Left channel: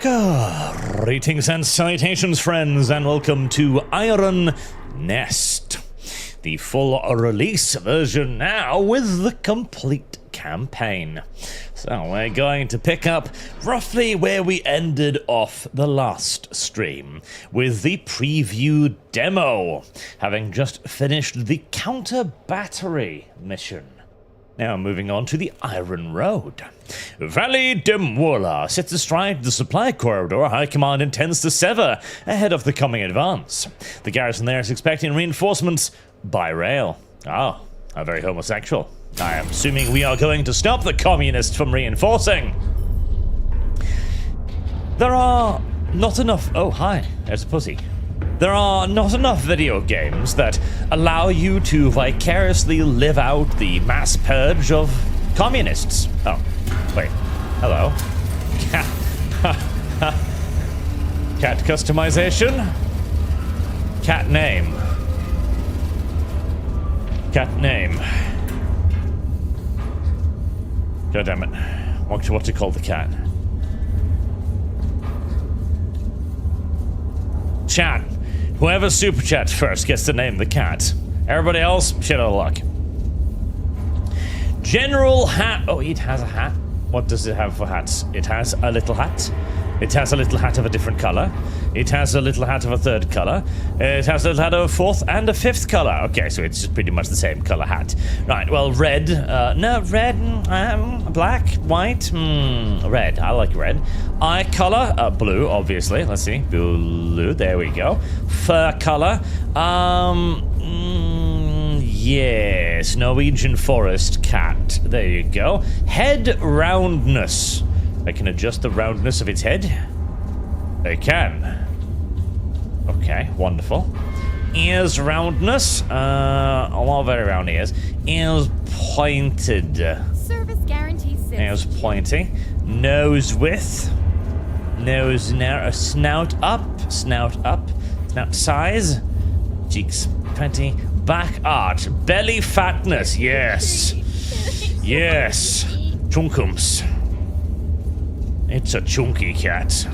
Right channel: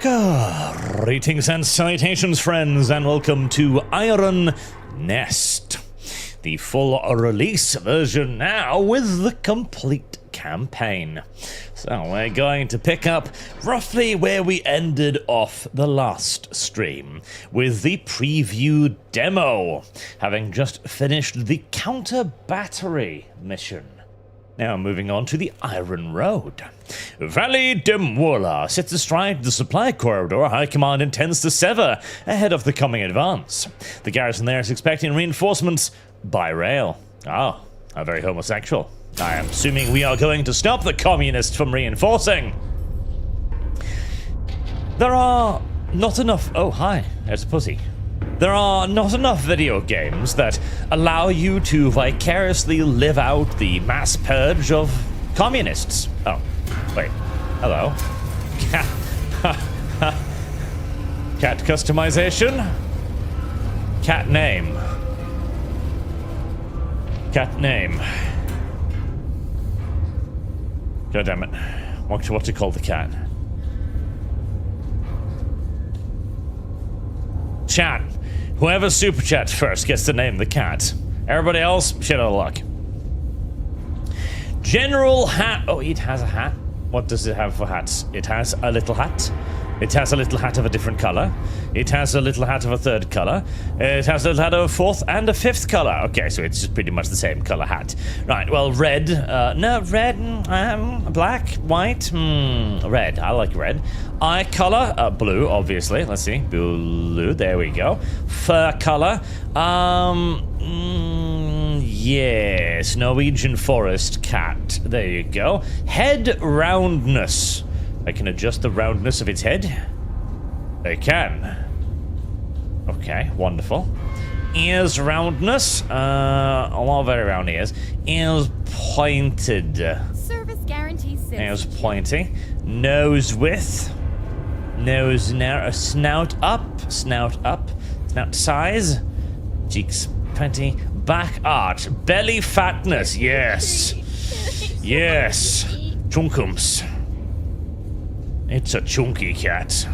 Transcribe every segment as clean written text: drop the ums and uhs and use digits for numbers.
Greetings and salutations, friends, and welcome to Iron Nest. The full release version now with the complete campaign. So we're going to pick up roughly where we ended off the last stream, with the preview demo, having just finished the counter battery mission. Now moving on to the Iron Road. Valley de Muela sits astride the supply corridor High Command intends to sever ahead of the coming advance. The garrison there is expecting reinforcements by rail. Oh, how very homosexual. I am assuming we are going to stop the communists from reinforcing. There are not enough... Oh, hi. There's a pussy. There are not enough video games that allow you to vicariously live out the mass purge of communists. Oh, wait. Hello. Cat customization? Cat name. Cat name. God damn it. What to call the cat? Chat. Whoever superchats first gets to name the cat. Everybody else, shit out of luck. General hat. Oh, it has a hat. What does it have for hats? It has a little hat. It has a little hat of a different color. It has a little hat of a third color. It has a little hat of a fourth and a fifth color. Okay, so it's just pretty much the same color hat. Right, well, red. No, red, black, white, red. I like red. Eye color, blue, obviously. Let's see, blue, there we go. Fur color, yes, Norwegian forest cat. There you go. Head roundness. I can adjust the roundness of its head. I can. Okay, wonderful. Ears roundness. A lot of very round ears. Ears pointed. Service guarantee 6. Ears pointy. Nose width. Nose narrow. Snout up. Snout up. Snout size. Cheeks pointy. Back arch. Belly fatness. Yes. Yes. Chunkums. It's a chunky cat.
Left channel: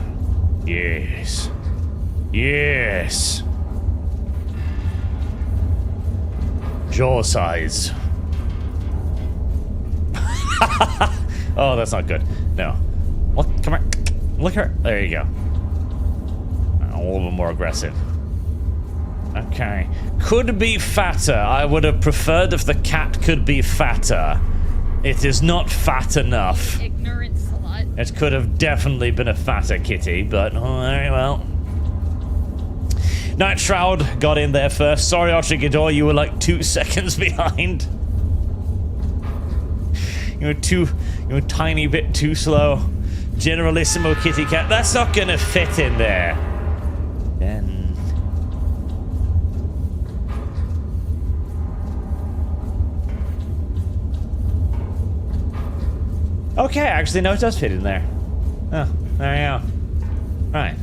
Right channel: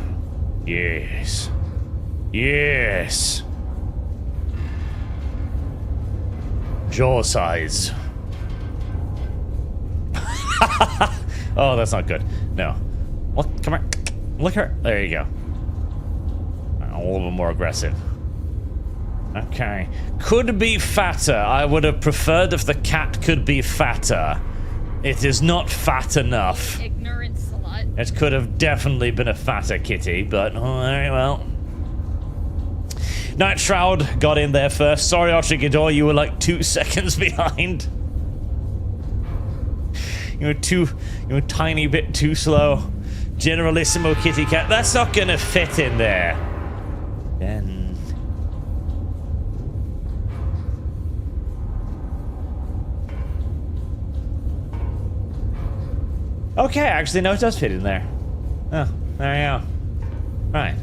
Yes. Yes. Jaw size. Oh, that's not good. No. What? Come on. Look at her. There you go. A little bit more aggressive. Okay. Could be fatter. I would have preferred if the cat could be fatter. It is not fat enough. Ignorant slut. It could have definitely been a fatter kitty, but very well. Night Shroud got in there first. Sorry, Archigador, you were like 2 seconds behind. You were a tiny bit too slow. Generalissimo kitty cat. That's not gonna fit in there. Then. Okay, actually, no, it does fit in there. Oh, there you go. Right.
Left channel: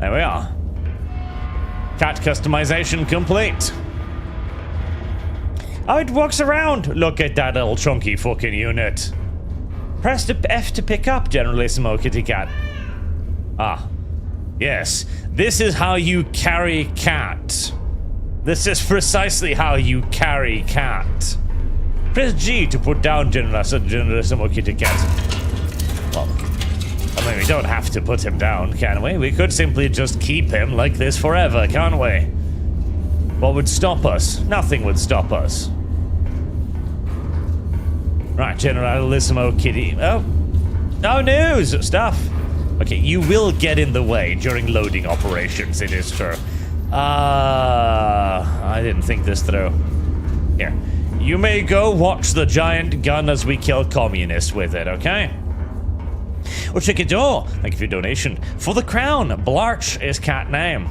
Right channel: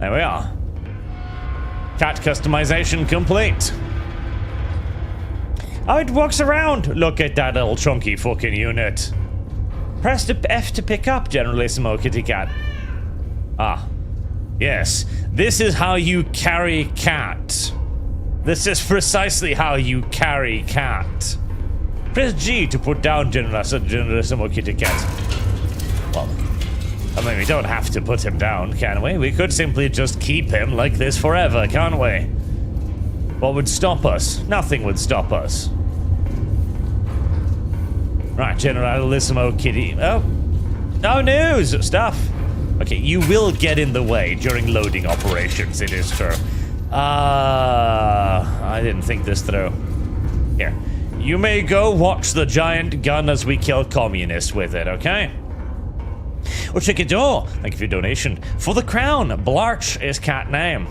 There we are. Cat customization complete. Oh, it walks around. Look at that little chunky fucking unit. Press the F to pick up, Generalissimo Kitty Cat. Ah. Yes. This is how you carry cat. This is precisely how you carry cat. Press G to put down Generalissimo Kitty Cat. Well, I mean, we don't have to put him down, can we? We could simply just keep him like this forever, can't we? What would stop us? Nothing would stop us. Right, Generalissimo Kitty... Oh. No news! Stuff! Okay, you will get in the way during loading operations, it is true. I didn't think this through. Here. You may go watch the giant gun as we kill communists with it, okay? Oh, Chickador, thank you for your donation. For the crown, Blarch is cat name.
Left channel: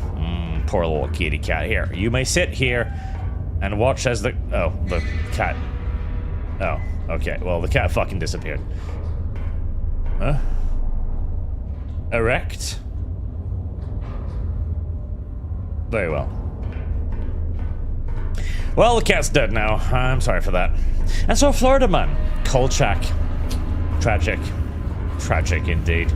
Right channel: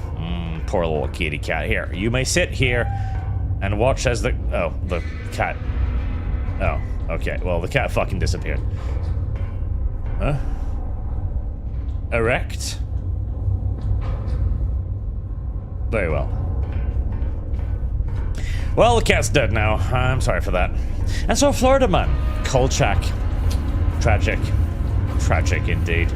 Poor little kitty cat. Here, you may sit here and watch as the... Oh, the cat... Oh, okay. Well, the cat fucking disappeared. Huh? Erect? Very well. Well, the cat's dead now. I'm sorry for that. And so, Florida man, Kolchak. Tragic. Tragic indeed.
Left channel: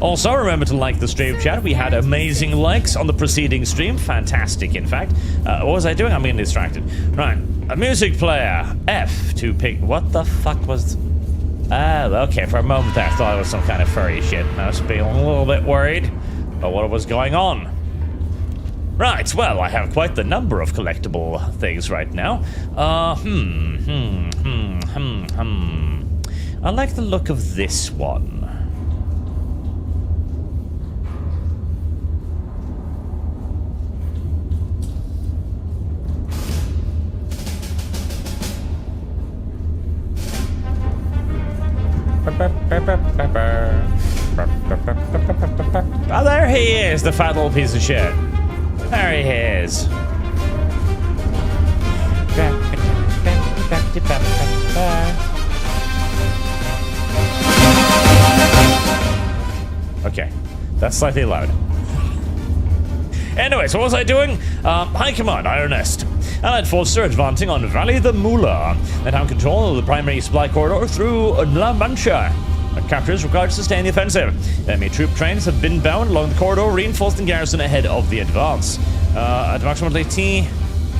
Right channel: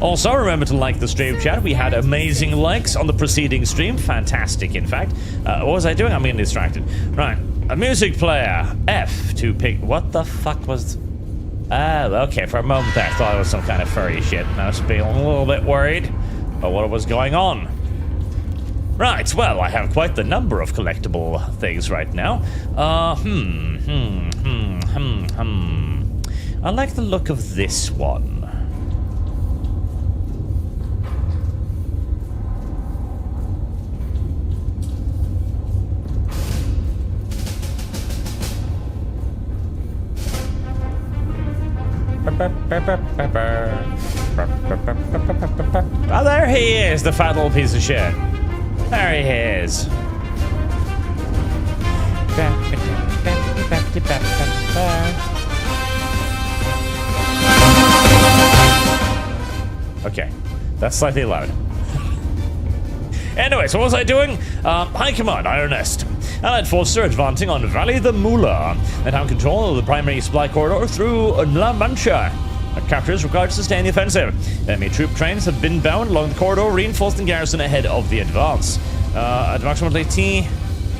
Also, remember to like the stream chat. We had amazing likes on the preceding stream. Fantastic, in fact. What was I doing? I'm getting distracted. Right. A music player. F to pick... What the fuck was... okay. For a moment there, I thought it was some kind of furry shit. I was being a little bit worried about what was going on. Right, well, I have quite the number of collectible things right now. I like the look of this one. Oh, there he is, the fat little piece of shit. There he is. Okay, that's slightly loud. Anyway, so what was I doing? High Command, Iron Nest. Allied forces are advancing on Valley the Mula and have control of the primary supply corridor through La Mancha. Capture is required to sustain the offensive. Enemy troop trains have been bound along the corridor, reinforcing the garrison ahead of the advance. Approximately T...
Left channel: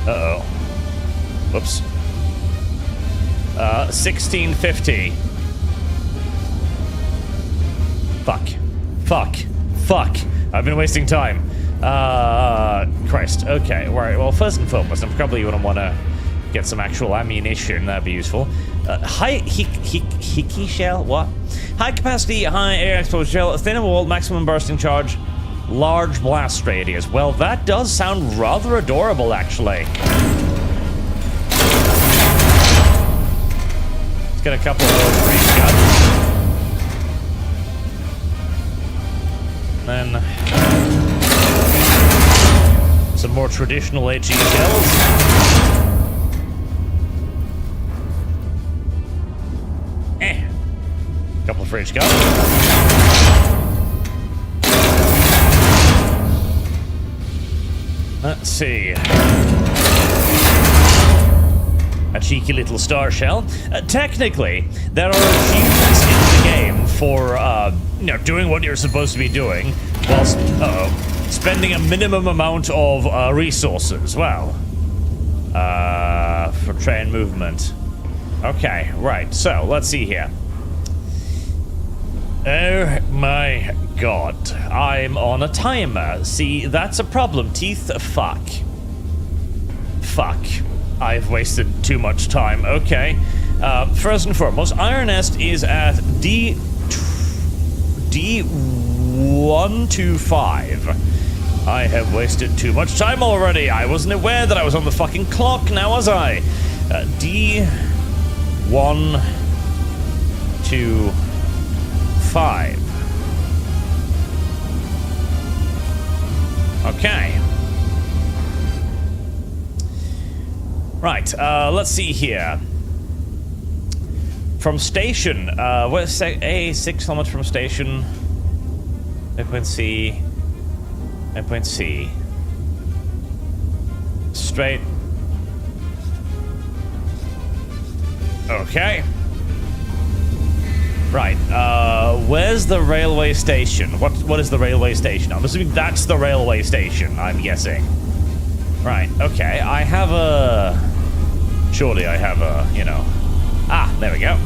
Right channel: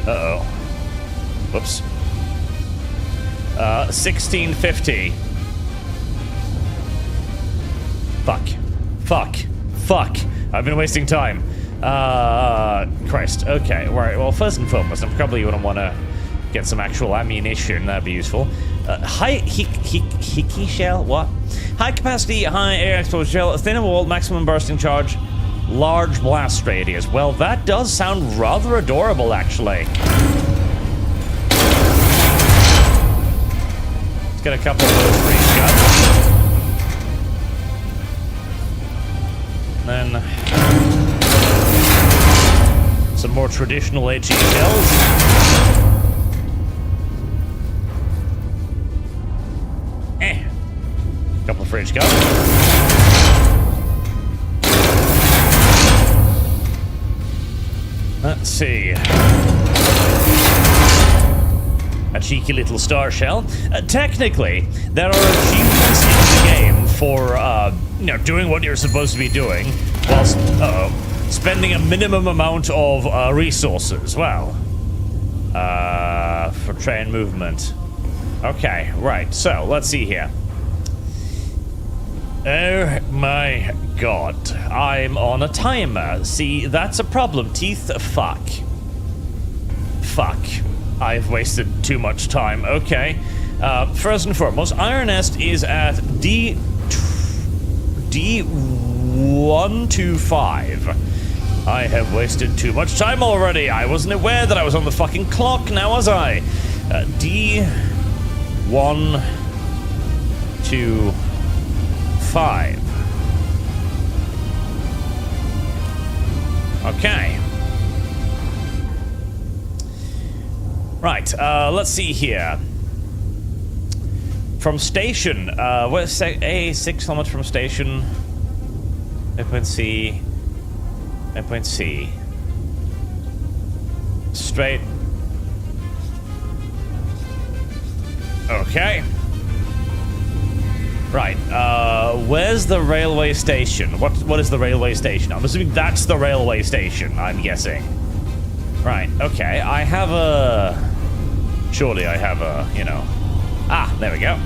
Uh-oh. Whoops. 1650. Fuck. I've been wasting time. Christ. Okay, right. Well, first and foremost, I probably wouldn't want to get some actual ammunition. That'd be useful. High Hickey shell? What? High capacity, high air exposure shell, thin wall, maximum bursting charge, large blast radius. Well, that does sound rather adorable, actually. Let's get a couple of those for each gun. Then some more traditional HE shells. Couple of fridge guns. Let's see. A cheeky little star shell. Technically, there are achievements in the game for, doing what you're supposed to be doing, whilst, spending a minimum amount of resources. Well, for train movement. Okay, right. So let's see here. Oh my god, I'm on a timer. See, that's a problem. Teeth, fuck. I've wasted too much time. Okay. First and foremost, Iron Nest is at D125. I have wasted too much time already. I wasn't aware that I was on the fucking clock, now was I? D125. Okay. Right, let's see here. From station, where's 6 kilometers from station? Waypoint C. Waypoint C. Straight. Okay. Right, where's the railway station? What is the railway station? I'm assuming that's the railway station, I'm guessing. Right, okay, I have a... Surely I have a, Ah, there we go.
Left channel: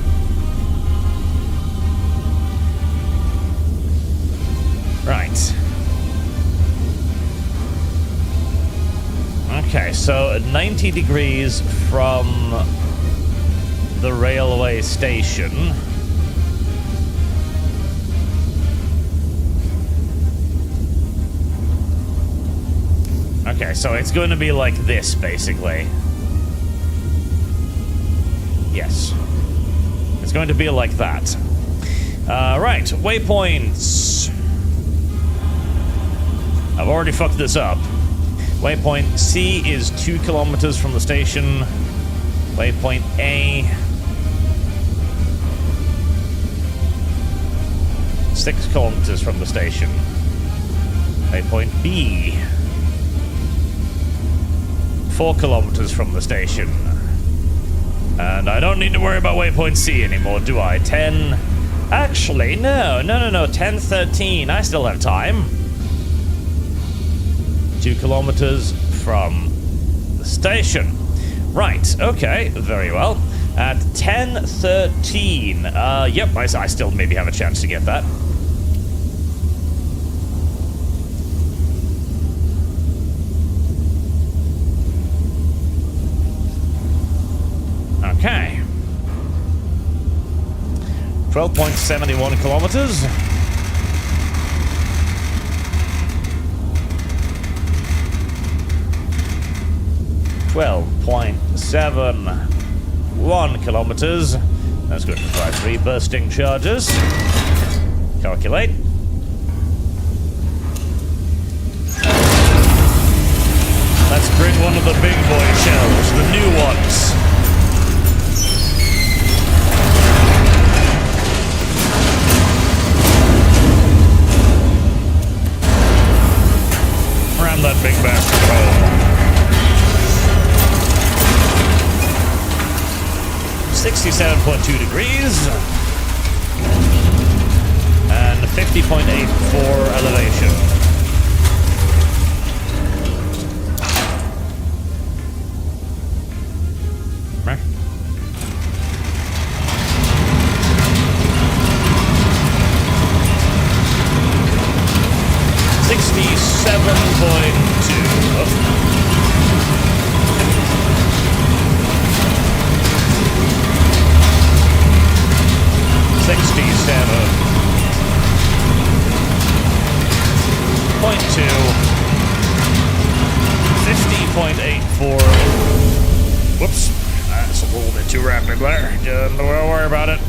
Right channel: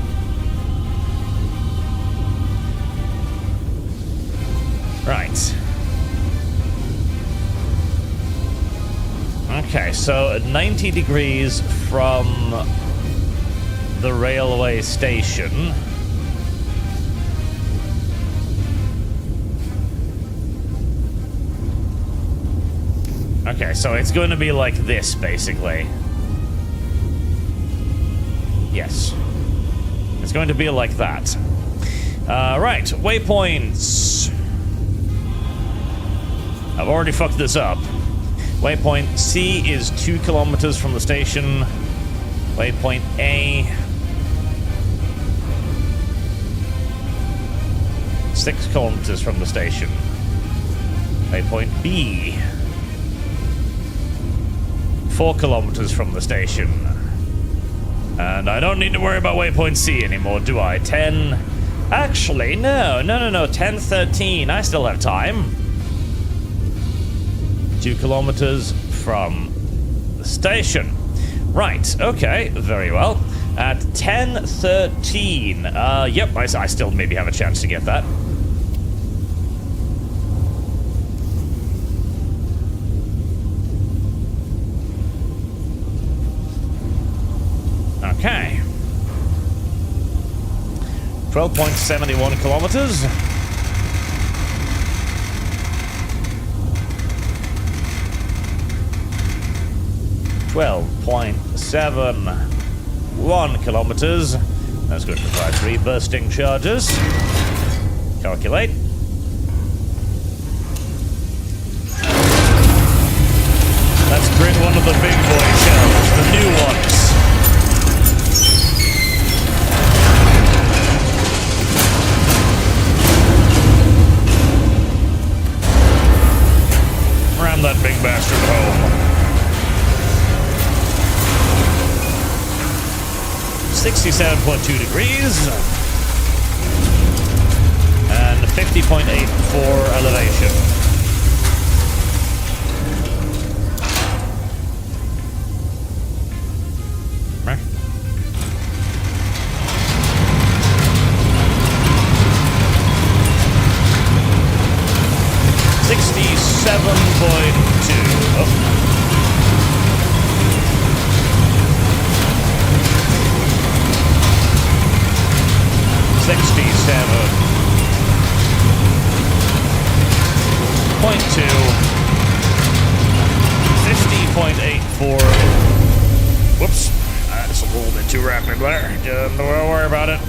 Right. Okay, so 90 degrees from the railway station. Okay, so it's going to be like this, basically. Yes. It's going to be like that. Right, waypoints. I've already fucked this up. Waypoint C is 2 kilometers from the station. Waypoint A... 6 kilometers from the station. Waypoint B... 4 kilometers from the station. And I don't need to worry about waypoint C anymore, do I? 10, Actually, no. 10:13. I still have time. 2 kilometers from the station. Right, okay, very well. At 10:13. Yep, I still maybe have a chance to get that. Okay. 12.71 kilometers. .71 kilometers. That's going to require 3 bursting charges. Calculate. Let's bring one of the big boy shells, the new ones. Ram that big bastard home. 67.2 degrees and 50.84 elevation. Right. 67.2. Oh. 67.2. 50.84. Whoops. That's a little bit too rapid there. Don't worry about it.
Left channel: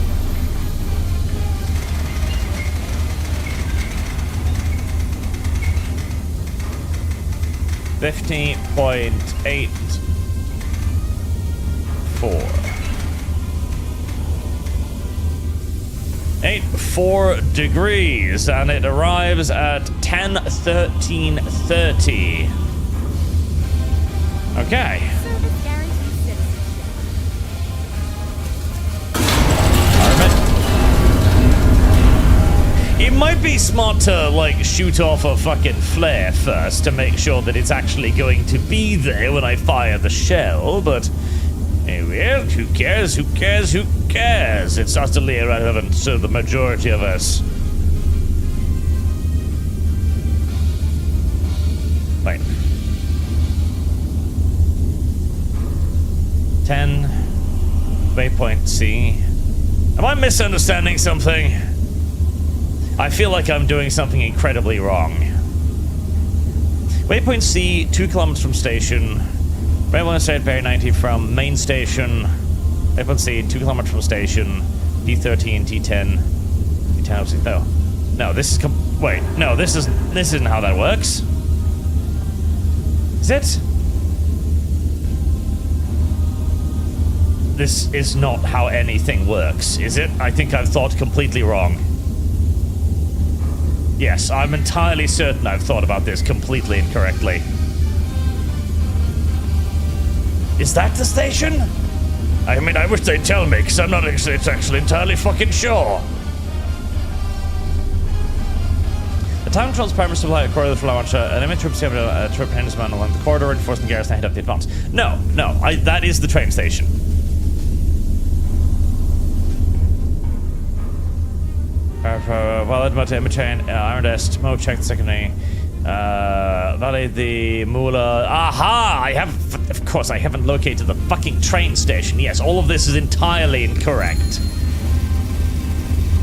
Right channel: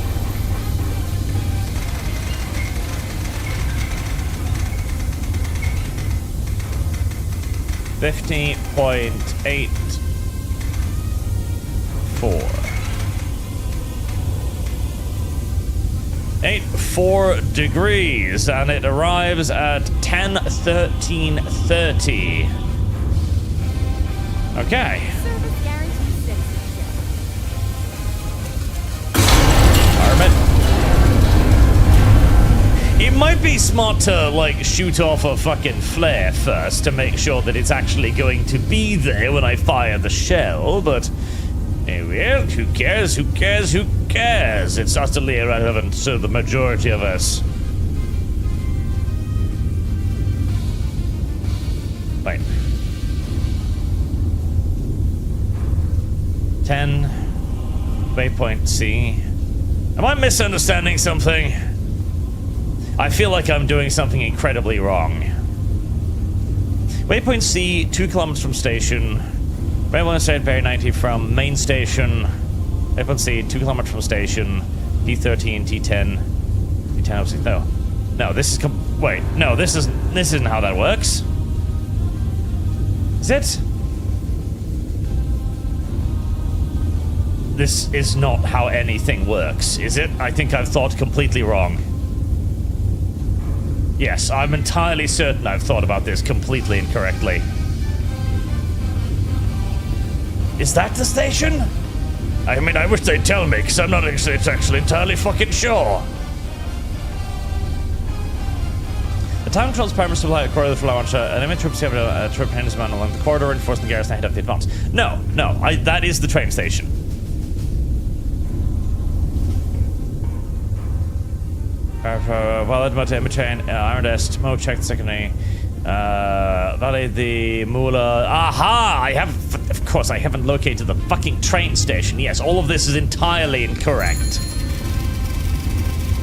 .84. 84 degrees, and it arrives at 10:13:30. Okay. Service guarantees citizenship. Armit. It might be smart to, like, shoot off a fucking flare first to make sure that it's actually going to be there when I fire the shell, but... well, who cares? Who cares? Who cares? It's utterly irrelevant to the majority of us. Right. 10. Waypoint C. Am I misunderstanding something? I feel like I'm doing something incredibly wrong. Waypoint C, 2 kilometers from station. Railway State Bay 90 from main station. Waypoint C, 2 kilometers from station. D13, T10. D10, no. No, this is wait, no, this isn't how that works. Is it? This is not how anything works, is it? I think I've thought completely wrong. Yes, I'm entirely certain I've thought about this completely incorrectly. Is that the station? I mean, I wish they'd tell me, because I'm not actually entirely fucking sure. The town controls primary supply corridor for launch. Enemy troops have a troop man along the corridor, reinforcing the garrison ahead of the advance. No, that is the train station. Valid motor chain, Iron Dest, Mo check the secondary. Valley the Mula. Aha! Of course, I haven't located the fucking train station. Yes, all of this is entirely incorrect.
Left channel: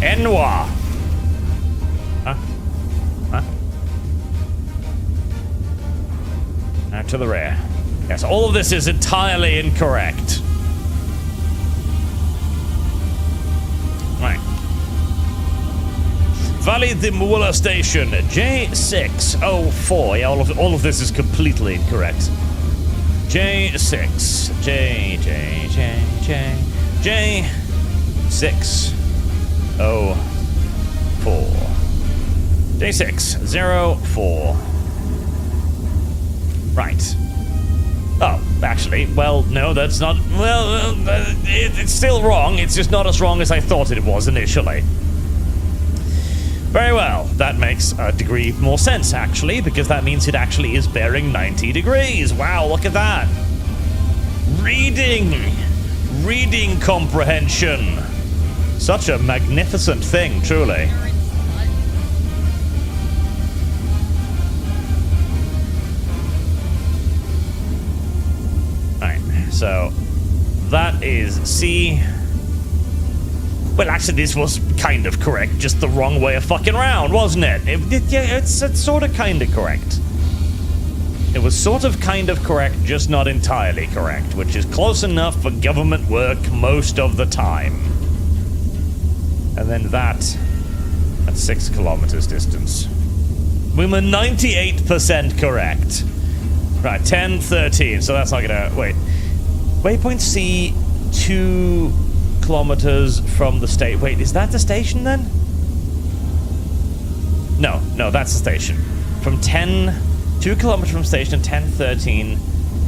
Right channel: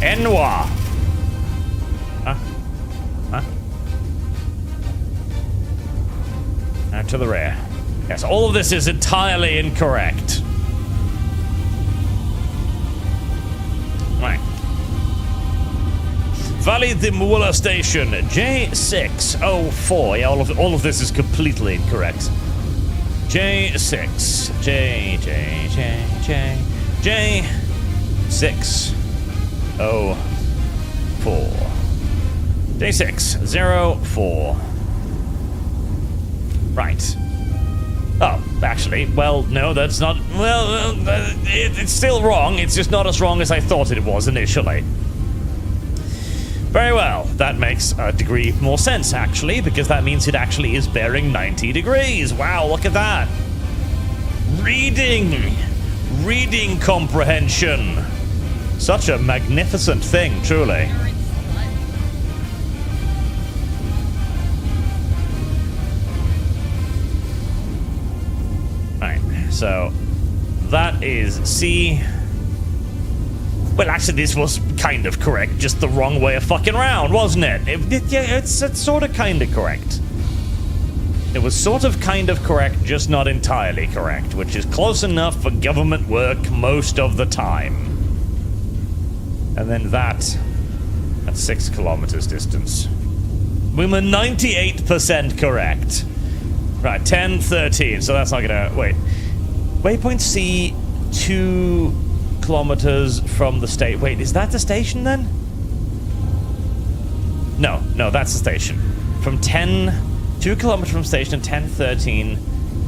Enwa. Huh? Now to the rear. Yes, all of this is entirely incorrect. Right. Valley the Mula Station, J604. Yeah, all of this is completely incorrect. J6, J604. J604. Right. Oh, actually, well, no, that's not. Well, it's still wrong. It's just not as wrong as I thought it was initially. Very well. That makes a degree more sense, actually, because that means it actually is bearing 90 degrees. Wow, look at that. Reading comprehension. Such a magnificent thing, truly. Right, so that is C. Well, actually, this was kind of correct, just the wrong way of fucking round, wasn't it? It's sort of kind of correct. It was sort of kind of correct, just not entirely correct, which is close enough for government work most of the time. And then that at 6 kilometers distance. We were 98% correct. Right, 10, 13, so that's not gonna... Wait. Waypoint C, 2 kilometers from the state. Wait, is that the station then? No, that's the station. From 2 kilometers from station, 10, 13,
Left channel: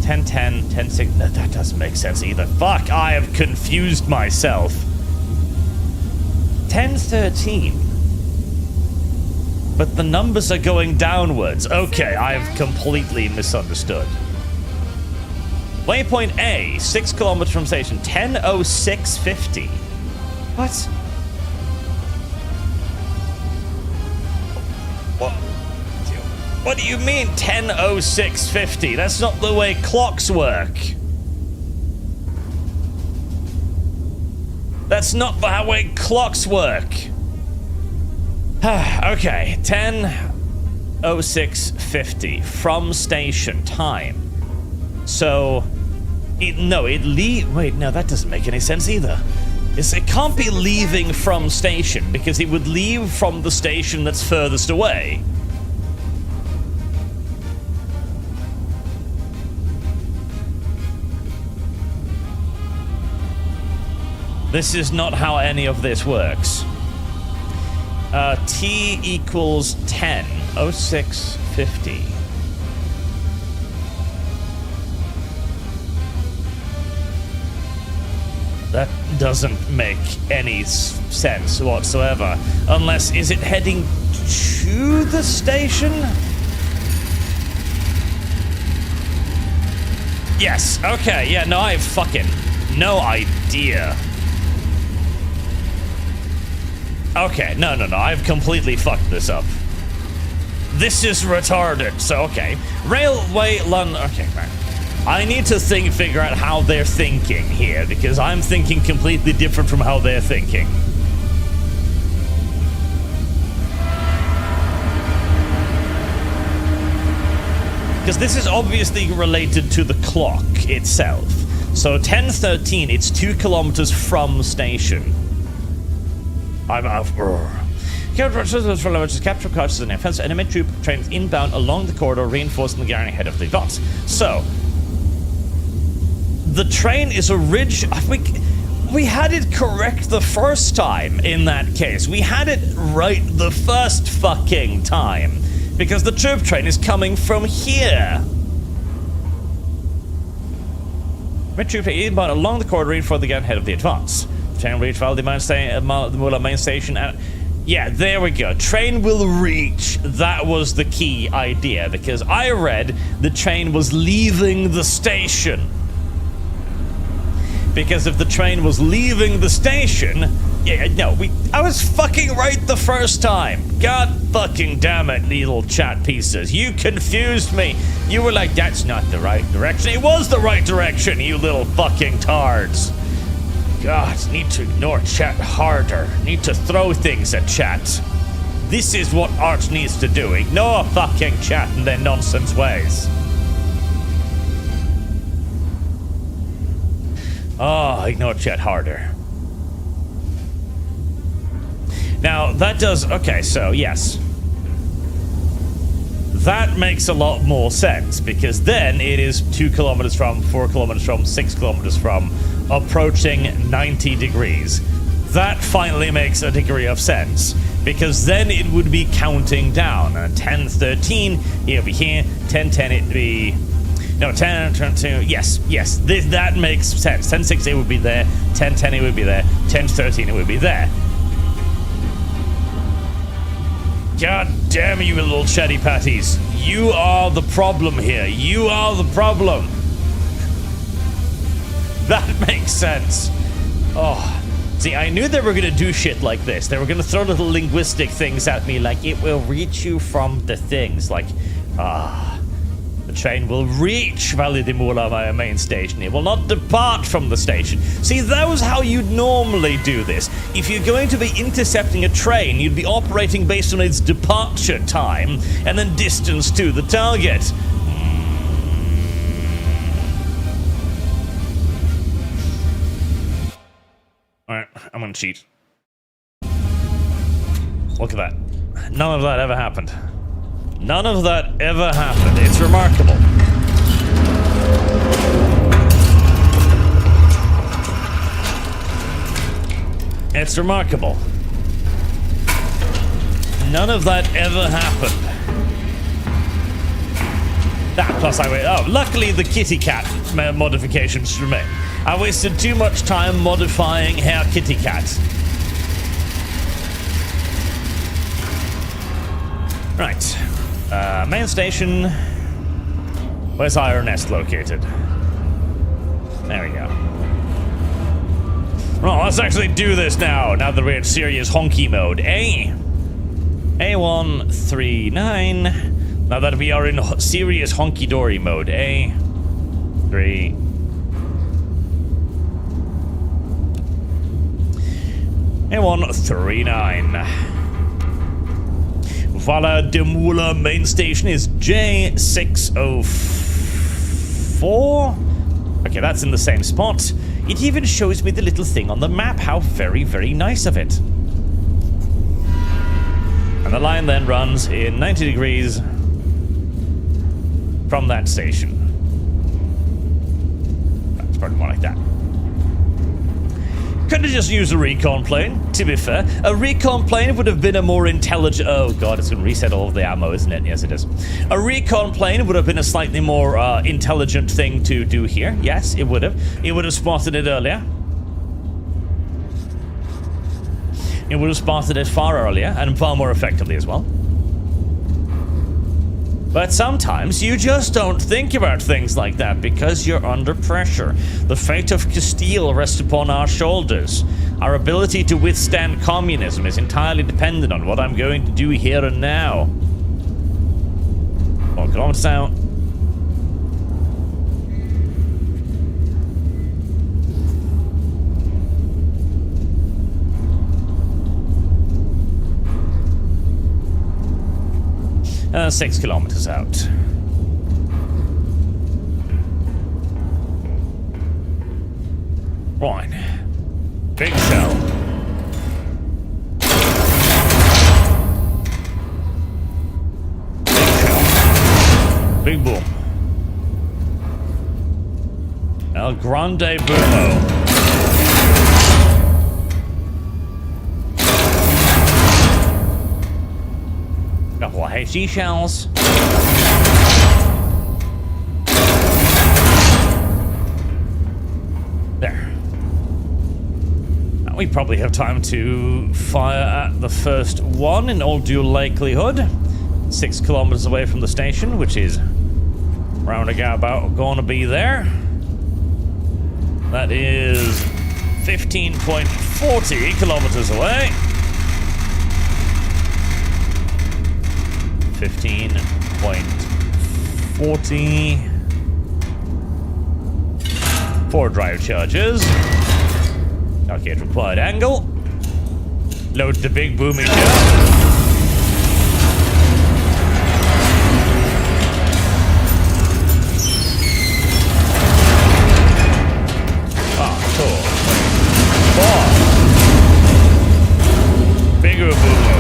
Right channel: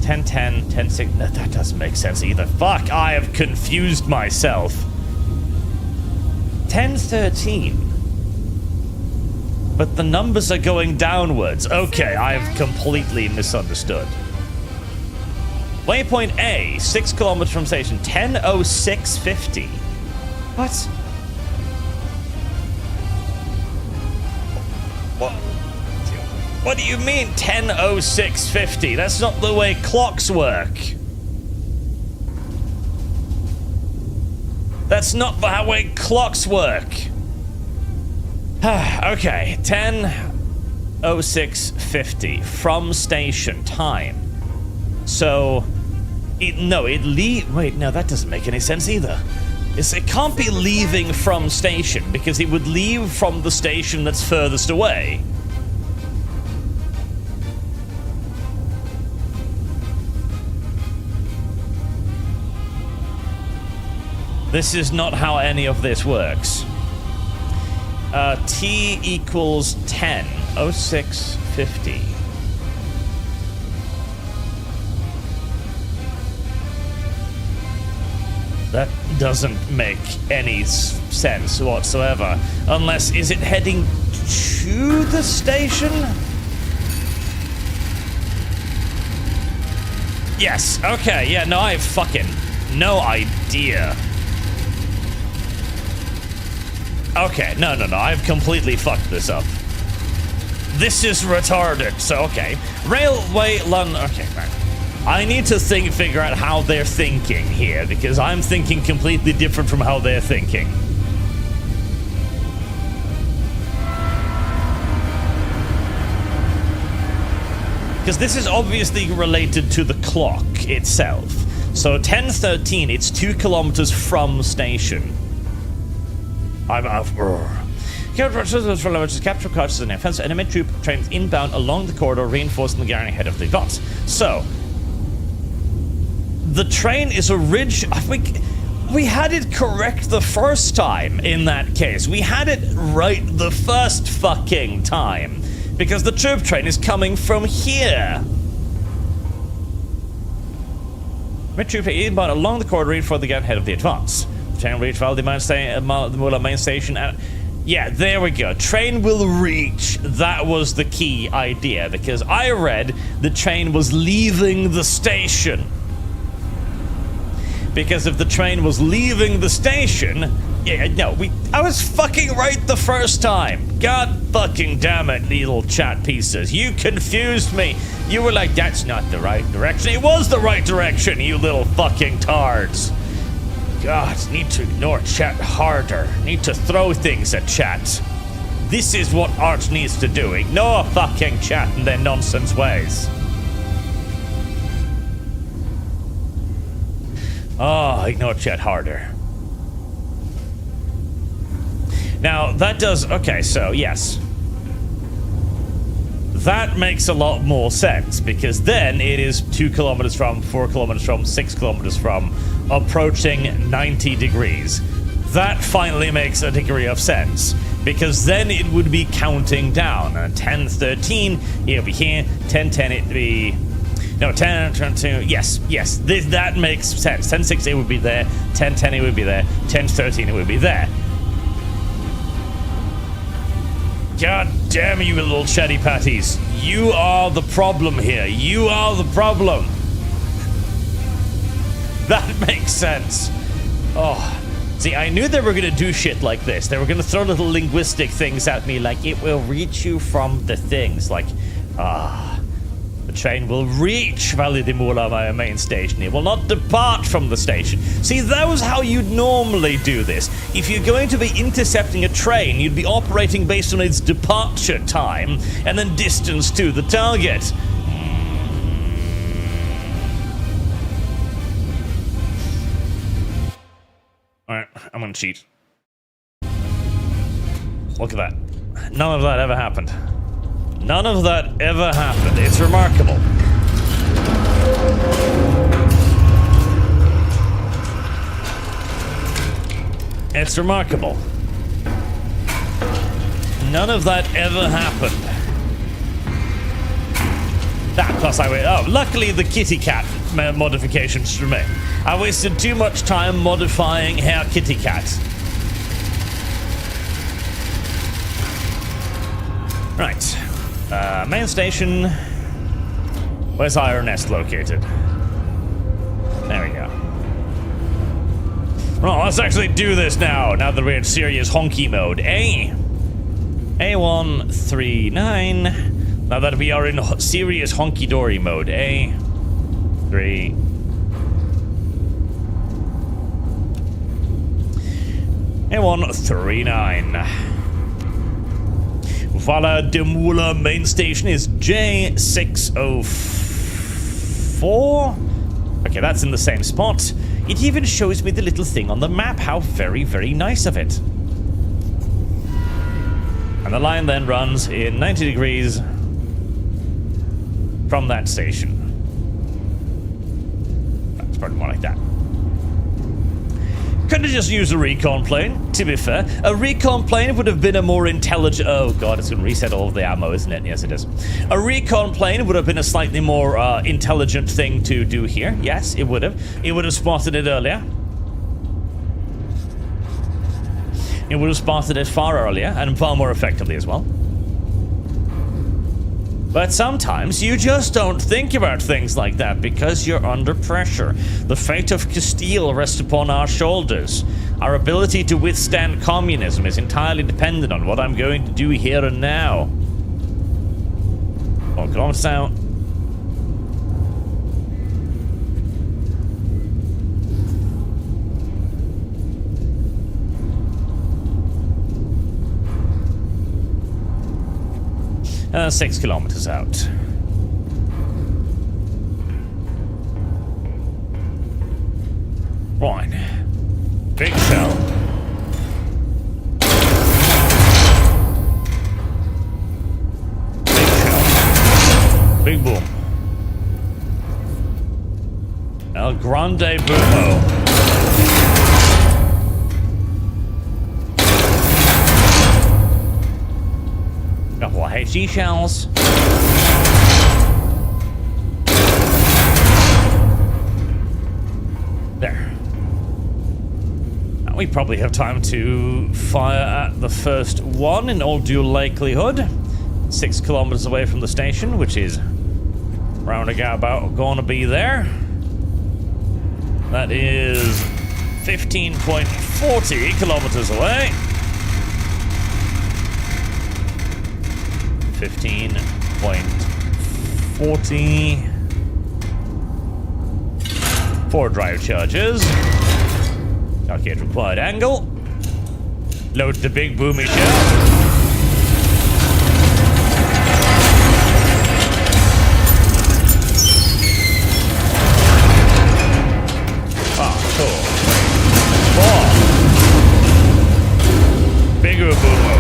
10, 10, 10, 6. No, that doesn't make sense either. Fuck, I have confused myself. 10, 13. But the numbers are going downwards. Okay, I've completely misunderstood. Waypoint A, 6 kilometers from station, 10:06:50. What? What do you mean 10:06:50? That's not the way clocks work. That's not the way clocks work. Okay, 10:06:50 from station time. So, wait, no, that doesn't make any sense either. It can't be leaving from station, because it would leave from the station that's furthest away. This is not how any of this works. T equals 10, 06:50. That doesn't make any sense whatsoever. Unless, is it heading to the station? Yes, okay, yeah, no, I have fucking no idea. Okay, no, I've completely fucked this up. This is retarded, so okay. Railway London, okay, right. I need to figure out how they're thinking here, because I'm thinking completely different from how they're thinking. Because this is obviously related to the clock itself. So 10:13, it's 2 kilometers from station. Capture cars and offensive enemy troop trains inbound along the corridor, reinforcing the garrison ahead of the advance. So, the train is we had it correct the first time in that case. We had it right the first fucking time. Because the troop train is coming from here. Troop inbound along the corridor, reinforcing the garrison ahead of the advance. Train will reach the main station. Yeah, there we go. Train will reach. That was the key idea, because I read the train was leaving the station. Because if the train was leaving the station, yeah, no, I was fucking right the first time. God fucking damn it, little chat pieces. You confused me. You were like, that's not the right direction. It was the right direction, you little fucking tards. God, need to ignore chat harder. Need to throw things at chat. This is what art needs to do. Ignore fucking chat and their nonsense ways. Oh, ignore chat harder. Now, that does... Okay, so, yes. That makes a lot more sense, because then it is 2 kilometers from, 4 kilometers from, 6 kilometers from, approaching 90 degrees. That finally makes a degree of sense, because then it would be counting down. 10:13, it'll be here. 10:10, it'd be... No, 10:22. Yes. That makes sense. 10:16, it would be there. 10:10, it would be there. 10:13, it would be there. God damn you, little chatty patties. You are the problem here. You are the problem. That makes sense. Oh. See, I knew they were going to do shit like this. They were going to throw little linguistic things at me like, it will reach you from the things. Like, the train will reach Valle di Mula, my main station. It will not depart from the station. See, that was how you'd normally do this. If you're going to be intercepting a train, you'd be operating based on its departure time and then distance to the target. Alright, I'm gonna cheat. Look at that. None of that ever happened. None of that ever happened. It's remarkable. It's remarkable. None of that ever happened. That plus luckily the kitty cat modifications remain. I wasted too much time modifying Herr Kitty Cat. Right. Main station. Where's Iron Nest located? There we go. Well, let's actually do this now that we're in serious honky mode. A139. Now that we are in serious honky-dory mode. A3. A139. Valle di Mula main station is J604. Okay, that's in the same spot. It even shows me the little thing on the map. How very, very nice of it. And the line then runs in 90 degrees from that station. That's probably more like that. Could have just used a recon plane, to be fair. A recon plane would have been a more intelligent... Oh god, it's going to reset all of the ammo, isn't it? Yes, it is. A recon plane would have been a slightly more intelligent thing to do here. Yes, it would have. It would have spotted it earlier. It would have spotted it far earlier, and far more effectively as well. But sometimes you just don't think about things like that because you're under pressure. The fate of Castile rests upon our shoulders. Our ability to withstand communism is entirely dependent on what I'm going to do here and now. 1 kilometers out. Uh, 6 kilometers out. Right. Big shell. Big shell. Big boom. El Grande Boomo. Couple of HE shells. There. Now we probably have time to fire at the first one in all due likelihood. 6 kilometers away from the station, which is roundabout gonna be there. That is 15.40 kilometers away. 15.40. 4 drive charges. Calculate required angle. Load the big boomy shell. Ah, cool. 4. Bigger boomo.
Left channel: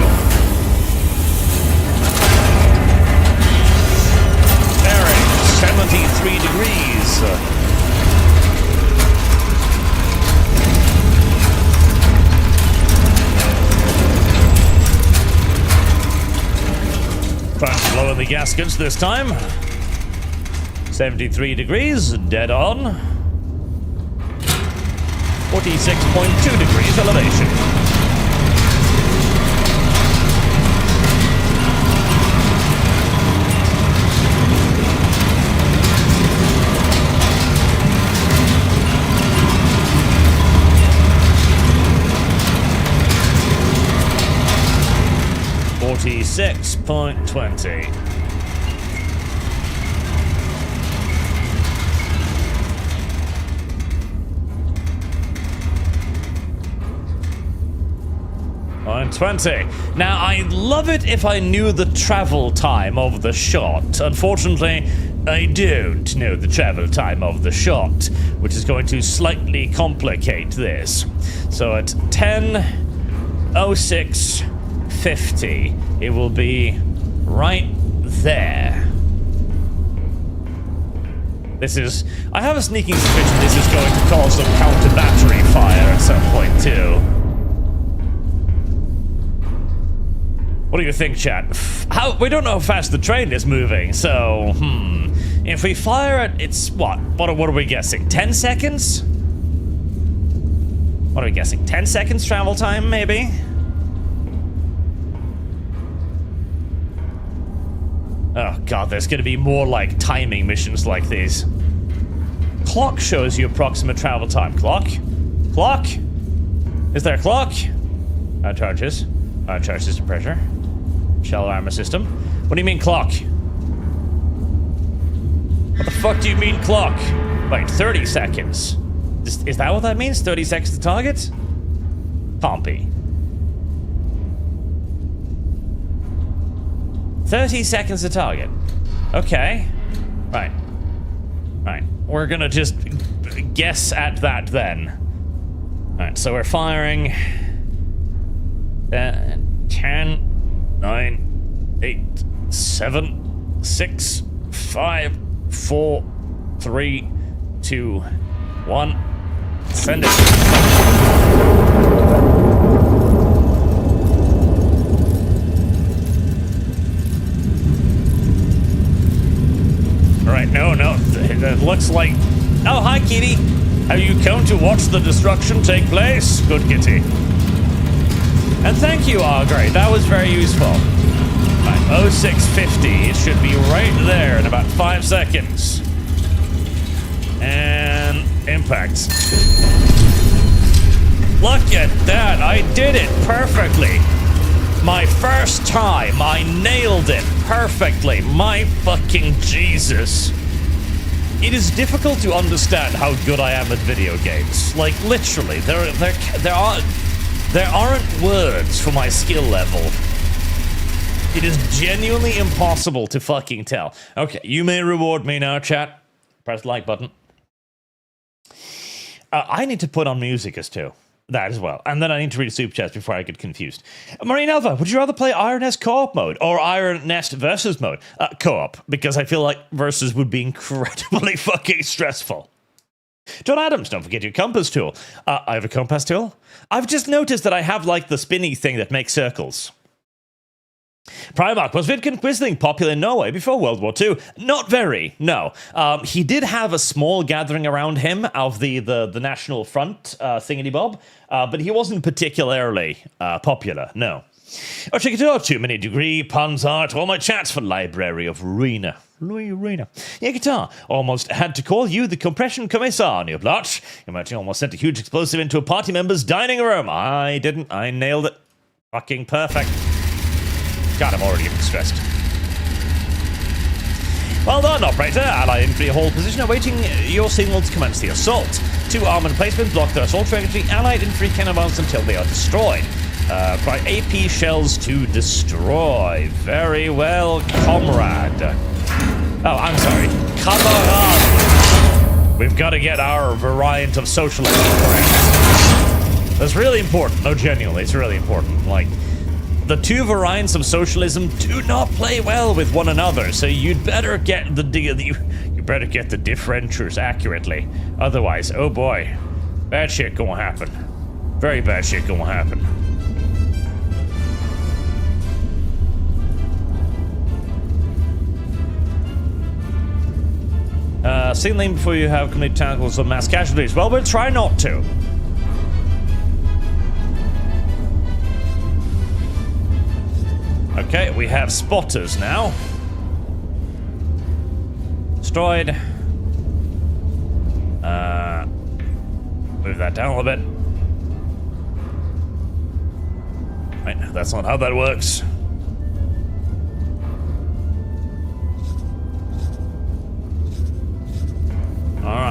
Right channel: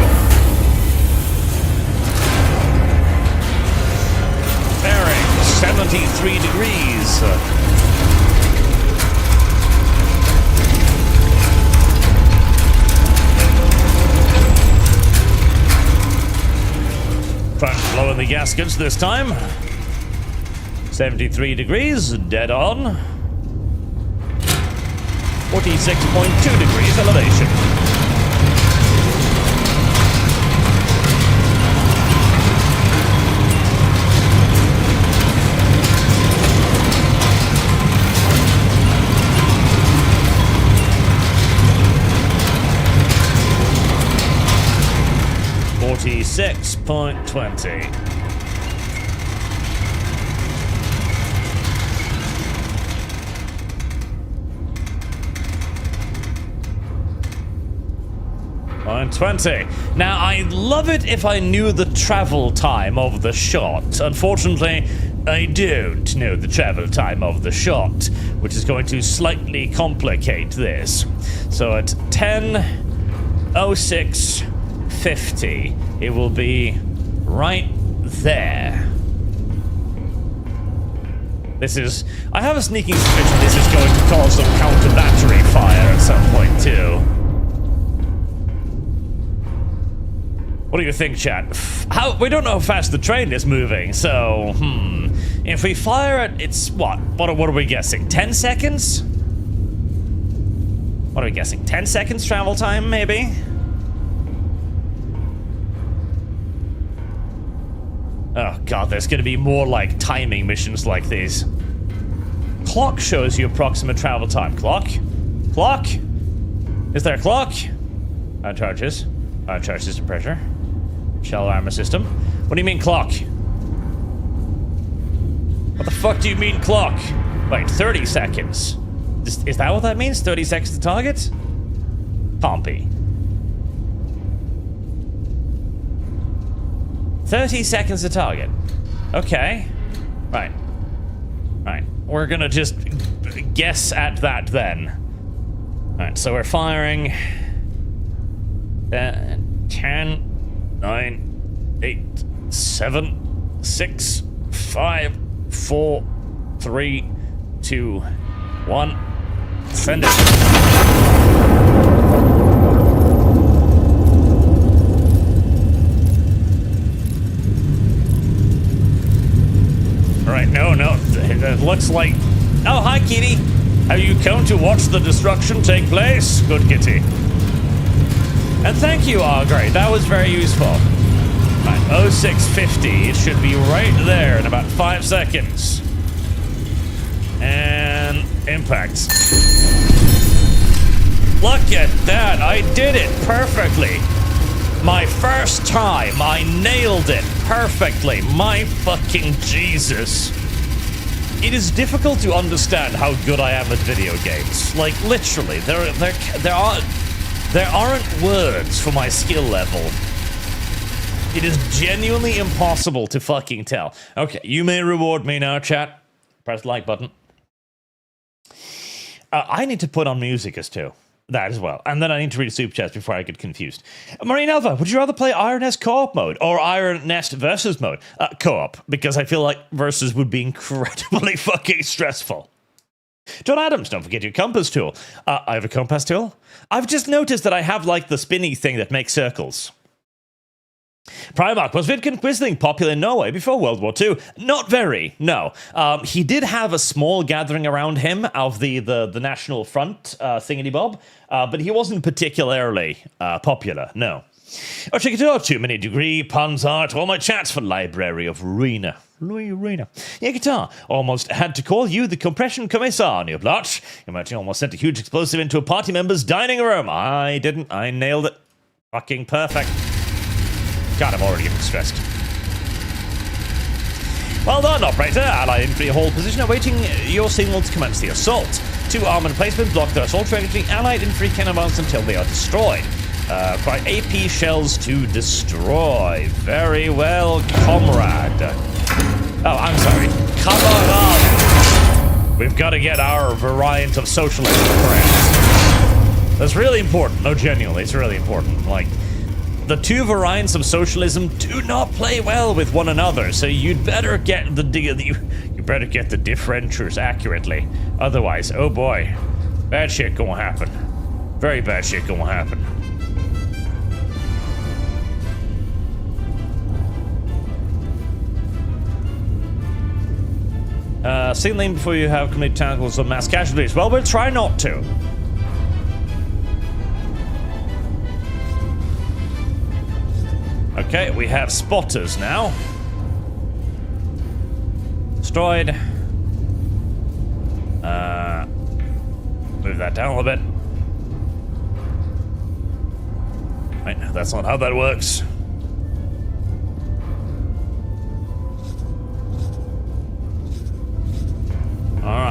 Bearing 73 degrees. Trying to blow in the gaskets this time. 73 degrees, dead on. 46.2 degrees elevation. 46.20. And 20. Now, I'd love it if I knew the travel time of the shot. Unfortunately, I don't know the travel time of the shot, which is going to slightly complicate this. So at 10:06:50, it will be right there. This is... I have a sneaking suspicion this is going to cause some counter-battery fire at some point, too. What do you think, chat? We don't know how fast the train is moving, so, if we fire it, it's what? What are we guessing? 10 seconds? What are we guessing? 10 seconds travel time, maybe? Oh god, there's gonna be more, like, timing missions like these. Clock shows you approximate travel time. Clock? Clock? Is there a clock? Charges. Charge system pressure. Shell armor system. What do you mean clock? What the fuck do you mean clock? Wait, 30 seconds. Is that what that means? 30 seconds to target? Pompey. 30 seconds to target. Okay. Right. Right. We're gonna just guess at that then. Alright, so we're firing... 10, 9, 8, 7, 6, 5, 4, 3, 2, 1. Send it. Alright, no. It looks like... Oh, hi, kitty. Have you come to watch the destruction take place? Good kitty. And thank you, great. That was very useful. Right, 0650. It should be right there in about 5 seconds. And impact. Look at that. I did it perfectly. My first time. I nailed it perfectly. My fucking Jesus. It is difficult to understand how good I am at video games. Like, literally, there aren't words for my skill level. It is genuinely impossible to fucking tell. Okay, you may reward me now, chat. Press the like button. I need to put on music as too. That as well. And then I need to read Superchats before I get confused. Marine Alpha, would you rather play Iron Nest co-op mode or Iron Nest versus mode? Co-op, because I feel like versus would be incredibly fucking stressful. John Adams, don't forget your compass tool. I have a compass tool. I've just noticed that I have, like, the spinny thing that makes circles. Primarch, was Vidkin Quisling popular in Norway before World War II? Not very, no. He did have a small gathering around him of the National Front thingity-bob, but he wasn't particularly popular, no. Oh, check it out, too many degree, puns art, all my chats for Library of Rena. Yeah, guitar. Almost had to call you the compression commissar, new blotch. You might almost sent a huge explosive into a party member's dining room. I didn't. I nailed it. Fucking perfect. God, I'm already getting stressed. Well done, operator. Allied infantry hold position awaiting your signal to commence the assault. 2 armored placements block their assault trajectory. Allied infantry can advance until they are destroyed. Require AP shells to destroy. Very well, comrade. Oh, I'm sorry. Kamerad. We've got to get our variant of socialism correct. That's really important. No, genuinely, it's really important. Like, the 2 variants of socialism do not play well with one another, so you'd better get the differentiators accurately. Otherwise, oh boy, bad shit gonna happen. Very bad shit gonna happen. Signaling before you have committed tackles of mass casualties. Well, we'll try not to. Okay, we have spotters now. Destroyed. Move that down a little bit. Right, that's not how that works.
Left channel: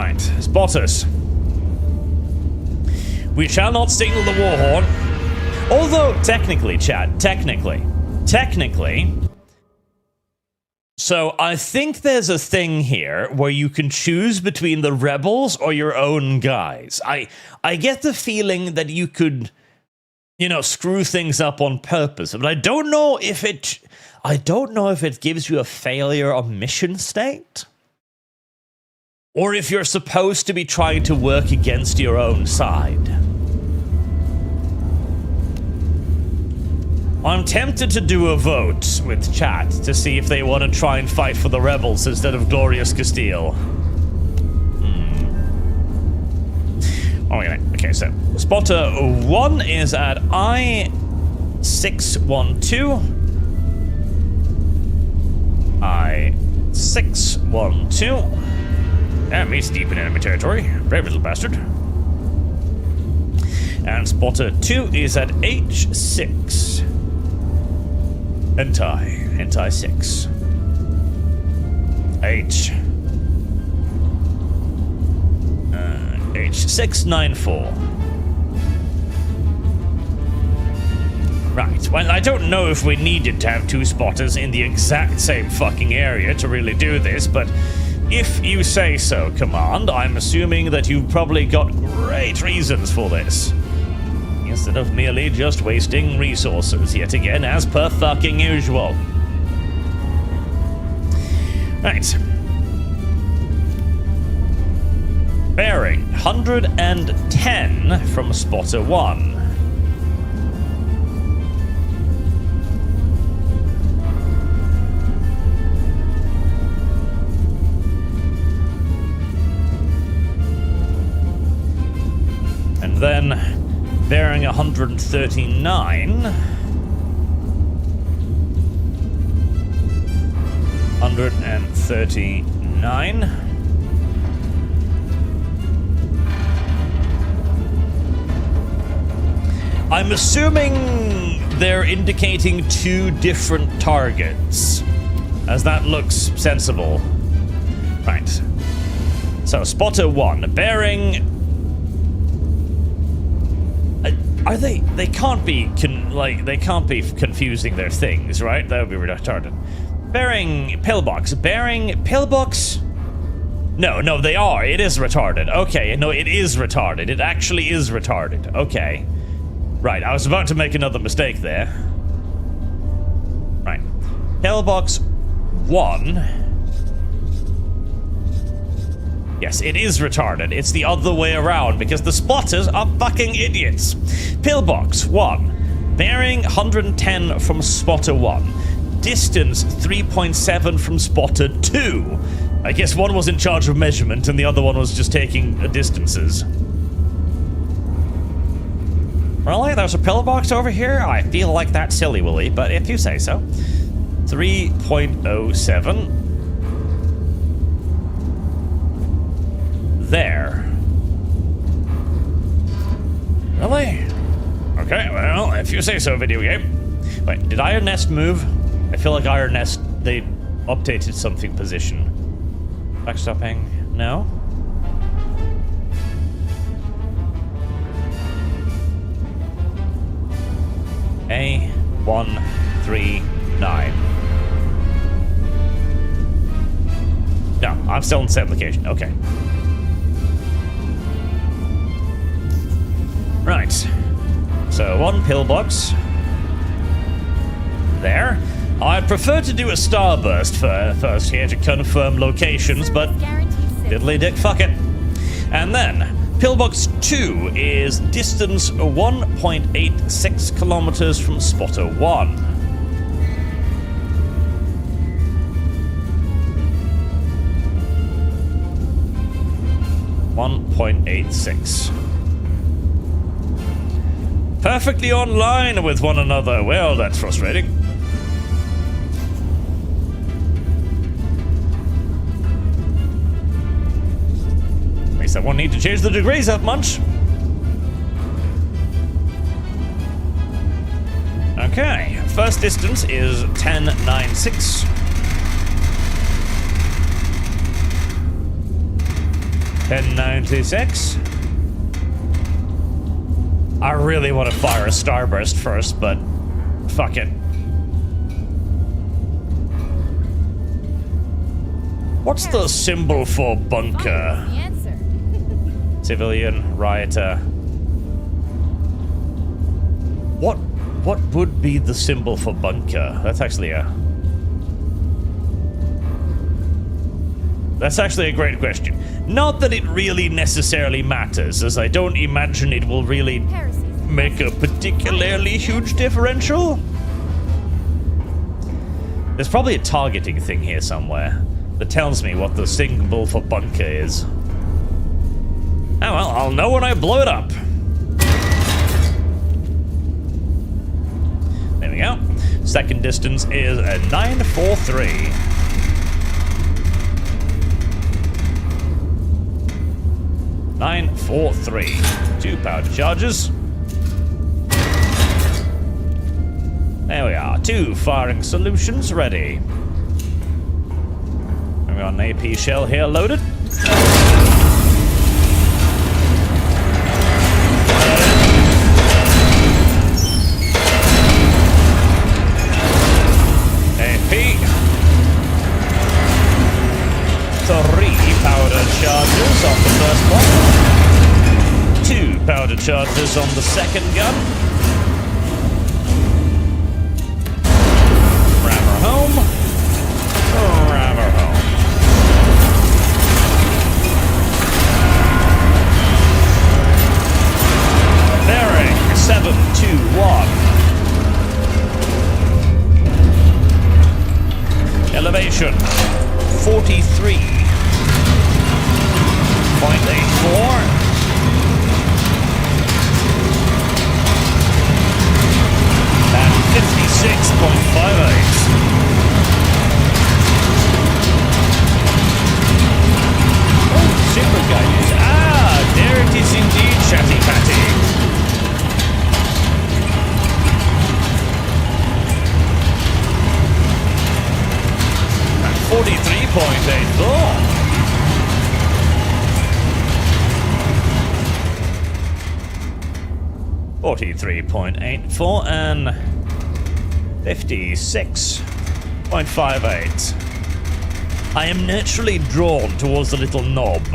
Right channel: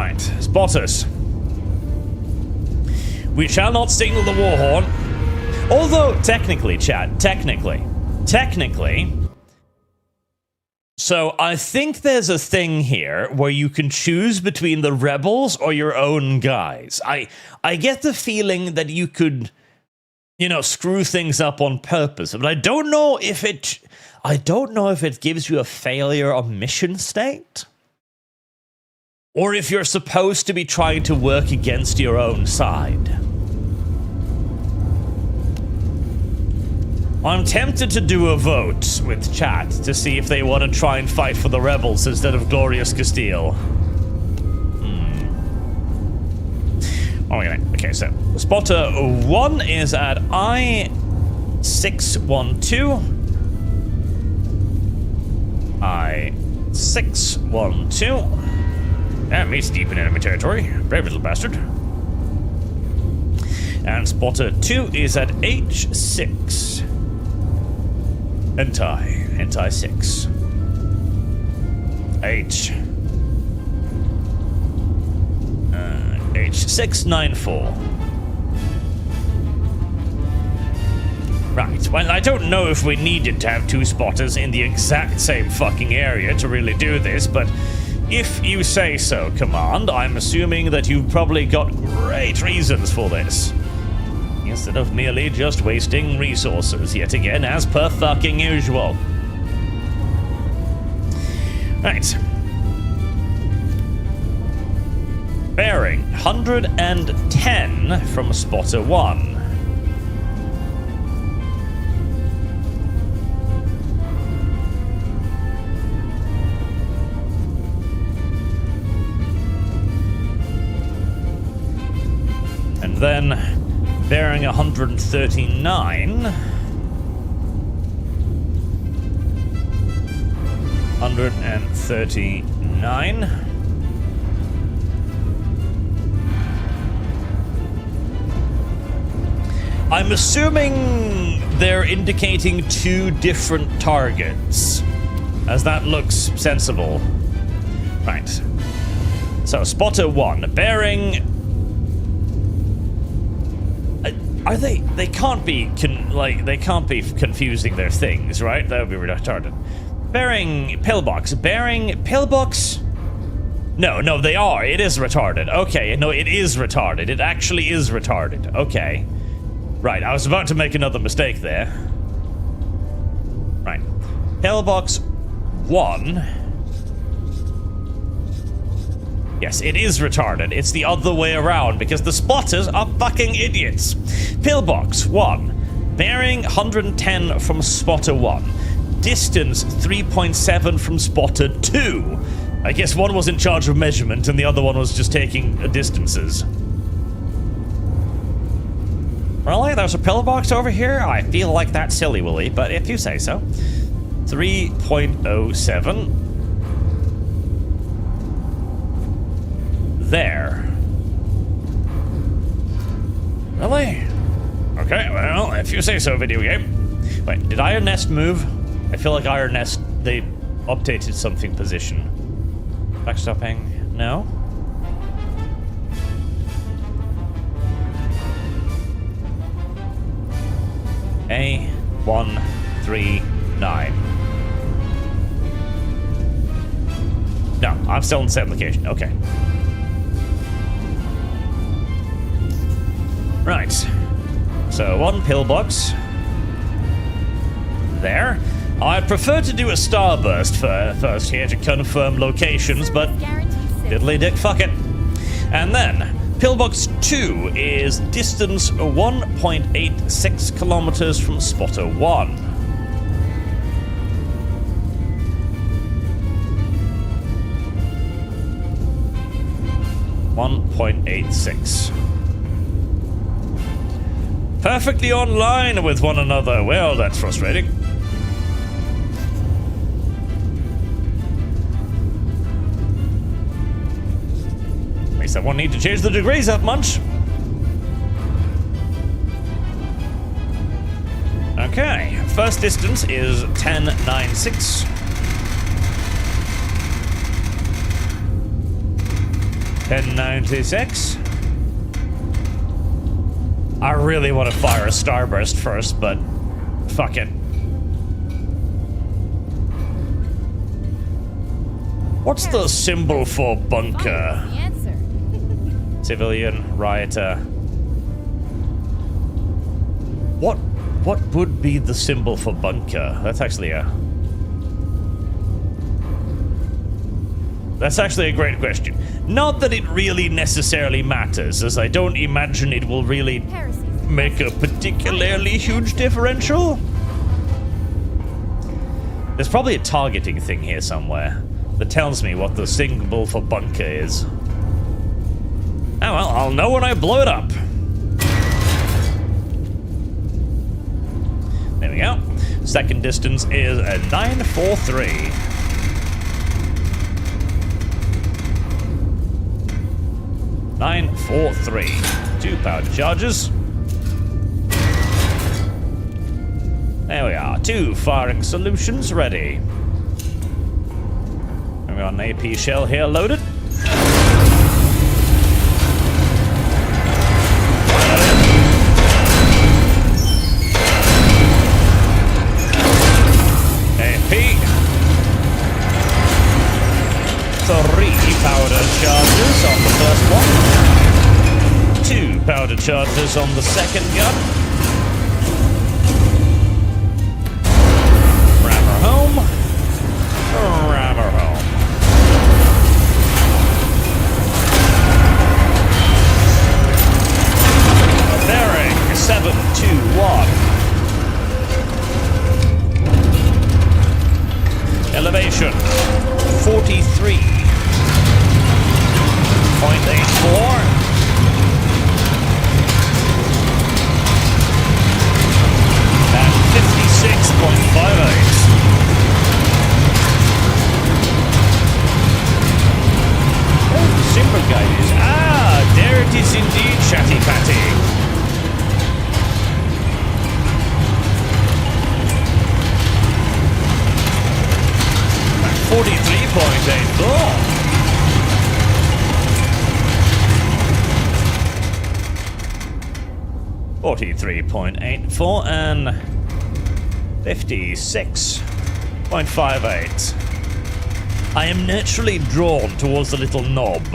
Right, spotters. We shall not signal the war horn. Although, technically, chat, technically. So, I think there's a thing here where you can choose between the rebels or your own guys. I get the feeling that you could, you know, screw things up on purpose, but I don't know if it gives you a failure or mission state, or if you're supposed to be trying to work against your own side. I'm tempted to do a vote with chat to see if they want to try and fight for the rebels instead of glorious Castile. Okay, so spotter 1 is at I-612. I-612. That meets deep in enemy territory. Brave little bastard. And spotter 2 is at H6. Hentai 6. H694. Right, well, I don't know if we needed to have 2 spotters in the exact same fucking area to really do this, but if you say so, Command, I'm assuming that you've probably got great reasons for this. Instead of merely just wasting resources yet again, as per fucking usual. Right. Bearing 110 from spotter 1. And then bearing 139. 139. I'm assuming they're indicating 2 different targets, as that looks sensible. Right. So, spotter 1, bearing... Are they can't be, they can't be confusing their things, right? That would be retarded. Bearing pillbox. Bearing pillbox? No, they are. It is retarded. Okay, no, it is retarded. It actually is retarded. Okay. Right, I was about to make another mistake there. Right. Pillbox 1. Yes, it is retarded. It's the other way around because the spotters are fucking idiots. Pillbox 1. Bearing 110 from spotter 1. Distance 3.7 from spotter 2. I guess one was in charge of measurement and the other one was just taking distances. Really? There's a pillbox over here? I feel like that's silly, Willy, but if you say so. 3.07. There. Really? Okay, well, if you say so, video game. Wait, did Iron Nest move? I feel like Iron Nest, they updated something position. Backstopping? No? A139. No, I'm still in the same location. Okay. Right. So, 1 pillbox. There. I'd prefer to do a starburst first here to confirm locations, but diddly dick, fuck it. And then, pillbox 2 is distance 1.86 kilometers from spotter 1. .86. Perfectly online with one another. Well, that's frustrating. At least I won't need to change the degrees up much. Okay, first distance is 1096. 1096. I really want to fire a starburst first, but fuck it. What's the symbol for bunker? The answer. Civilian, rioter. What would be the symbol for bunker? That's actually a great question. Not that it really necessarily matters, as I don't imagine it will really make a particularly huge differential. There's probably a targeting thing here somewhere that tells me what the symbol for bunker is. Oh well, I'll know when I blow it up. There we go. Second distance is a 943. Two powder charges. There we are. 2 firing solutions ready. And we got an AP shell here loaded. AP. 3 powder charges on the first one. 2 powder charges on the second gun. Ram her home. Ram her home. Bearing 721. Elevation 43.84. And 56.58. Oh, super guided. Ah, there it is indeed, Chatty Patty. 43.84. .84 and 56.58. I am naturally drawn towards the little knob.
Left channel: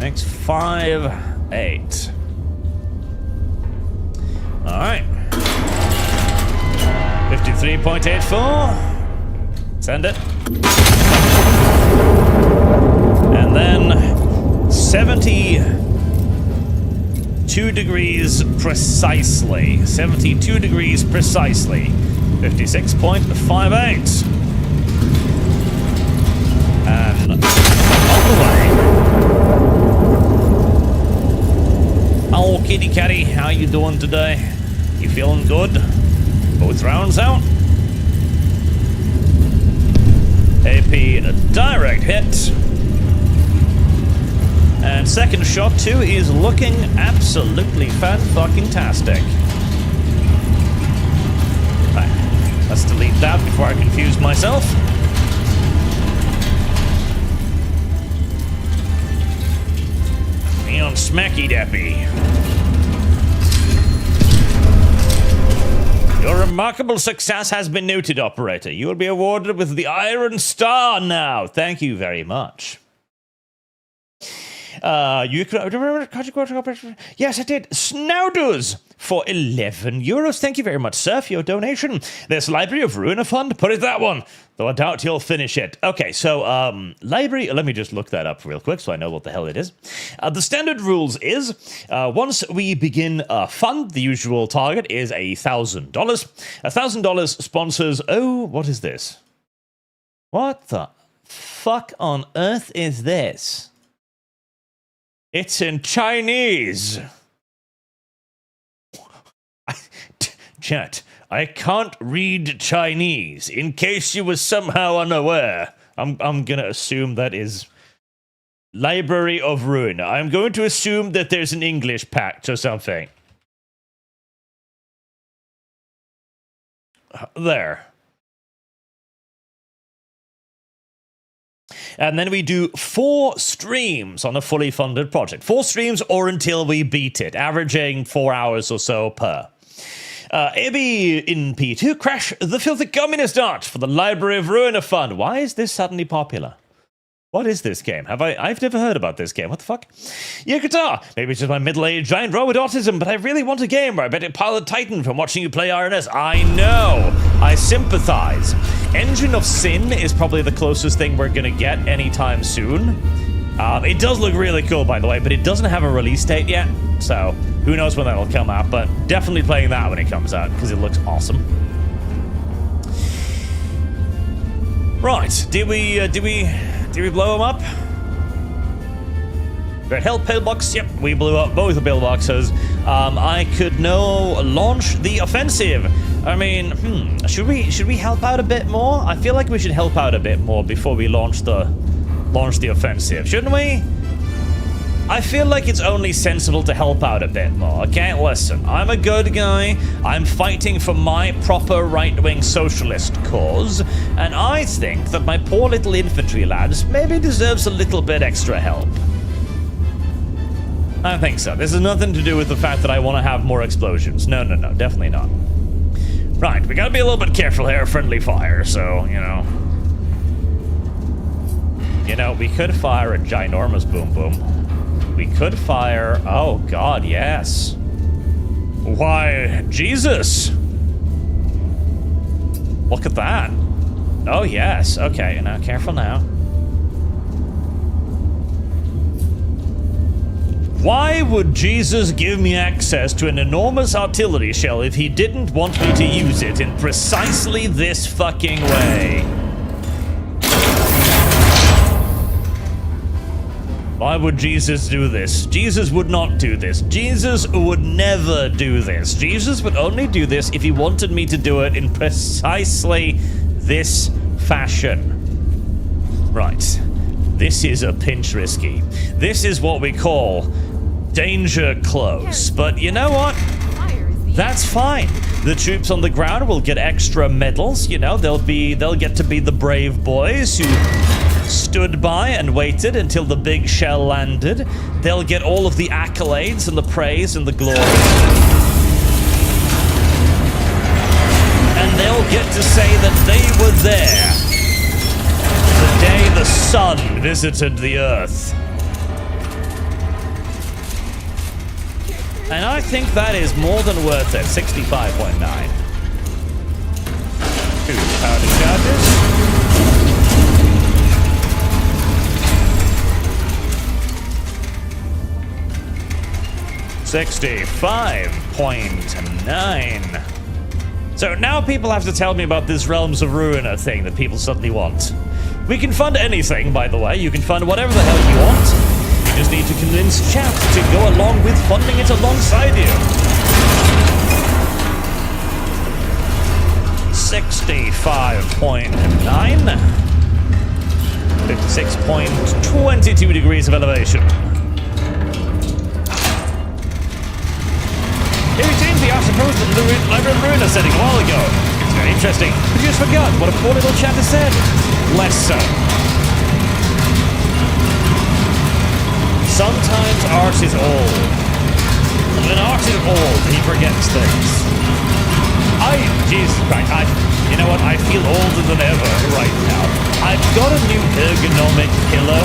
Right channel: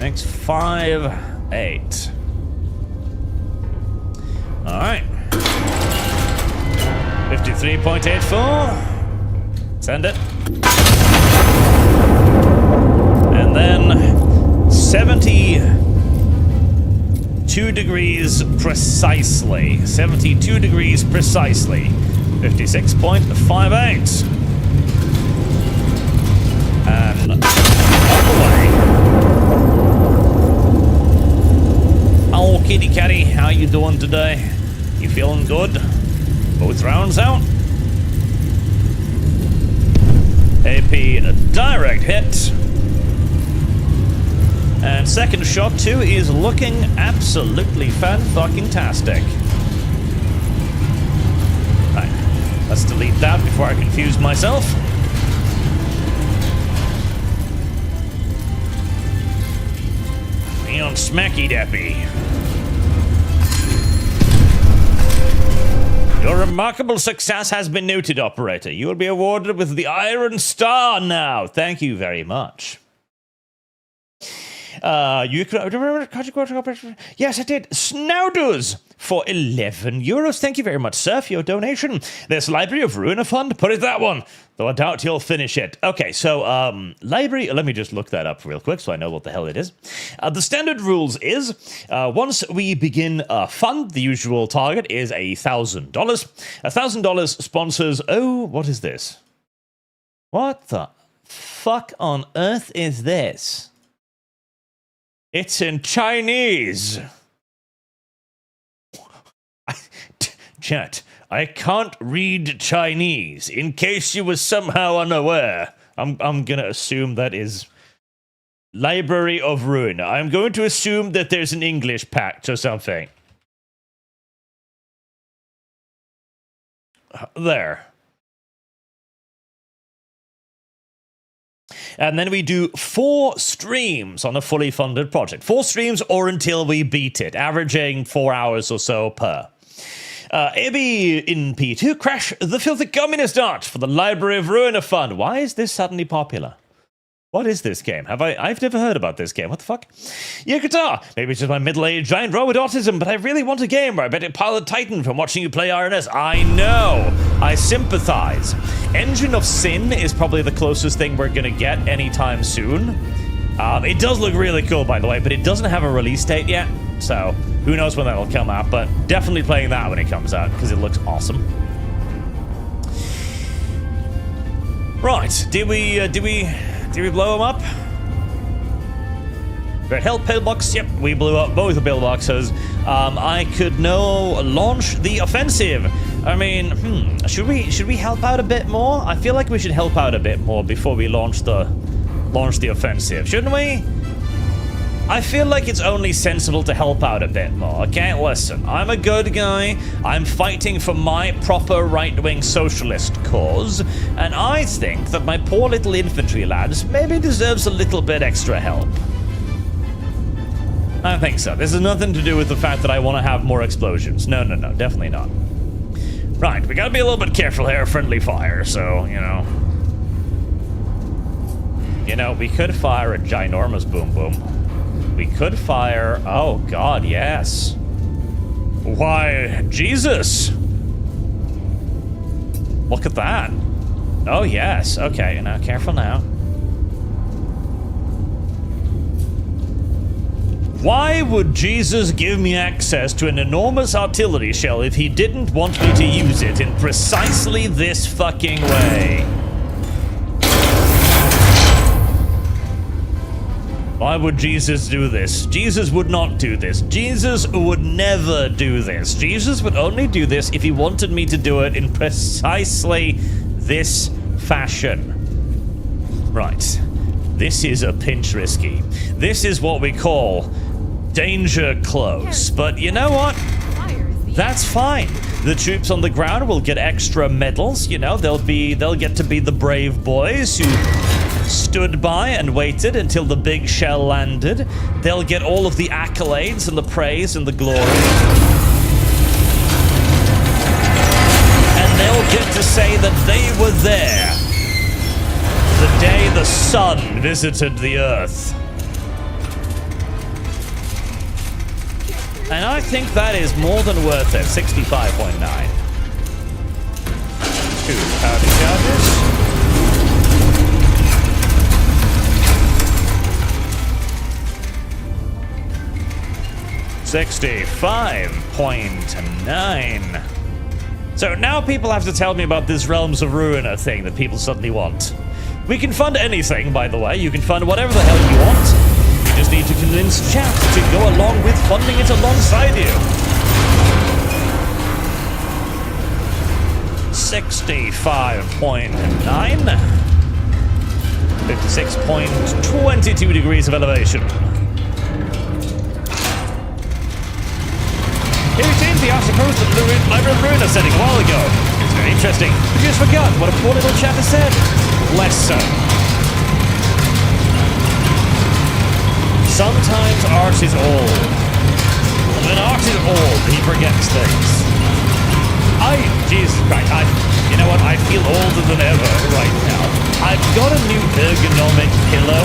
Next 5-8. All right. 53.84. Send it. And then 72 degrees precisely. 72 degrees precisely. 56.58. And on the way. Oh, kitty catty, how you doing today? You feeling good? Both rounds out. AP direct hit. And second shot too is looking absolutely fan-fucking-tastic. Right, let's delete that before I confuse myself. Me on Smacky Dappy. Your remarkable success has been noted, operator. You will be awarded with the Iron Star now. Thank you very much. You could remember? Yes, I did. Snouders for €11. Thank you very much, sir, for your donation. This Library of Ruina Fund, put it that one. Though I doubt you'll finish it. Okay, so library. Let me just look that up real quick so I know what the hell it is. The standard rules is once we begin a fund, the usual target is $1,000. $1,000 sponsors. Oh, what is this? What the fuck on earth is this? It's in Chinese. Chat, I can't read Chinese. In case you were somehow unaware, I'm gonna assume that is Library of Ruin. I'm going to assume that there's an English patch or something. There. And then we do 4 streams on a fully funded project. 4 streams or until we beat it, averaging 4 hours or so per. AB in P2, Crash the Filthy Communist Art for the Library of Ruiner Fund. Why is this suddenly popular? What is this game? I've never heard about this game. What the fuck? Yeah, guitar. Maybe it's just my middle-aged giant robot autism, but I really want a game where I bet Pilot Titan from watching you play RNS. I know. I sympathize. Engine of Sin is probably the closest thing we're gonna get anytime soon. It does look really cool, by the way, but it doesn't have a release date yet, so who knows when that'll come out, but definitely playing that when it comes out, because it looks awesome. Right, did we blow him up? Red Help pillbox. Yep, we blew up both the pillboxes. I could now launch the offensive. I mean, should we help out a bit more? I feel like we should help out a bit more before we launch the offensive, shouldn't we? I feel like it's only sensible to help out a bit more, okay? Listen, I'm a good guy. I'm fighting for my proper right-wing socialist cause, and I think that my poor little infantry lads maybe deserves a little bit extra help. I think so. This has nothing to do with the fact that I want to have more explosions. No, definitely not. Right, we gotta be a little bit careful here, friendly fire, so, you know. You know, we could fire a ginormous boom boom. We could fire... Oh, God, yes. Why, Jesus! Look at that. Oh, yes. Okay, now, careful now. Why would Jesus give me access to an enormous artillery shell if he didn't want me to use it in precisely this fucking way? Why would Jesus do this? Jesus would not do this. Jesus would never do this. Jesus would only do this if he wanted me to do it in precisely this fashion. Right. This is a pinch risky. This is what we call danger close. But you know what? That's fine. The troops on the ground will get extra medals, you know, they'll get to be the brave boys who stood by and waited until the big shell landed. They'll get all of the accolades and the praise and the glory. And they'll get to say that they were there the day the sun visited the earth. And I think that is more than worth it. 65.9. 2 powder charges. 65.9. So now people have to tell me about this Realms of Ruiner thing that people suddenly want. We can fund anything, by the way. You can fund whatever the hell you want. You just need to convince chat to go along with funding it alongside you. 65.9. 56.22 degrees of elevation. Here we changed the supposed Library of Ruiner setting a while ago. It's very interesting. But you just forgot what a poor little chat has said. Less so. Sometimes art is old. And when art is old, he forgets things. Jesus Christ, you know what? I feel older than ever right now. I've got a new ergonomic pillow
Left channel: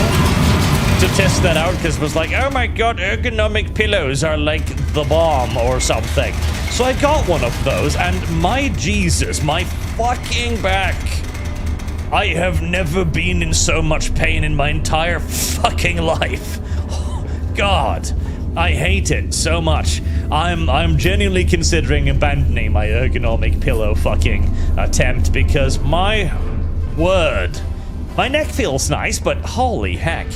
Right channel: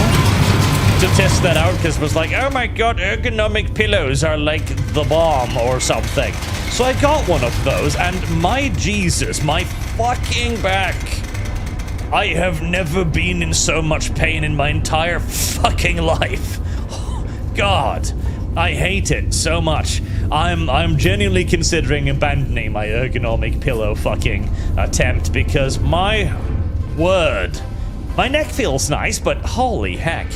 to test that out because it was like, oh my god, ergonomic pillows are like the bomb or something. So I got one of those, and my Jesus, my fucking back. I have never been in so much pain in my entire fucking life. Oh, God, I hate it so much. I'm genuinely considering abandoning my ergonomic pillow fucking attempt because my word, my neck feels nice, but holy heck.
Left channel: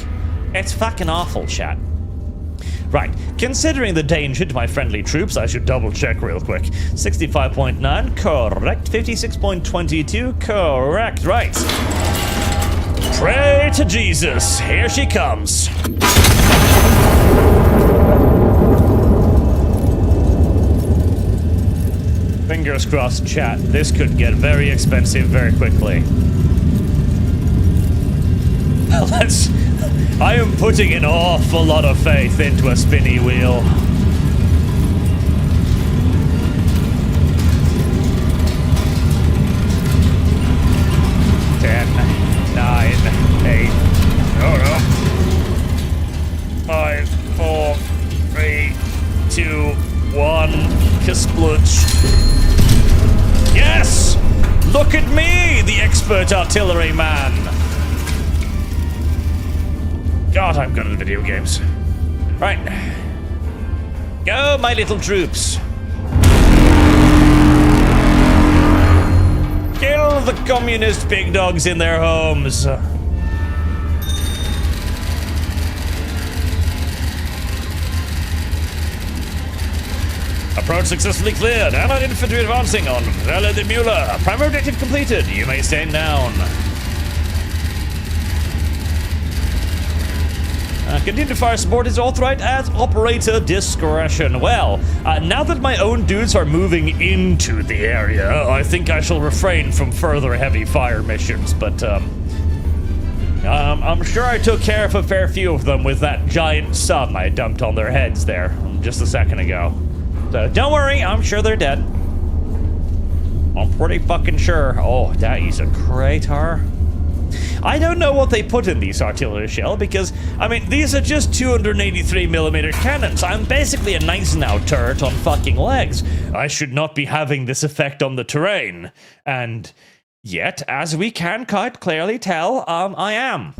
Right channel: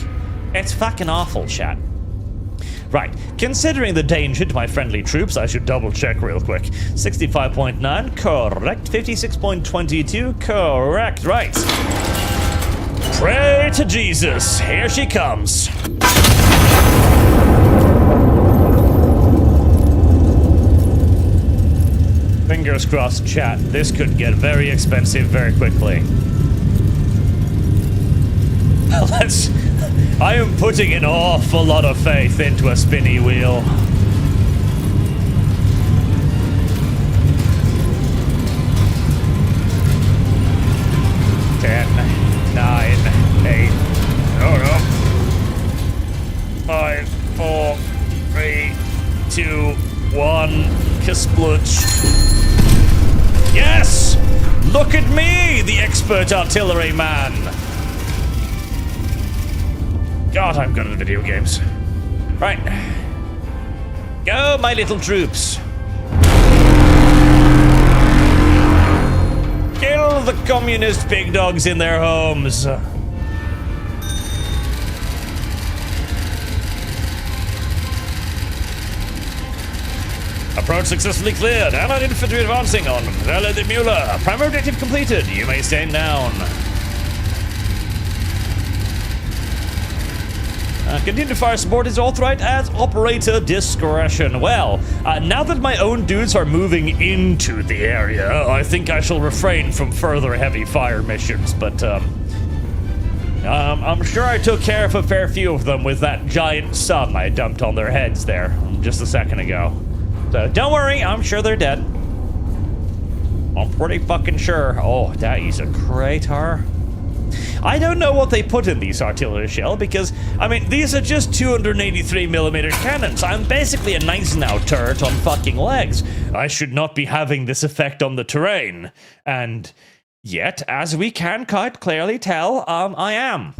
It's fucking awful, chat. Right, considering the danger to my friendly troops, I should double check real quick. 65.9, correct. 56.22, correct. Right. Pray to Jesus. Here she comes. Fingers crossed, chat. This could get very expensive very quickly. I am putting an awful lot of faith into a spinny wheel. Ten, 9, 8. Oh no. 5, 4, 3, 2, 1. Kasplutch. Yes! Look at me, the expert artillery man. God, I'm good at video games. Right. Go, my little troops. Kill the communist pig dogs in their homes. Approach successfully cleared. Allied infantry advancing on Vela de Mueller. Primary objective completed. You may stand down. Continue to fire support is authorized at operator discretion. Well, now that my own dudes are moving into the area, I think I shall refrain from further heavy fire missions, but I'm sure I took care of a fair few of them with that giant sun I dumped on their heads there just a second ago. So don't worry, I'm sure they're dead. I'm pretty fucking sure. Oh, that is a crater. I don't know what they put in these artillery shell because, I mean, these are just 283mm cannons. I'm basically a nice now turret on fucking legs. I should not be having this effect on the terrain. And yet, as we can quite clearly tell, I am.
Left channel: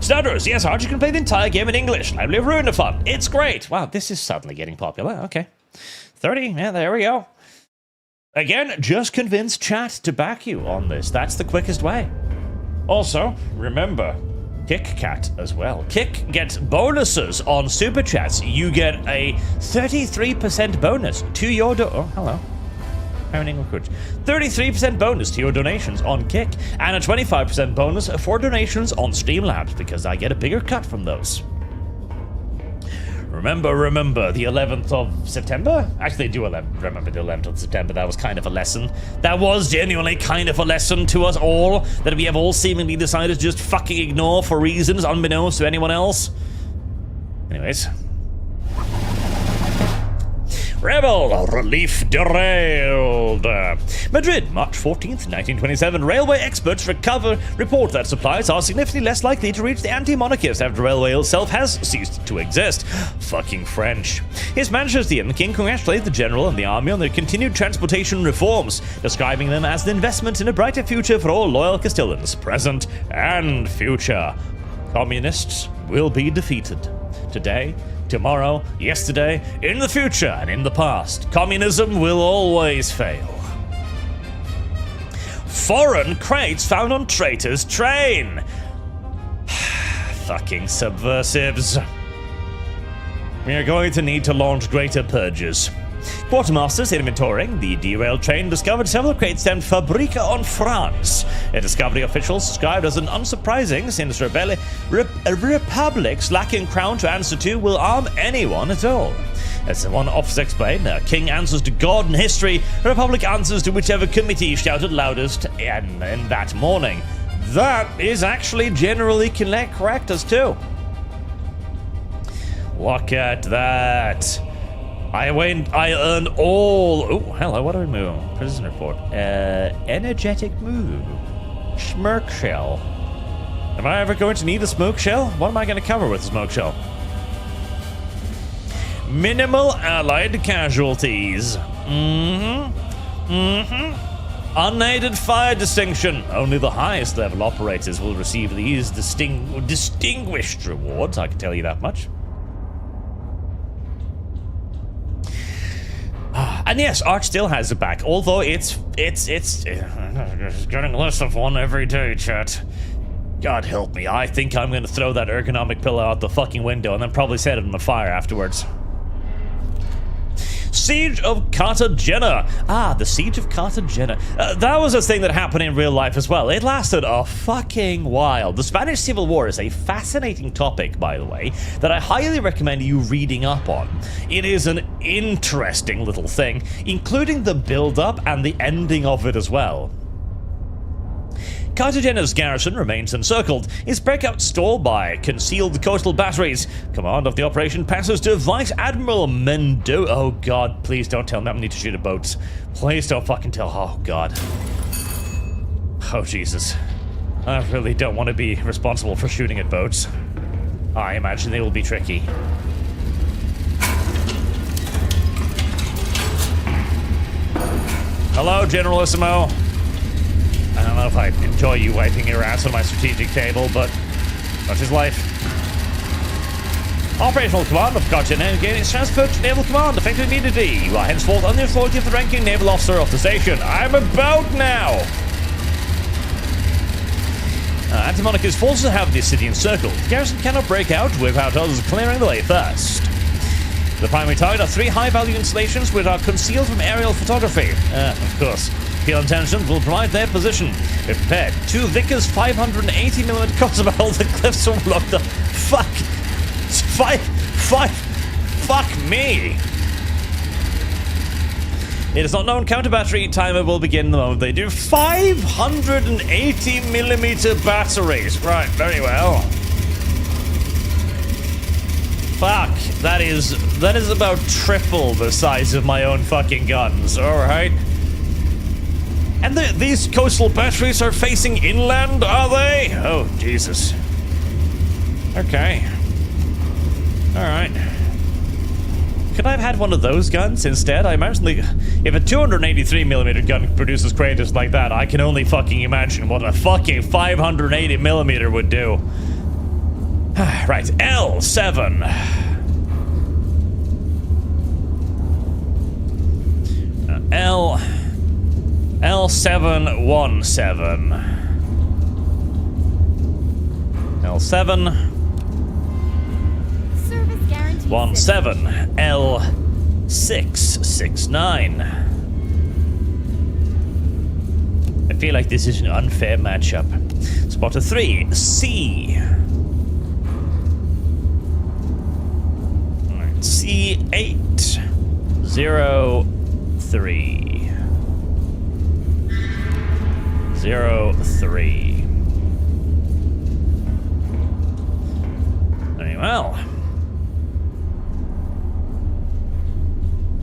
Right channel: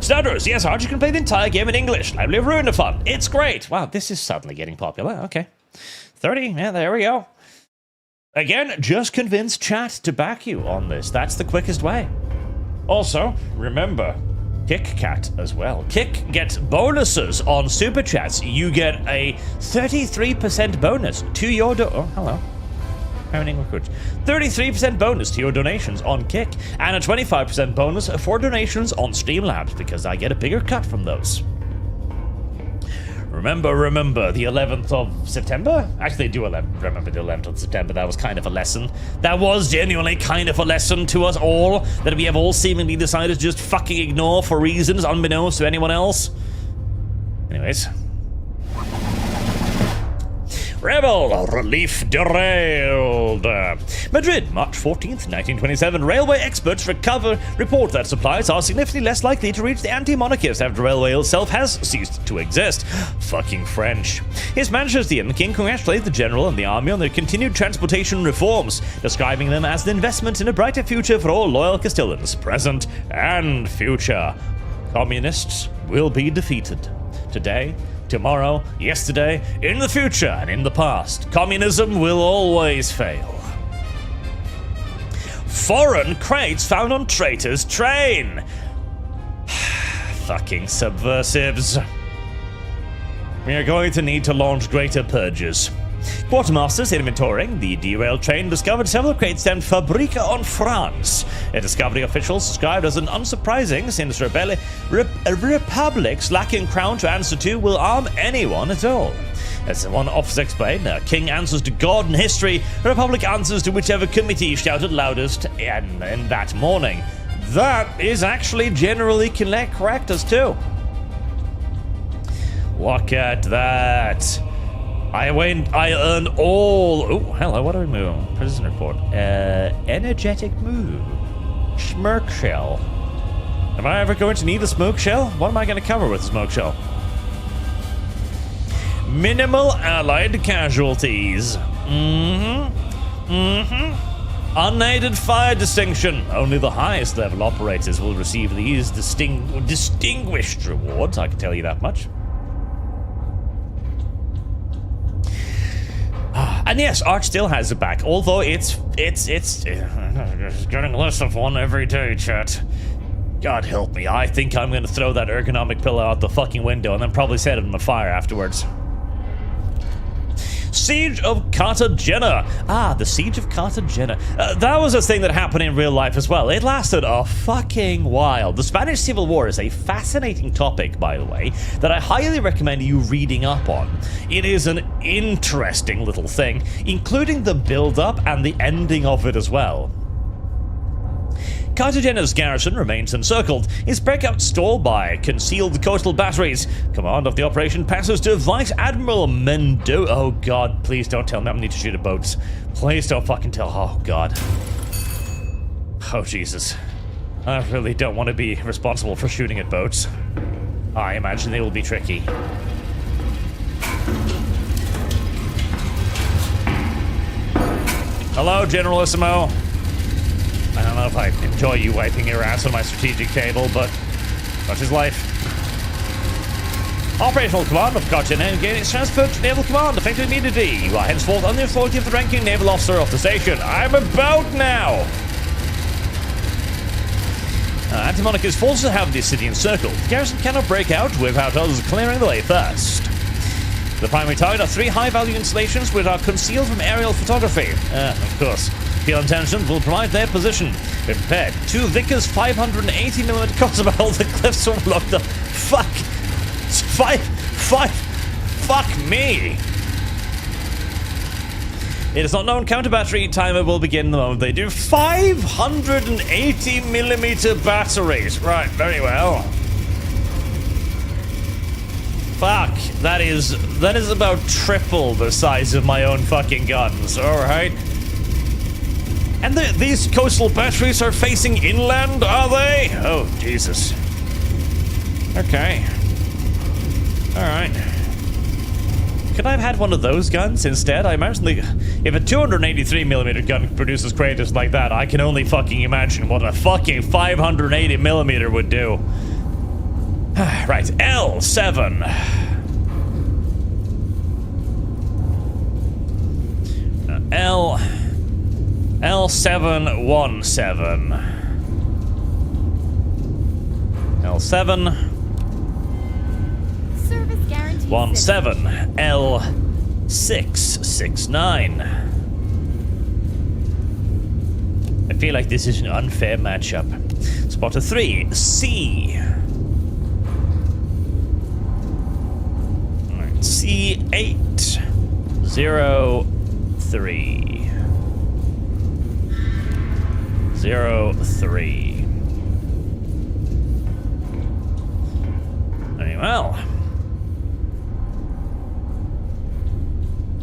Stutters, yes, Archie can play the entire game in English. Lively Ruinathon. It's great. Wow, this is suddenly getting popular. Okay. 30, yeah, there we go. Again, just convince chat to back you on this. That's the quickest way. Also, remember, KickCat as well. Kick gets bonuses on Superchats. You get a 33% bonus to your oh, hello. Earning recruits. 33% bonus to your donations on Kick, and a 25% bonus for donations on Streamlabs, because I get a bigger cut from those. Remember the 11th of September? Actually, I do remember the 11th of September. That was kind of a lesson. That was genuinely kind of a lesson to us all, that we have all seemingly decided to just fucking ignore for reasons unbeknownst to anyone else. Anyways. Rebel relief derailed. Madrid, March 14th, 1927. Railway experts report that supplies are significantly less likely to reach the anti-monarchists after the railway itself has ceased to exist. Fucking French. His Majesty and the King congratulate the general and the army on their continued transportation reforms, describing them as an investment in a brighter future for all loyal Castilians, present and future. Communists will be defeated. Today, tomorrow, yesterday, in the future, and in the past. Communism will always fail. Foreign crates found on traitor's train. Fucking subversives. We are going to need to launch greater purges. Quartermasters inventorying the derailed train discovered several crates stamped Fabrica on France. A discovery officials described as an unsurprising, since republics lacking crown to answer to will arm anyone at all. As one officer explained, a king answers to God and history, a republic answers to whichever committee shouted loudest in that morning. That is actually generally correct as too. Look at that. I earned all... Oh, hello, what do we move? Prison report. Energetic move. Smirk shell. Am I ever going to need a smoke shell? What am I going to cover with a smoke shell? Minimal allied casualties. Unaided fire distinction. Only the highest level operators will receive these distinguished rewards, I can tell you that much. And yes, Arch still has it back, although it's getting less of one every day, chat. God help me, I think I'm gonna throw that ergonomic pillow out the fucking window and then probably set it on fire afterwards. Siege of Cartagena. Ah, the Siege of Cartagena. That was a thing that happened in real life as well. It lasted a fucking while. The Spanish Civil War is a fascinating topic, by the way, that I highly recommend you reading up on. It is an interesting little thing, including the build-up and the ending of it as well. Cartagena's garrison remains encircled. Its breakout stalled by concealed coastal batteries. Command of the operation passes to Vice Admiral Mendo. Oh god, please don't tell me I need to shoot at boats. Please don't fucking tell. Oh god. Oh Jesus. I really don't want to be responsible for shooting at boats. I imagine they will be tricky. Hello, Generalissimo. I don't know if I enjoy you wiping your ass on my strategic table, but such is life. Operational command of Cartagena and gain its transfer to Naval Command, effective immediately. You are henceforth on the authority of the ranking naval officer of the station. I'm about now! Anti-Monarchist forces have the city encircled. The garrison cannot break out without us clearing the way first. The primary target are 3 high-value installations which are concealed from aerial photography. Of course. Field intelligence will provide their position. Be prepared. 2 Vickers 580mm crossbow. The cliffs overlook the... Fuck! Fuck me! It is not known. Counter battery timer will begin the moment they do. 580mm batteries. Right, very well. Fuck, that is about triple the size of my own fucking guns. All right. And these coastal batteries are facing inland, are they? Oh Jesus. Okay. All right. Could I have had one of those guns instead? I imagine if a 283mm gun produces craters like that, I can only fucking imagine what a fucking 580mm would do. Right, L7. L717. L7. Service guarantee. 17. L669. I feel like this is an unfair matchup. Spotter 3. C. Alright, C8. 03. 03. Very well.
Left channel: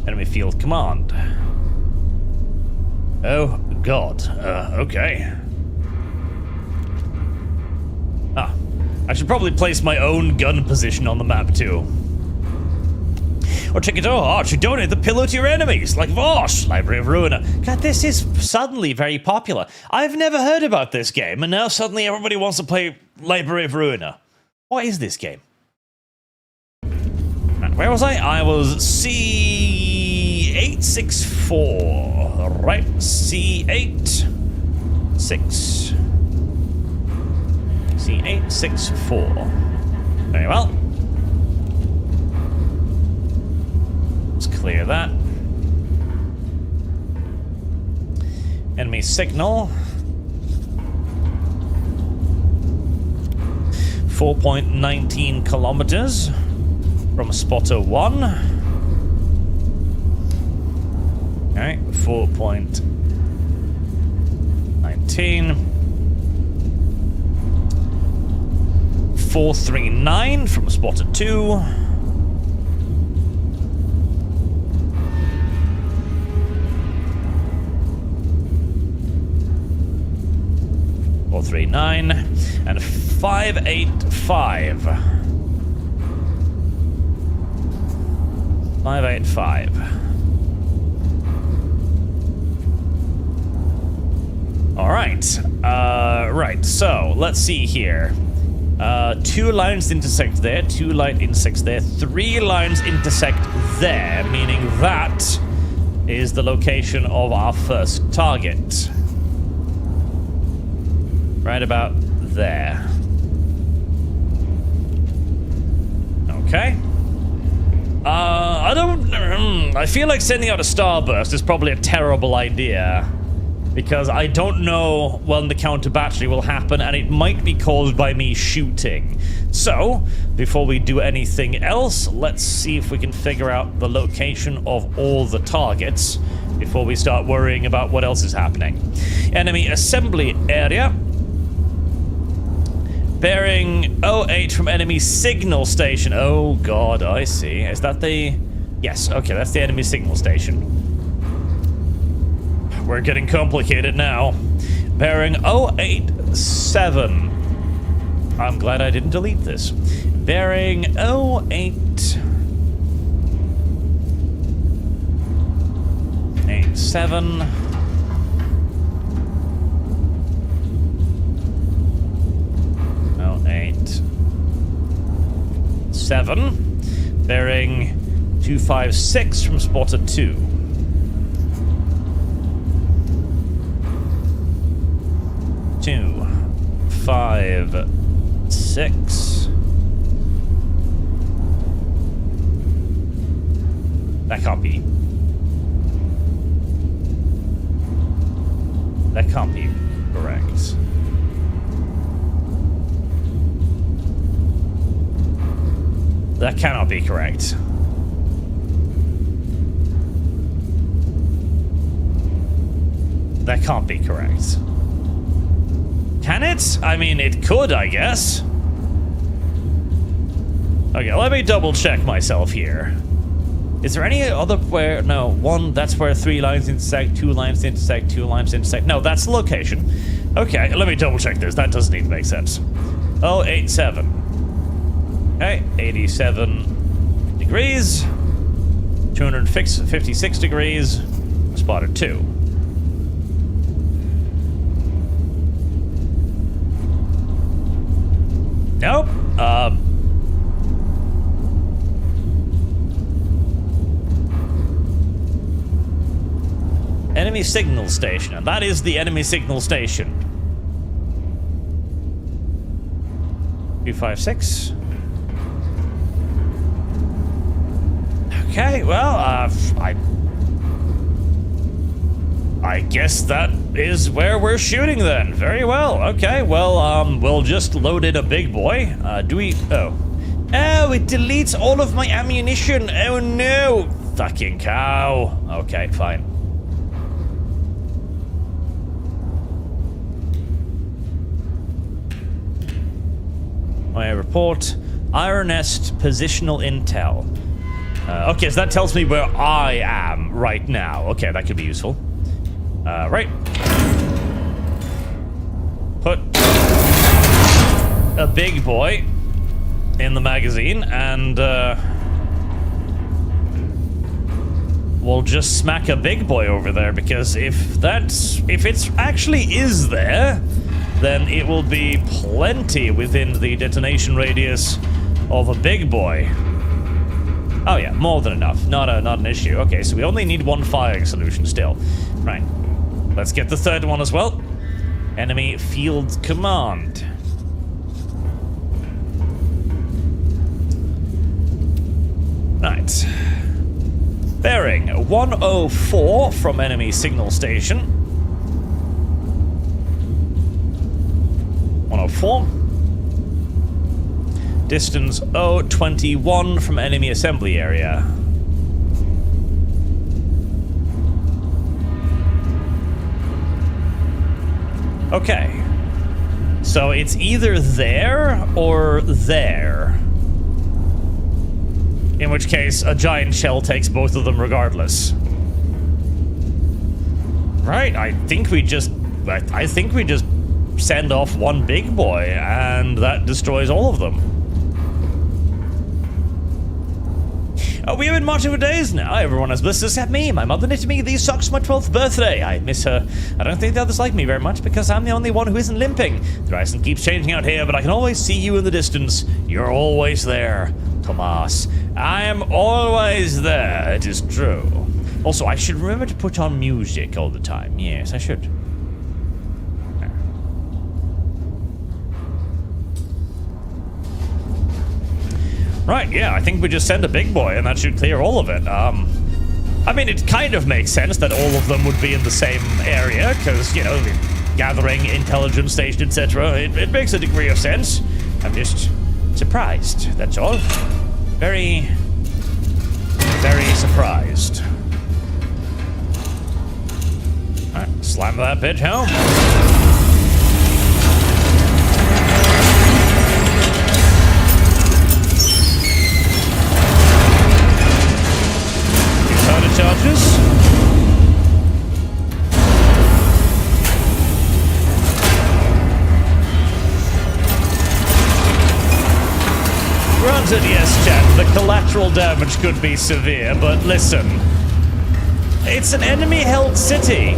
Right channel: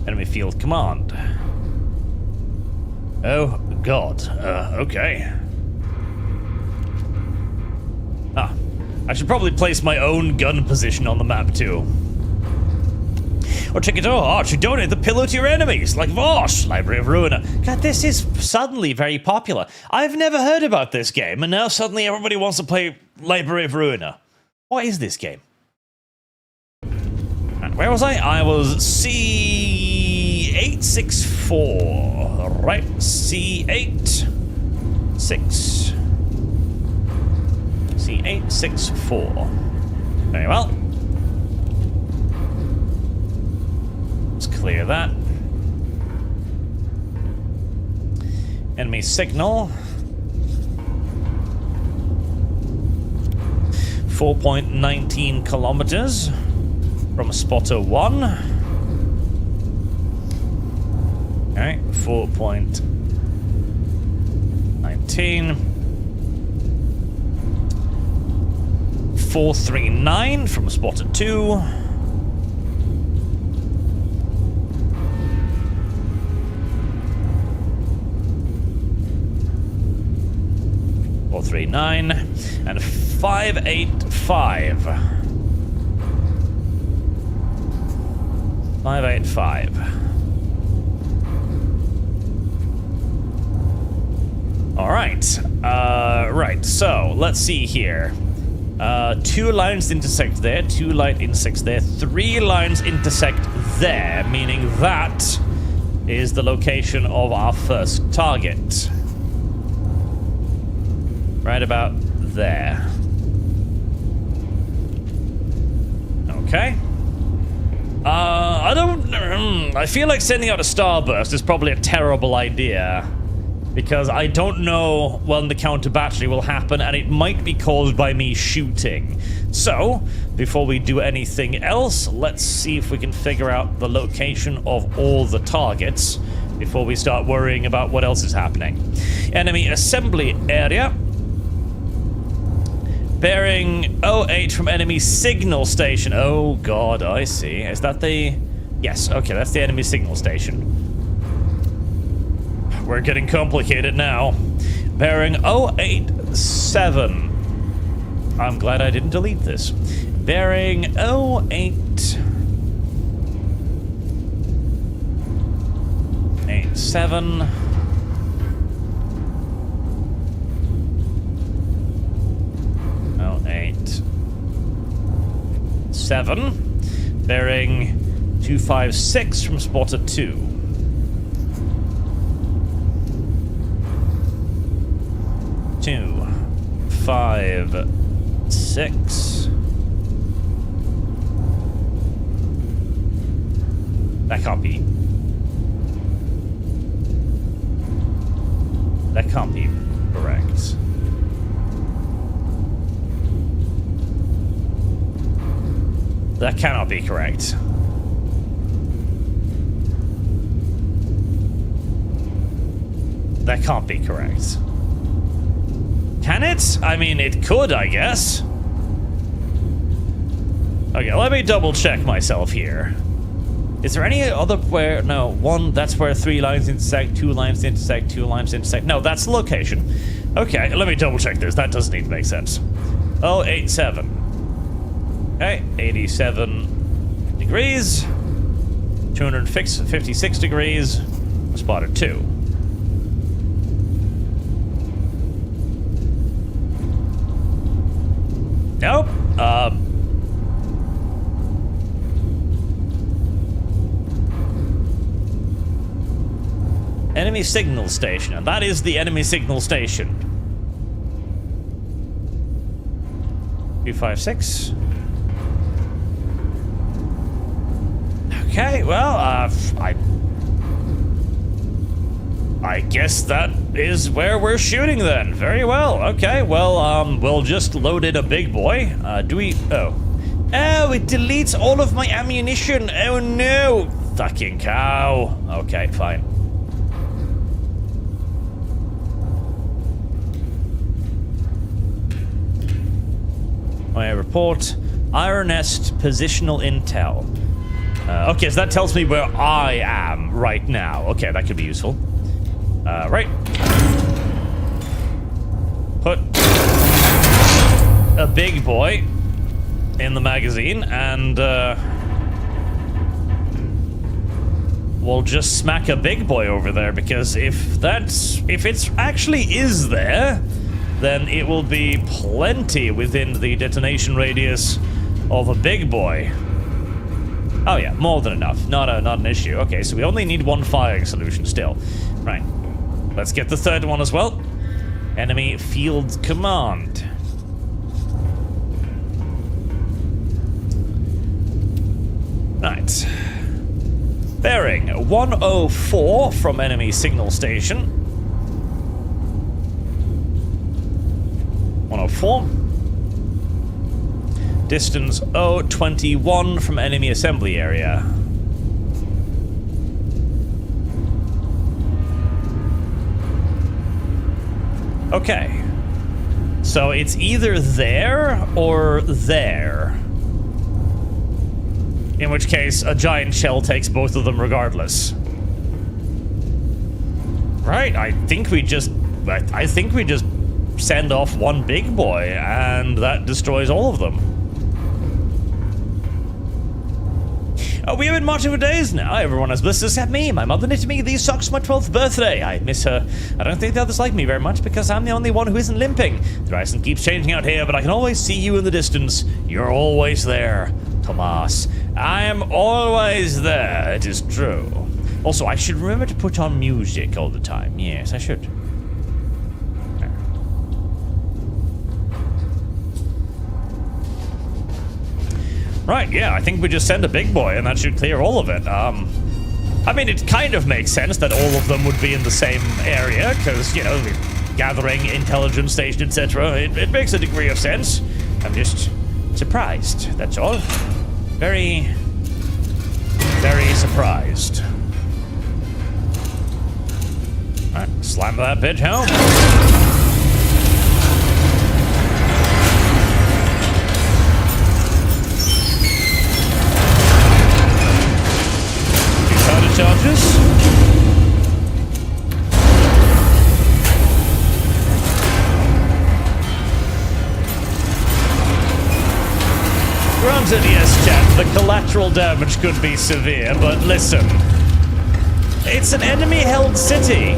Enemy field command. Oh, God. Okay. Ah. I should probably place my own gun position on the map, too. Or check it out, you donate the pillow to your enemies, like Vosh, Library of Ruina. God, this is suddenly very popular. I've never heard about this game, and now suddenly everybody wants to play Library of Ruina. What is this game? Where was I? I was C864. Right, C864. Very well. Let's clear that. Enemy signal. 4.19 kilometers from spotter 1. Okay, 4.19. 439 from spotter 2. 439 and 585. 585. All right. Right. So let's see here. 2 lines intersect there. 2 lines intersect there. 3 lines intersect there, meaning that is the location of our first target. Right about there. Okay. I feel like sending out a starburst is probably a terrible idea, because I don't know when the counter battery will happen, and it might be caused by me shooting. So, before we do anything else, let's see if we can figure out the location of all the targets before we start worrying about what else is happening. Enemy assembly area. Bearing 08 from enemy signal station. Oh god, I see. Is that the... Yes, okay, that's the enemy signal station. We're getting complicated now. Bearing 087. I'm glad I didn't delete this. Bearing 087. 087. Bearing 256 from spotter 2. 256. That can't be. That can't be correct. That cannot be correct. That can't be correct. Can it? I mean, it could, I guess. Okay, let me double check myself here. Is there any other where... No, one, that's where 3 lines intersect, 2 lines intersect, 2 lines intersect. No, that's the location. Okay, let me double check this. That doesn't need to make sense. 087. Okay, 87 degrees. 256 degrees. Spotted 2. Nope. Enemy signal station, and that is the enemy signal station. 256. Okay, well, I guess that is where we're shooting then. Very well. Okay, well, we'll just load in a big boy. Do we... Oh. Oh, it deletes all of my ammunition. Oh, no. Fucking cow. Okay, fine. I report Iron Nest positional intel. Okay, so that tells me where I am right now. Okay, that could be useful. Right. Put a big boy in the magazine, and we'll just smack a big boy over there, because if it's actually is there, then it will be plenty within the detonation radius of a big boy. Oh yeah, more than enough. Not an issue. Okay, so we only need 1 firing solution still. Right. Let's get the 3rd one as well. Enemy field command. Right. Bearing 104 from enemy signal station. 104. Distance 021 from enemy assembly area. Okay. So it's either there or there. In which case, a giant shell takes both of them regardless. Right, I think we just send off one big boy, and that destroys all of them. We have been marching for days now. Everyone has bliss except me. My mother knitted me these socks for my 12th birthday. I miss her. I don't think the others like me very much because I'm the only one who isn't limping. The horizon keeps changing out here, but I can always see you in the distance. You're always there, Tomas. I am always there. It is true. Also, I should remember to put on music all the time. Yes, I should. Right, yeah, I think we just send a big boy and that should clear all of it. I mean, it kind of makes sense that all of them would be in the same area, because, you know, gathering, intelligence station, etc. It makes a degree of sense. I'm just surprised, that's all. Very, very surprised. Alright, slam that bitch home. Granted, yes, chat, the collateral damage could be severe, but listen. It's an enemy-held city.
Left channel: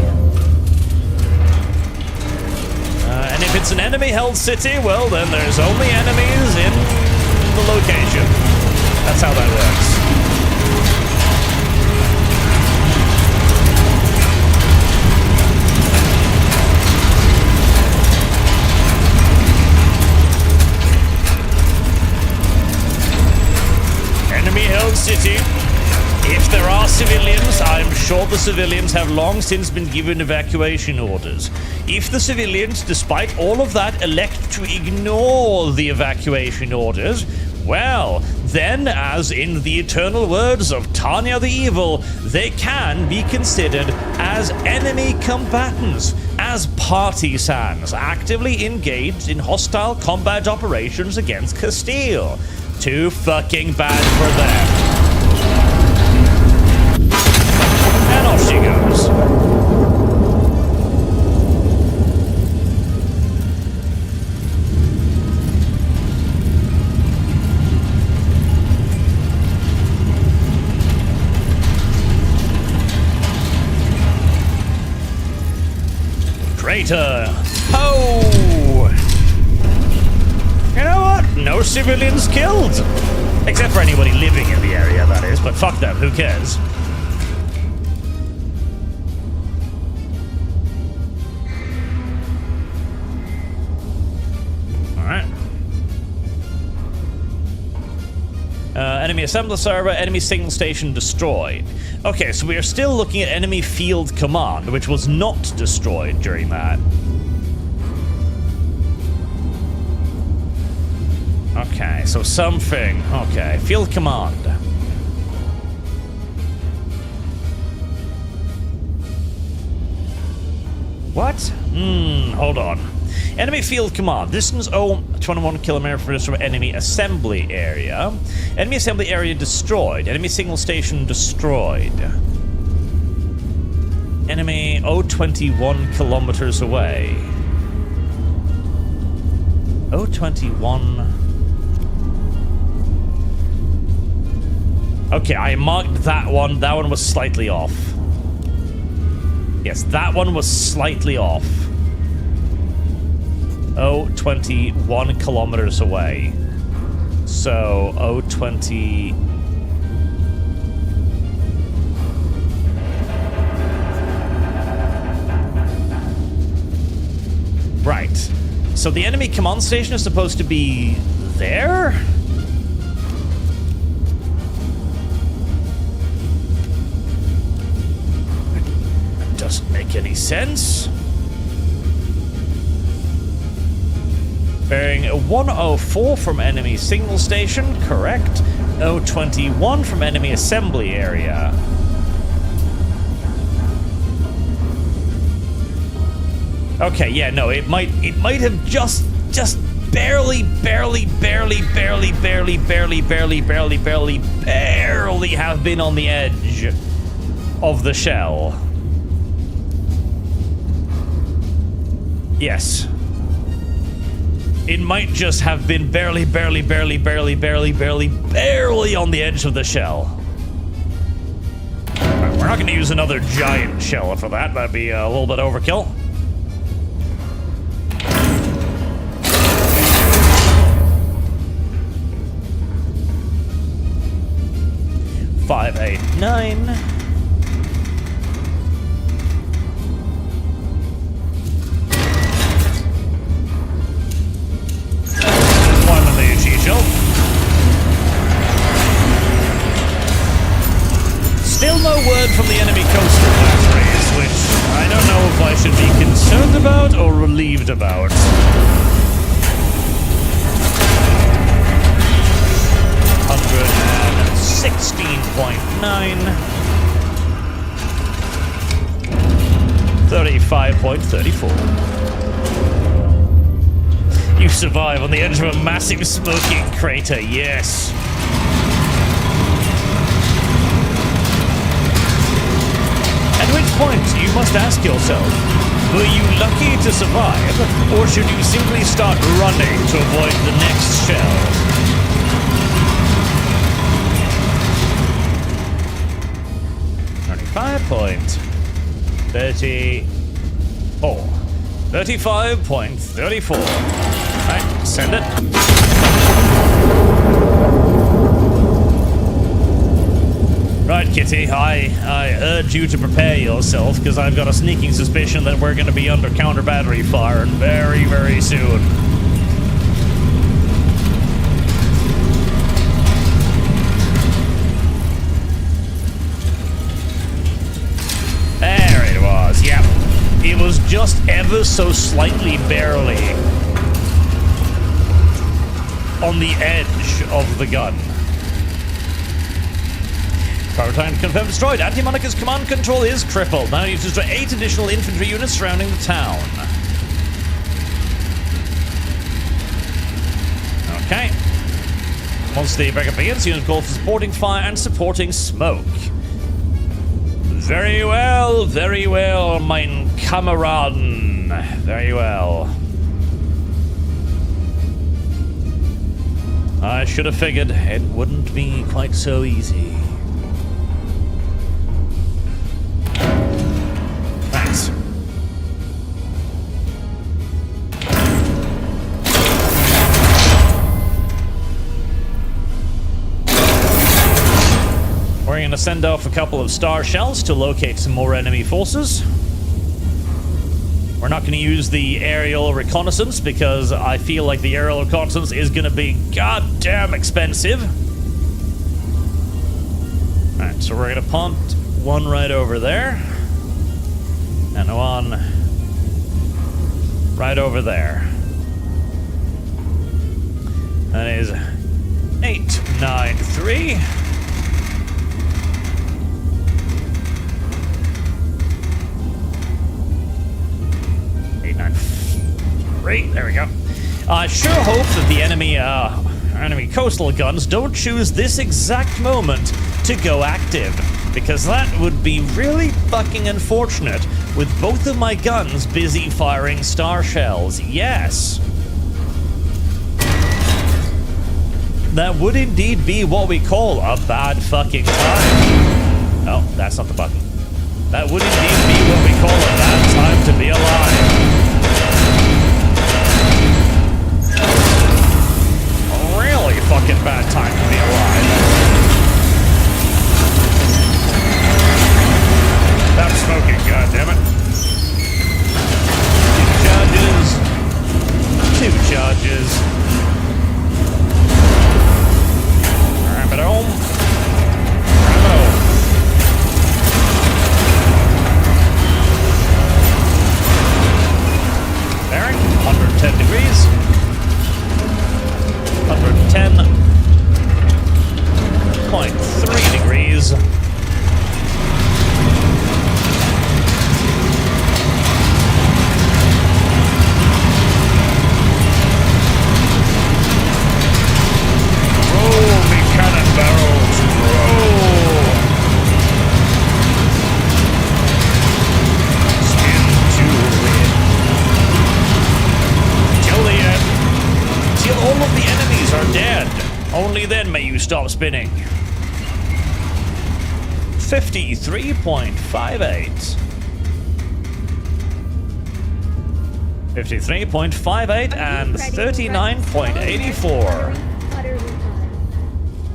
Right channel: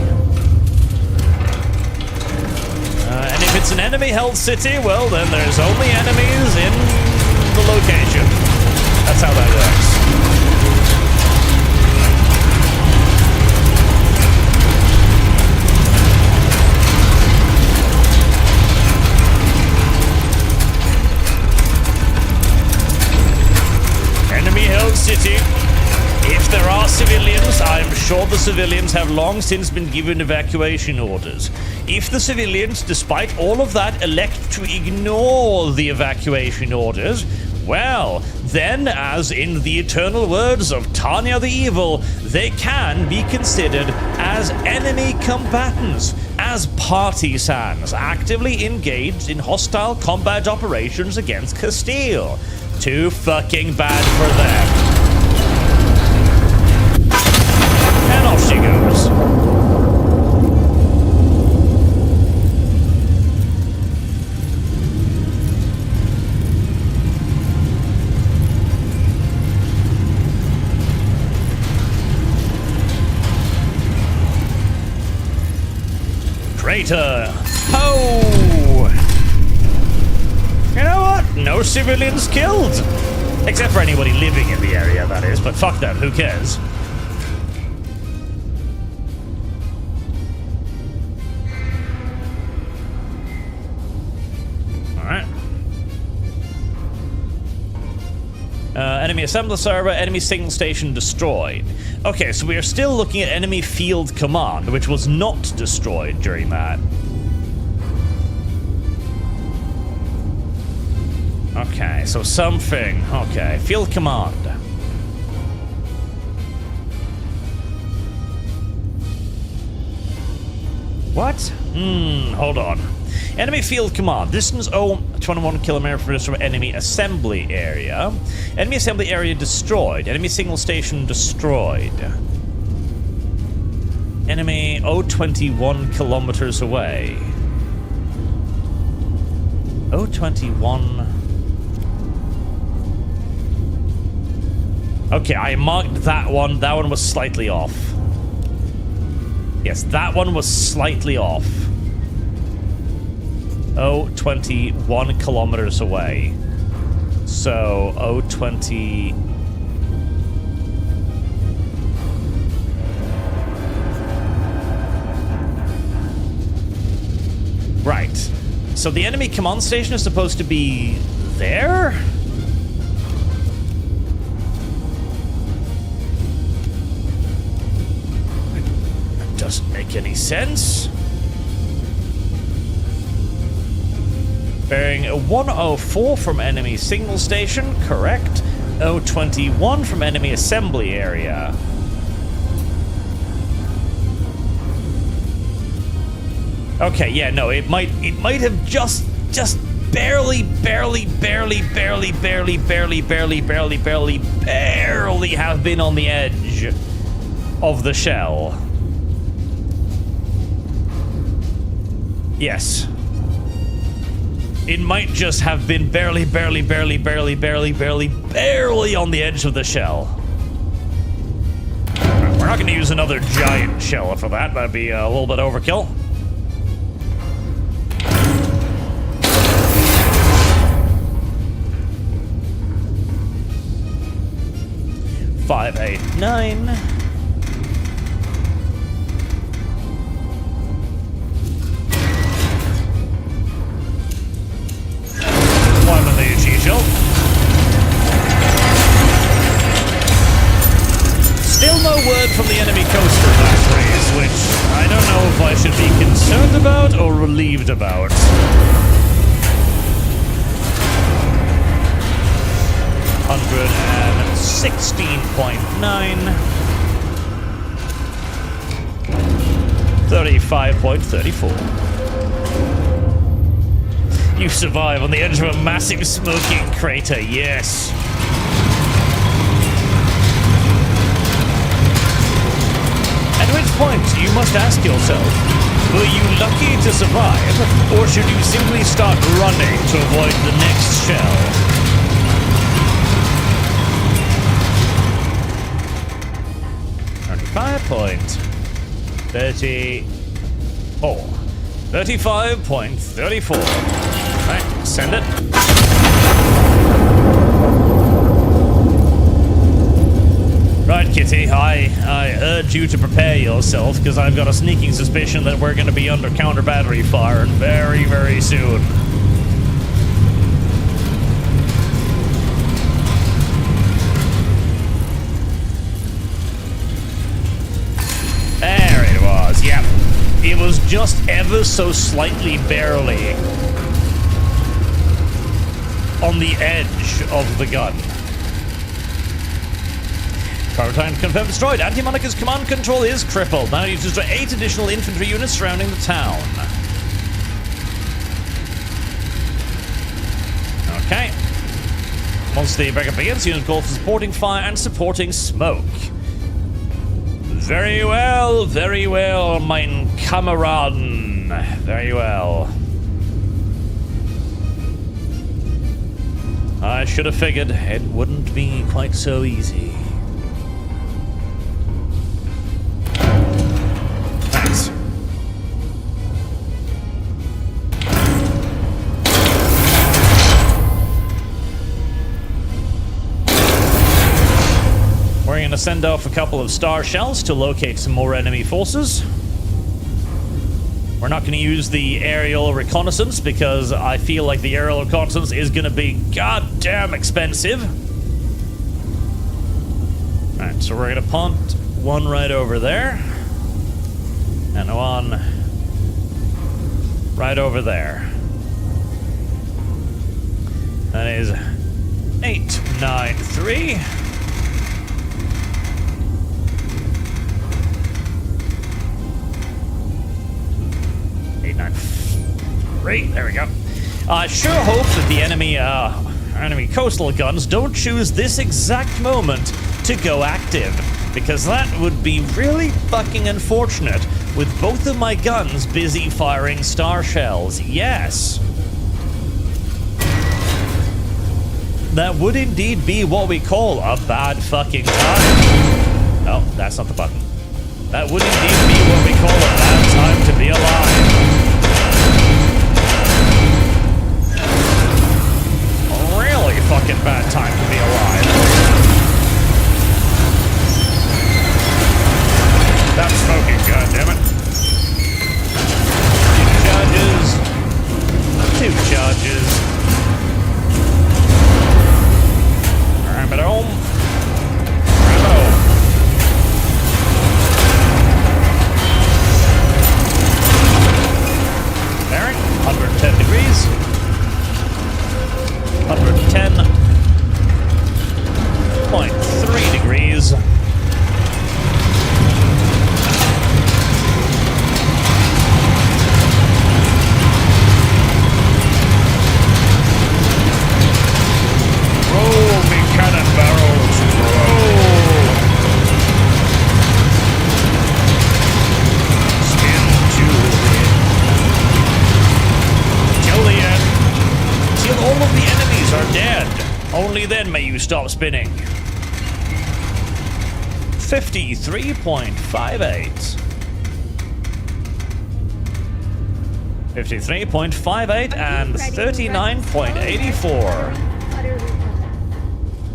And if it's an enemy-held city, well, then there's only enemies in the location. That's how that works. Enemy-held city. If there are civilians, I'm sure the civilians have long since been given evacuation orders. If the civilians, despite all of that, elect to ignore the evacuation orders, well, then, as in the eternal words of Tanya the Evil, they can be considered as enemy combatants, as partisans, actively engaged in hostile combat operations against Castile. Too fucking bad for them. And off she goes. Crater. Oh! You know what? No civilians killed. Except for anybody living in the area, that is. But fuck them, who cares? Alright. Enemy assembler server, enemy signal station destroyed. Okay, so we are still looking at enemy field command, which was not destroyed during that. Okay, so something. Okay, field command. What? Hold on. Enemy field command. Distance 21 kilometers from enemy assembly area. Enemy assembly area destroyed. Enemy signal station destroyed. Enemy 21 kilometers away. 21. Okay, I marked that one. That one was slightly off. Yes, that one was slightly off. 21 kilometers away. So, 20... Right. So the enemy command station is supposed to be there? That doesn't make any sense. Bearing 104 from enemy signal station, correct. 21 from enemy assembly area. Okay, yeah, no, it might have just barely have been on the edge of the shell. Yes. It might just have been barely on the edge of the shell. Right, we're not going to use another giant shell for that. That'd be a little bit overkill. 589. One of the UG shell. Still no word from the enemy coaster batteries, which I don't know if I should be concerned about or relieved about. $116.9. 35.34. You survive on the edge of a massive smoking crater, yes. At which point, you must ask yourself, were you lucky to survive, or should you simply start running to avoid the next shell? 35.34. 35.34. Right, send it. Right, Kitty, I urge you to prepare yourself, because I've got a sneaking suspicion that we're going to be under counter-battery fire very, very soon. There it was, yep. It was just ever so slightly, barely on the edge of the gun. Power time confirmed destroyed. Anti-Monica's command control is crippled. Now you destroy 8 additional infantry units surrounding the town. Okay. Once the breakup begins, unit call for supporting fire and supporting smoke. Very well, mein Kameraden. Very well. I should have figured it wouldn't be quite so easy. Thanks. We're going to send off a couple of star shells to locate some more enemy forces. We're not going to use the aerial reconnaissance because I feel like the aerial reconnaissance is going to be goddamn expensive. Alright, so we're going to punt one right over there. And one right over there. That is 893. There we go. I sure hope that the enemy coastal guns don't choose this exact moment to go active, because that would be really fucking unfortunate with both of my guns busy firing star shells. Yes. That would indeed be what we call a bad fucking time. Oh, that's not the button. That would indeed be what we call a bad time to be alive. Really fucking bad time to be alive. Stop smoking, goddammit. 2 charges. 2 charges. Ram it home. Ram it home. Bearing, 110 degrees. 110.3 degrees. Roll me cannon barrels, roll! Spin to till the end. Till all of the enemies are dead. Only then may you stop spinning. 53.58. 53.58 and 39.84.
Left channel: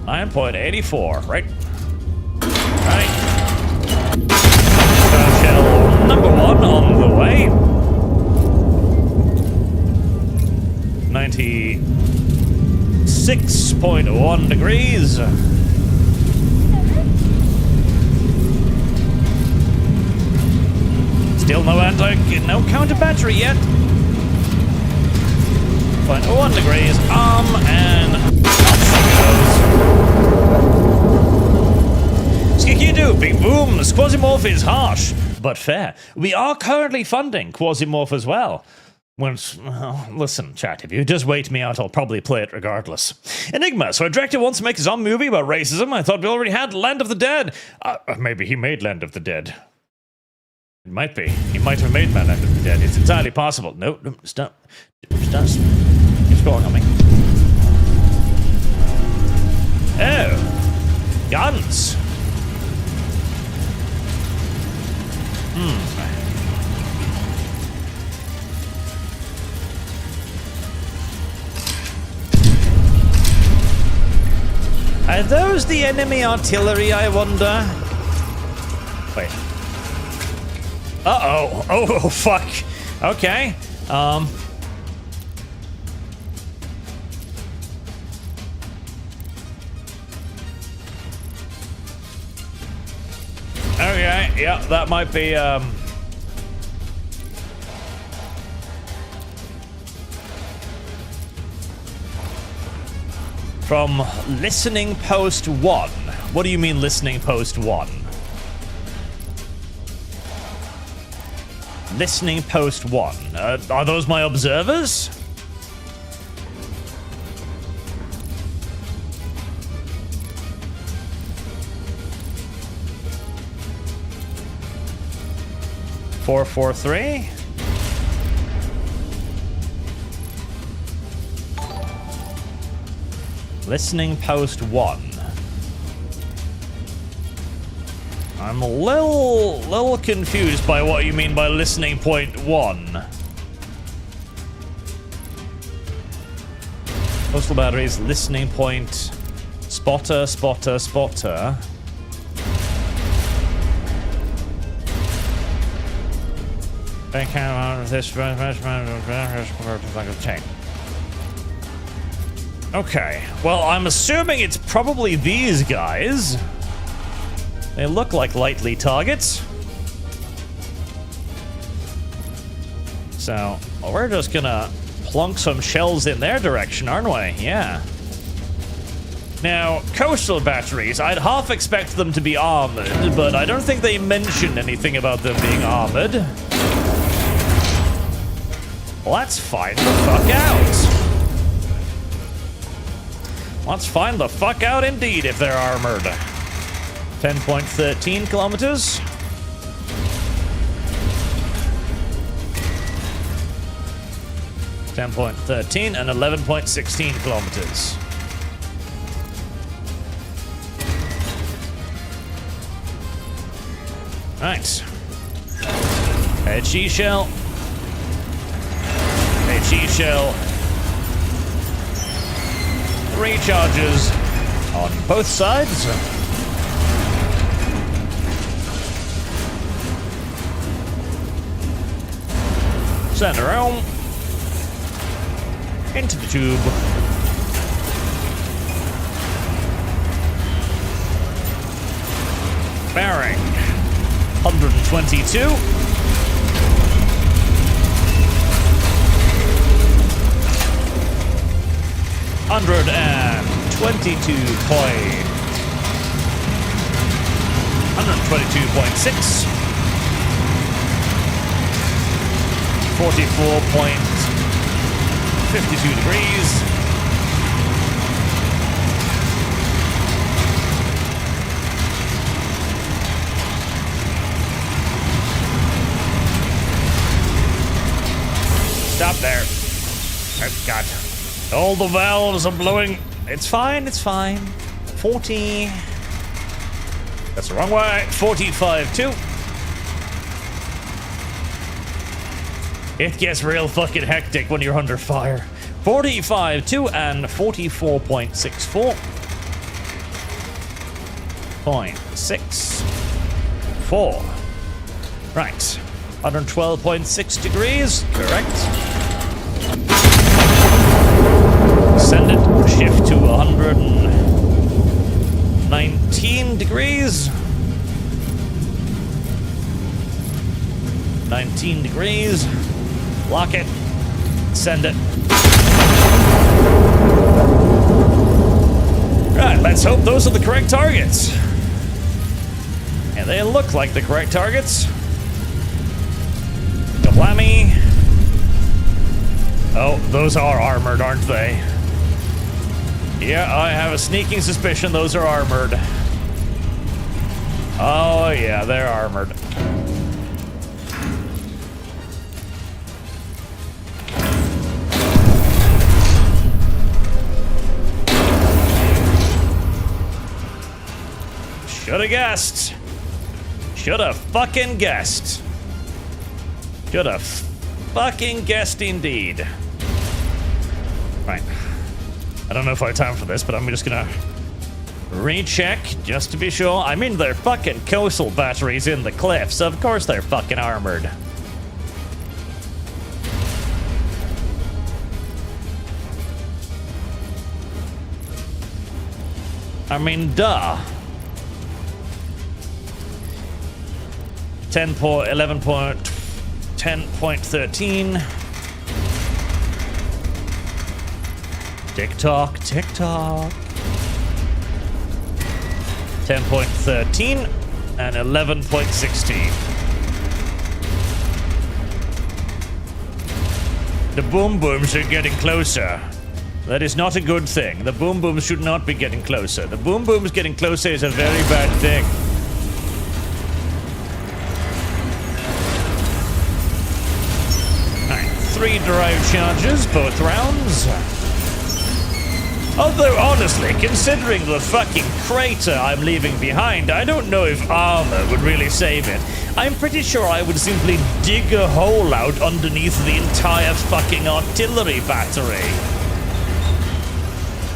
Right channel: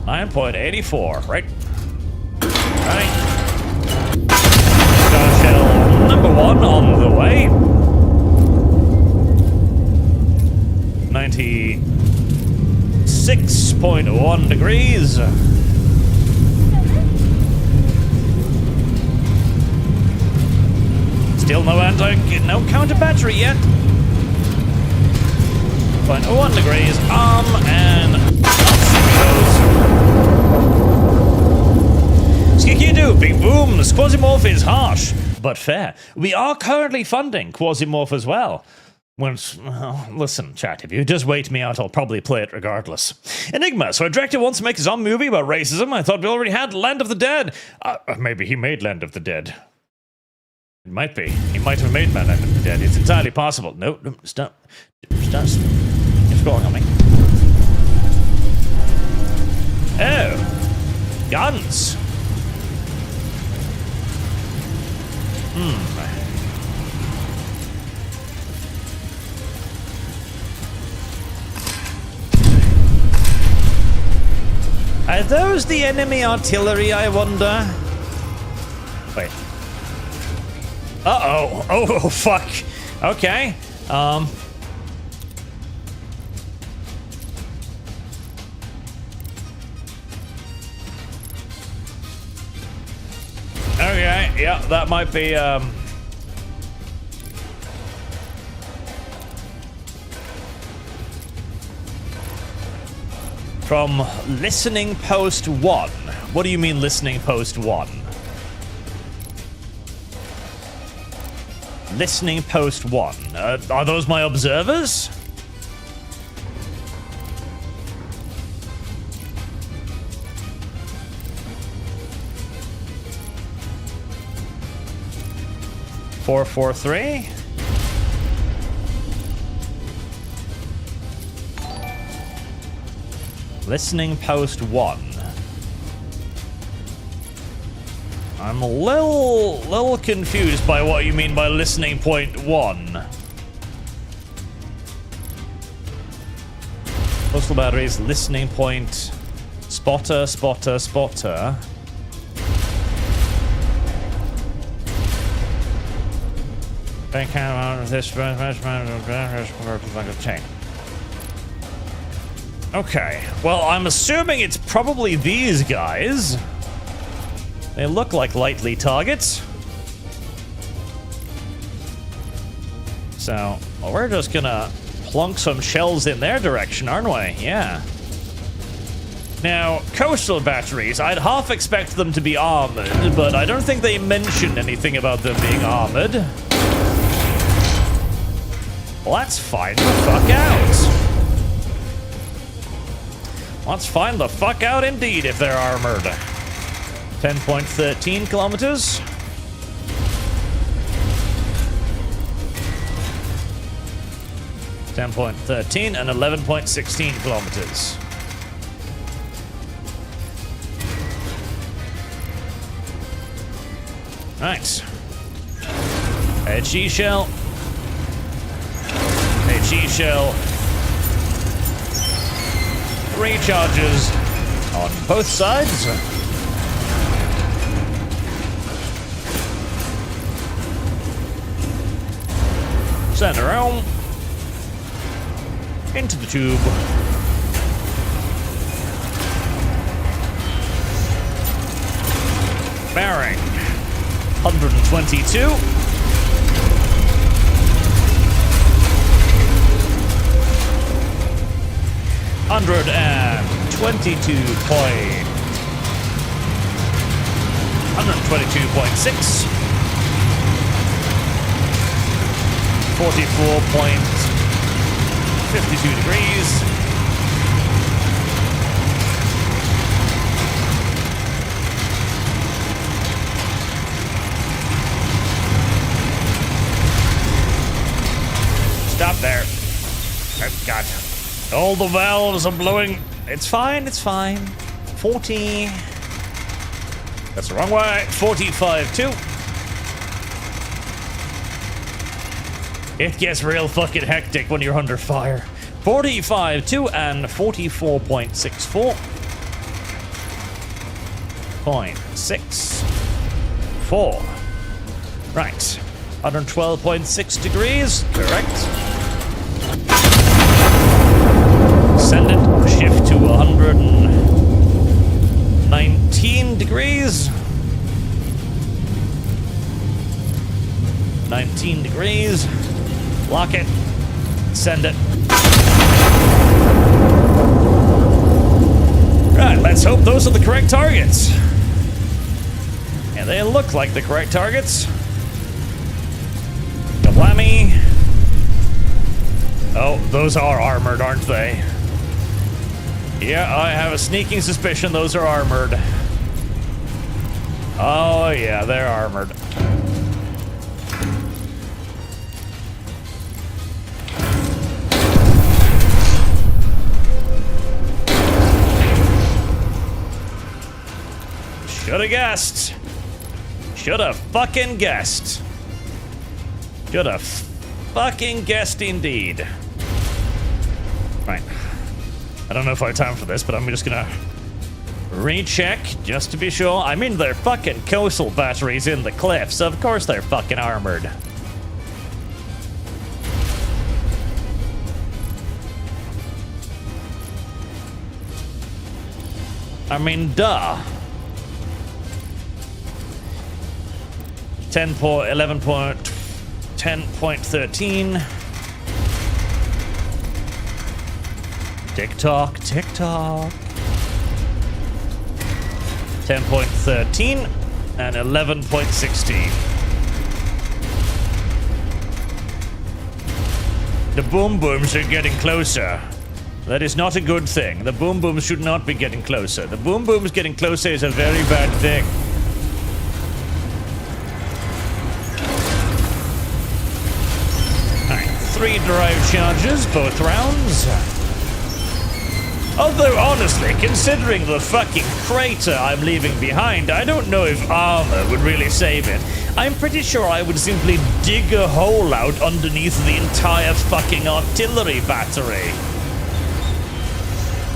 9.84, right? Right. Star shell number 1 on the way. 96.1 degrees. Still no counter battery yet. 0.01 degrees. And off she goes. Skikidu, big booms. Quasimorph is harsh, but fair. We are currently funding Quasimorph as well. Listen, chat, if you just wait me out, I'll probably play it regardless. Enigma, so a director wants to make his own movie about racism. I thought we already had Land of the Dead. Maybe he made Land of the Dead. It might be. He might have made Land of the Dead. It's entirely possible. No, stop. Stop. It's going on me. Oh. Guns. Are those the enemy artillery, I wonder? Wait. Uh-oh. Oh, fuck. Okay. Okay, yeah, that might be, from listening post 1. What do you mean listening post 1? Listening post 1. Are those my observers? Four, 3. Listening post 1. I'm a little confused by what you mean by listening point 1. Postal batteries, listening point, spotter. Bank out of this chain. Okay, well, I'm assuming it's probably these guys. They look like likely targets. So, we're just gonna plunk some shells in their direction, aren't we? Yeah. Now, coastal batteries, I'd half expect them to be armored, but I don't think they mentioned anything about them being armored. Let's find the fuck out. Let's find the fuck out indeed if they're armored. 10.13 kilometers. (10.13) and 11.16 kilometers. Right. HE shell. HE shell. Recharges on both sides. Center home. Into the tube. Bearing 122. Hundred and 122.6. 44.52 degrees. Stop there. Oh, God. All the valves are blowing. It's fine, it's fine. 40. That's the wrong way. 45.2. It gets real fucking hectic when you're under fire. 45.2 and 44.64. 0.64. Right. 112.6 degrees. Correct. Send it. Shift to 119 degrees. 19 degrees. Lock it. Send it. Right, let's hope those are the correct targets. Yeah, they look like the correct targets. Kablammy. Oh, those are armored, aren't they? Yeah, I have a sneaking suspicion those are armored. Oh, yeah, they're armored. Shoulda guessed. Shoulda fucking guessed. Should have fucking guessed indeed. Right. I don't know if I have time for this, but I'm just gonna recheck just to be sure. I mean, they're fucking coastal batteries in the cliffs, so of course they're fucking armored. I mean, duh. 10.13. Tick tock, tick tock. 10.13 and 11.16. The boom booms are getting closer. That is not a good thing. The boom booms should not be getting closer. The boom booms getting closer is a very bad thing. Alright, 3 drive charges, both rounds. Although, honestly, considering the fucking crater I'm leaving behind, I don't know if armor would really save it. I'm pretty sure I would simply dig a hole out underneath the entire fucking artillery battery.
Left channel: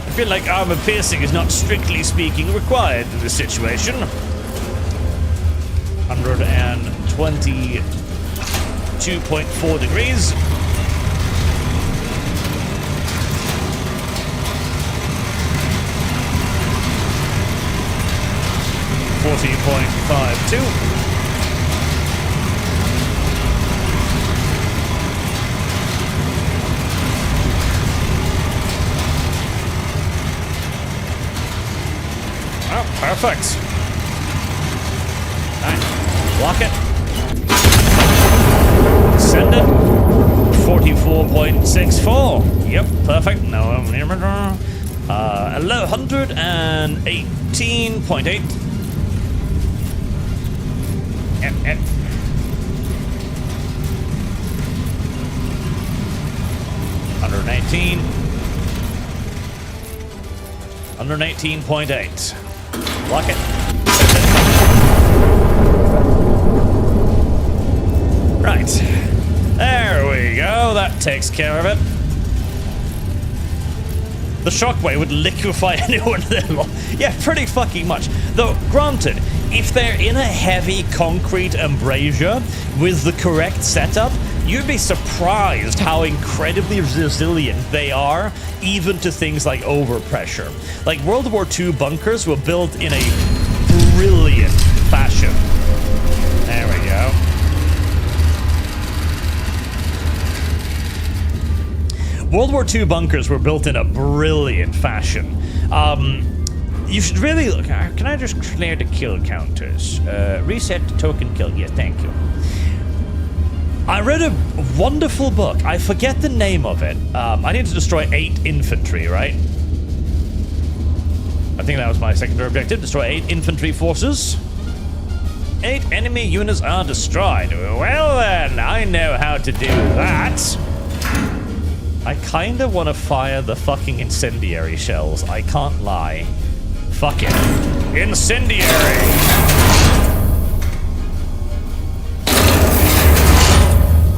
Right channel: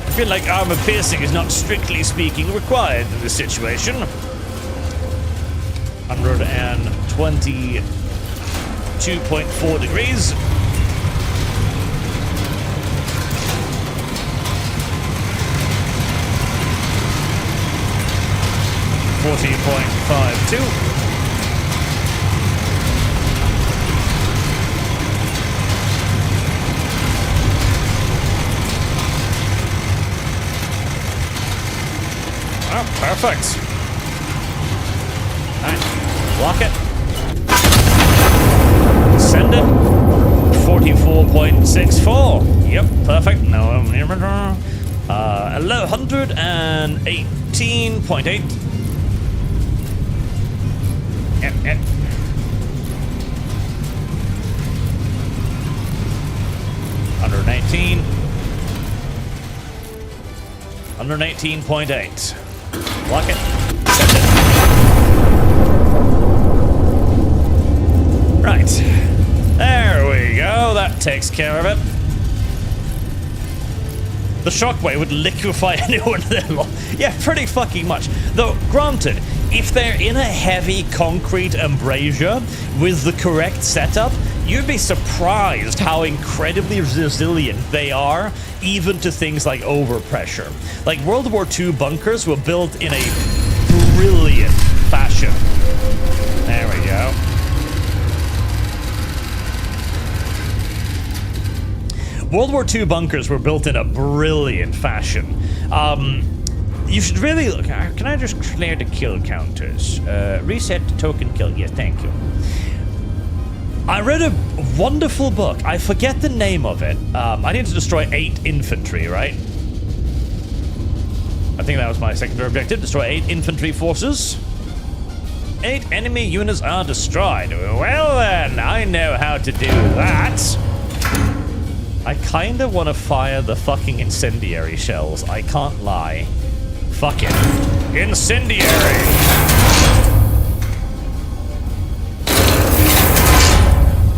I feel like armor piercing is not strictly speaking required in this situation. 122.4 degrees. .52. Oh, perfect. Alright, block it. Send it. 44.64. Yep, perfect. No, 118.8. Yep. 118. 118.8. Block it. Send it. Right. There we go. That takes care of it. The shockwave would liquefy anyone there. Yeah, pretty fucking much. Though, granted, if they're in a heavy concrete embrasure with the correct setup, you'd be surprised how incredibly resilient they are, even to things like overpressure. Like, World War II bunkers were built in a brilliant fashion. There we go. World War II bunkers were built in a brilliant fashion. You should really look. Can I just clear the kill counters? Reset token kill. Yes, thank you. I read a wonderful book. I forget the name of it. I need to destroy 8 infantry, right? I think that was my secondary objective. Destroy 8 infantry forces. 8 enemy units are destroyed. Well then, I know how to do that. I kinda wanna fire the fucking incendiary shells. I can't lie. Fuck it. Incendiary!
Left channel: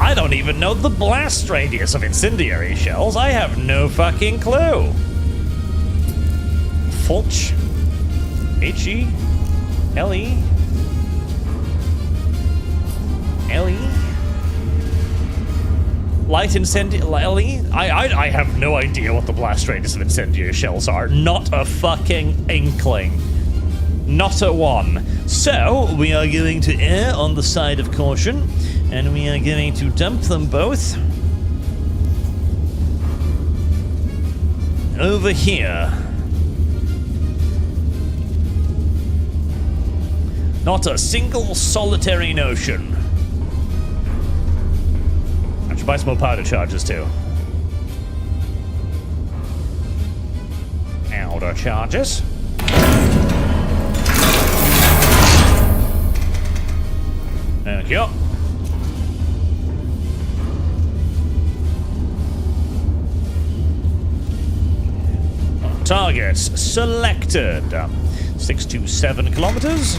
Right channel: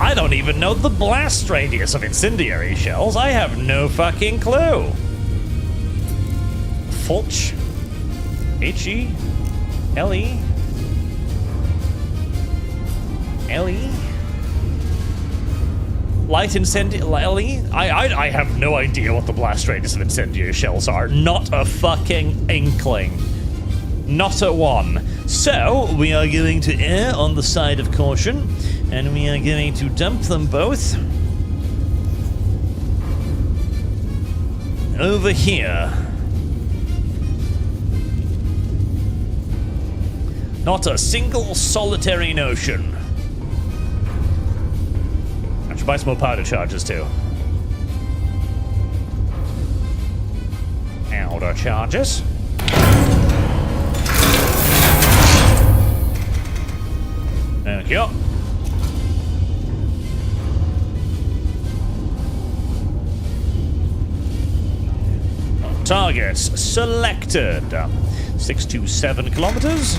I don't even know the blast radius of incendiary shells. I have no fucking clue. Fulch. H-E-L-E. L-E. Light incendiary. I have no idea what the blast radius of incendiary shells are. Not a fucking inkling. Not a one. So, we are going to err on the side of caution, and we are going to dump them both over here. Not a single solitary notion. I should buy some more powder charges too. Powder charges. Thank you. Targets selected. 627 kilometers.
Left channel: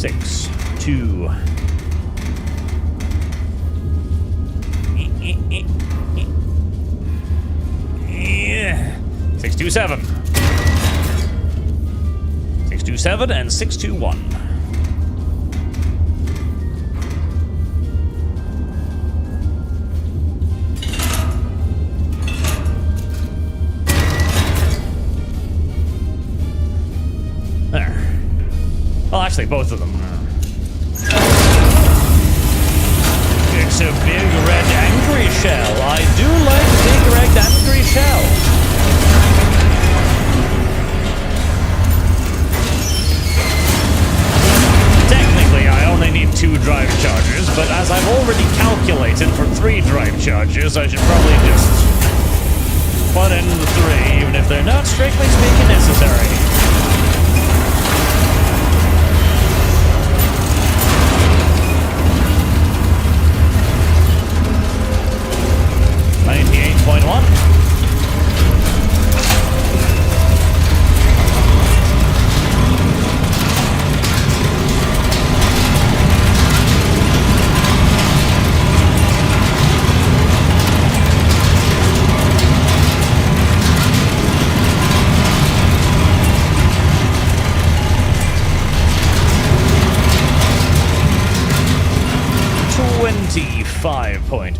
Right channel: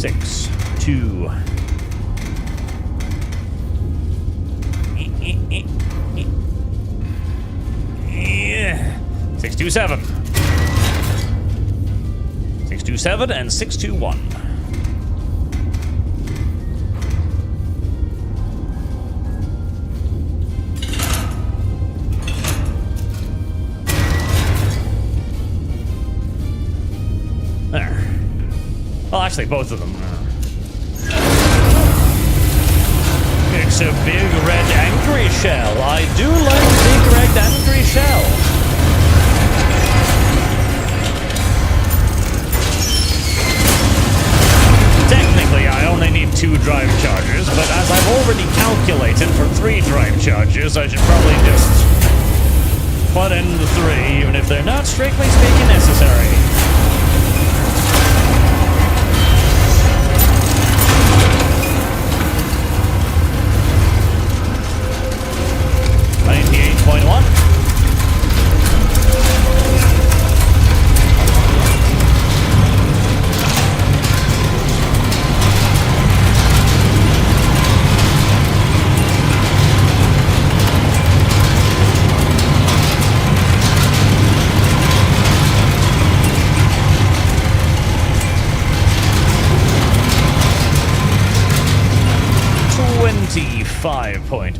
6, 2. Yeah. 627. 627 and 621. There. Well, actually, both of them. It's a big red angry shell. I do like big red angry shell. Technically, I only need 2 drive charges, but as I've already calculated for 3 drive charges, I should probably just put in the 3, even if they're not strictly speaking necessary. .1.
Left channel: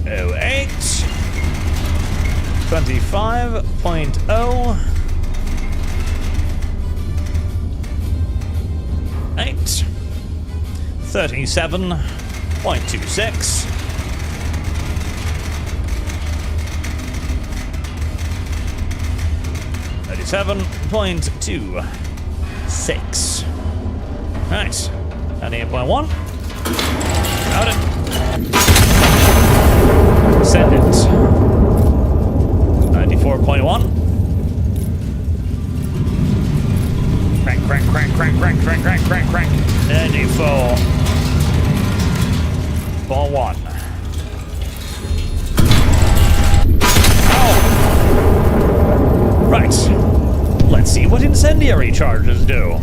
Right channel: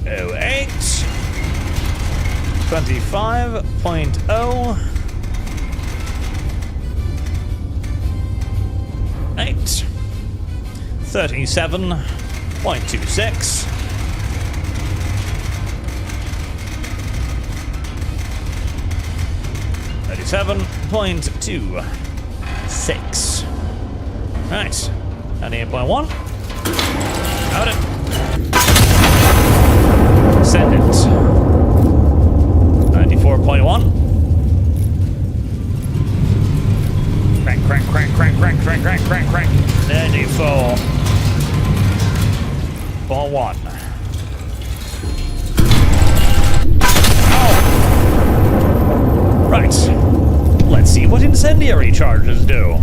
.08 25.0 8 37.26 37.26. Right, 98.1. Out it. Send it. 94.1. Crank, crank, crank, crank, crank, crank, crank, crank, crank. 94.1. Ow! Right. Let's see what incendiary charges do.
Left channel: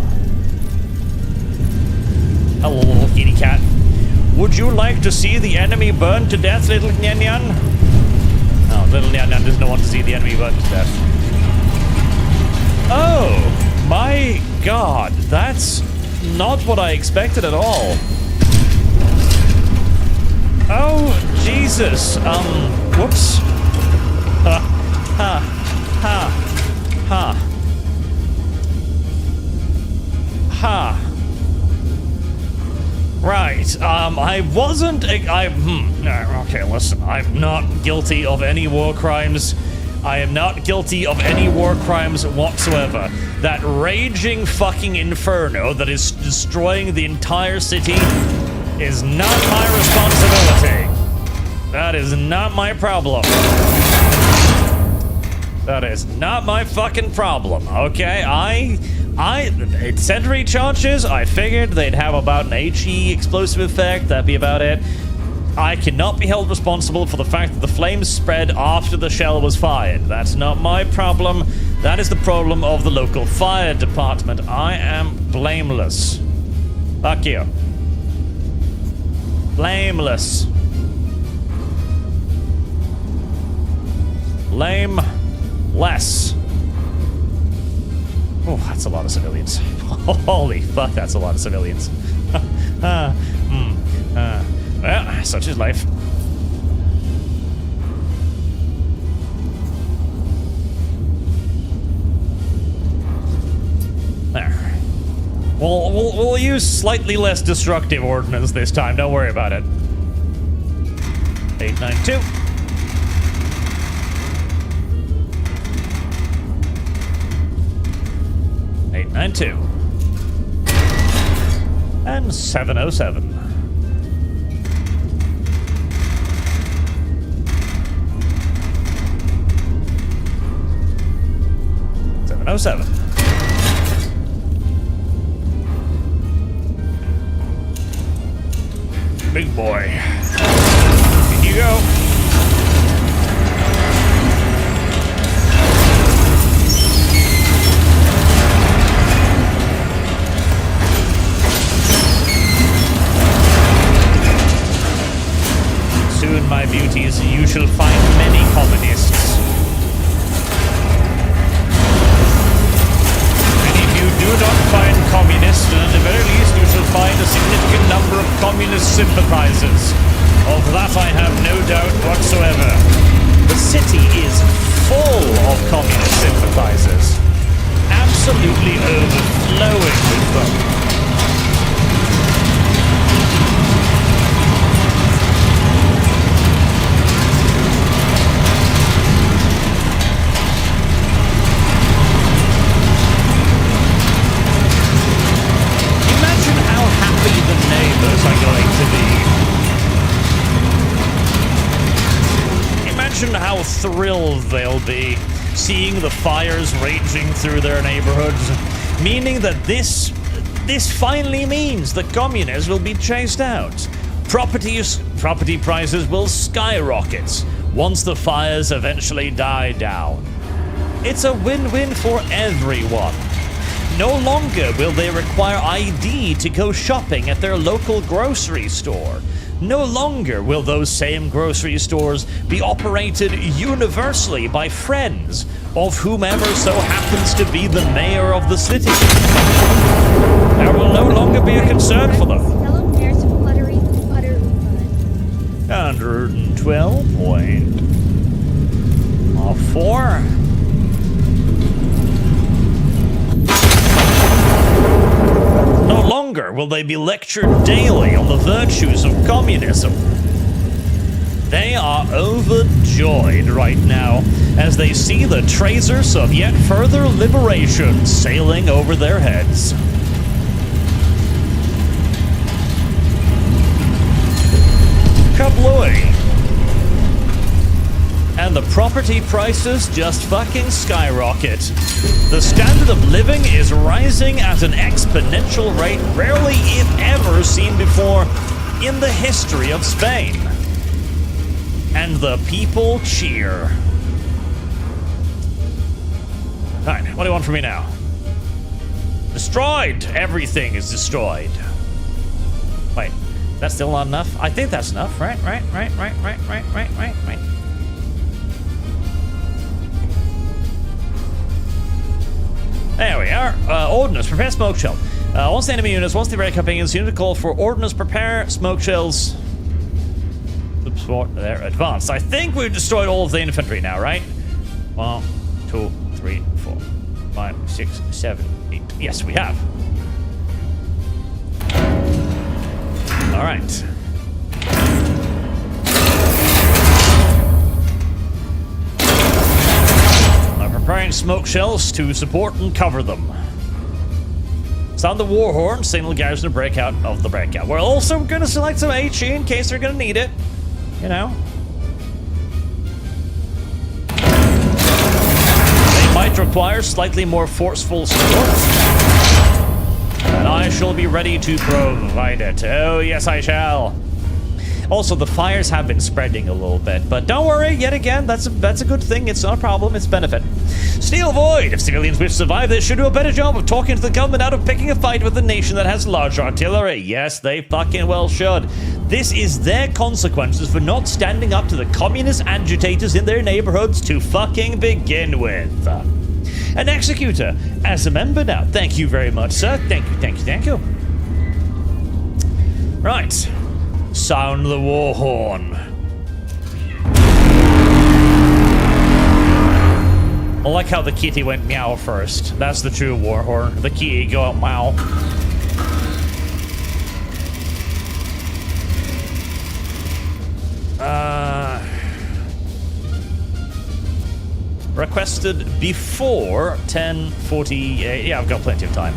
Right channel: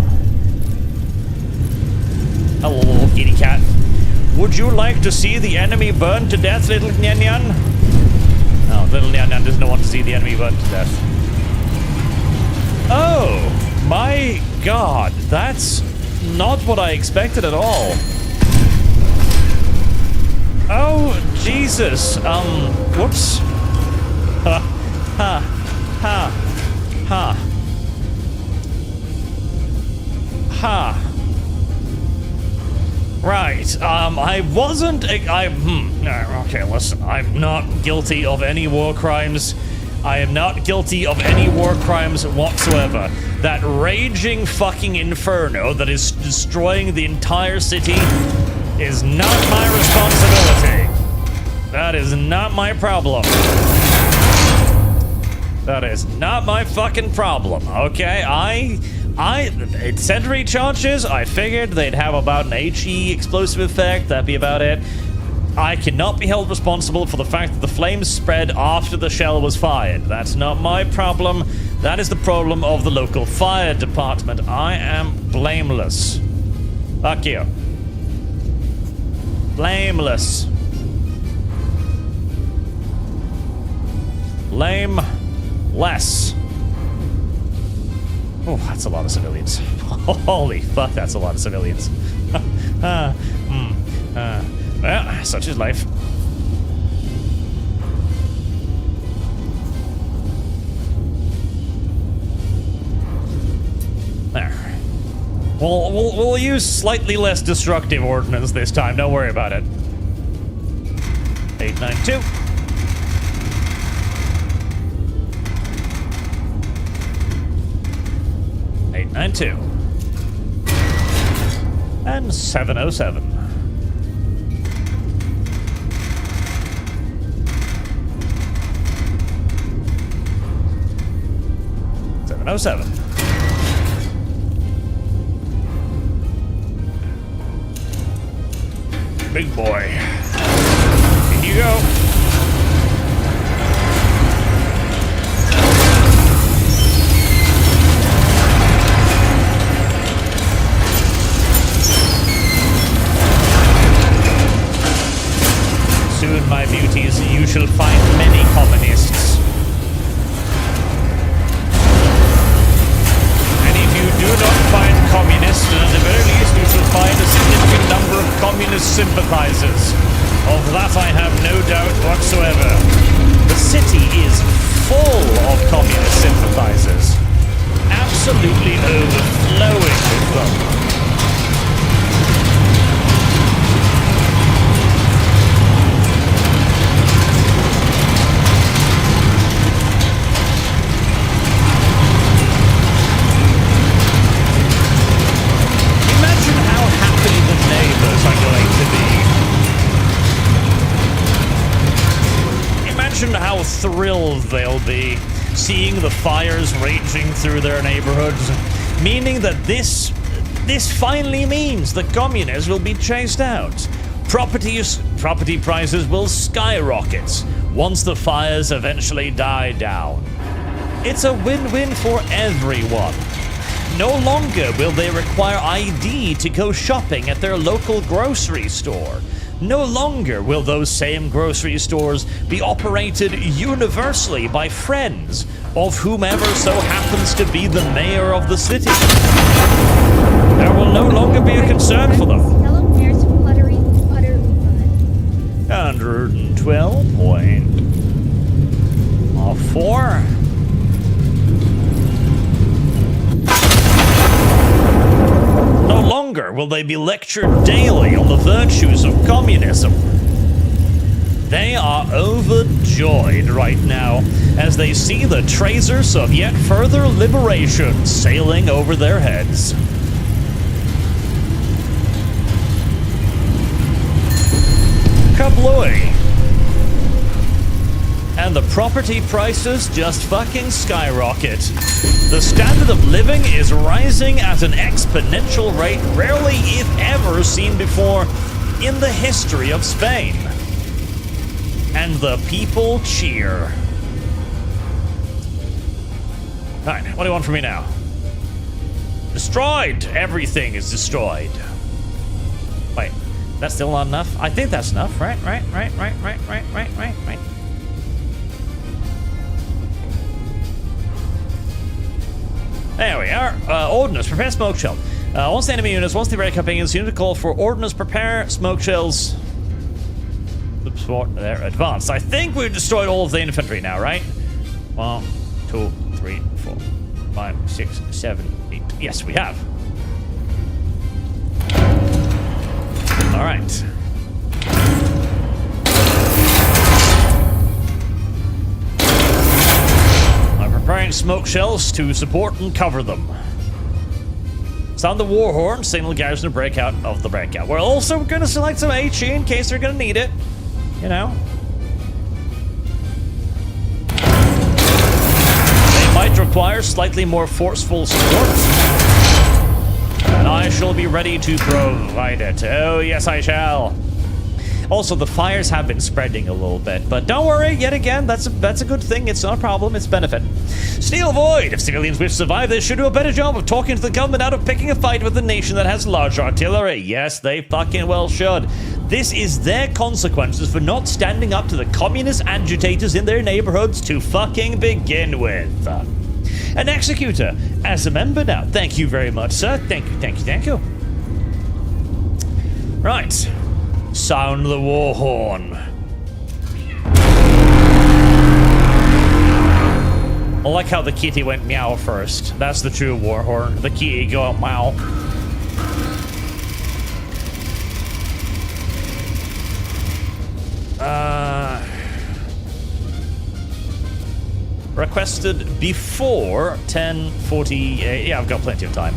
Hello, little kitty cat. Would you like to see the enemy burn to death, little Nyan Nyan? Oh, little Nyan Nyan doesn't want to see the enemy burn to death. Oh, my God. That's not what I expected at all. Oh, Jesus. Whoops. Ha, ha, ha, ha. Ha. Right, I wasn't, okay, listen, I'm not guilty of any war crimes. I am not guilty of any war crimes whatsoever. That raging fucking inferno that is destroying the entire city is not my responsibility. That is not my problem. That is not my fucking problem, okay? Incendiary charges, I figured they'd have about an HE explosive effect, that'd be about it. I cannot be held responsible for the fact that the flames spread after the shell was fired. That's not my problem. That is the problem of the local fire department. I am blameless. Fuck you. Blameless. Blameless. Oh, that's a lot of civilians. Holy fuck, that's a lot of civilians. Well, such is life. There. We'll use slightly less destructive ordnance this time. Don't worry about it. 892. And 707. 707. Big boy. In you go. duties, you shall find many communists. And if you do not find communists, then at the very least you shall find a significant number of communist sympathizers. Of that I have no doubt whatsoever. The city is full of communist sympathizers. Absolutely overflowing with them. Imagine how happy the neighbors are going to be. Imagine how thrilled they'll be seeing the fires raging through their neighborhoods, meaning that this finally means the communists will be chased out. Property prices will skyrocket once the fires eventually die down. It's a win-win for everyone. No longer will they require ID to go shopping at their local grocery store. No longer will those same grocery stores be operated universally by friends of whomever so happens to be the mayor of the city. There will no longer be a concern for them. Hello, there's fluttery fun. 112.4. No longer will they be lectured daily on the virtues of communism. They are overjoyed right now as they see the tracers of yet further liberation sailing over their heads. Kablooey! And the property prices just fucking skyrocket. The standard of living is rising at an exponential rate rarely, if ever, seen before in the history of Spain. And the people cheer. Alright, what do you want from me now? Destroyed! Everything is destroyed. Wait, that's still not enough? I think that's enough, right? Right. There we are. Ordnance, prepare smoke shell. Once the enemy units, once the red companions, unit call for ordnance, prepare smoke shells. Support their advance. I think we've destroyed all of the infantry now, right? 1, 2, 3, 4, 5, 6, 7, 8. Yes, we have. All right. Preparing smoke shells to support and cover them. Sound the war horn, signal garrison to break out of the breakout. We're also going to select some HE in case they're going to need it. You know. They might require slightly more forceful support. And I shall be ready to provide it. Oh, yes, I shall. Also, the fires have been spreading a little bit, but don't worry, yet again, that's a good thing. It's not a problem, it's a benefit. Steel Void. If civilians wish to survive, they should do a better job of talking to the government out of picking a fight with a nation that has large artillery. Yes, they fucking well should. This is their consequences for not standing up to the communist agitators in their neighborhoods to fucking begin with. An executor, as a member now. Thank you very much, sir. Thank you. Right. Sound the war horn. I like how the kitty went meow first. That's the true war horn. The kitty go meow. Requested before 10:48. Yeah, I've got plenty of time.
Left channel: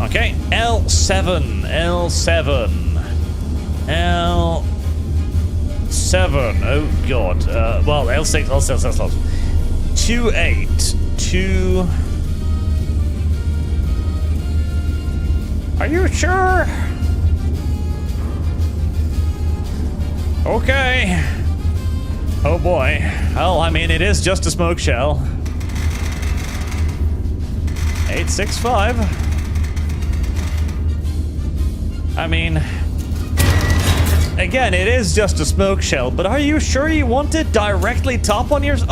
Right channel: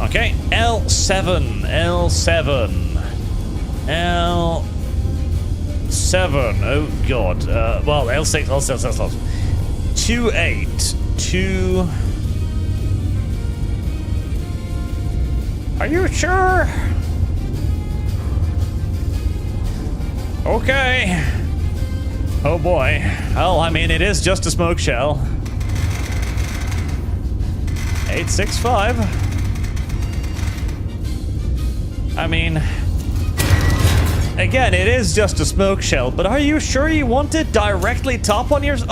Okay, L7. Oh god. Well, L6, L6. 28. 2. Are you sure? Okay. Oh boy. Well, I mean, it is just a smoke shell. 865. I mean, again, it is just a smoke shell, but are you sure you want it directly top on your... Very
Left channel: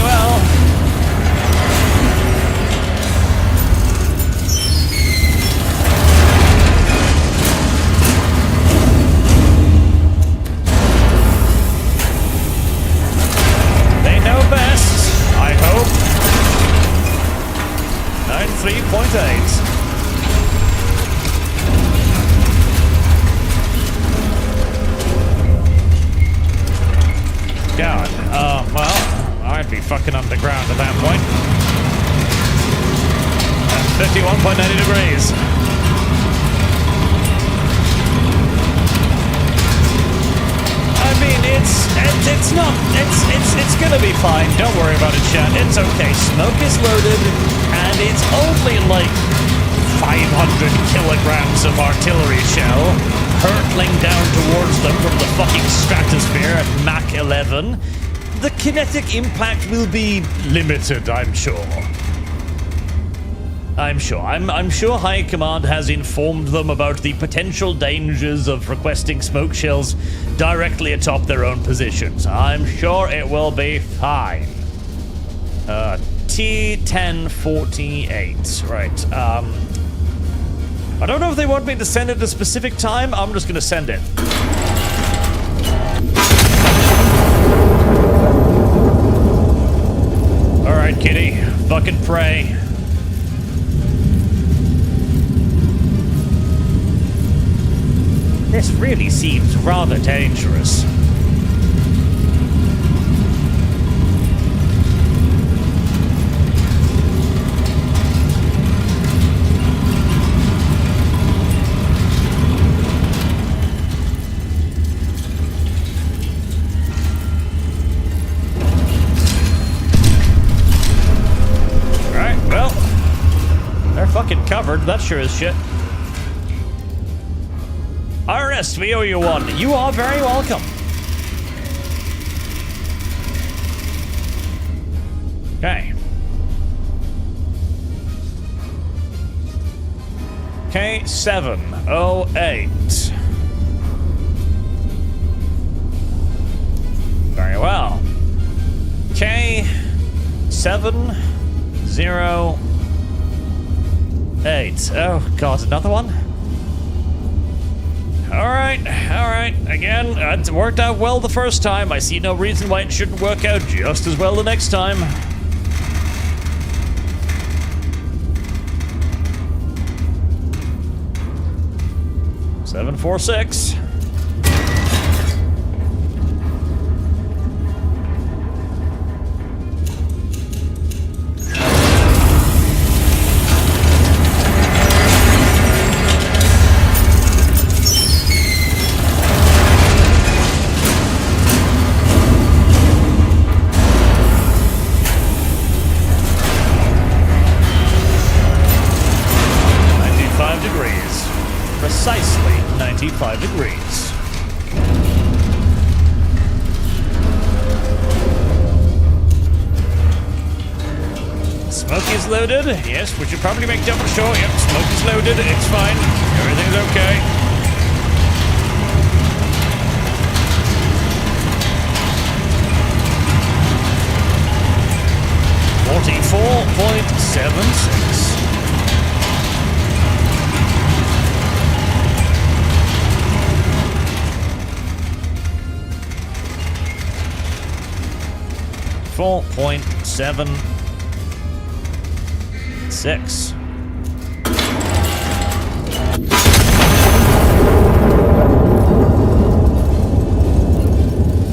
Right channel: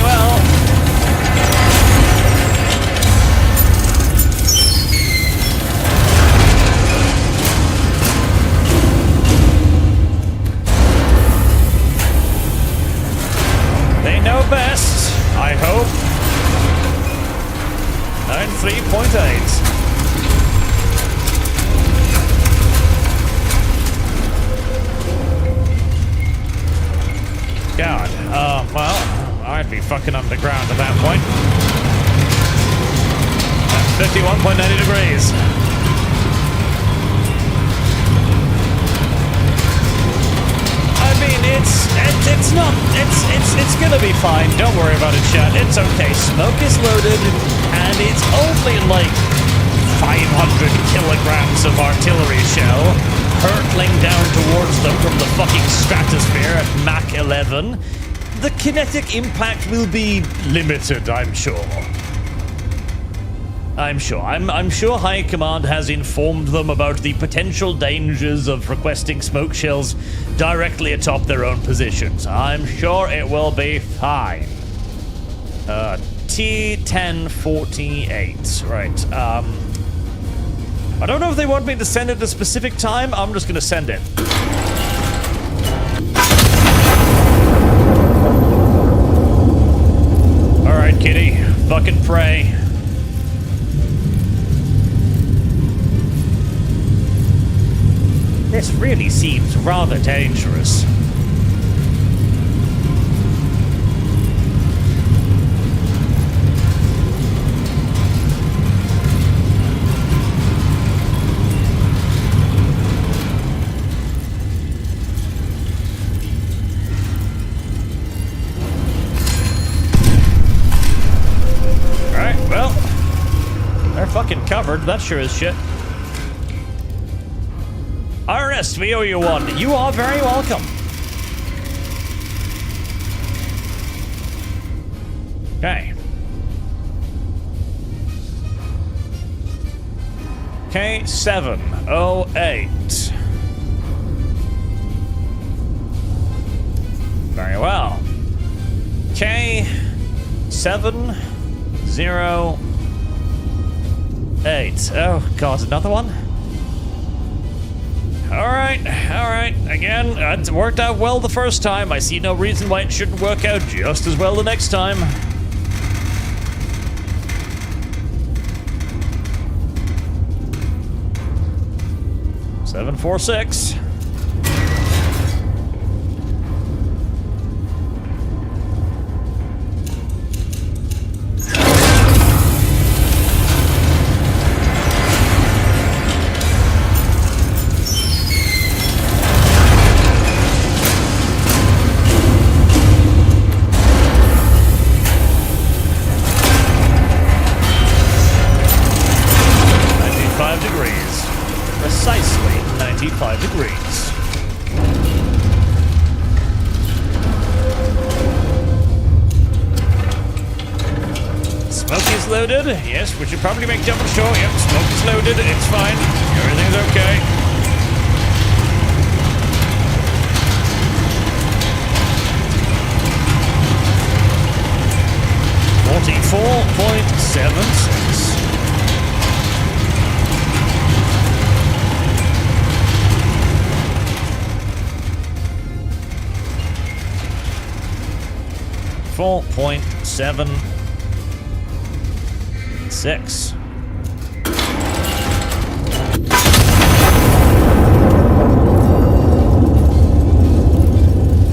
well. They know best, I hope. 93.8. God, well, I'd be fucking underground at that point. At 51.90 degrees. I mean, it's gonna be fine. Don't worry about it, chat. It's okay. Smoke is loaded, and it's only like 500 kilograms of artillery shell hurtling down towards them from the fucking stratosphere at Mach 11. The kinetic impact will be limited, I'm sure. I'm sure High Command has informed them about the potential dangers of requesting smoke shells directly atop their own positions. I'm sure it will be fine. T1048. Right, I don't know if they want me to send it at a specific time. I'm just gonna send it. Alright, kitty. Fucking pray. This really seems rather dangerous. Alright, well, they're fucking covered. That sure is shit. Ernest, we owe you one. You are very welcome. Okay. K708. Very well. K708. Oh, God, another one? Alright. Again, it worked out well the first time. I see no reason why it shouldn't work out just as well the next time. Seven, 4, 6. Degrees. Precisely 95 degrees. Smoke is loaded. Yes, we should probably make double sure. Yep, smoke is loaded. It's fine. Everything's okay. .76. .76.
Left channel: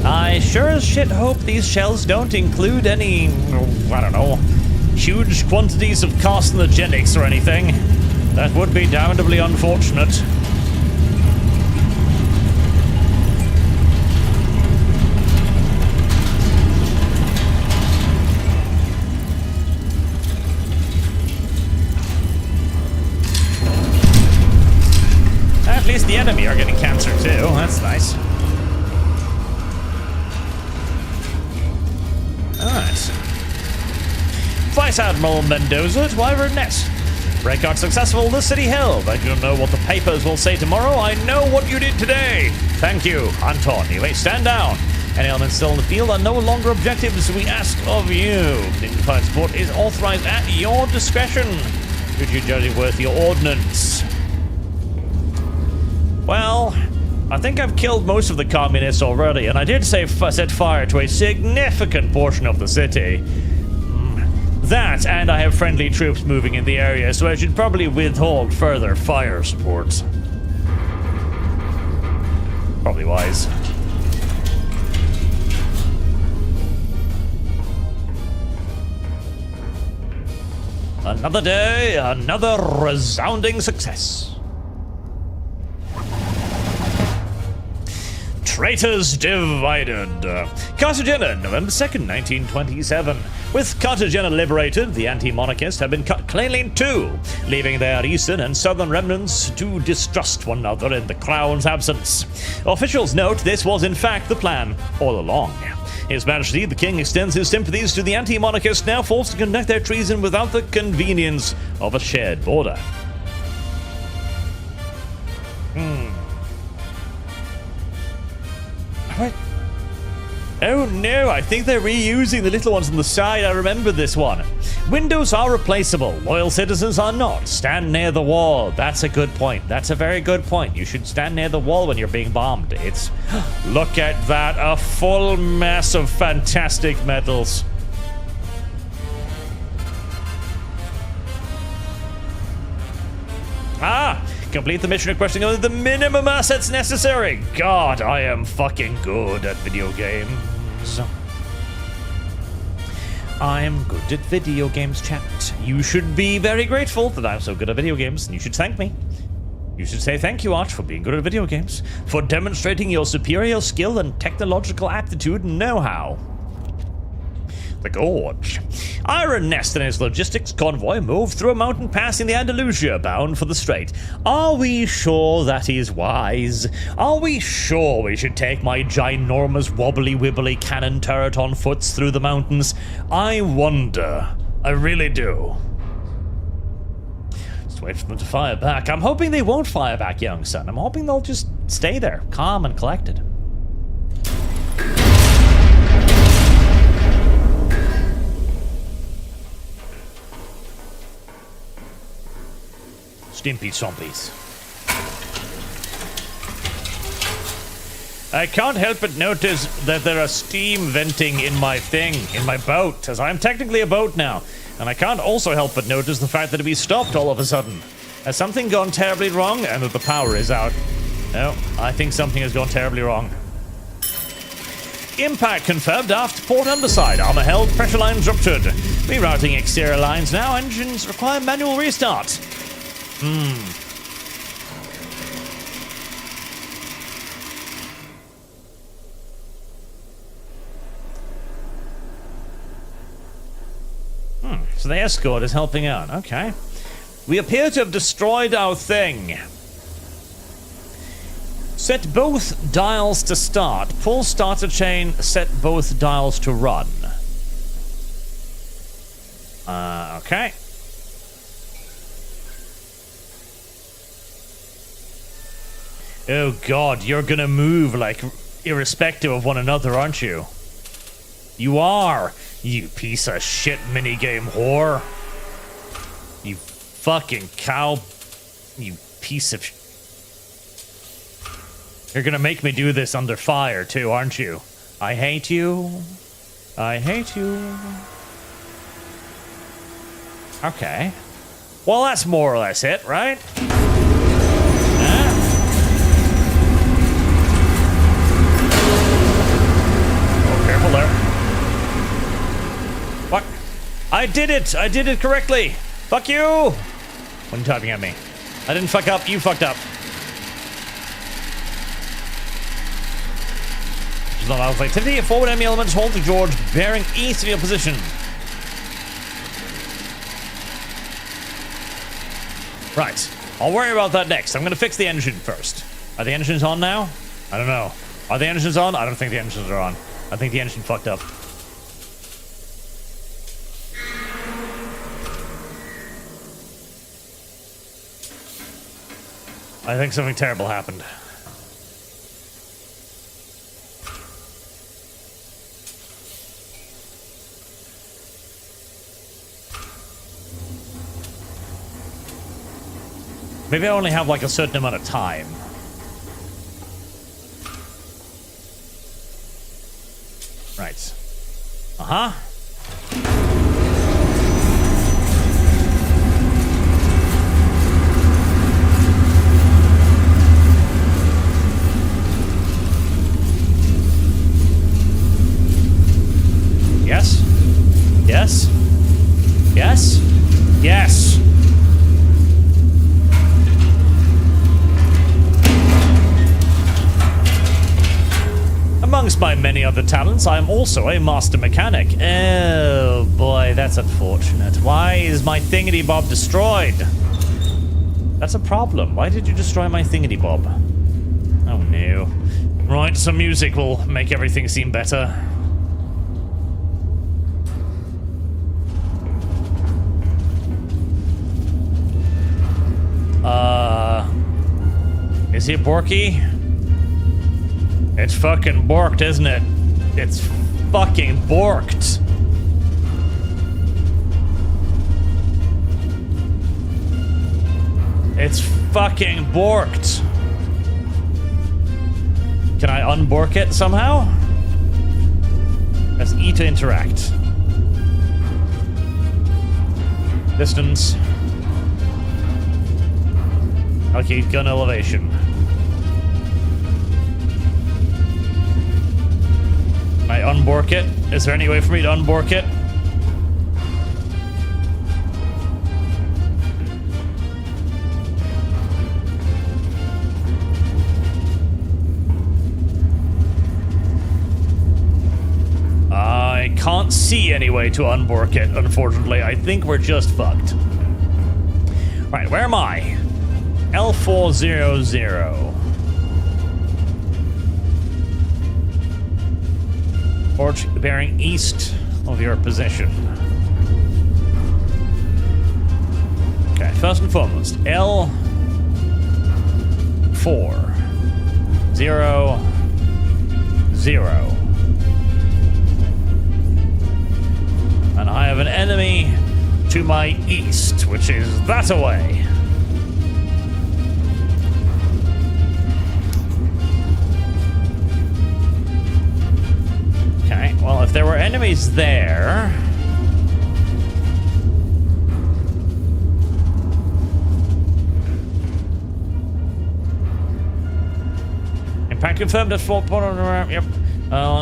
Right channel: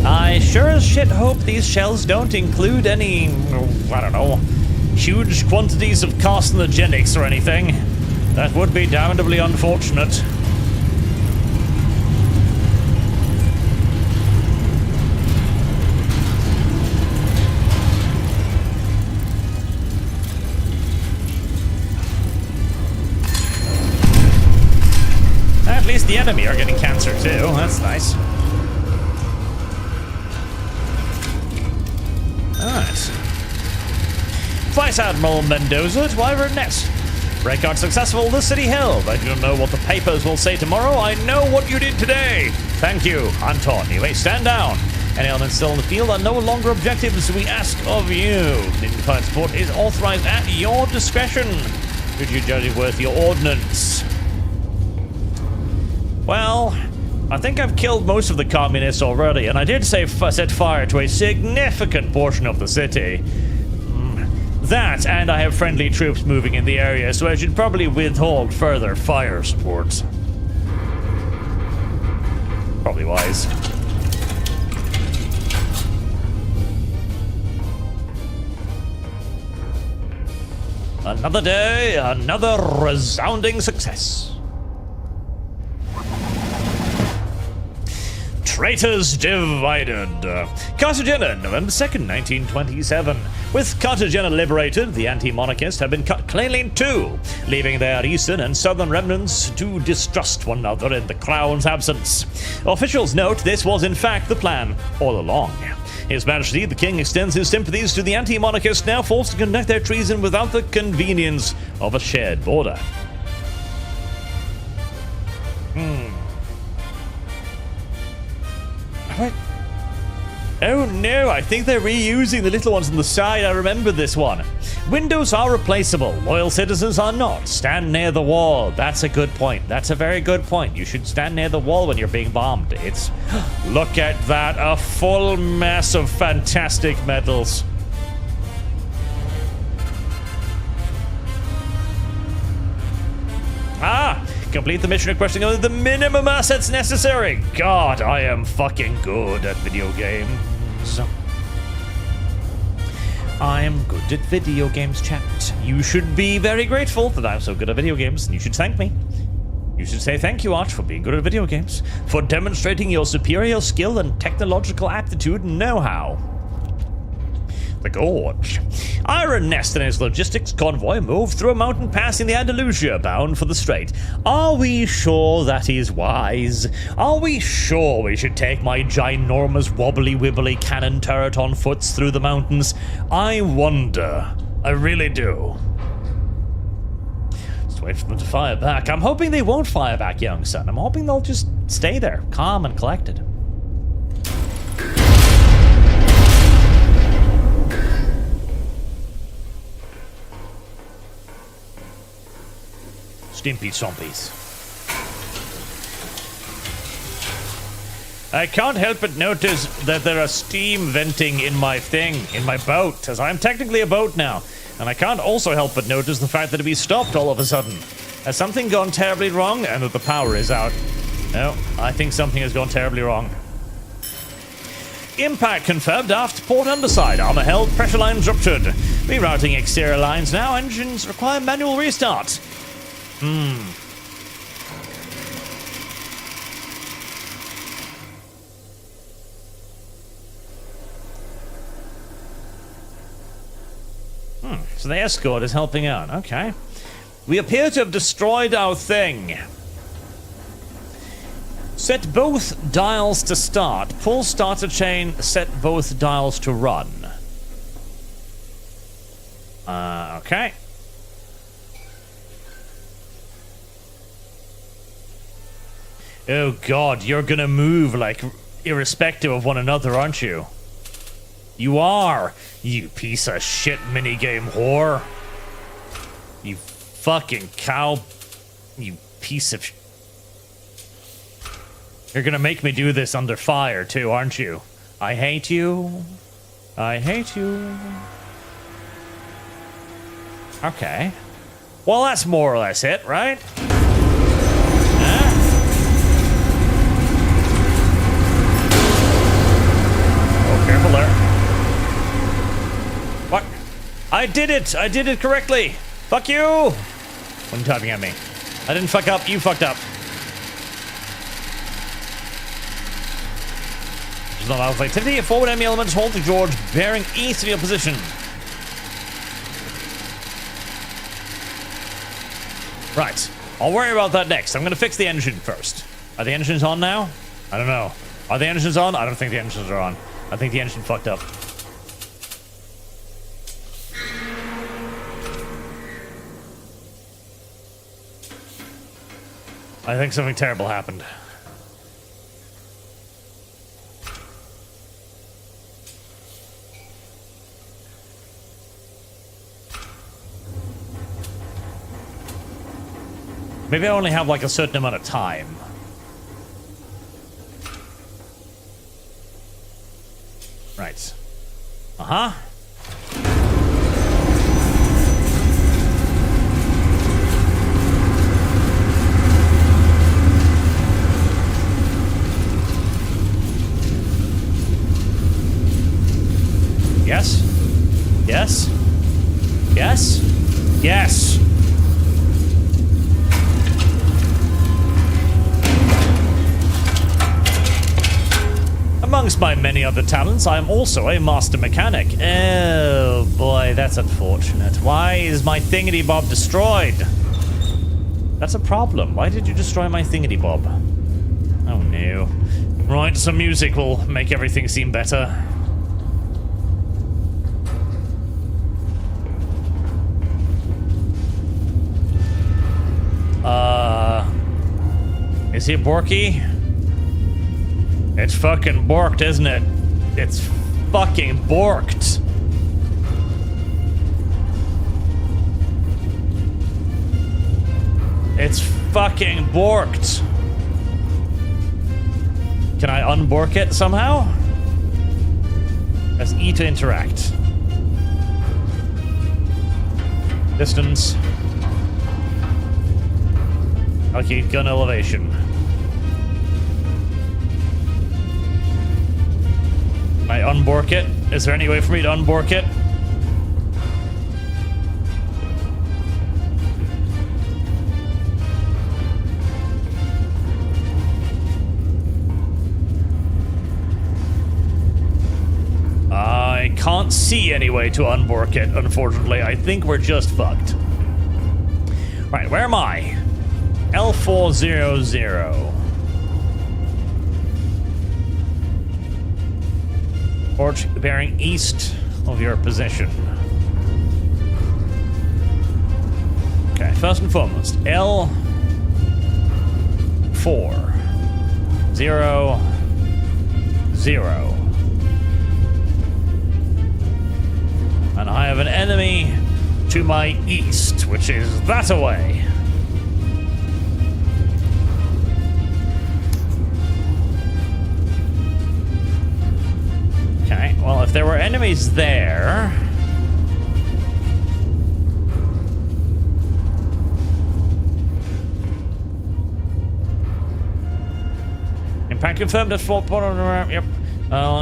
I sure as shit hope these shells don't include any, I don't know, huge quantities of carcinogenics or anything. That would be damnably unfortunate. At least the enemy are getting cancer too. That's nice. Alright. Vice Admiral Mendoza to Wyvern Ness. Breakout successful, the city held. I don't know what the papers will say tomorrow. I know what you did today. Thank you, Anton. You may stand down. Any elements still in the field are no longer objectives we ask of you. Dignified support is authorized at your discretion. Should you judge it worth your ordnance? Well, I think I've killed most of the communists already, and I did set fire to a significant portion of the city. That, and I have friendly troops moving in the area, so I should probably withhold further fire support. Probably wise. Another day, another resounding success. Traitors divided. Cartagena, November 2nd, 1927. With Cartagena liberated, the anti-monarchists have been cut cleanly in two, leaving their eastern and southern remnants to distrust one another in the crown's absence. Officials note this was in fact the plan all along. His Majesty, the King, extends his sympathies to the anti-monarchists now forced to conduct their treason without the convenience of a shared border. What? Oh no, I think they're reusing the little ones on the side. I remember this one. Windows are replaceable. Loyal citizens are not. Stand near the wall. That's a good point. That's a very good point. You should stand near the wall when you're being bombed. It's... Look at that. A full mass of fantastic metals. Ah! Complete the mission requesting only the minimum assets necessary. God, I am fucking good at video games. I'm good at video games, chat. You should be very grateful that I'm so good at video games, and you should thank me. You should say thank you, Arch, for being good at video games, for demonstrating your superior skill and technological aptitude and know-how. The Gorge. Iron Nest and his logistics convoy moved through a mountain pass in the Andalusia, bound for the Strait. Are we sure that is wise? Are we sure we should take my ginormous wobbly-wibbly cannon turret on foot through the mountains? I wonder. I really do. Just wait for them to fire back. I'm hoping they won't fire back, young son. I'm hoping they'll just stay there, calm and collected. Stimpy zombies. I can't help but notice that there are steam venting in my boat, as I'm technically a boat now. And I can't also help but notice the fact that we stopped all of a sudden. Has something gone terribly wrong and that the power is out? No, I think something has gone terribly wrong. Impact confirmed aft port underside. Armor held, pressure lines ruptured. Rerouting exterior lines now. Engines require manual restart. So the escort is helping out. Okay. We appear to have destroyed our thing. Set both dials to start. Pull starter chain. Set both dials to run. Okay. Oh god, you're gonna move like irrespective of one another, aren't you? You are, you piece of shit minigame whore. You fucking cow. You piece of You're gonna make me do this under fire too, aren't you? I hate you. I hate you. Okay. Well, that's more or less it, right? Careful there. What? I did it! I did it correctly! Fuck you! What are you typing at me? I didn't fuck up, you fucked up. There's not alpha activity. Forward enemy elements hold the George, bearing east of your position. Right. I'll worry about that next. I'm gonna fix the engine first. Are the engines on now? I don't know. Are the engines on? I don't think the engines are on. I think the engine fucked up. I think something terrible happened. Maybe I only have like a certain amount of time. Right. Uh-huh. Yes? Yes? Yes? Yes! Amongst my many other talents, I am also a master mechanic. Oh boy, that's unfortunate. Why is my thingity-bob destroyed? That's a problem. Why did you destroy my thingity-bob? Oh no. Right, some music will make everything seem better. Is he Borky? It's fucking borked, isn't it? It's fucking borked. It's fucking borked. Can I unbork it somehow? Press E to interact. Distance. Okay, gun elevation. Can I unbork it? Is there any way for me to unbork it? I can't see any way to unbork it, unfortunately. I think we're just fucked. Right, where am I? L400. Forge bearing east of your position. Okay, first and foremost, L400. And I have an enemy to my east, which is that away. Okay, well, if there were enemies there... Impact confirmed at Fort... Yep.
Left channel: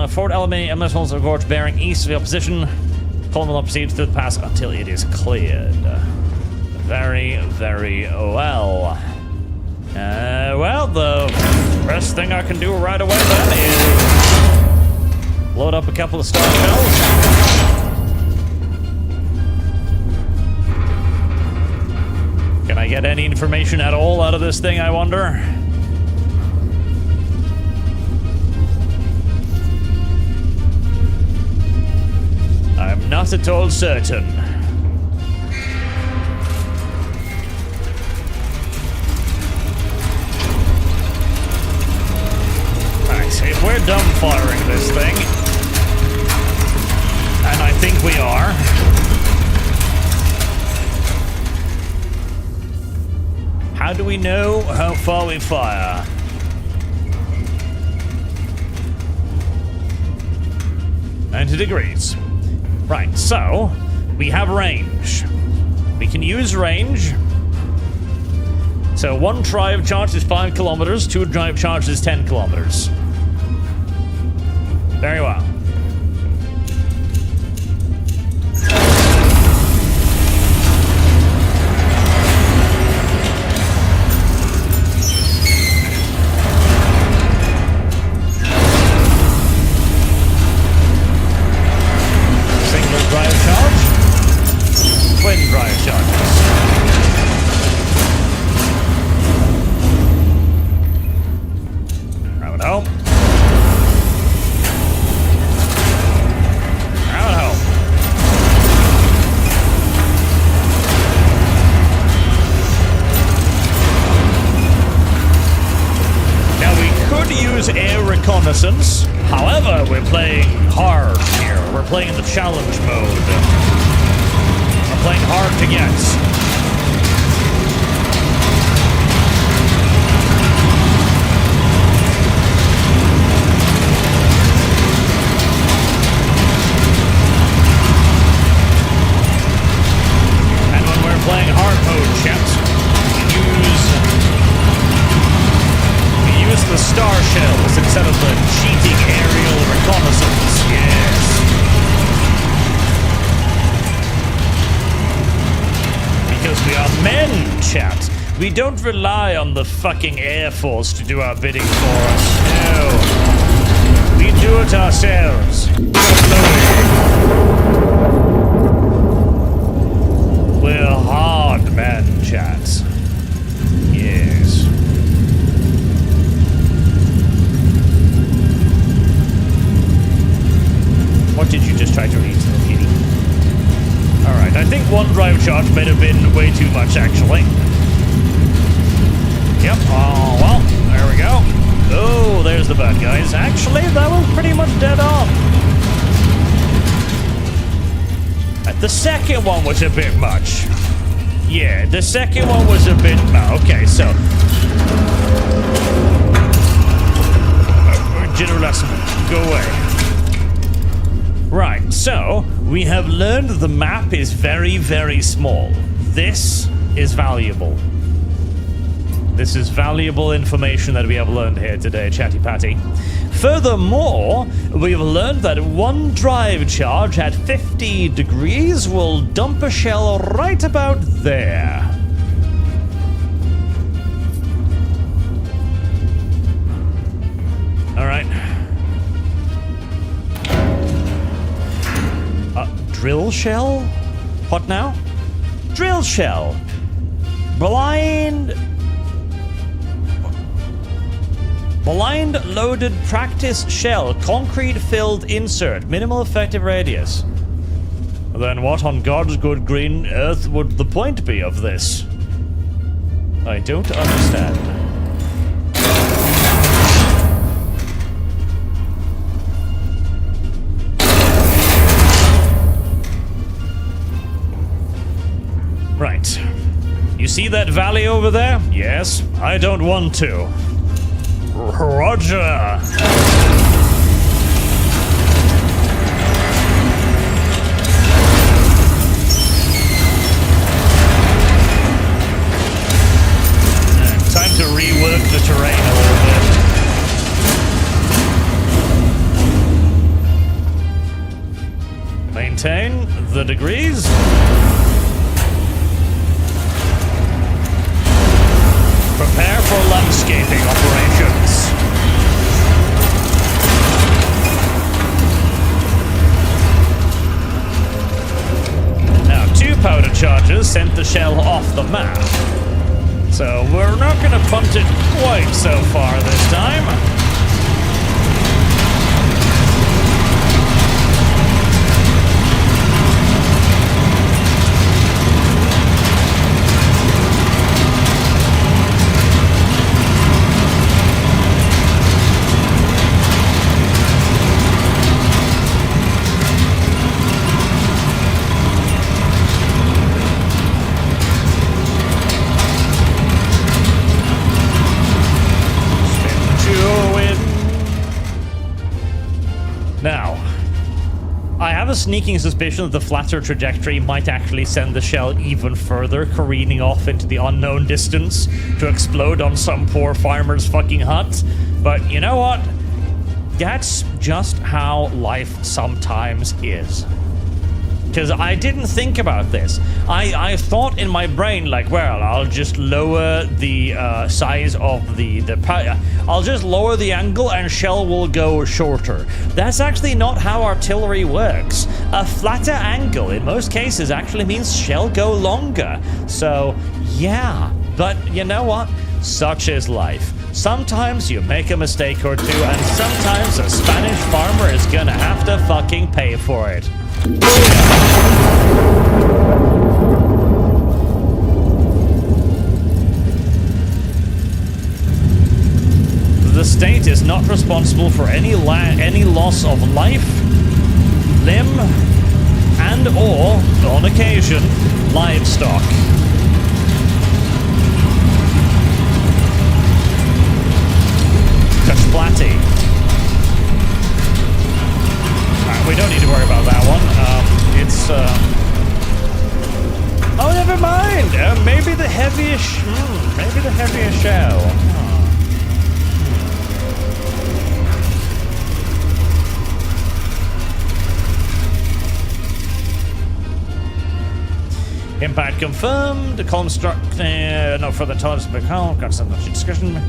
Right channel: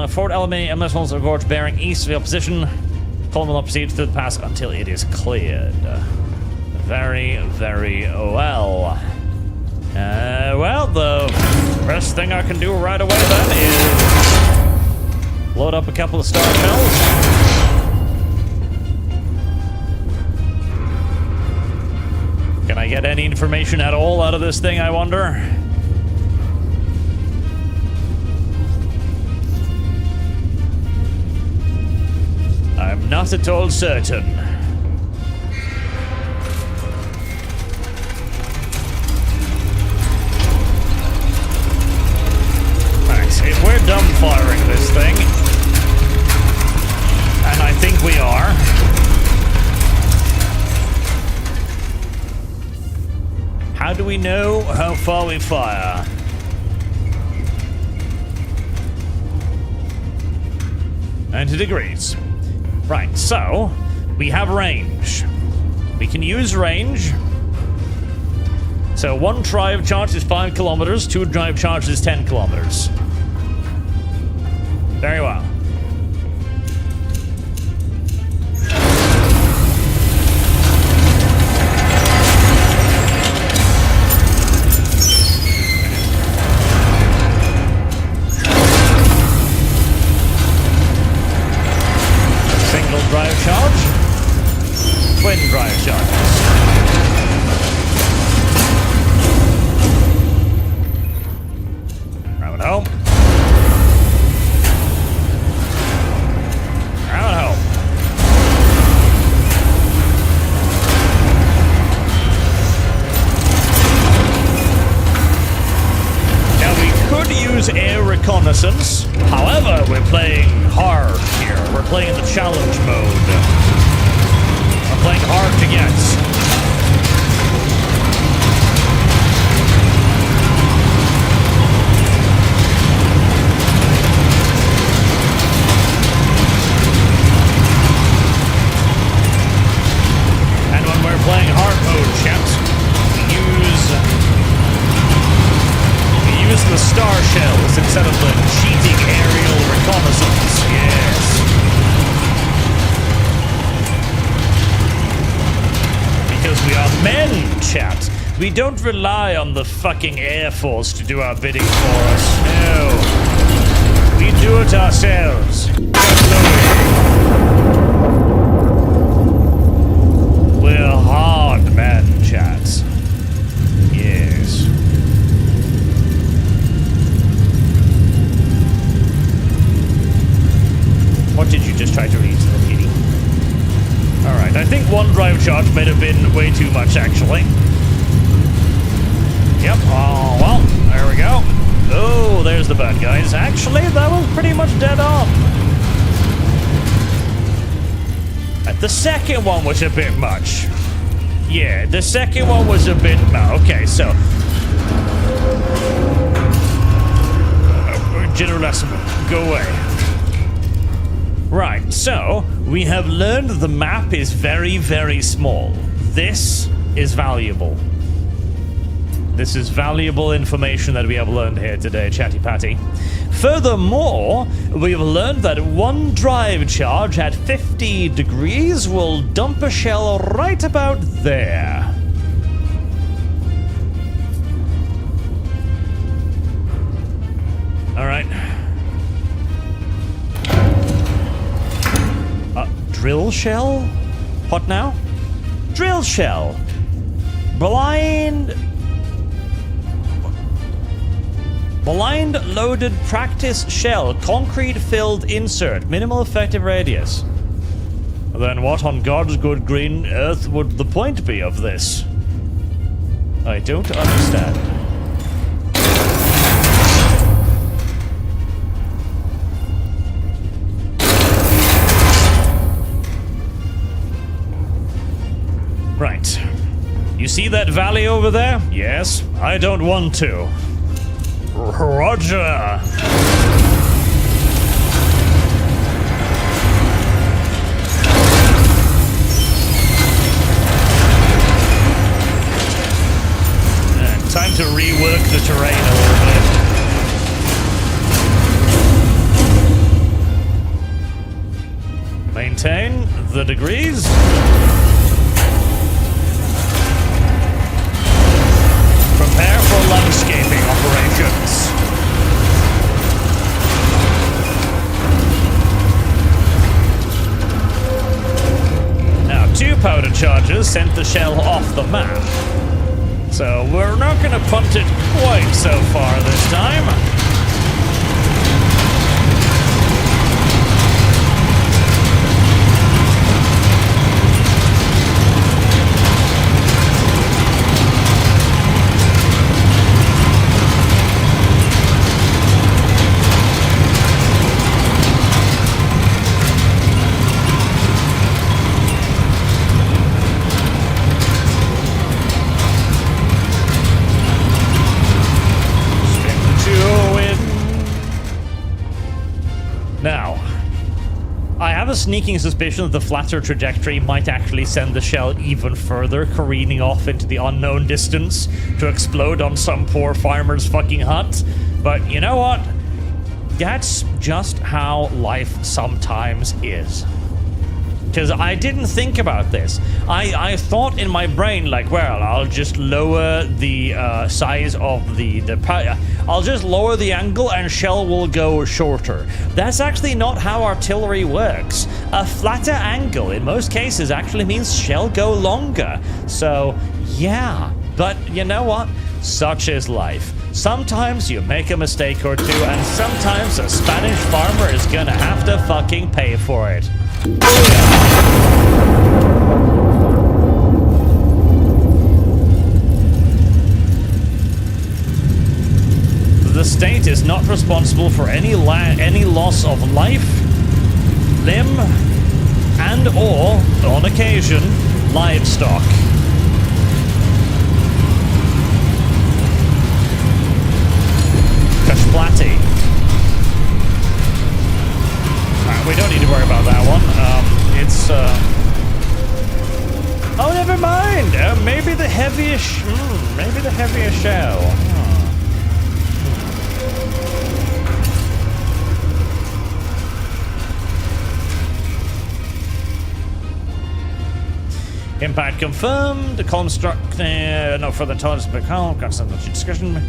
Fort Aluminium missiles are gorge bearing east of your position. Column will not proceed through the pass until it is cleared. Very, very well. Well, the best thing I can do right away then is... load up a couple of star shells. Can I get any information at all out of this thing, I wonder? I'm not at all certain. Alright, if we're dumbfiring this thing, and I think we are, how do we know how far we fire? 90 degrees. Right, so we have range. We can use range. So one drive charge is 5 kilometers, two drive charge is 10 kilometers. Very well. Single drive charge, twin drive charges. Drive it home. use air reconnaissance. However, we're playing hard here. We're playing the challenge mode. We're playing hard to get. And when we're playing hard mode, chat, we use the star shells instead of the cheating aerial reconnaissance. Yes. Because we are men, chat. We don't rely on the fucking Air Force to do our bidding for us. No. We do it ourselves. We're hard men, chat. Yes. What did you just try to read, little kitty? Alright, I think one drive charge might have been way too much, actually. Yep, oh, well, there we go. Oh, there's the bad guys. Actually, that was pretty much dead on. The second one was a bit much. Yeah, the second one was a bit much. Okay, so... General Lesson, go away. Right, so we have learned the map is very, very small. This is valuable. This is valuable information that we have learned here today, Chatty Patty. Furthermore, we have learned that one drive charge at 50 degrees will dump a shell right about there. All right. Drill shell? What now? Drill shell. Blind loaded practice shell. Concrete filled insert. Minimal effective radius. Then what on God's good green earth would the point be of this? I don't understand. Right. You see that valley over there? Yes, I don't want to. Roger! Time to rework the terrain a little bit. Maintain the degrees. Prepare for landscaping operations. Now, 2 powder charges sent the shell off the map. So we're not going to punt it quite so far this time. Now, I have a sneaking suspicion that the flatter trajectory might actually send the shell even further, careening off into the unknown distance to explode on some poor farmer's fucking hut. But you know what? That's just how life sometimes is. Because I didn't think about this. I thought in my brain, like, well, I'll just lower the size of I'll just lower the angle and shell will go shorter. That's actually not how artillery works. A flatter angle, in most cases, actually means shell go longer. So, yeah. But you know what? Such is life. Sometimes you make a mistake or two, and sometimes a Spanish farmer is gonna have to fucking pay for it. The state is not responsible for any loss of life, limb, and or, on occasion, livestock. Kashplati. We don't need to worry about that one. Oh, never mind. Maybe the heaviest. Maybe the heaviest shell. Impact confirmed. Column struck. No further intelligence. But column. Got some discussion.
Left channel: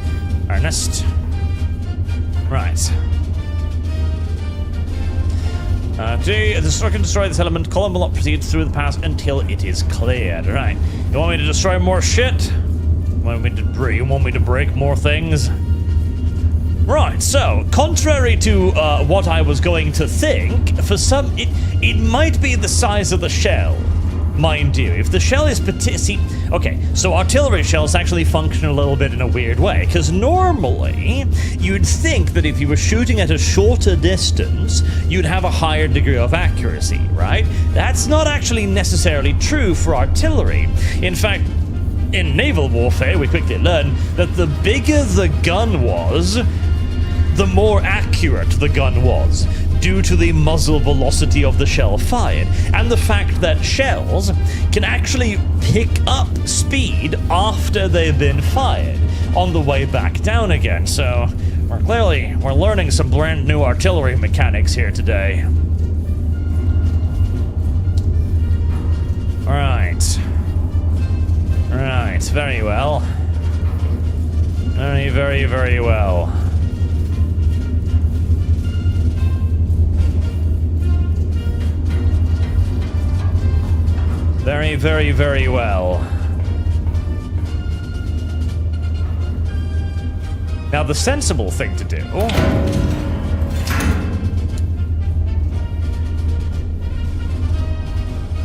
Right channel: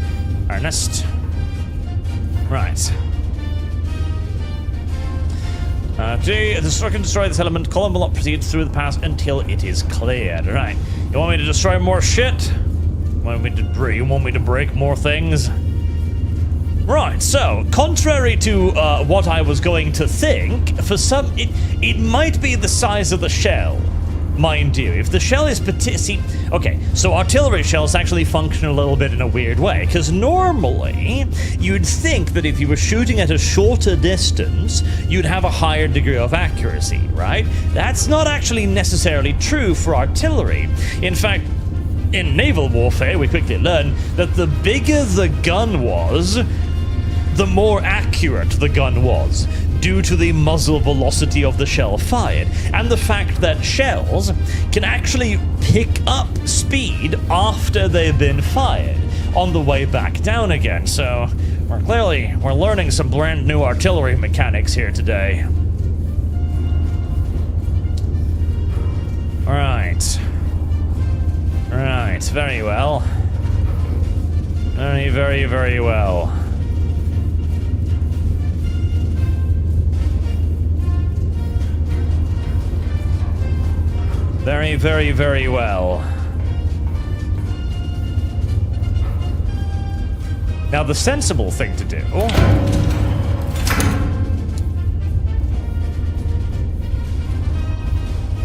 Ernest. Right. The destruction can destroy this element. Column will not proceed through the pass until it is cleared. Right. You want me to destroy more shit? You want me to break more things? Right, so, contrary to what I was going to think, for some, it might be the size of the shell. Mind you, if the shell is okay, so artillery shells actually function a little bit in a weird way, because normally you'd think that if you were shooting at a shorter distance, you'd have a higher degree of accuracy, right? That's not actually necessarily true for artillery. In fact, in naval warfare, we quickly learned that the bigger the gun was, the more accurate the gun was, due to the muzzle velocity of the shell fired, and the fact that shells can actually pick up speed after they've been fired on the way back down again. So we're learning some brand new artillery mechanics here today. Right, very well. Very well. Very well. Now, the sensible thing to do...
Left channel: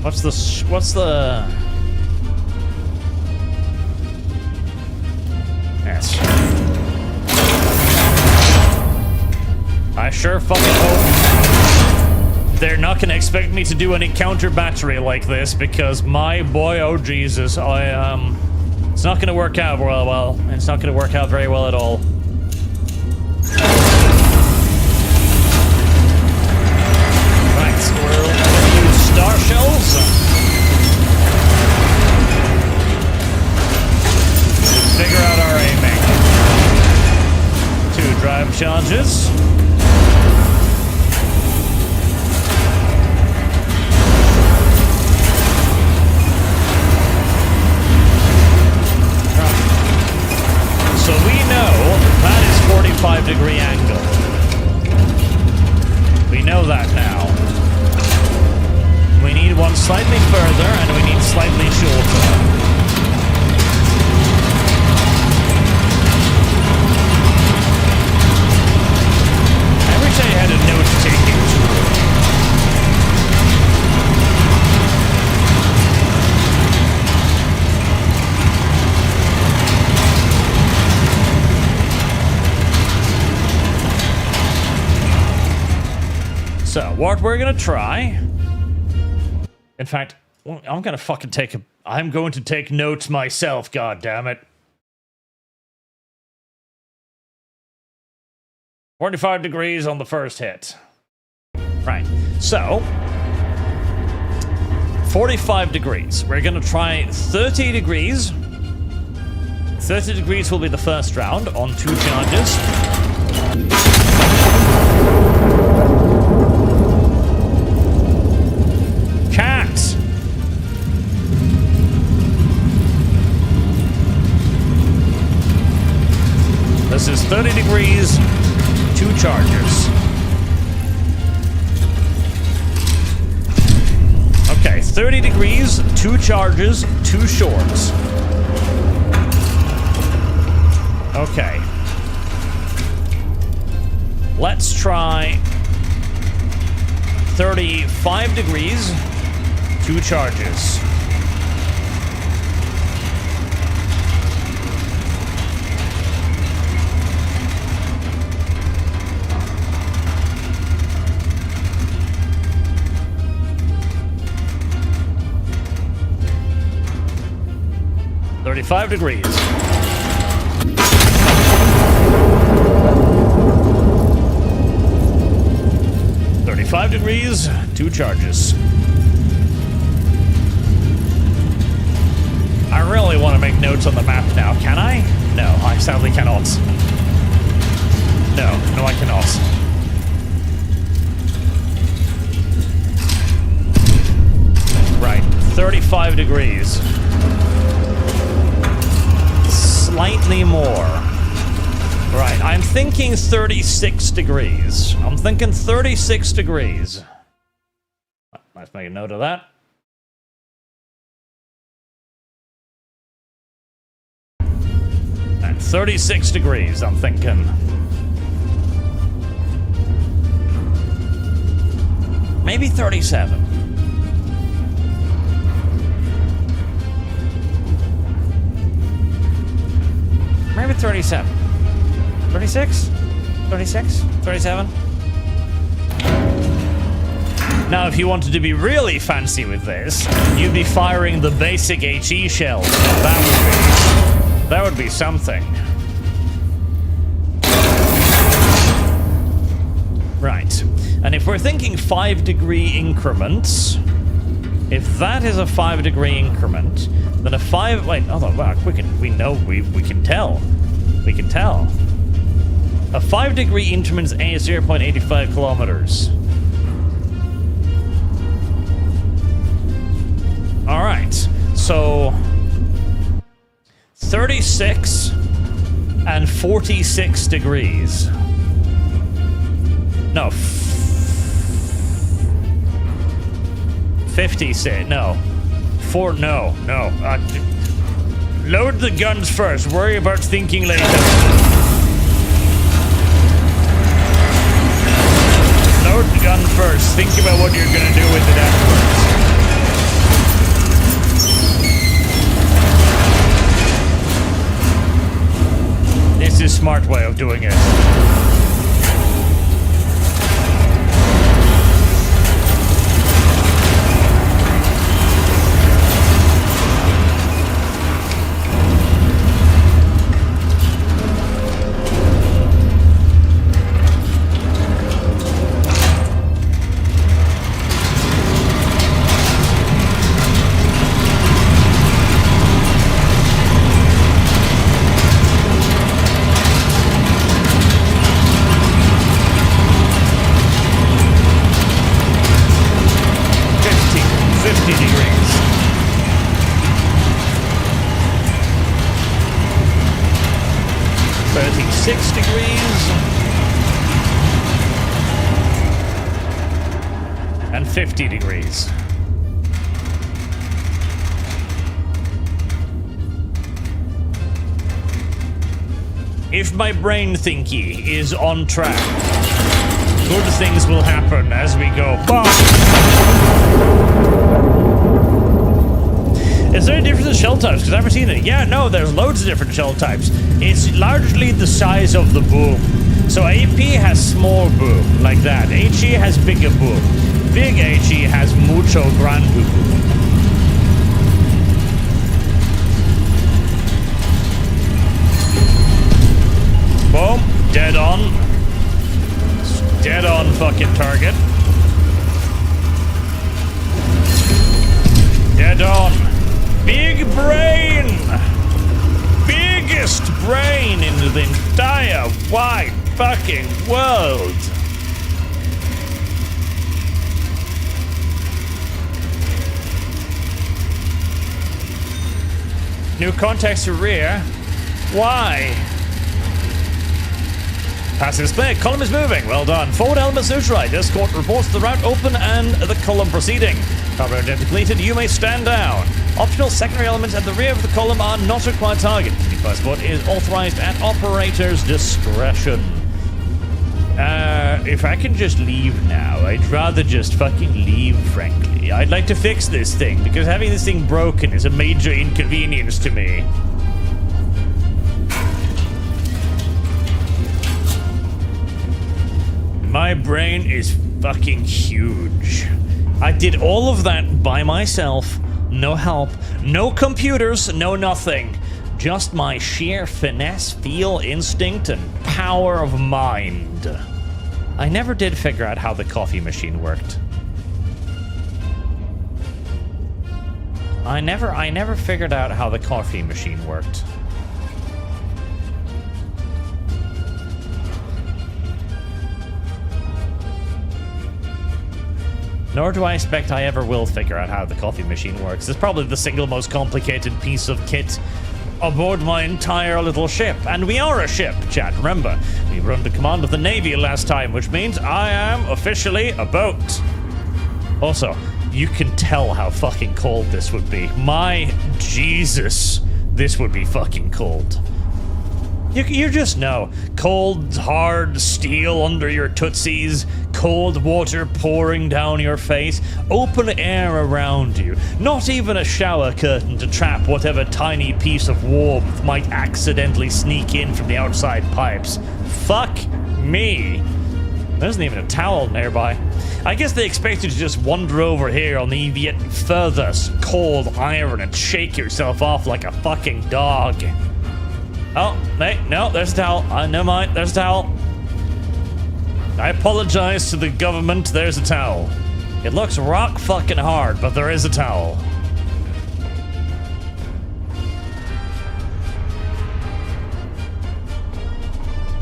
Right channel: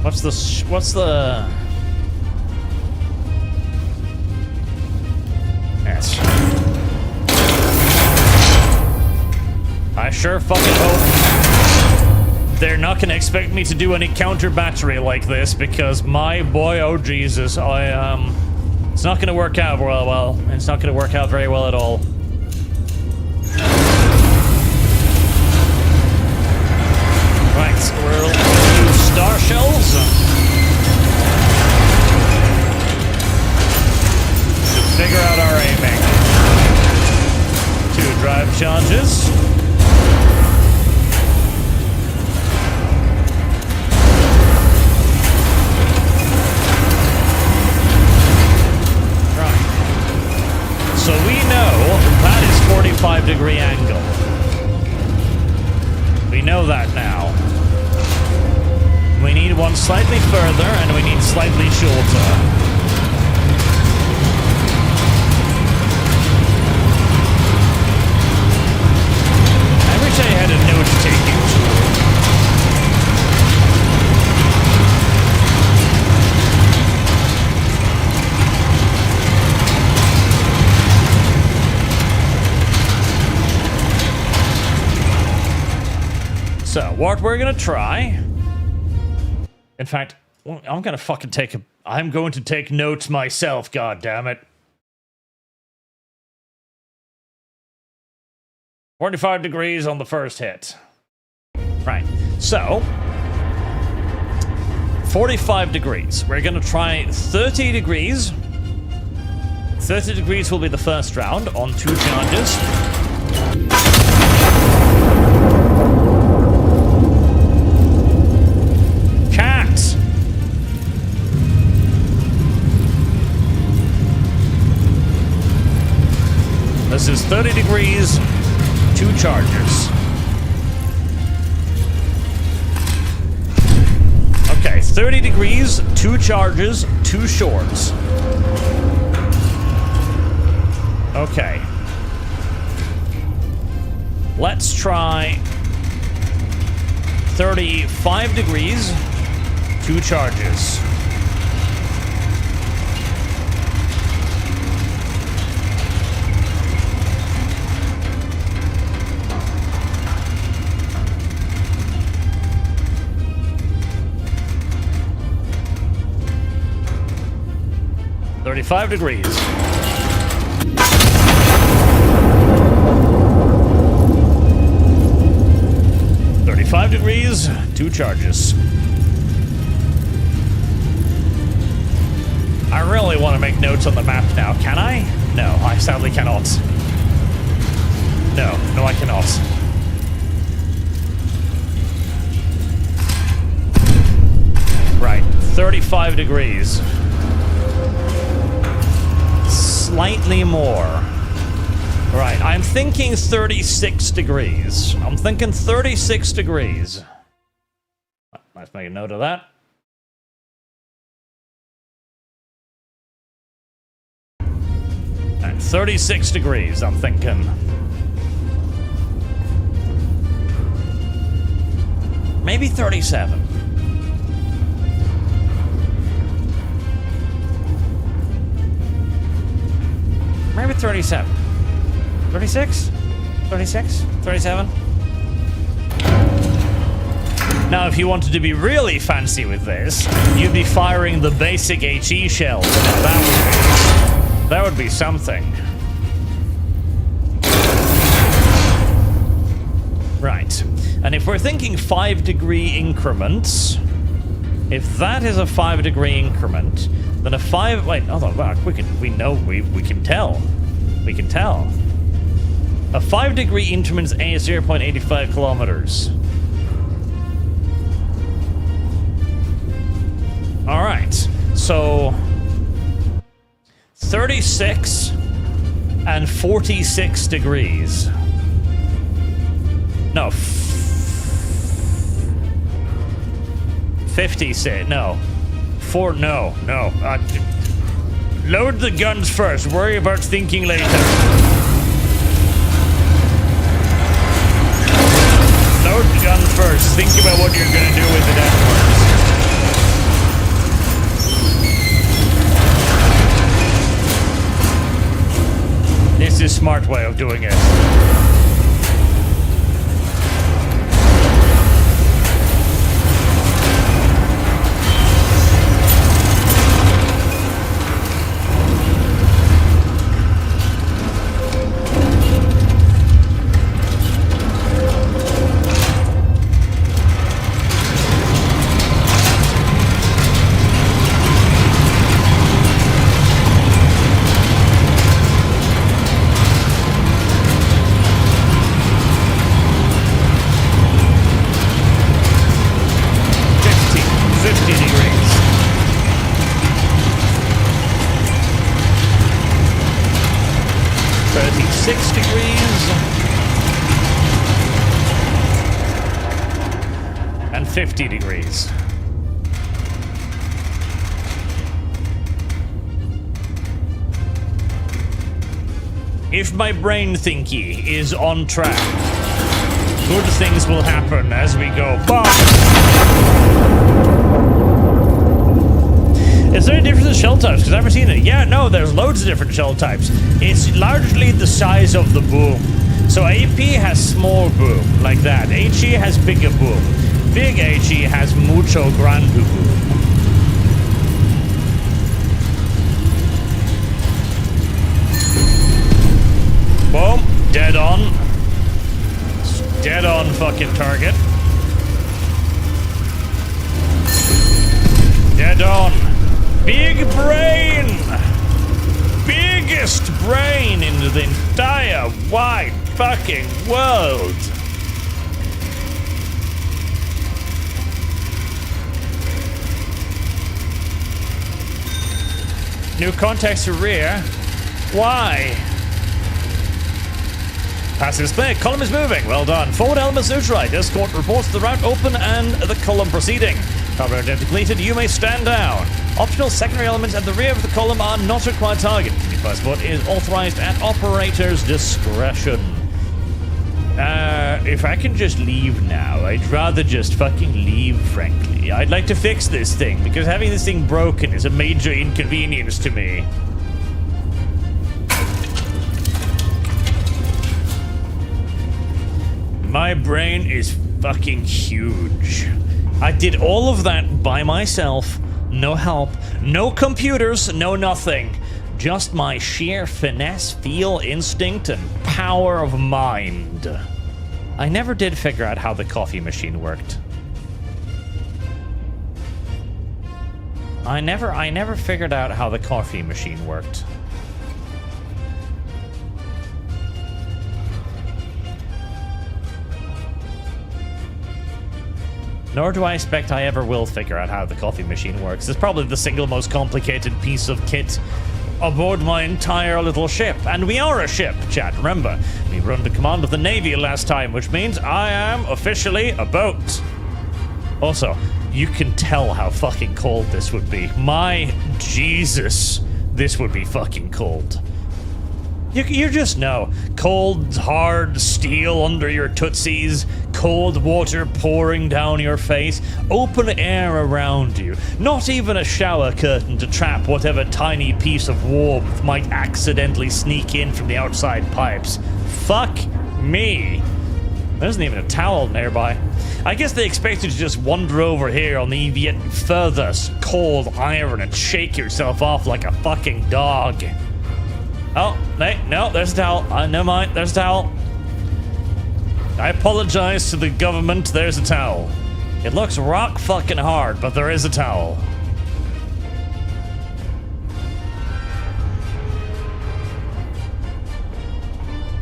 What's the... Yes. I sure fucking hope they're not gonna expect me to do any counter battery like this, because my boy, oh Jesus, it's not gonna work out well. It's not gonna work out very well at all. Right, so we're gonna use star shells to figure out our aiming. 2 drive charges. So we know that is 45-degree angle. We know that now. We need one slightly further, and we need slightly shorter. I wish I had a note-taking tool. So, what we're gonna try... In fact, I'm going to take notes myself, goddammit. 45 degrees on the first hit. Right, so... 45 degrees. We're gonna try 30 degrees. 30 degrees will be the first round on 2 charges. Cat! This is 30 degrees, 2 charges. Okay, 30 degrees, 2 charges, 2 shorts. Okay. Let's try 35 degrees, 2 charges. 35 degrees. $35 degrees, 2 charges. I really want to make notes on the map now. Can I? No, I sadly cannot. No, I cannot. Right, 35 degrees. Slightly more. Right, I'm thinking 36 degrees. I'm thinking 36 degrees. Let's make a note of that. Right, 36 degrees, I'm thinking. Maybe 37. Maybe 37. 36? 36? 37? Now, if you wanted to be really fancy with this, you'd be firing the basic HE shells. That would be something. Right. And if we're thinking 5-degree increments, if that is a 5-degree increment, then a 5... Wait, hold on, wow, we can tell. We can tell. A 5-degree increment is 0.85 kilometers. Alright, so 36 and 46 degrees. No, 50 say, no. No. Load the guns first, worry about thinking later. Load the gun first, think about what you're gonna do with it afterwards. This is a smart way of doing it. And 50 degrees. If my brain thinky is on track, good things will happen as we go. Is there a difference in shell types? Because I've never seen it. Yeah, no, there's loads of different shell types. It's largely the size of the boom. So AP has small boom, like that. HE has bigger boom. Big HE has mucho grande boom. Boom. Dead on. Dead on fucking target. Dead on. Big brain! Biggest brain in the entire wide fucking world! New context to rear. Why? Passive display. Column is moving. Well done. Forward elements neutralized. Escort reports the route open and the column proceeding. Cover identity depleted. You may stand down. Optional secondary elements at the rear of the column are not required target. The passport is authorized at operator's discretion. If I can just leave now, I'd rather just fucking leave, frankly. I'd like to fix this thing, because having this thing broken is a major inconvenience to me. My brain is fucking huge. I did all of that by myself. No help, no computers, no nothing. just my sheer finesse, feel, instinct, and power of mind. I never did figure out how the coffee machine worked. I never figured out how the coffee machine worked. Nor do I expect I ever will figure out how the coffee machine works. It's probably the single most complicated piece of kit aboard my entire little ship. And we are a ship, chat. Remember, we were under command of the Navy last time, which means I am officially a boat. Also, you can tell how fucking cold this would be. My Jesus, this would be fucking cold. You just know. Cold, hard steel under your tootsies, cold water pouring down your face, open air around you. Not even a shower curtain to trap whatever tiny piece of warmth might accidentally sneak in from the outside pipes. Fuck me. There isn't even a towel nearby. I guess they expect you to just wander over here on the yet further cold iron and shake yourself off like a fucking dog. Oh, hey, no, there's a towel. Never mind, there's a towel. I apologize to the government, there's a towel. It looks rock fucking hard, but there is a towel.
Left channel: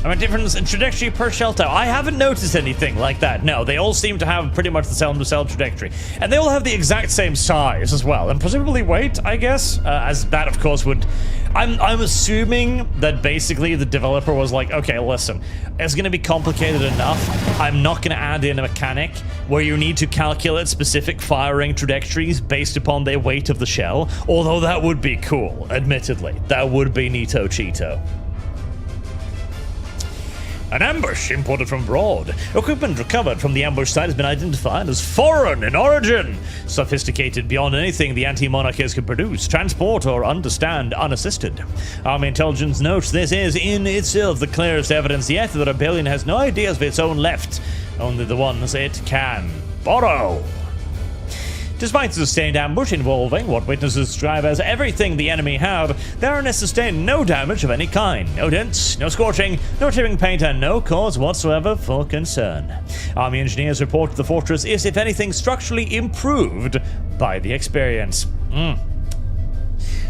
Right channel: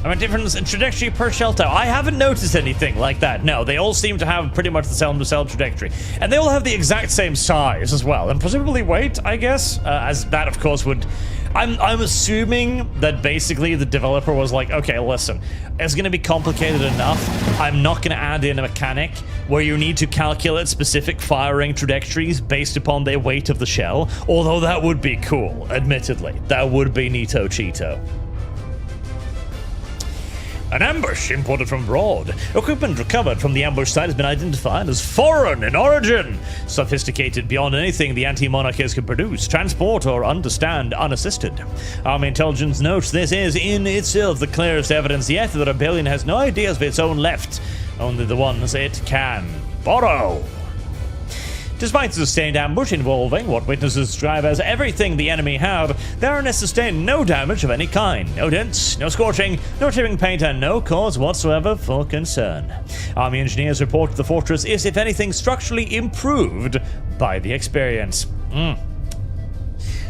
I mean, difference in trajectory per shell tower. I haven't noticed anything like that. No, they all seem to have pretty much the same trajectory. And they all have the exact same size as well. And presumably weight, I guess. As that, of course, would... I'm assuming that basically the developer was like, okay, listen, it's going to be complicated enough. I'm not going to add in a mechanic where you need to calculate specific firing trajectories based upon the weight of the shell. Although that would be cool, admittedly. That would be neato cheeto. An ambush imported from abroad. Equipment recovered from the ambush site has been identified as foreign in origin. Sophisticated beyond anything the anti-monarchists could produce, transport, or understand unassisted. Army intelligence notes this is in itself the clearest evidence yet that the rebellion has no ideas of its own left, only the ones it can borrow. Despite the sustained ambush involving what witnesses describe as everything the enemy had, the RNS sustained no damage of any kind. No dents, no scorching, no chipping paint, and no cause whatsoever for concern. Army engineers report the fortress is, if anything, structurally improved by the experience.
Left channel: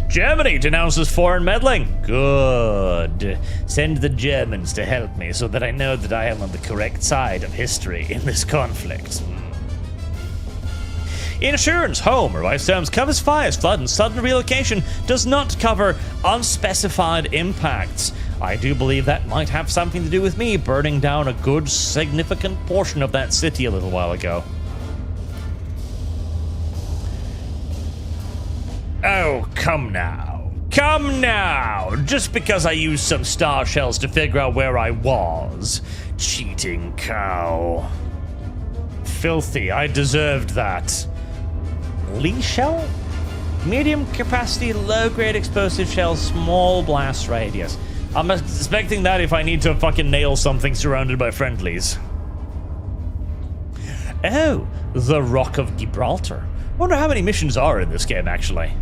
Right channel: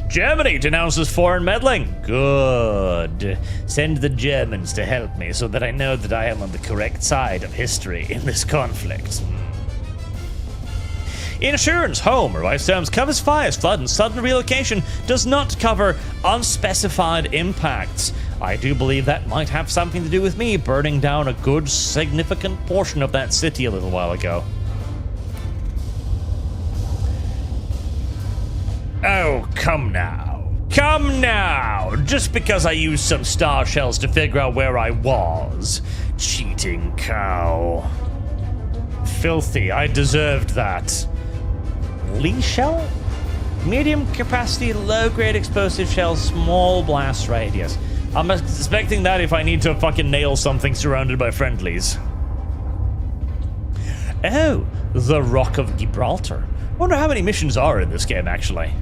Germany denounces foreign meddling. Good. Send the Germans to help me so that I know that I am on the correct side of history in this conflict. Insurance, home, revised terms, covers fires, flood, and sudden relocation, does not cover unspecified impacts. I do believe that might have something to do with me burning down a good, significant portion of that city a little while ago. Oh, come now. Come now! Just because I used some star shells to figure out where I was. Cheating cow. Filthy, I deserved that. Lee shell? Medium capacity, low grade explosive shell, small blast radius. I'm expecting that if I need to fucking nail something surrounded by friendlies. Oh, the Rock of Gibraltar. Wonder how many missions are in this game, actually.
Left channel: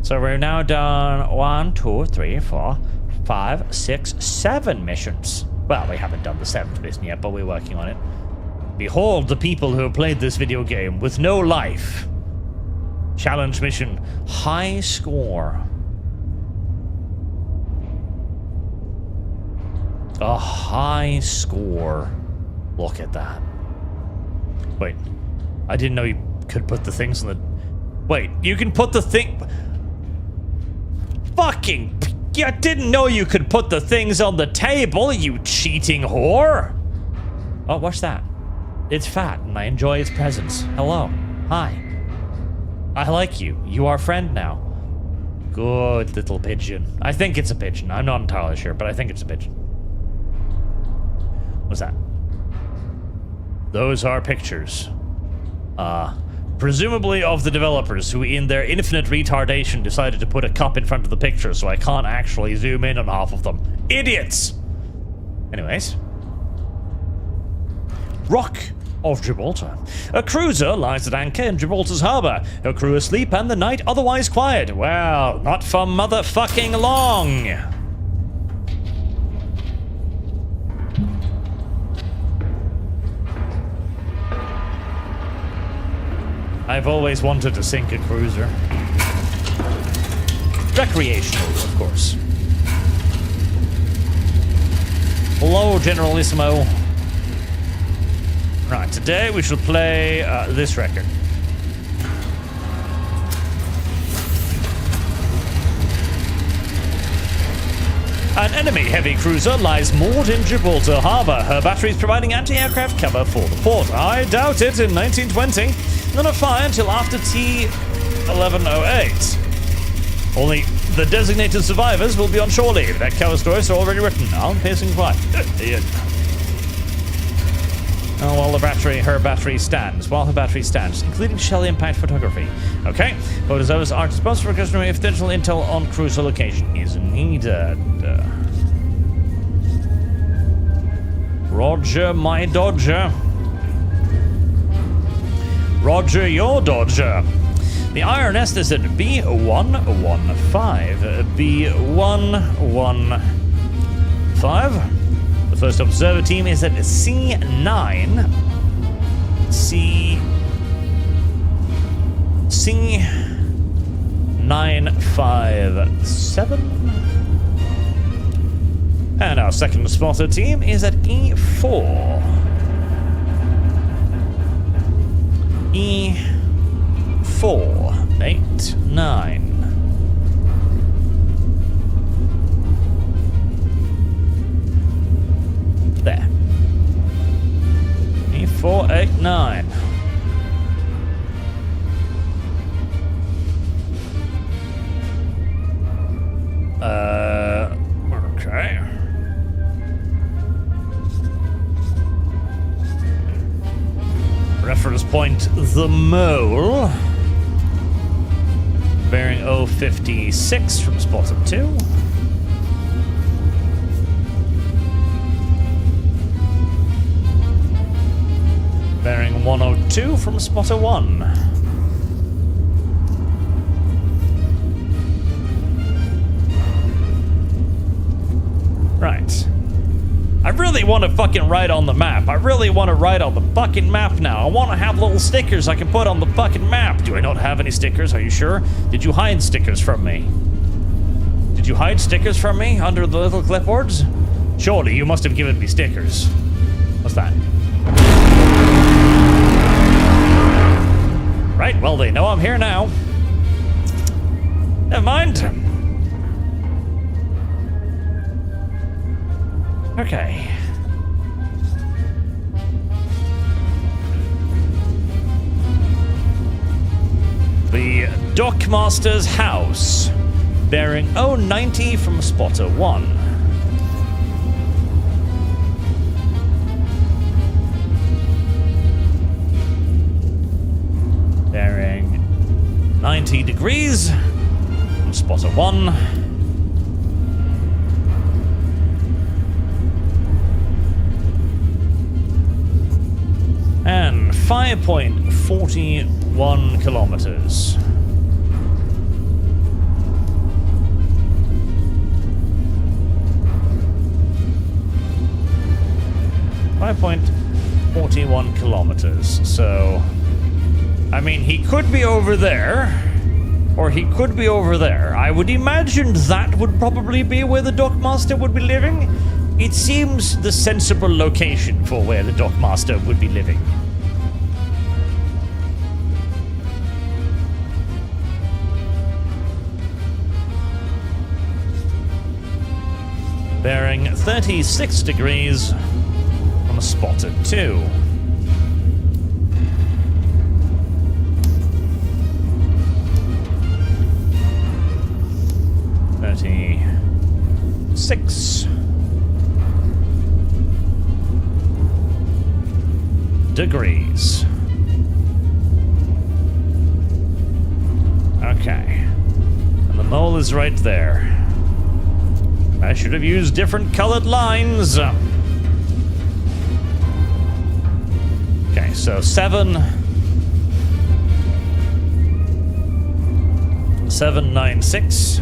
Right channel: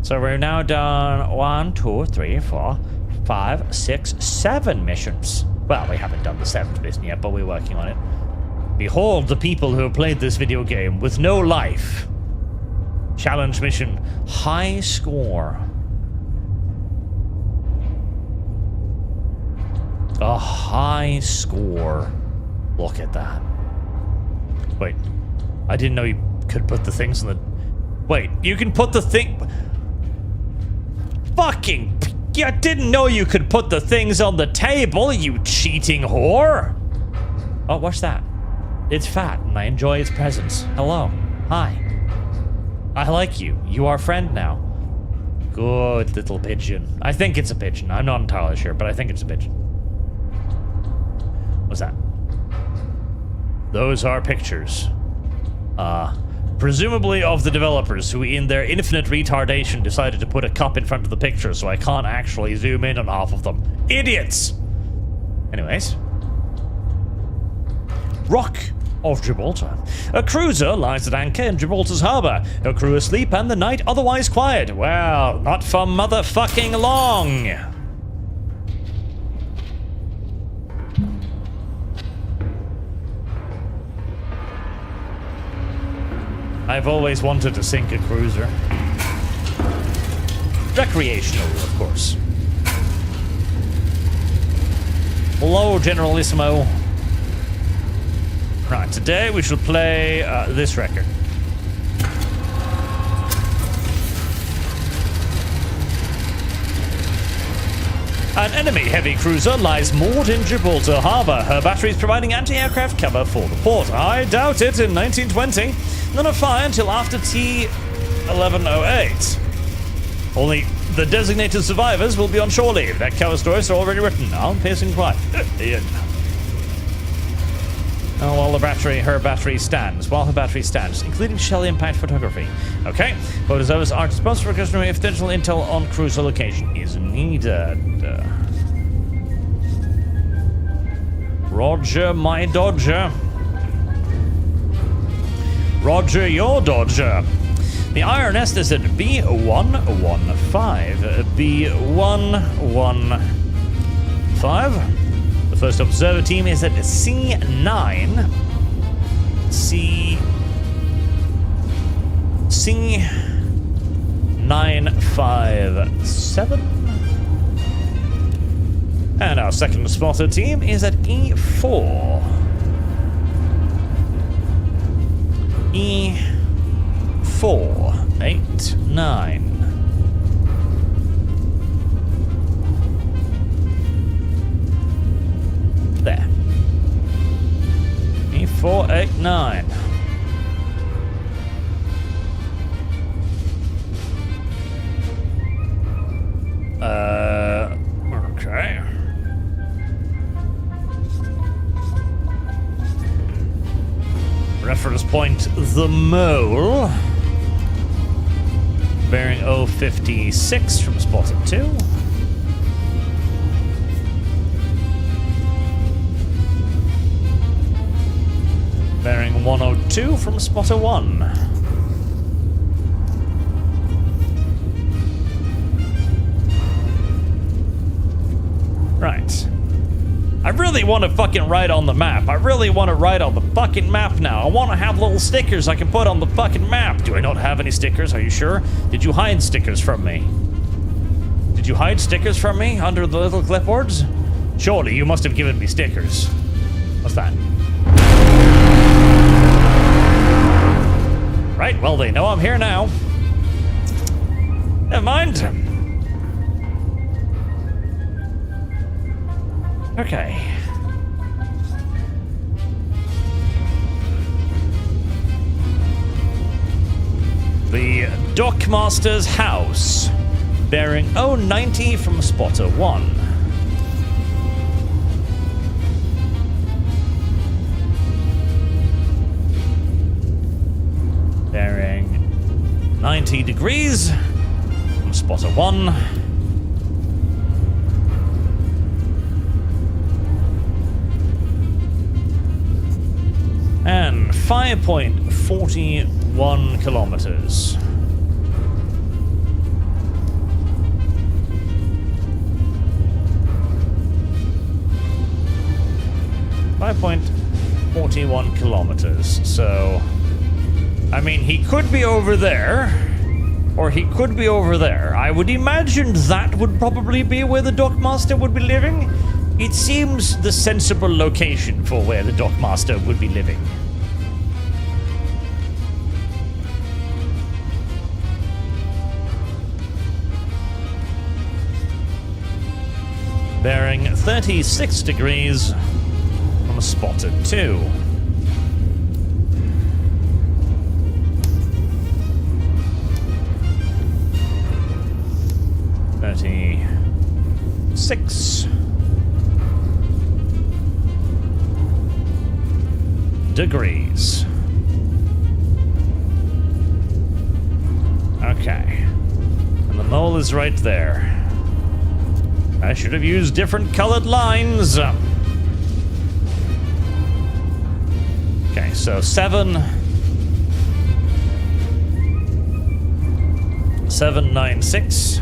So we're now done 1, 2, 3, 4, 5, 6, 7 missions. Well, we haven't done the 7th mission yet, but we're working on it. Behold the people who have played this video game with no life. Challenge mission, high score. A high score. Look at that. Wait, I didn't know you could put the things on the... Wait, you can put the thing... Fucking... I didn't know you could put the things on the table, you cheating whore! Oh, what's that? It's fat, and I enjoy its presence. Hello. Hi. I like you. You are friend now. Good little pigeon. I think it's a pigeon. I'm not entirely sure, but I think it's a pigeon. What's that? Those are pictures. Presumably of the developers who, in their infinite retardation, decided to put a cup in front of the picture so I can't actually zoom in on half of them. Idiots! Anyways. Rock of Gibraltar. A cruiser lies at anchor in Gibraltar's harbour. Her crew asleep and the night otherwise quiet. Well, not for motherfucking long. I've always wanted to sink a cruiser. Recreational, of course. Hello, Generalissimo. Right, today we shall play this record. An enemy heavy cruiser lies moored in Gibraltar Harbour. Her batteries providing anti-aircraft cover for the port. I doubt it in 1920. None of fire until after T1108. Only the designated survivors will be on shore leave. That cover stories are already written. I'm pacing quiet. Oh, while her battery stands, including shell impact photography. Okay, photos of us are responsible for customer if digital intel on cruiser location is needed. Roger, my Dodger. Roger, your Dodger. The IRNS is at B115. B115. The first observer team is at C9. C957. And our second spotter team is at E4. E489. There. E489. Okay. Reference point the Mole. Bearing 056 from spotter 2. Bearing 102 from spotter 1. Right. I really want to fucking write on the map. I really want to write on the fucking map now. I want to have little stickers I can put on the fucking map. Do I not have any stickers? Are you sure? Did you hide stickers from me? Did you hide stickers from me under the little clipboards? Surely you must have given me stickers. What's that? Right, well, they know I'm here now. Never mind. Okay. The Dockmaster's house. Bearing 090 from spotter 1. Bearing 90 degrees from spotter 1. And 5.41 kilometers. .41 kilometers. So, I mean, he could be over there, or he could be over there. I would imagine that would probably be where the Dockmaster would be living. It seems the sensible location for where the Dockmaster would be living. Bearing 36 degrees from spotter 2. .36 degrees. Okay. And the mole is right there. I should have used different colored lines. Okay, so 796.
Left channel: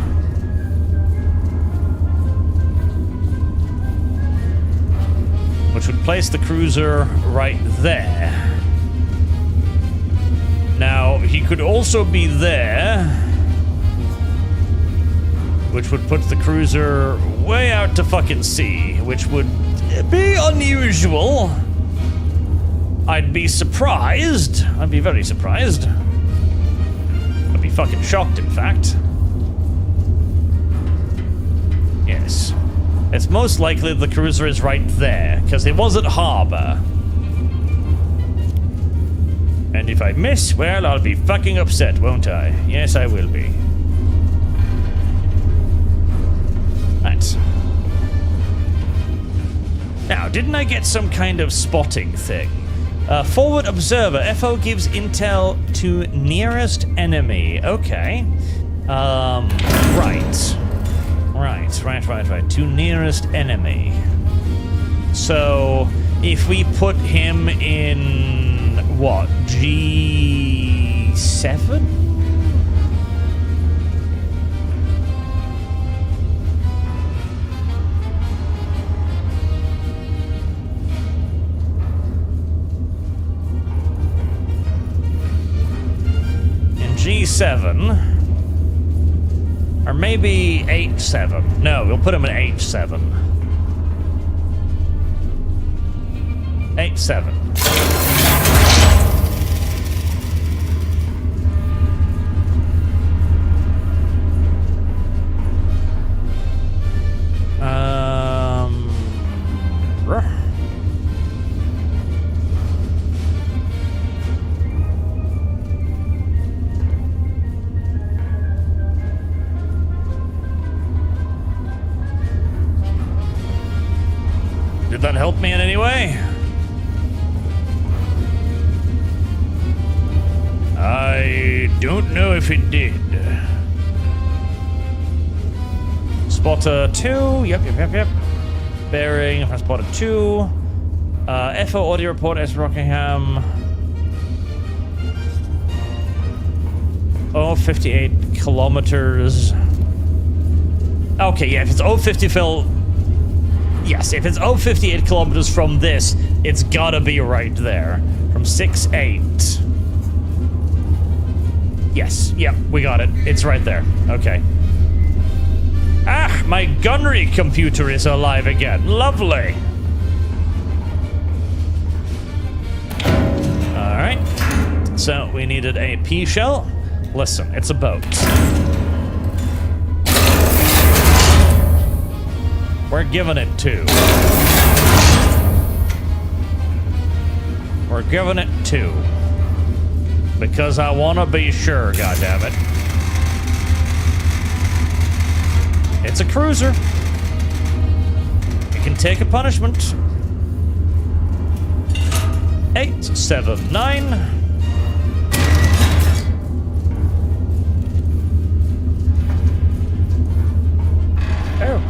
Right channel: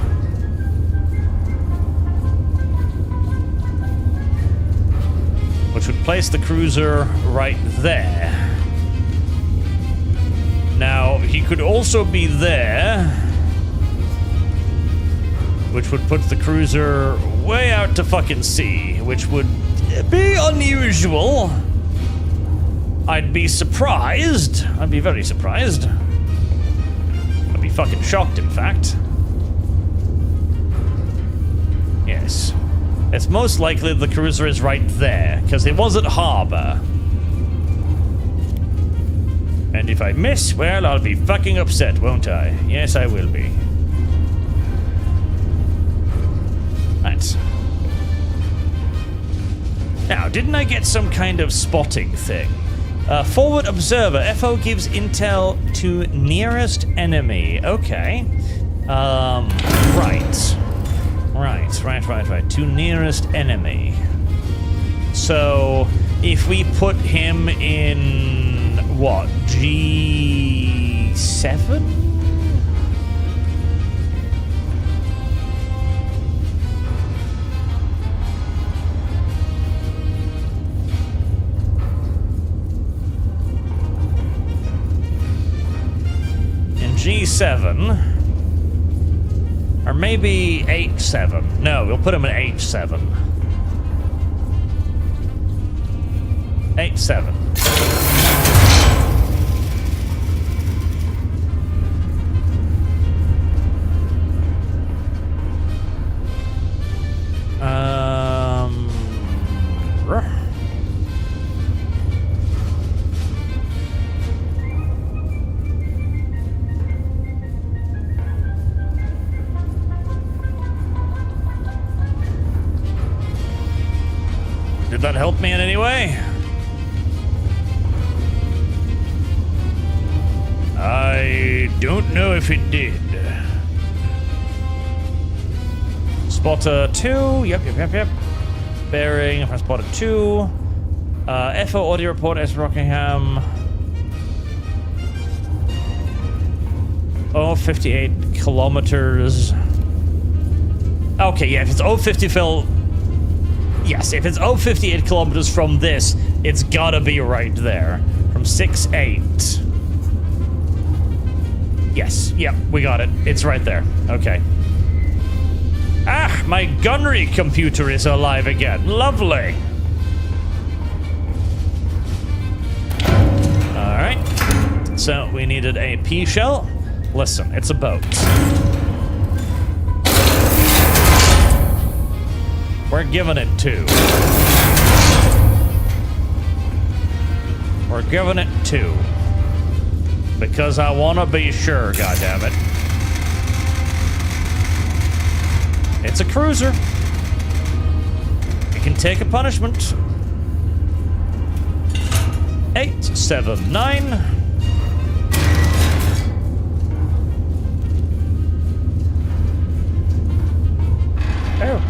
Which would place the cruiser right there. Now, he could also be there, which would put the cruiser way out to fucking sea, which would be unusual. I'd be surprised. I'd be very surprised. I'd be fucking shocked, in fact. Yes. It's most likely the cruiser is right there, because it was at harbor. And if I miss, well, I'll be fucking upset, won't I? Yes, I will be. Right. Now, didn't I get some kind of spotting thing? Forward observer. FO gives intel to nearest enemy. Okay. Right. To nearest enemy. So, if we put him in, what, G7? In G7. Or maybe H7. No, we'll put him in H7. H7. Did that help me in any way? I don't know if it did. Spotter 2. Yep. Bearing from spotter 2. FO audio report S. Rockingham. 58 kilometers. Okay, yeah, if it's 50 Phil. Yes, if it's 58 kilometers from this, it's gotta be right there. From 6-8. Yes, yep, we got it. It's right there. Okay. Ah, my gunnery computer is alive again. Lovely. Alright. So, we needed a P shell. Listen, it's a boat. We're giving it 2. We're giving it 2. Because I want to be sure, goddammit. It's a cruiser. It can take a punishment. 879. Oh.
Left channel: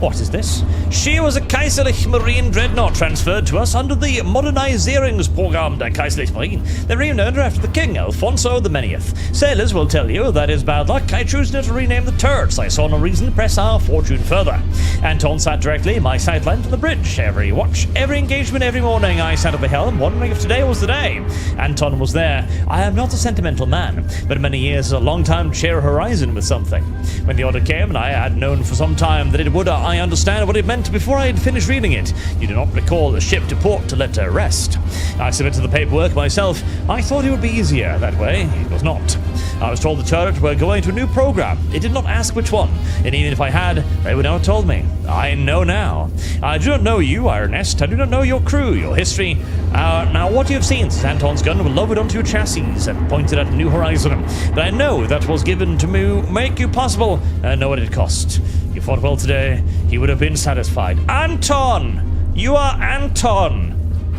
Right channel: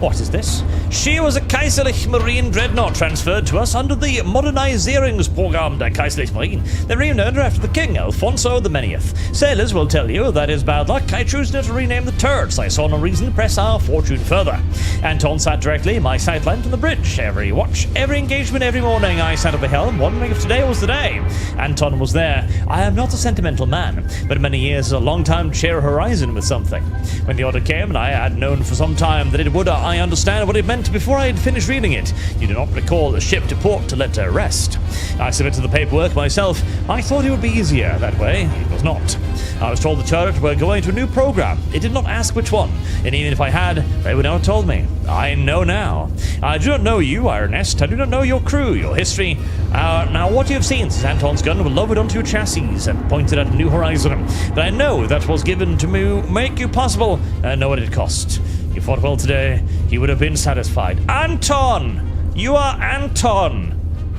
What is this? She was a Kaiserlich Marine dreadnought transferred to us under the Modernisierungsprogramm der Kaiserlich Marine. They renamed her after the king, Alfonso the Manyth. Sailors will tell you that is bad luck. I choose not to rename the turrets. I saw no reason to press our fortune further. Anton sat directly in my sightline from the bridge. Every watch, every engagement, every morning I sat at the helm, wondering if today was the day. Anton was there. I am not a sentimental man, but many years is a long time to share a horizon with something. When the order came, and I had known for some time that it would, I understand what it meant before I had finished reading it. You do not recall the ship to port to let her rest. I submitted the paperwork myself. I thought it would be easier that way. It was not. I was told the turret were going to a new program. It did not ask which one, and even if I had, they would not have told me. I know now. I do not know you, Iron Nest. I do not know your crew, your history. Now, what you have seen since Anton's gun was lowered onto your chassis and pointed at a new horizon. But I know that was given to me make you possible, and I know what it cost. You fought well today. He would have been satisfied. Anton! You are Anton!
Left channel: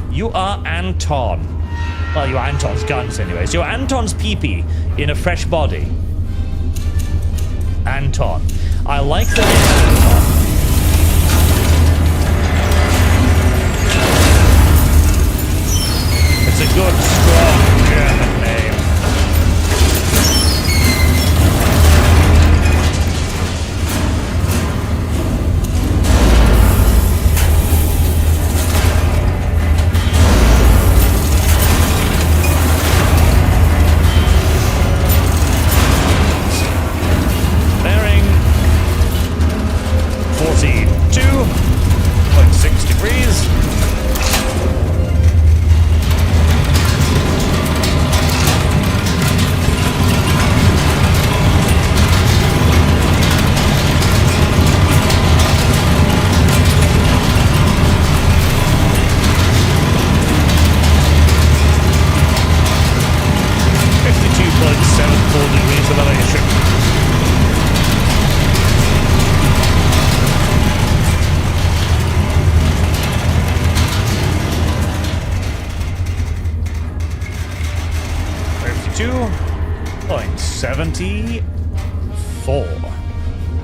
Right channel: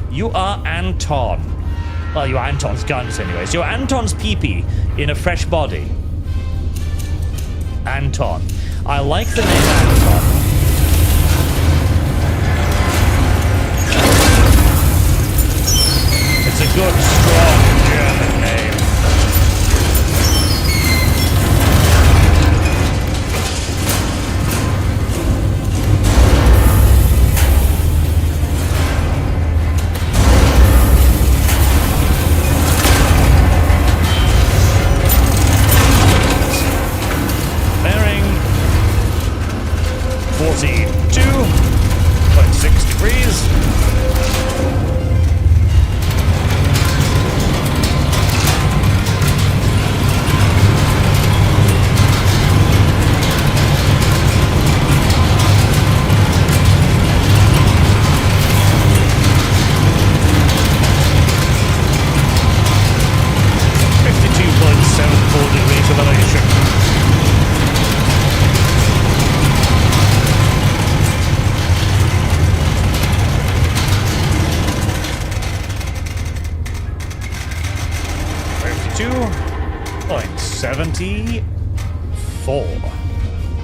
You are Anton. Well, you are Anton's guns anyways. You're Anton's pee-pee in a fresh body. Anton. I like the name Anton. It's a 6 degrees. Degrees of elevation. .74.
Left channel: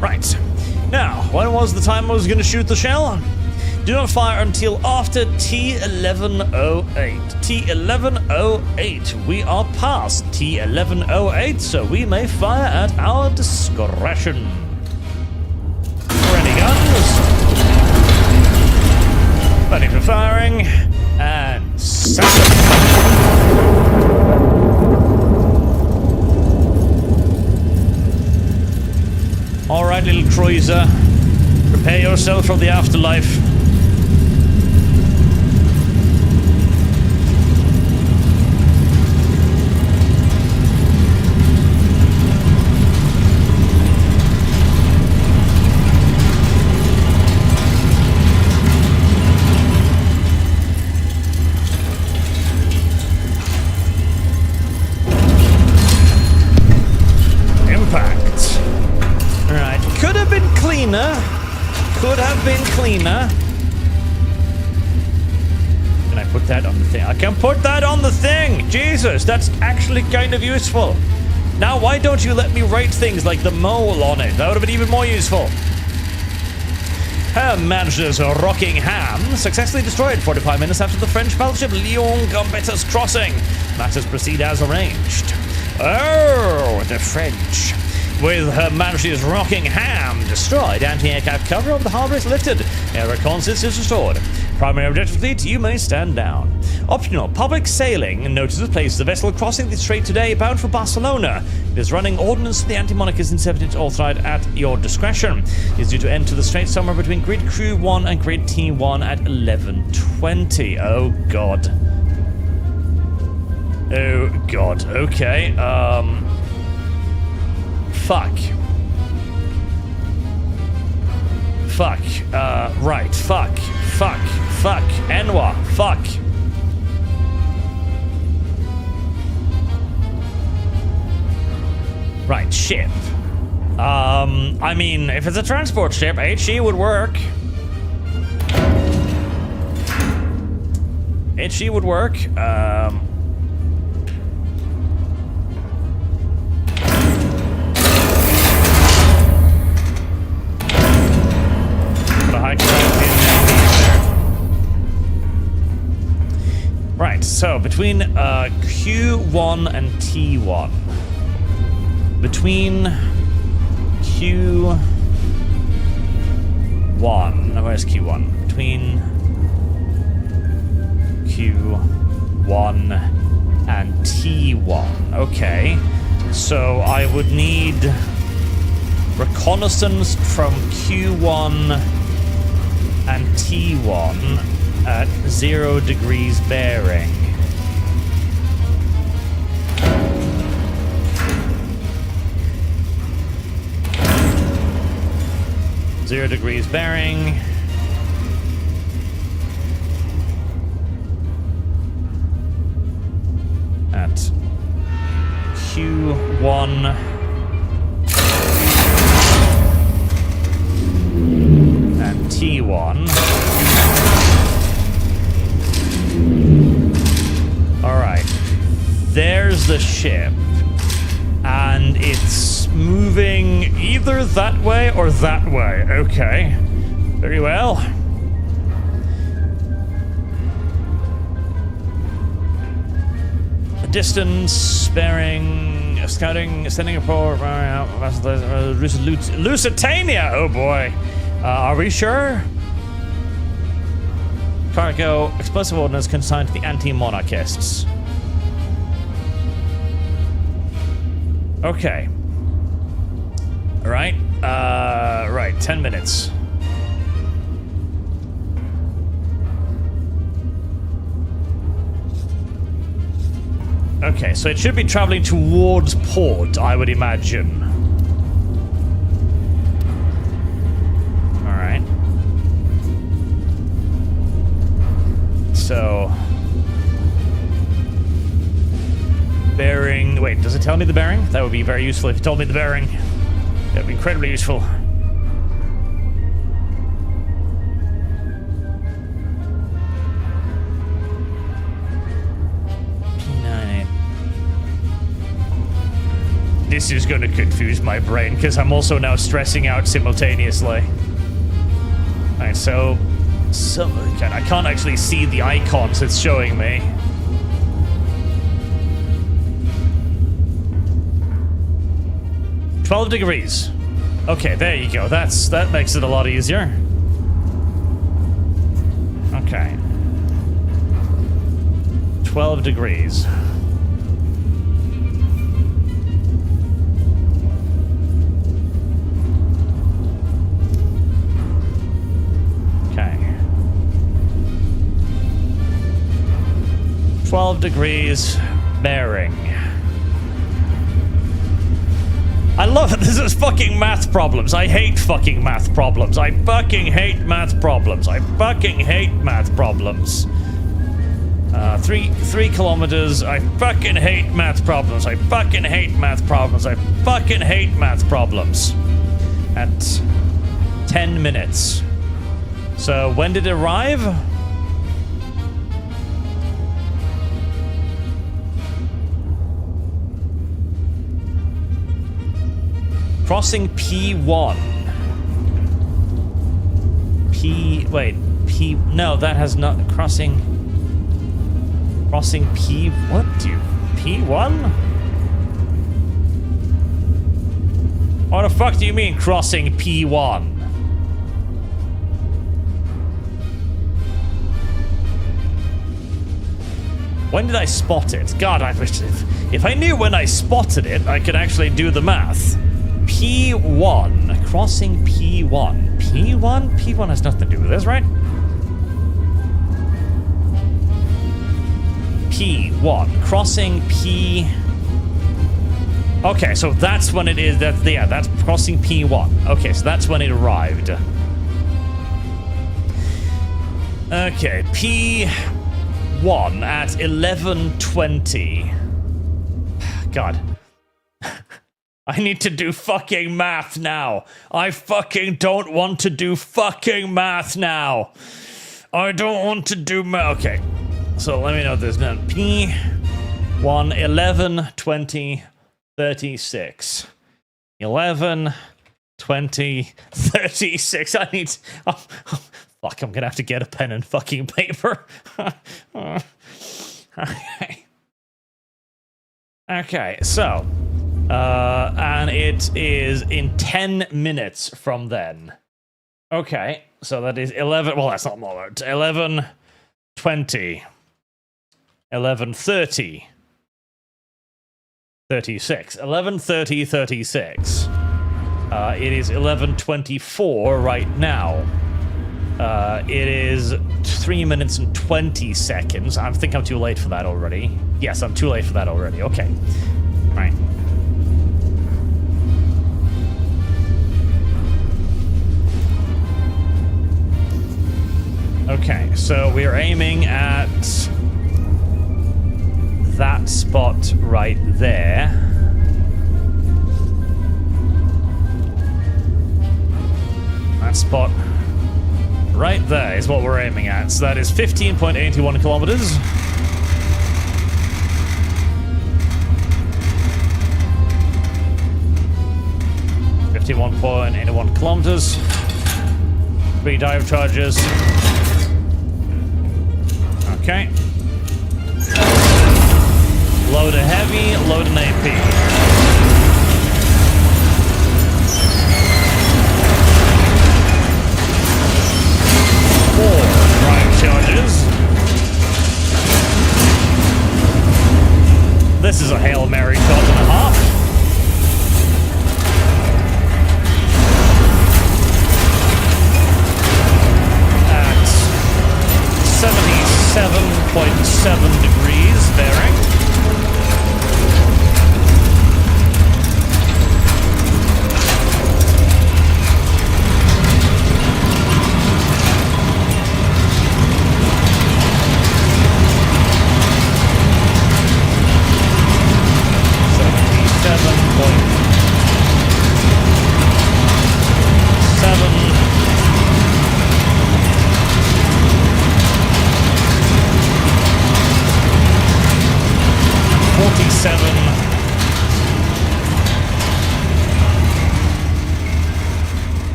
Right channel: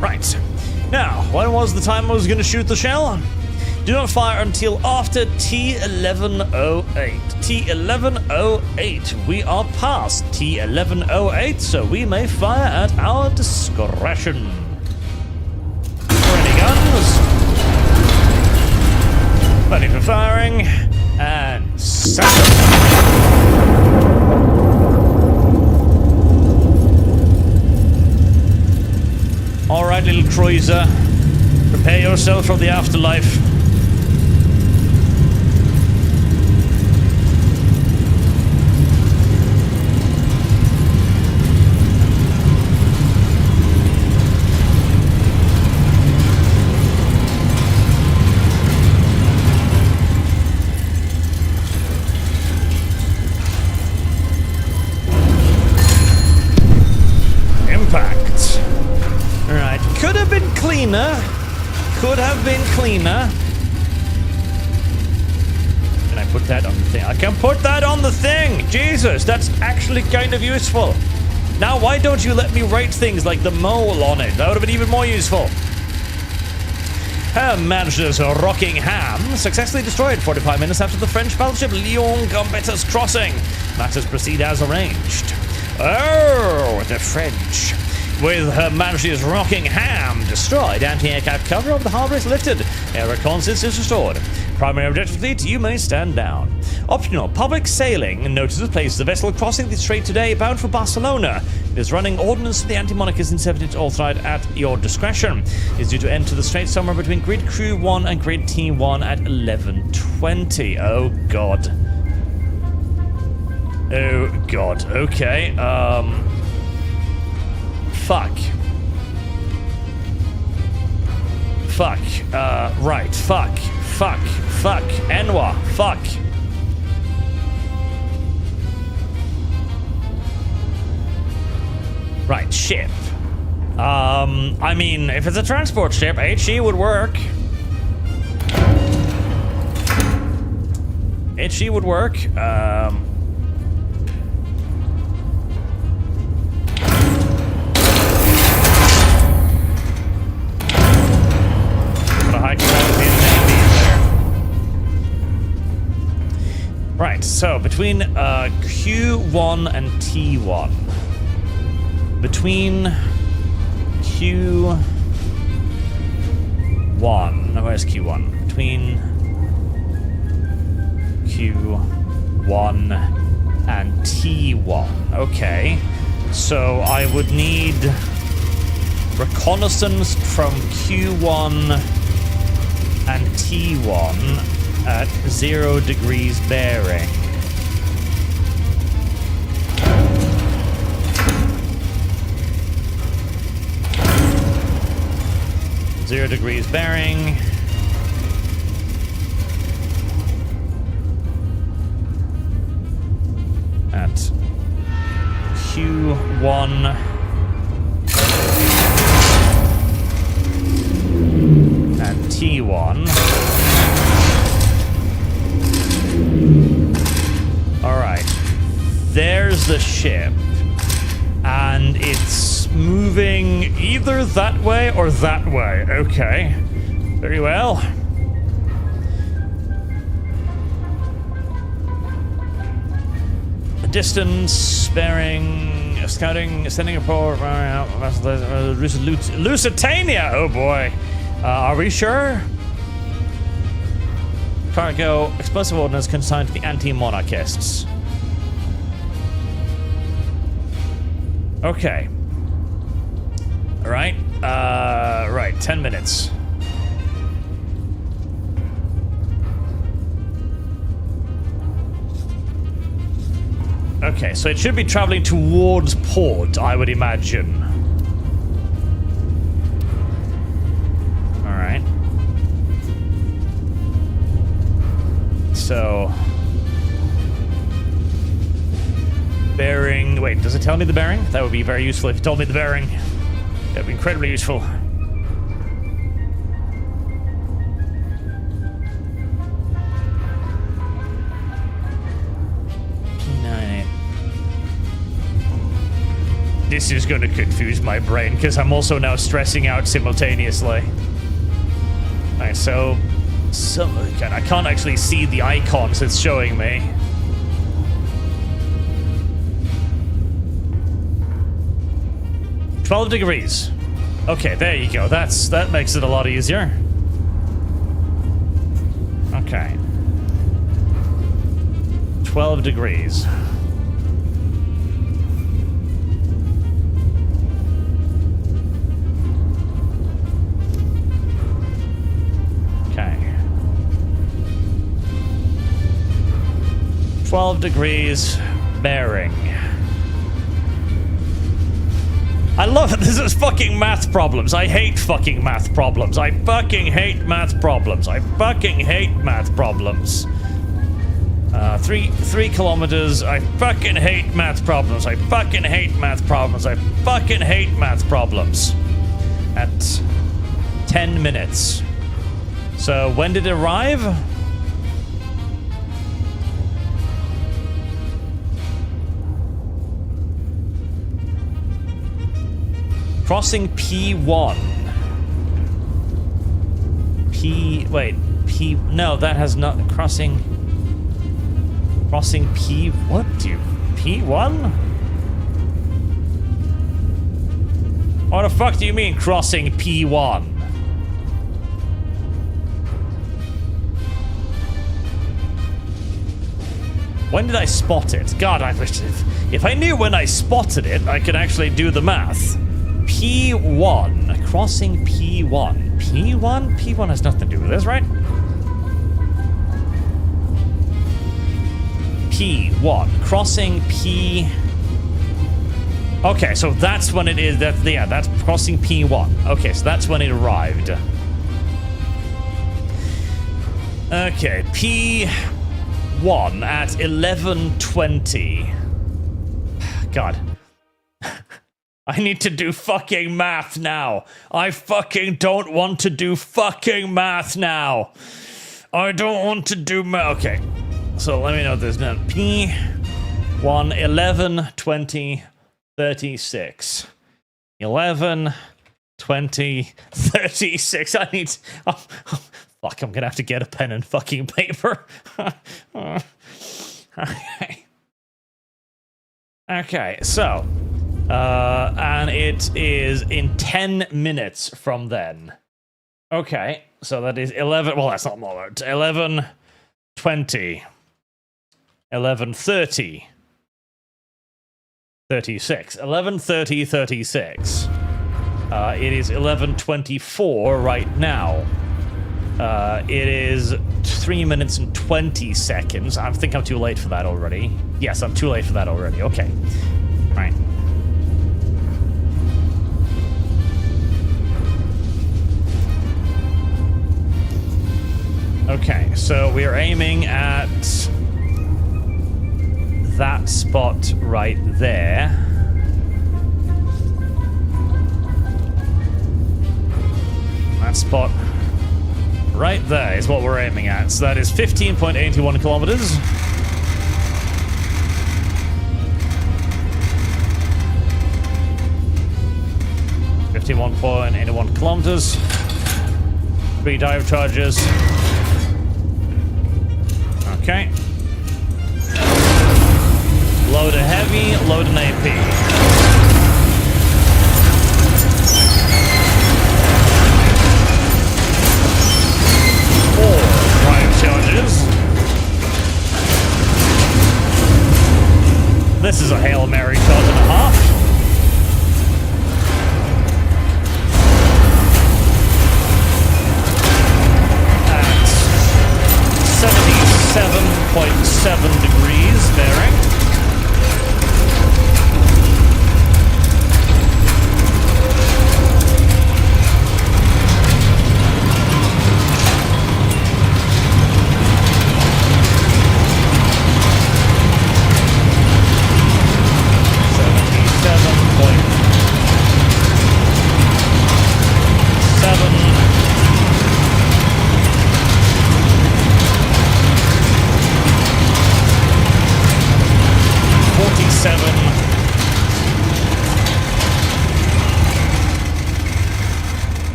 Right. Now, when was the time I was going to shoot the shell? Do not fire until after T1108. T1108. We are past T1108, so we may fire at our discretion. Ready guns. Ready for firing. And set them. Alright, little cruiser. Prepare yourself for the afterlife. Impact. Alright, could have been cleaner. Could have been cleaner. Can I put that on the thing? I can put that on the thing! Jesus, that's actually kind of useful. Now, why don't you let me write things like the mole on it? That would have been even more useful. Her Majesty's Rockingham successfully destroyed 45 minutes after the French battleship Lyon Gambettas crossing. Matters proceed as arranged. Oh, the French. With Her Majesty's Rockingham destroyed, anti-aircraft cover of the harbour is lifted. Air reconnaissance is restored. Primary objective fleet, you may stand down. Optional, public sailing notices placed the vessel crossing the strait today bound for Barcelona. It is running ordnance to the anti-monarchist in 17th authorized at your discretion. It is due to enter the strait somewhere between Grid Crew 1 and Grid T1 at 11:20. Oh god. Oh god, okay, Fuck. Fuck. Right. Fuck. Fuck. Fuck. Enwa. Fuck. Right. Ship. I mean, if it's a transport ship, HE would work. HE would work. High capacity there. Right, so between Q1 and T1. Between Q1. No, where's Q1? Between Q1 and T1. Okay. So I would need reconnaissance from Q1 and T1 at 0 degrees bearing. Zero degrees bearing. At Q1 and T1. Alright. There's the ship. And it's moving either that way or that way. Okay. Very well. Distance, bearing, scouting, sending a report, Lusitania! Oh boy. Are we sure? Cargo, explosive ordnance consigned to the anti-monarchists. Okay. Alright. Right, 10 minutes. Okay, so it should be traveling towards port, I would imagine. Alright. So... bearing... Wait, does it tell me the bearing? That would be very useful if it told me the bearing. That would be incredibly useful. P98. This is going to confuse my brain because I'm also now stressing out simultaneously. Alright, so... I can't actually see the icons it's showing me. $12 degrees. Okay, there you go. That makes it a lot easier. Okay. 12 degrees. Okay. 12 degrees bearing. I love it. This is fucking math problems. I hate fucking math problems. I fucking hate math problems. I fucking hate math problems. 3 kilometers. I fucking hate math problems. I fucking hate math problems. I fucking hate math problems. At 10 minutes. So when did it arrive? Crossing P1. No, that has not... Crossing P... What do you... P1? What the fuck do you mean, crossing P1? When did I spot it? God, I wish... If I knew when I spotted it, I could actually do the math. P1. Crossing P1. P1? P1 has nothing to do with this, right? P1. Crossing P... Okay, so that's when it is. That's crossing P1. Okay, so that's when it arrived. Okay, P1 at 11:20. God. I need to do fucking math now. I fucking don't want to do fucking math now. I don't want to do math. Okay. So let me know this now. P1, 11, 20, 36. 11, 20, 36. I need... Oh, fuck, I'm gonna have to get a pen and fucking paper. Okay. Okay, so... and it is in 10 minutes from then. Okay, so that is 11... Well, that's not more. 11, 20, 11:30, 36. 11:30, 36. It is 11:24 right now. It is 3 minutes and 20 seconds. I think I'm too late for that already. Yes, I'm too late for that already. Okay. Right. Okay, so we are aiming at that spot right there. That spot right there is what we're aiming at. So that is 15.81 kilometers. .81 kilometers. 3 dive charges. Okay. Load a heavy, load an AP. 4 drive charges. This is a Hail Mary shot and a half. At 77.7 degrees bearing.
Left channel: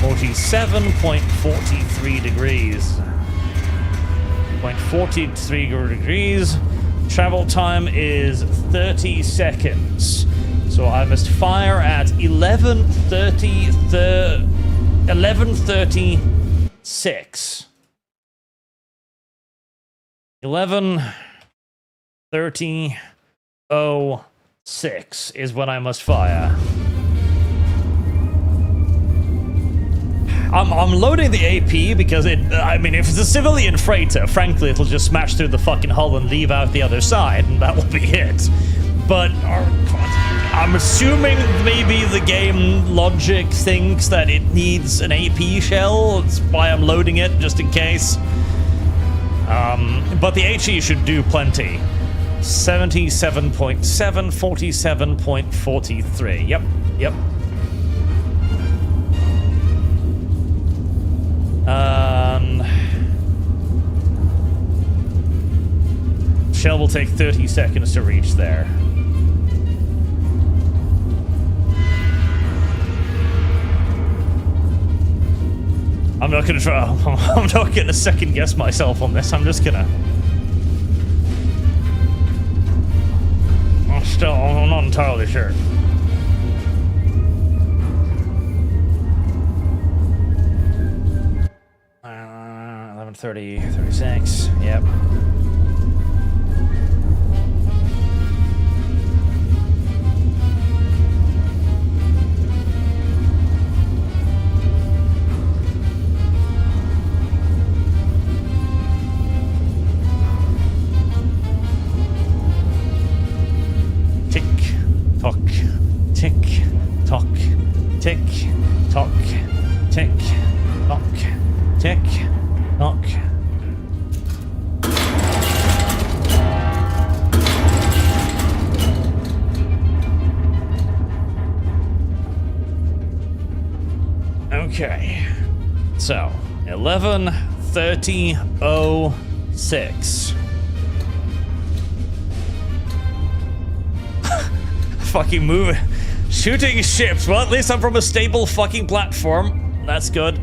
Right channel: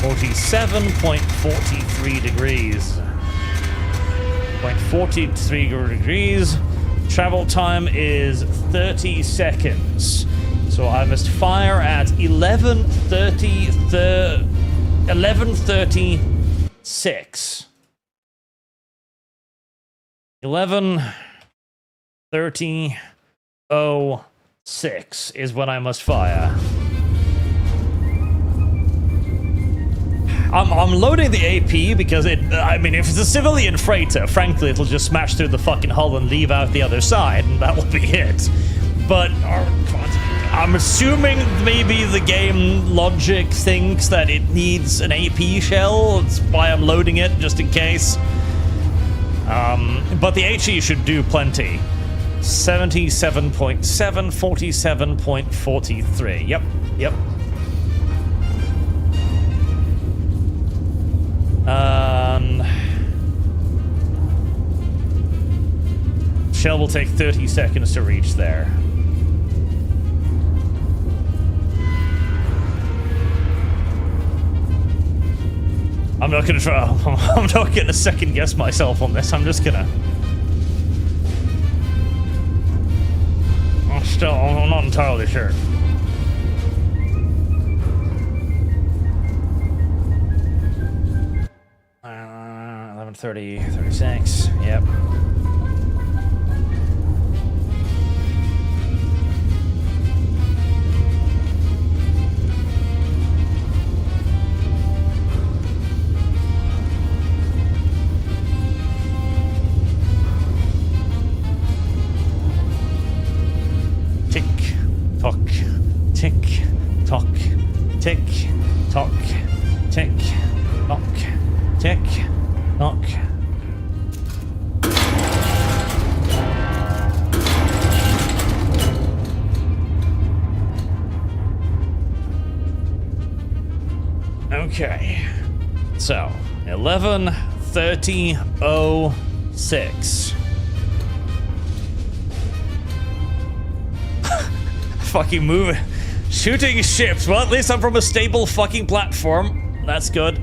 47.43 degrees. 0.43 degrees. Travel time is 30 seconds. So I must fire at 11:36. 11:30:06 is when I must fire. I'm loading the AP because I mean, if it's a civilian freighter, frankly, it'll just smash through the fucking hull and leave out the other side, and that will be it. But I'm assuming maybe the game logic thinks that it needs an AP shell. That's why I'm loading it, just in case. But the HE should do plenty. 77.7, 47.43. Yep. Shell will take 30 seconds to reach there. I'm not gonna try. I'm not gonna second guess myself on this. I'm just gonna. I'm not entirely sure. Uh, 11:30, 36. Yep. Tick tock, tick tock, tick tock, tick tock, tick tock. Okay, so 11:30:06. Fucking move, shooting ships. Well, at least I'm from a stable fucking platform. That's good.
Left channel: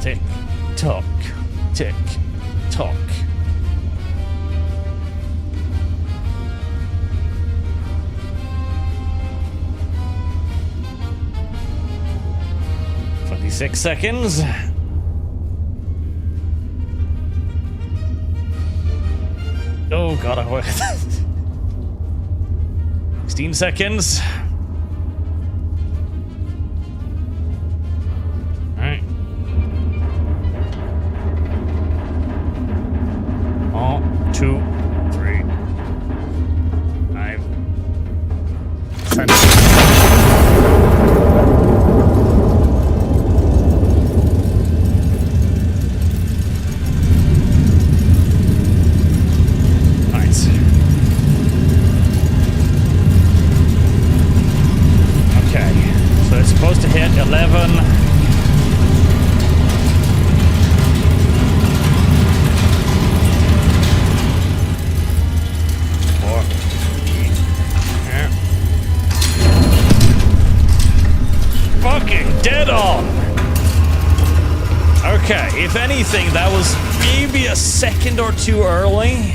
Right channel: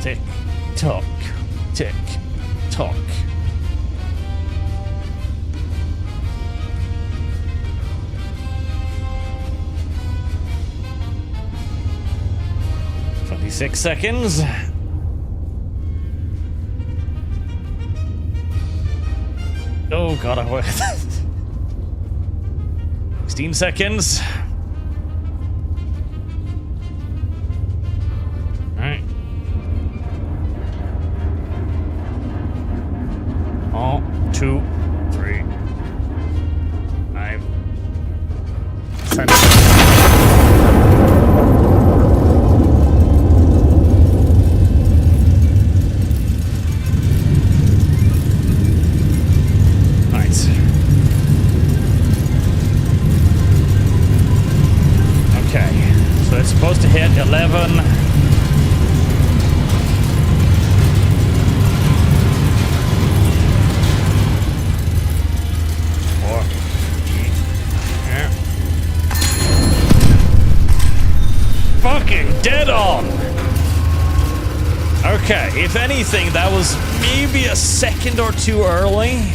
Tick tock, tick tock. "26 seconds. Oh god, I work. 16 seconds. Alright. Oh, 2, 3, 5, 10. It's supposed to hit 11. Yeah. Fucking dead on. Okay, if anything, that was maybe a second or two early.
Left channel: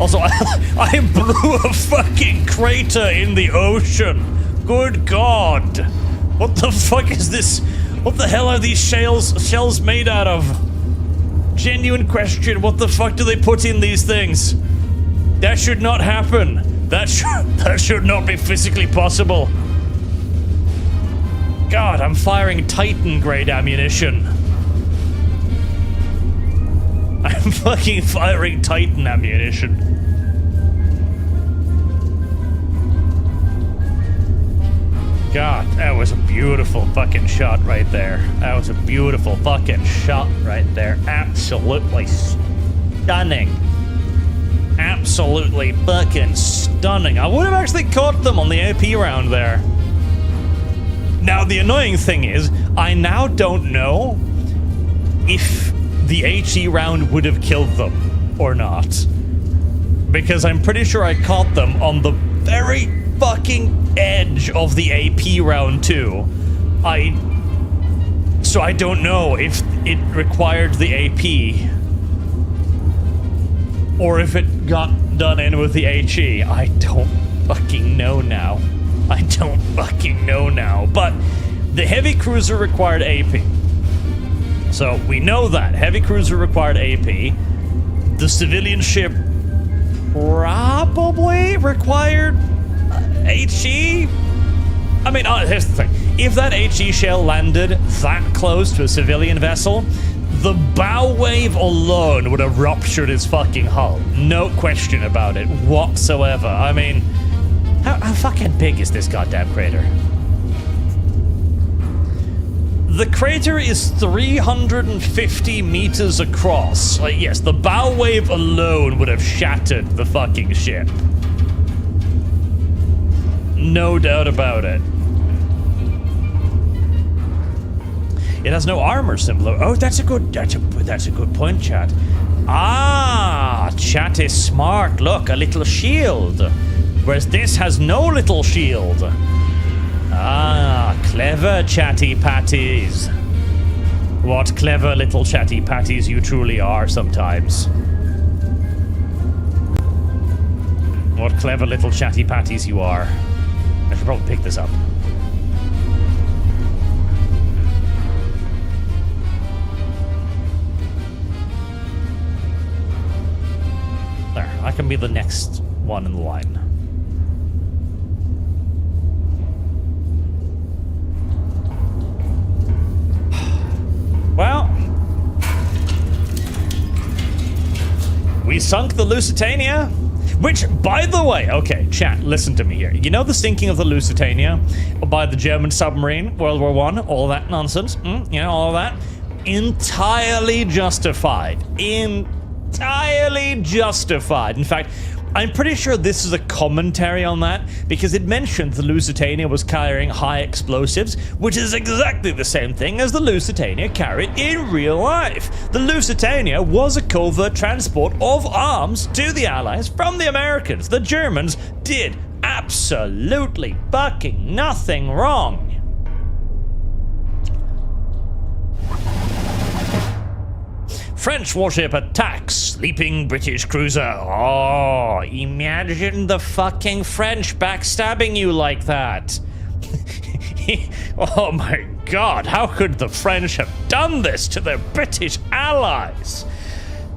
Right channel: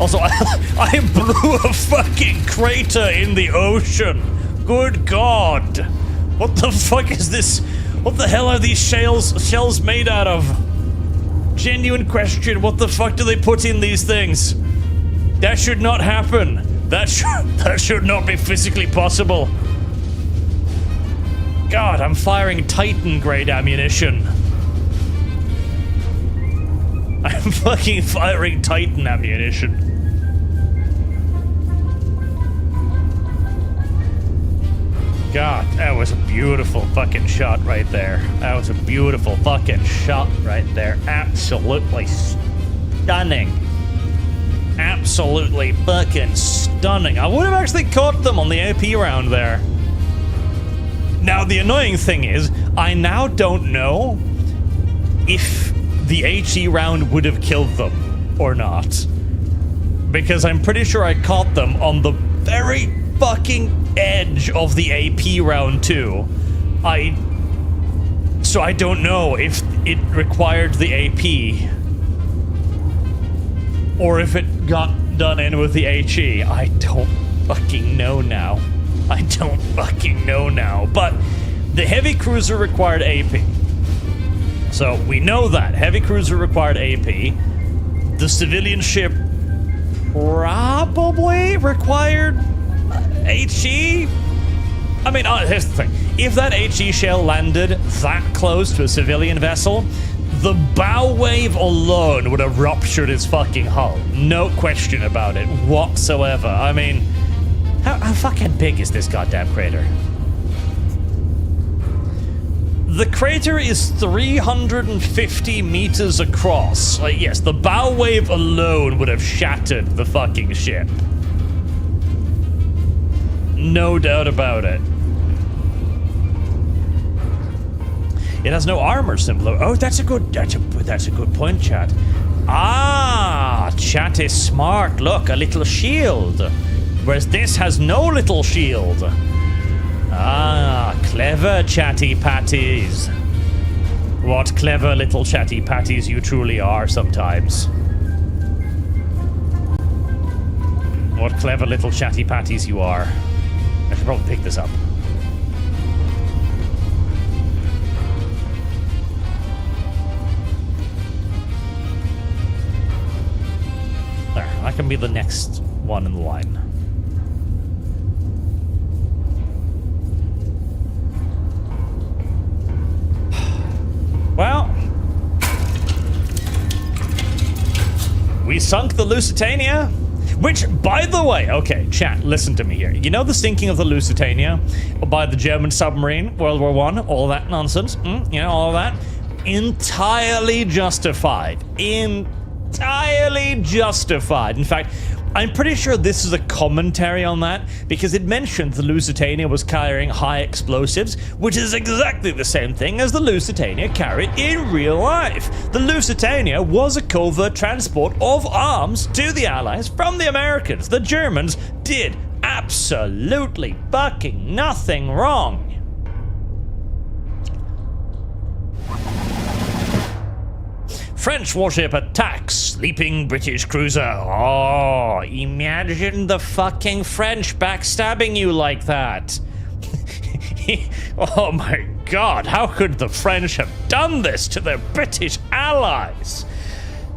Also, I blew a fucking crater in the ocean. Good God! What the fuck is this? What the hell are these shells made out of? Genuine question, what the fuck do they put in these things? That should not happen. That should not be physically possible. God, I'm firing Titan grade ammunition. I'm fucking firing Titan ammunition. God, that was a beautiful fucking shot right there. That was a beautiful fucking shot right there. Absolutely stunning. Absolutely fucking stunning. I would have actually caught them on the AP round there. Now, the annoying thing is, I now don't know if the HE round would have killed them or not. Because I'm pretty sure I caught them on the very fucking edge of the AP round too. So I don't know if it required the AP or if it got done in with the HE. I don't fucking know now. I don't fucking know now. But the heavy cruiser required AP. So we know that. Heavy cruiser required AP. The civilian ship probably required HE? I mean, here's the thing. If that HE shell landed that close to a civilian vessel, the bow wave alone would have ruptured his fucking hull. No question about it whatsoever. I mean, how fucking big is this goddamn crater? The crater is 350 meters across. Like, yes, the bow wave alone would have shattered the fucking ship. No doubt about it. It has no armor symbol. Oh, that's a good point, chat. Ah, chat is smart. Look, a little shield. Whereas this has no little shield. Ah, clever chatty patties. What clever little chatty patties you truly are sometimes. What clever little chatty patties you are. I should probably pick this up. There, I can be the next one in the line. Well, we sunk the Lusitania, which, by the way, okay, chat, listen to me here. You know the sinking of the Lusitania by the German submarine, World War I, all that nonsense, you know, all that? Entirely justified. Entirely justified. In fact, I'm pretty sure this is a commentary on that, because it mentioned the Lusitania was carrying high explosives, which is exactly the same thing as the Lusitania carried in real life. The Lusitania was a covert transport of arms to the Allies from the Americans. The Germans did absolutely fucking nothing wrong. French warship attacks sleeping British cruiser. Oh, imagine the fucking French backstabbing you like that. Oh my god, how could the French have done this to their British allies?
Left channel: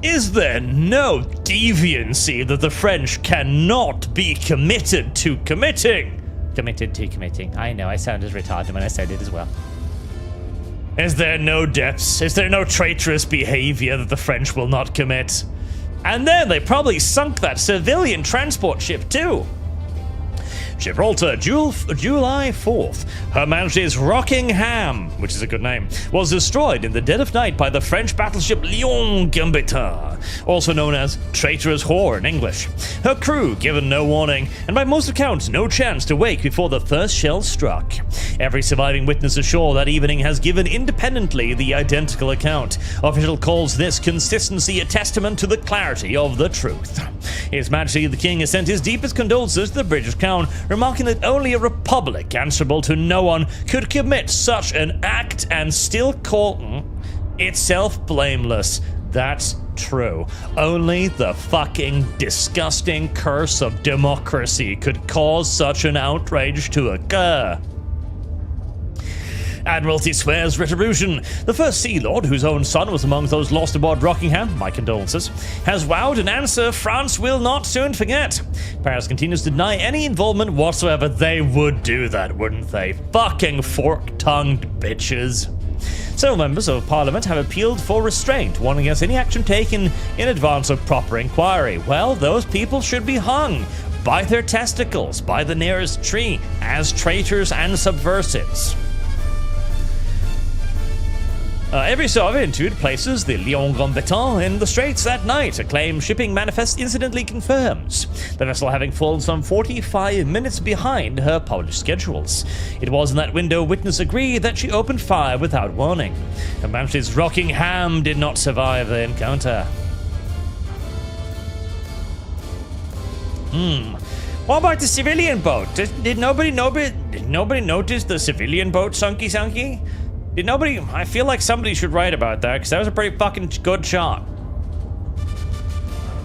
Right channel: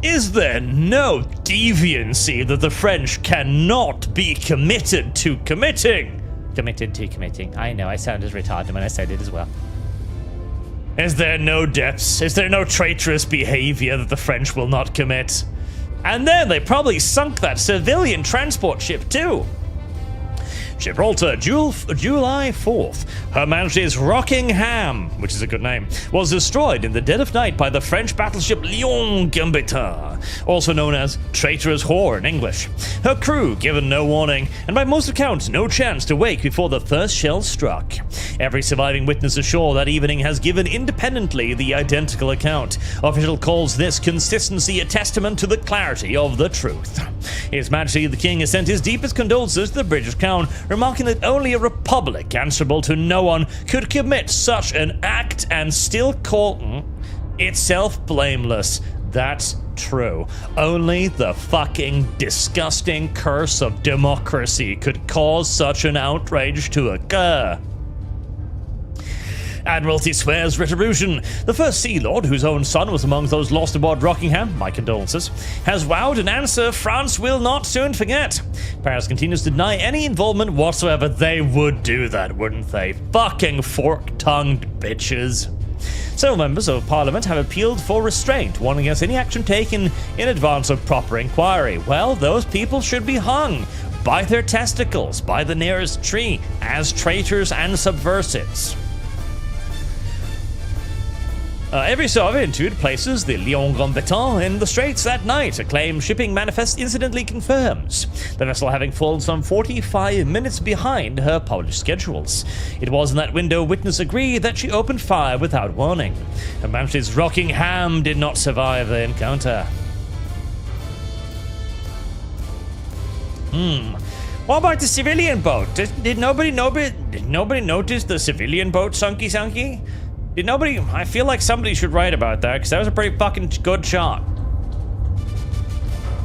Is there no deviancy that the French cannot be committed to committing? Committed to committing. I know, I sounded retarded when I said it as well. Is there no depths? Is there no traitorous behavior that the French will not commit? And then they probably sunk that civilian transport ship too. Gibraltar, July 4th. Her Majesty's Rockingham, which is a good name, was destroyed in the dead of night by the French battleship Lion Gambetta, also known as Traitorous Whore in English. Her crew given no warning, and by most accounts no chance to wake before the first shell struck. Every surviving witness ashore that evening has given independently the identical account. Official calls this consistency a testament to the clarity of the truth. His Majesty the King has sent his deepest condolences to the British Crown, remarking that only a republic answerable to no one could commit such an act and still call itself blameless. That's true. Only the fucking disgusting curse of democracy could cause such an outrage to occur. Admiralty swears retribution. The first Sea Lord, whose own son was among those lost aboard Rockingham, my condolences, has vowed an answer France will not soon forget. Paris continues to deny any involvement whatsoever. They would do that, wouldn't they? Fucking fork-tongued bitches. Several members of Parliament have appealed for restraint, warning against any action taken in advance of proper inquiry. Well, those people should be hung by their testicles, by the nearest tree, as traitors and subversives. Every so often, it places the Lion Grand Baton in the straits that night. A claim shipping manifest incidentally confirms. The vessel having fallen some 45 minutes behind her published schedules. It was in that window witness agreed that she opened fire without warning. Her Majesty's Rockingham did not survive the encounter. What about the civilian boat? Did nobody notice the civilian boat sunky? Did nobody? I feel like somebody should write about that, because that was a pretty fucking good shot.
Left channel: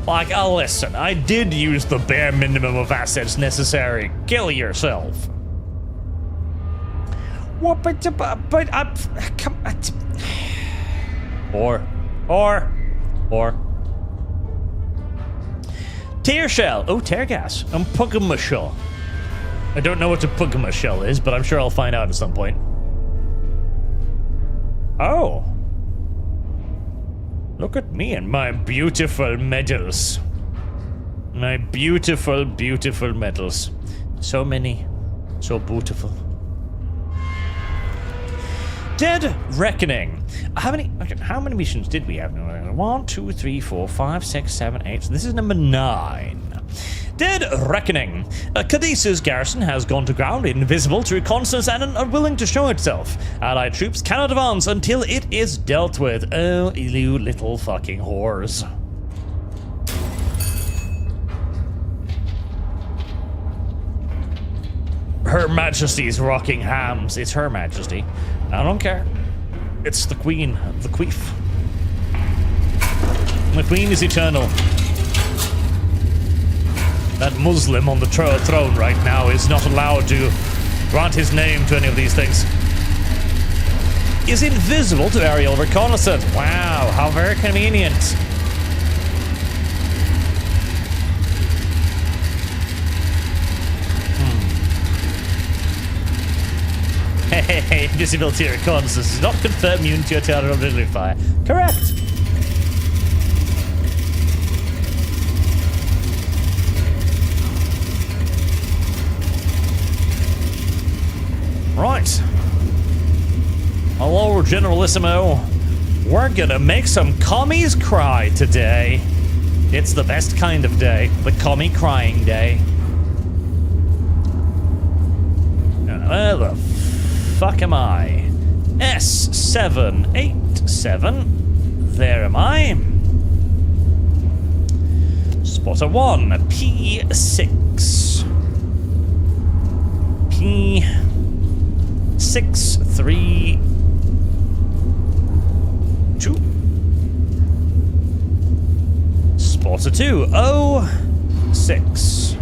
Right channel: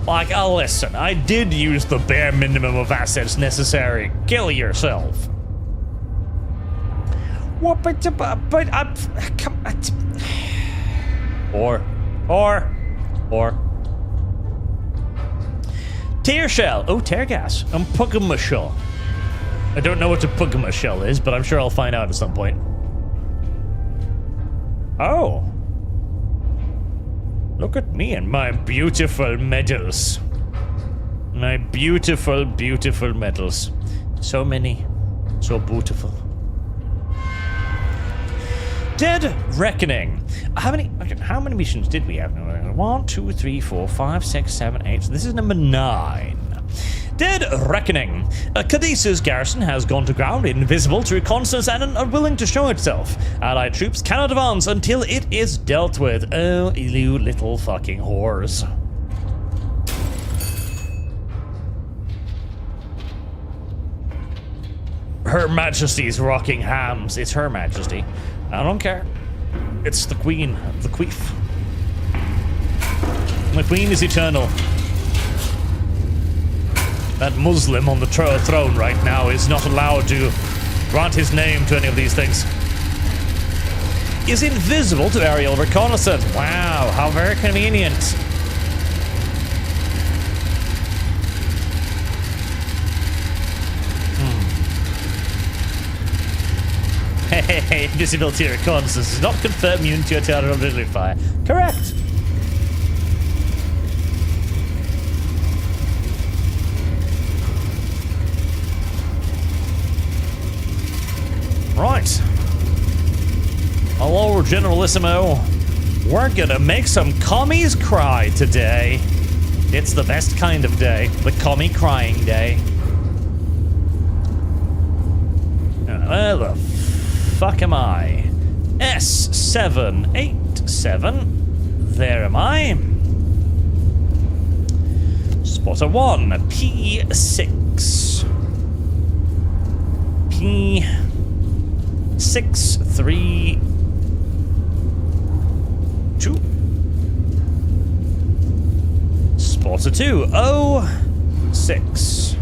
Like, listen, I did use the bare minimum of assets necessary. Kill yourself. What? But come. Or. Tear shell. Oh, tear gas. And Pugma shell. I don't know what a Pugma shell is, but I'm sure I'll find out at some point. Oh. Look at me and my beautiful medals. My beautiful, beautiful medals. So many. So beautiful. Dead Reckoning. How many missions did we have? 1, 2, 3, 4, 5, 6, 7, 8. So this is number 9. Dead Reckoning. Cadiz's garrison has gone to ground, invisible to reconnaissance and unwilling to show itself. Allied troops cannot advance until it is dealt with. Oh, you little fucking whores. Her Majesty's Rockinghams. It's Her Majesty. I don't care. It's the Queen, the Queef. The Queen is eternal. That Muslim on the throne right now is not allowed to grant his name to any of these things. Is invisible to aerial reconnaissance. Wow, how very convenient. Hey, invisibility reconnaissance does not confirm immunity to artillery fire. Correct. Right. Hello, Generalissimo. We're gonna make some commies cry today. It's the best kind of day. The commie crying day. Where the fuck am I? S787. There am I. Spotter 1. P6. P632. Spotter 2. 06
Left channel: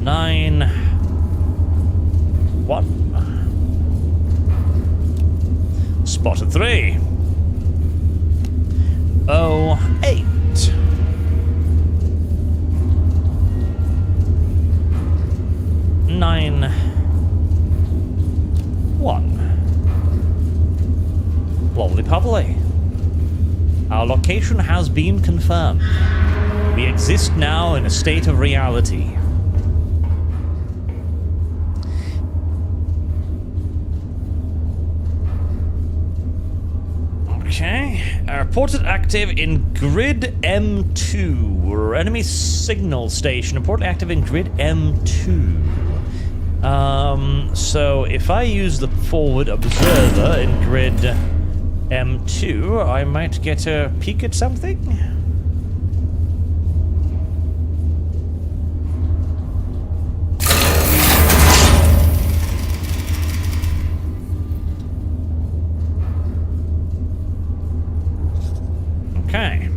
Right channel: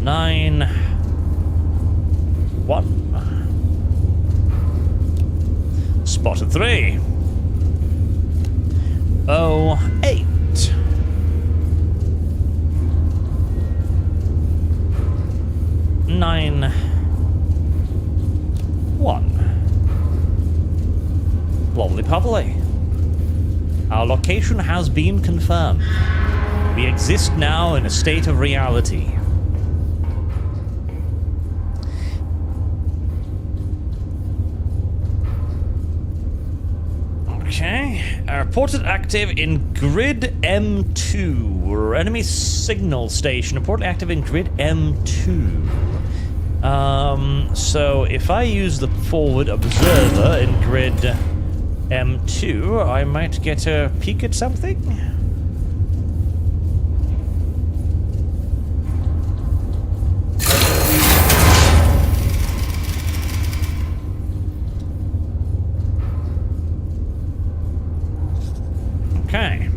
9 1. Spotter 3. 08 9 1. Lovely pubbly. Our location has been confirmed. We exist now in a state of reality. Okay. Reported active in grid M2. Enemy signal station. Reported active in grid M2. So if I use the forward observer in grid M2, I might get a peek at something. Okay.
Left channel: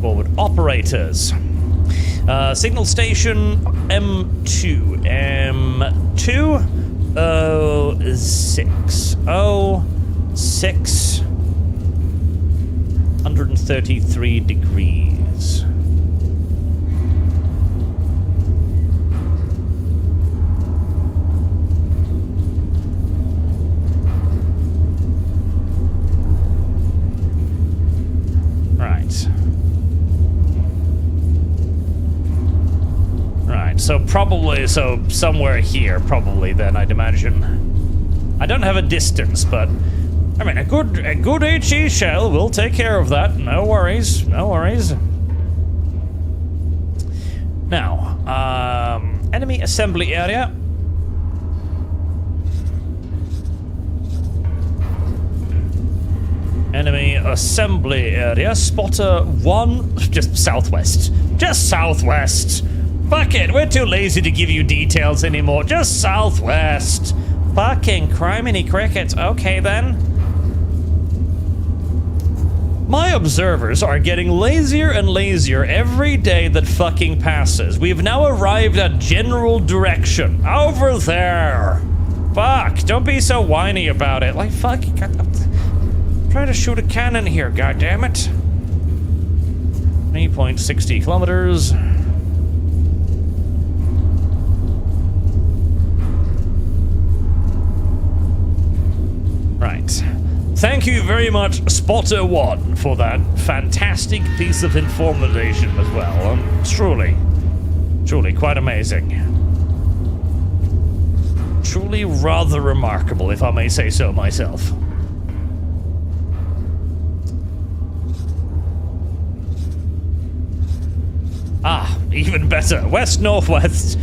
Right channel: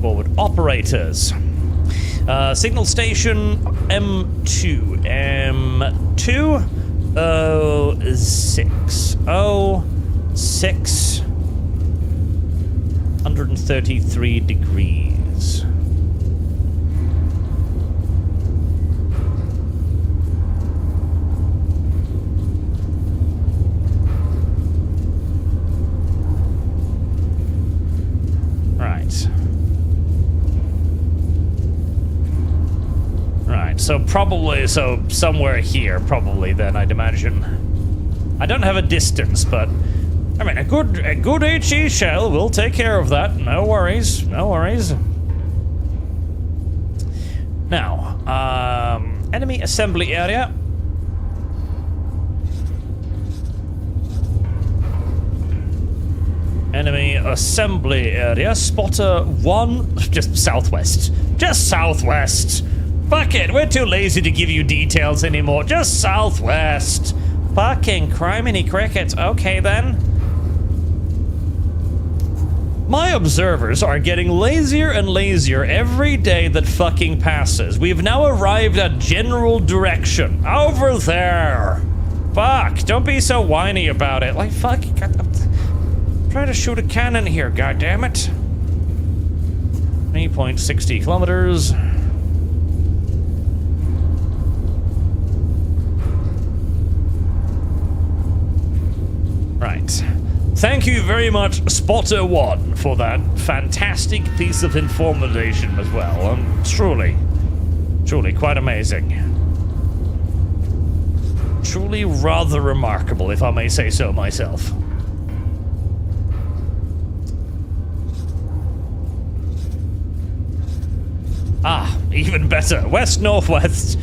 Forward operators. Signal station M2. M2 06 133 degrees. Right, so probably, somewhere here, probably then, I'd imagine. I don't have a distance, but I mean, a good HE shell will take care of that. No worries, no worries. Now, enemy assembly area. Enemy assembly area. Spotter 1, just southwest. Just southwest. Fuck it, we're too lazy to give you details anymore. Just southwest. Fucking criminy crickets. Okay then. My observers are getting lazier and lazier every day that fucking passes. We've now arrived at general direction. Over there. Fuck, don't be so whiny about it. Like, fuck, I'm trying to shoot a cannon here, goddammit. 3.60 kilometers. Right. Thank you very much, Spotter 1, for that fantastic piece of information as well. Truly quite amazing. Truly rather remarkable, if I may say so myself. Ah, even better. West-northwest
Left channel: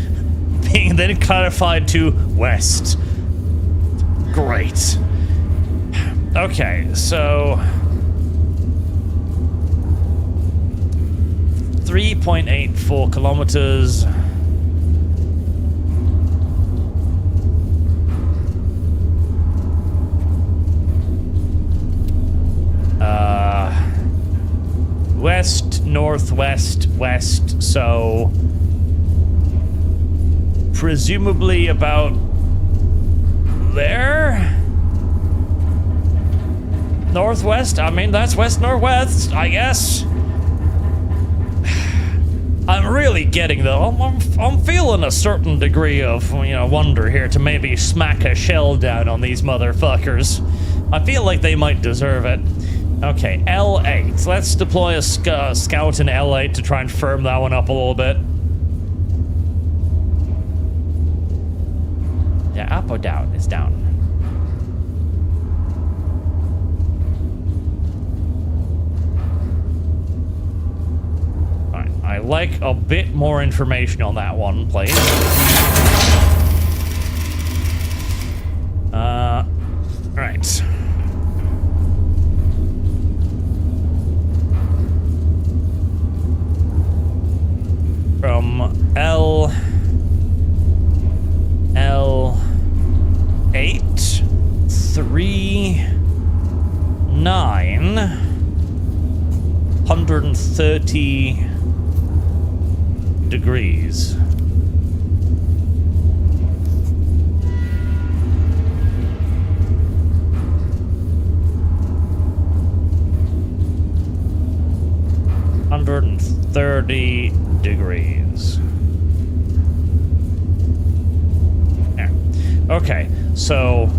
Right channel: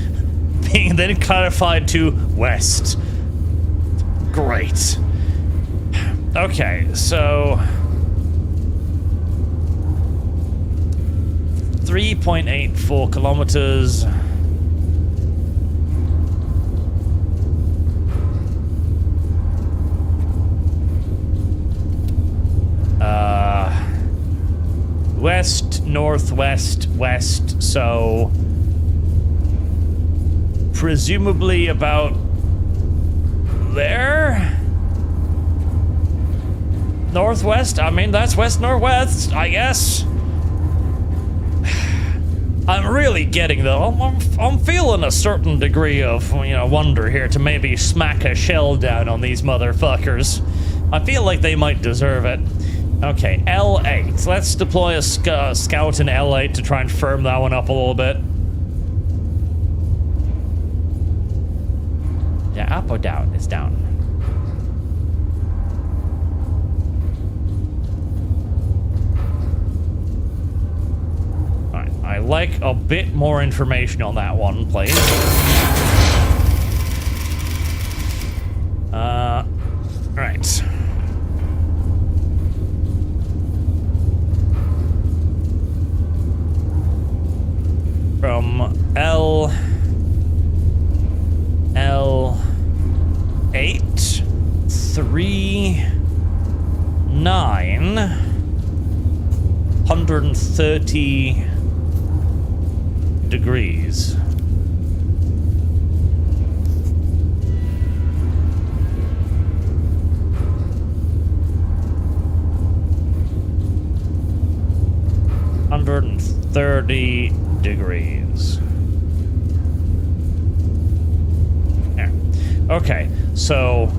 being then clarified to west. Great. Okay, so 3.84 kilometers. West, northwest, west, so presumably about there? Northwest? I mean, that's west-northwest, I guess. I'm really getting, though, I'm feeling a certain degree of, wonder here to maybe smack a shell down on these motherfuckers. I feel like they might deserve it. Okay, L8. Let's deploy a scout in L8 to try and firm that one up a little bit. Yeah, up or down? It's down. Alright, I like a bit more information on that one, please. Right. From L8, 3, 9, 130 degrees. $130 degrees. Yeah. Okay, so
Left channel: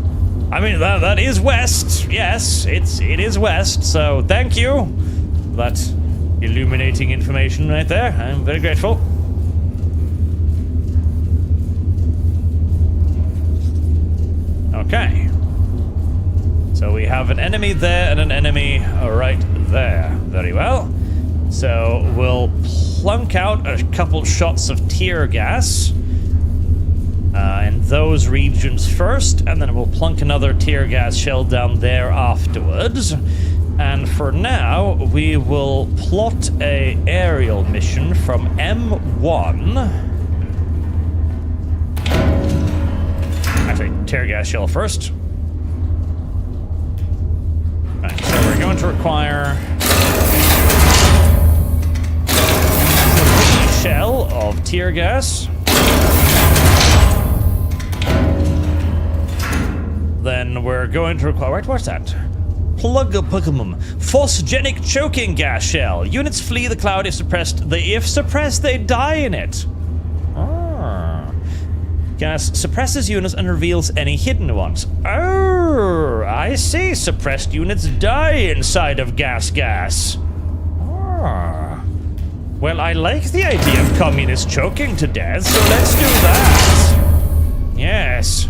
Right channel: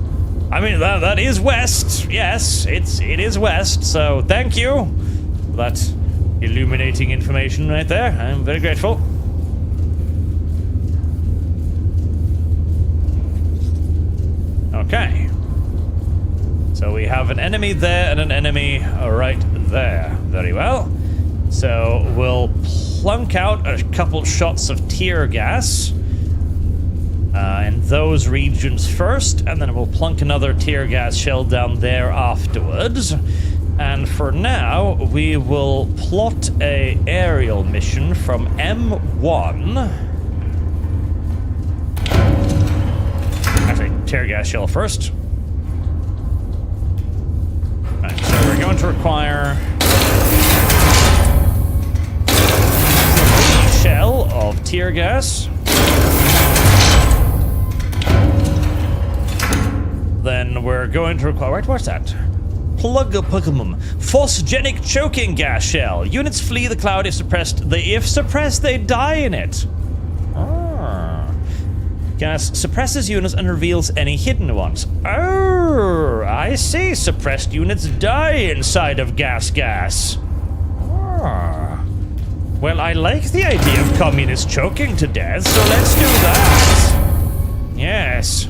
I mean that is west. Yes, it is west. So thank you for that illuminating information right there. I'm very grateful. Okay. So we have an enemy there and an enemy right there. Very well. So we'll plunk out a couple shots of tear gas in those regions first, and then we'll plunk another tear gas shell down there afterwards. And for now, we will plot a aerial mission from M1. Actually, tear gas shell first. Right, so we're going to require shell of tear gas. Then we're going to require... Right, what's that? Plug a Pokemon. Phosgenic choking gas shell. Units flee the cloud if suppressed. If suppressed, they die in it. Ah. Gas suppresses units and reveals any hidden ones. Oh, I see. Suppressed units die inside of gas. Ah. Well, I like the idea of communists choking to death, so let's do that. Yes.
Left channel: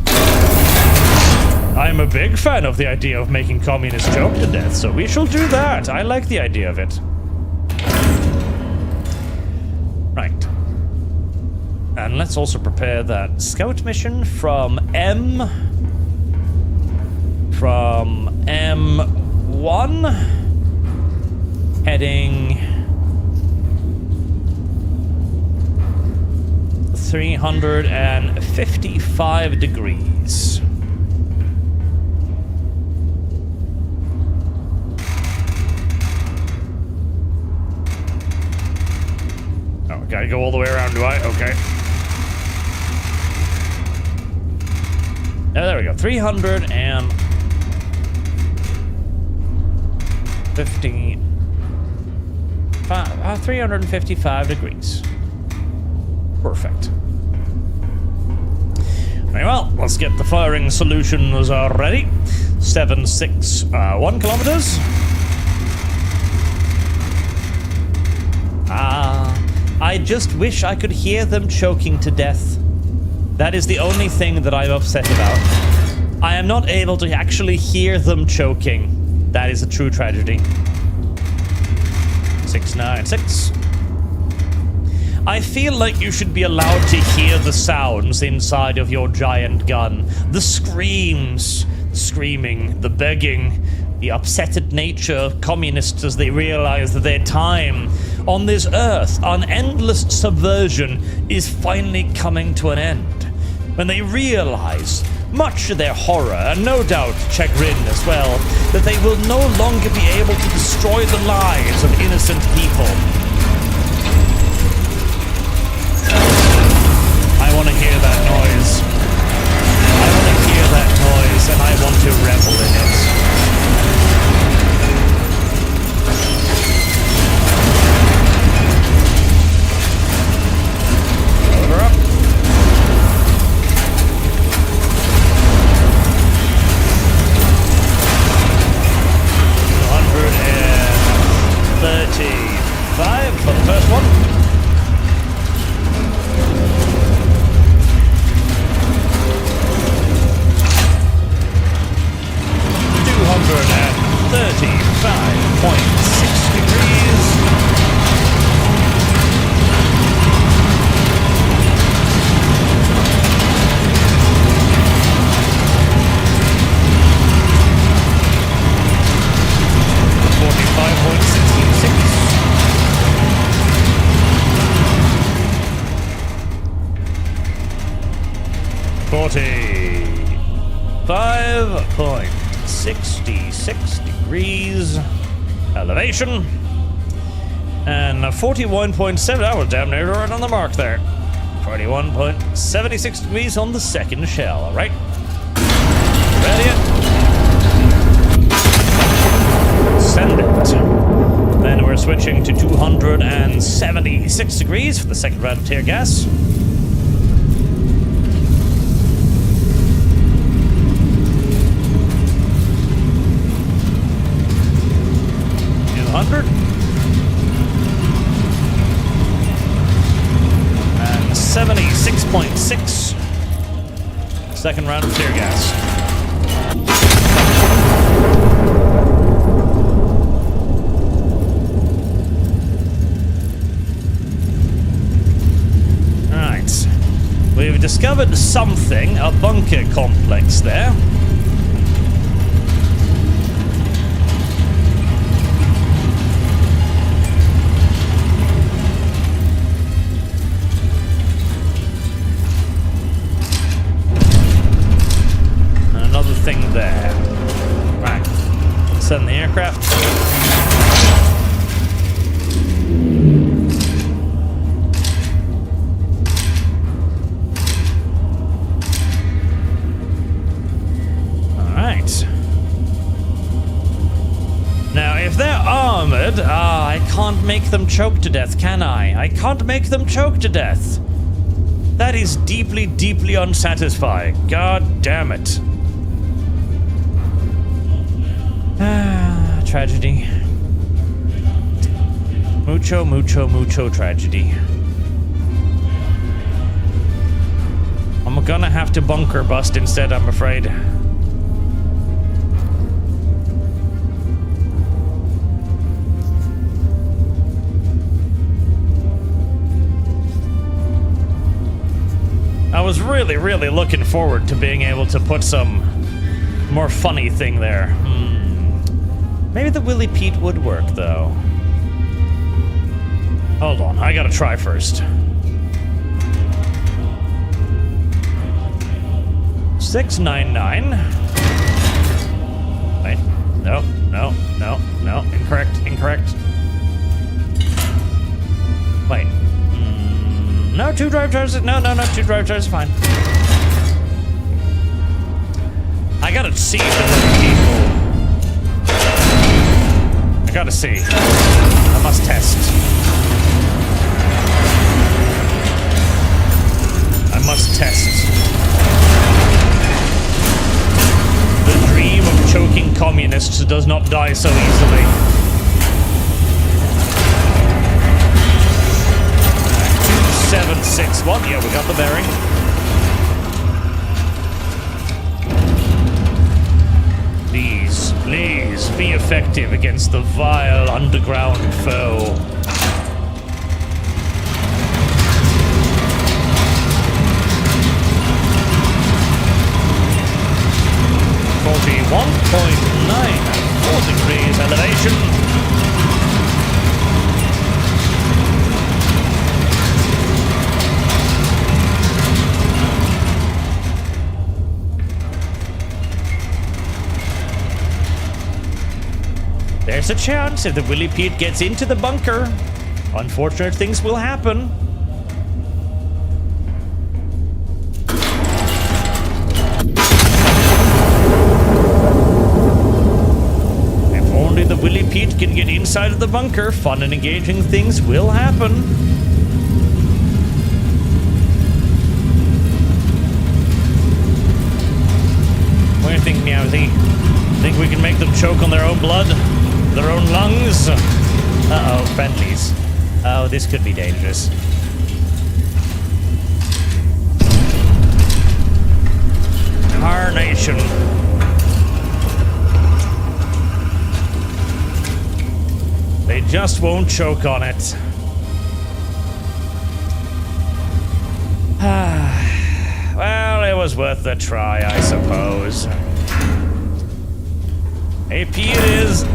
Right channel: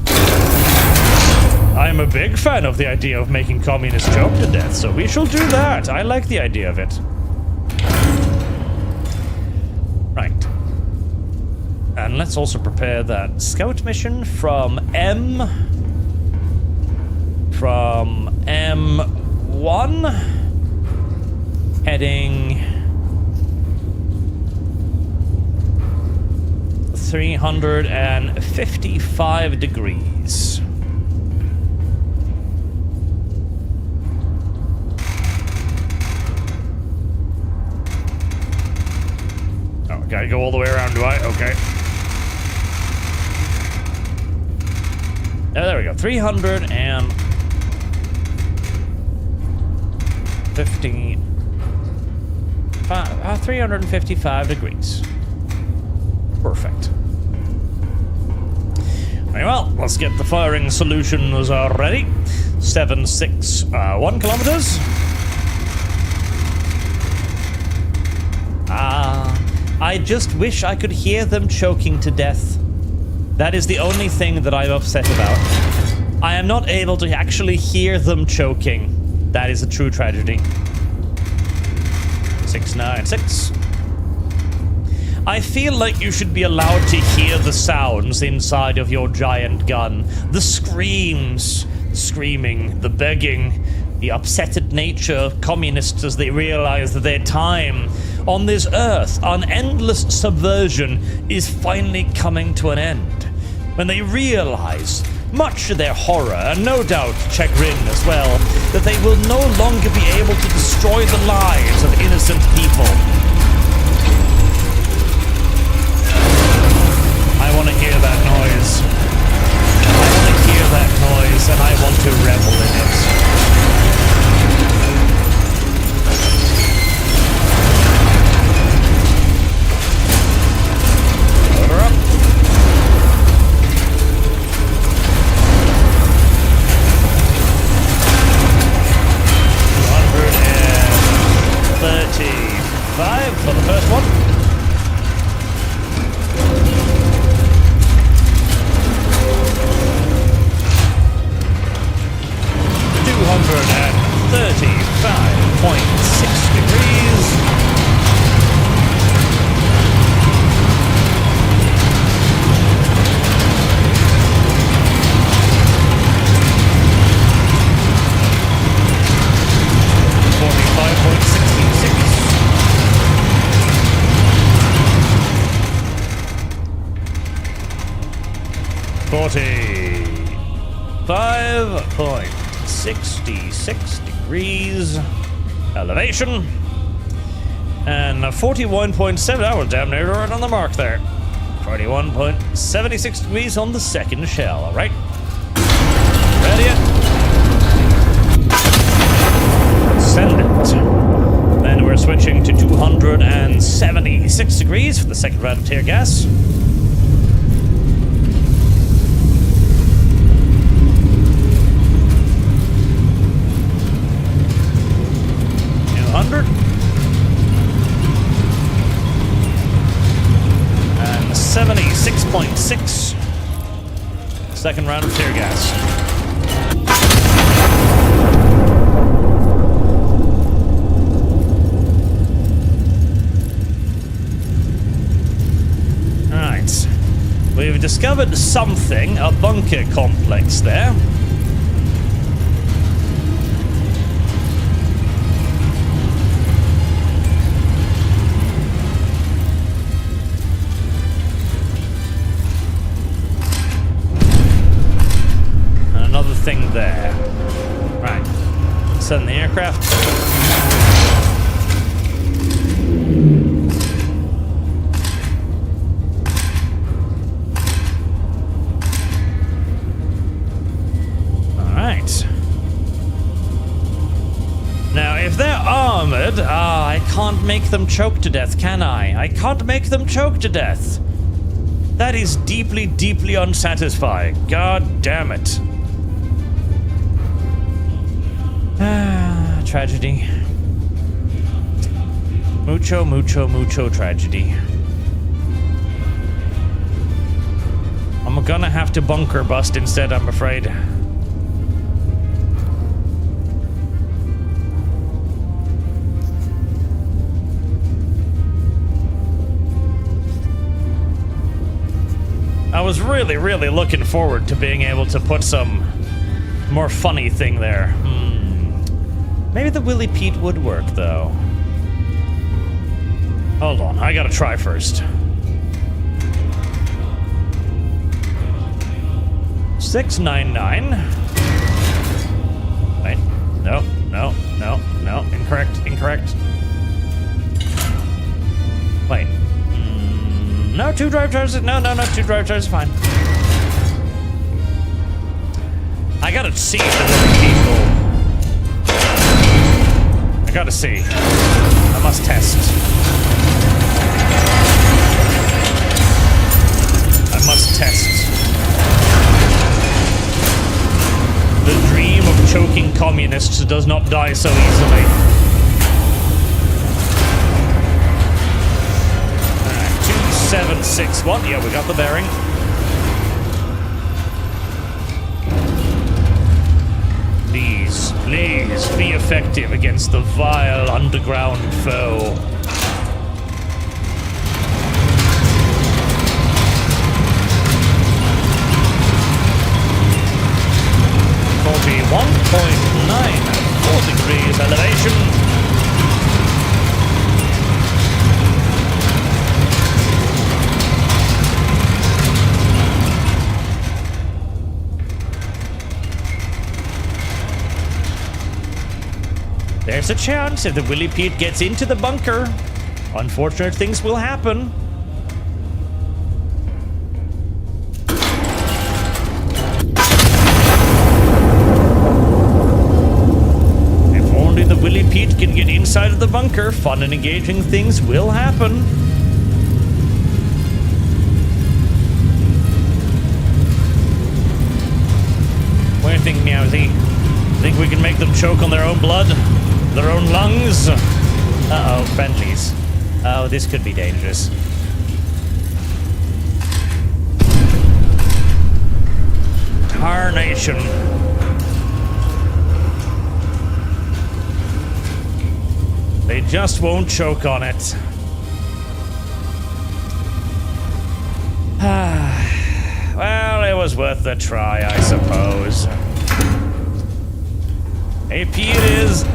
I'm a big fan of the idea of making communists choke to death, so we shall do that. I like the idea of it. Right. And let's also prepare that scout mission from M1 heading 355 degrees. Oh, gotta go all the way around, do I? Okay. Oh, there we go. 355 degrees. Perfect. Very well, let's get the firing solutions ready. 761 kilometers. I just wish I could hear them choking to death. That is the only thing that I'm upset about. I am not able to actually hear them choking. That is a true tragedy. 696. I feel like you should be allowed to hear the sounds inside of your giant gun. The screams, the screaming, the begging, the upsetted nature of communists as they realize that their time on this earth, on endless subversion, is finally coming to an end. When they realize, much to their horror, and no doubt chagrin as well, that they will no longer be able to destroy the lives of innocent people. I want to hear that noise. I want to hear that noise, and I want to revel in it. Load her up. $135 for the first one. $235.6 degrees. $45.66 degrees elevation, and 41.7. I was damn near right on the mark there. 41.76 degrees on the second shell. All right, ready it. Send it. Then we're switching to 276 degrees for the second round of tear gas. 200. And 76.6. Second round of tear gas. Alright. We've discovered something, a bunker complex there. Another thing there. Right. Send the aircraft. Alright. Now, if they're armored, I can't make them choke to death, can I? I can't make them choke to death. That is deeply, deeply unsatisfying. God damn it. Tragedy. Mucho, mucho, mucho tragedy. I'm gonna have to bunker bust instead, I'm afraid. was really, really looking forward to being able to put some more funny thing there. Maybe the Willy Pete would work, though. Hold on, I gotta try first. 699. Wait, no, incorrect. Wait. No, 2 drive charges. No, 2 drive charges, fine. I gotta see the Willy people. I gotta see. I must test. I must test. The dream of choking communists does not die so easily. Alright, 2761. Yeah, we got the bearing. Please, please, be effective against the vile underground foe. .94 degrees elevation. There's a chance if the Willy Pete gets into the bunker, unfortunate things will happen. If only the Willy Pete can get inside of the bunker, fun and engaging things will happen. What do you think, Meowsy? Think we can make them choke on their own blood? Their own lungs? Uh-oh, friendlies. Oh, this could be dangerous. Carnation. They just won't choke on it. Well, it was worth the try, I suppose. AP it is.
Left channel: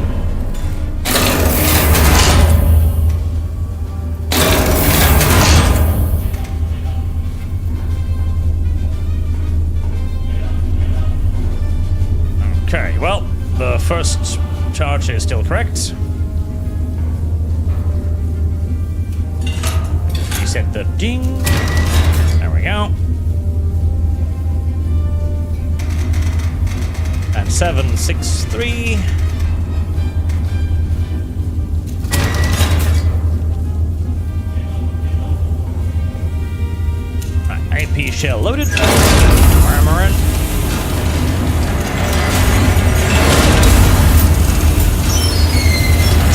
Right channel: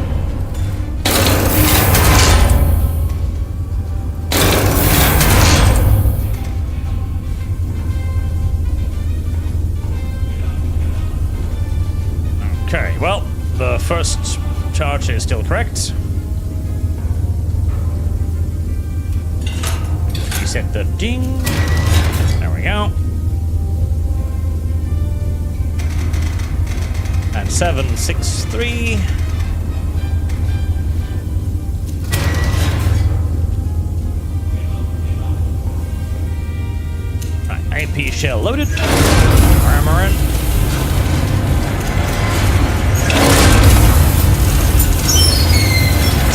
Okay, well, the first charge is still correct. Reset the ding. There we go. And 763. Right, AP shell loaded. Armor in.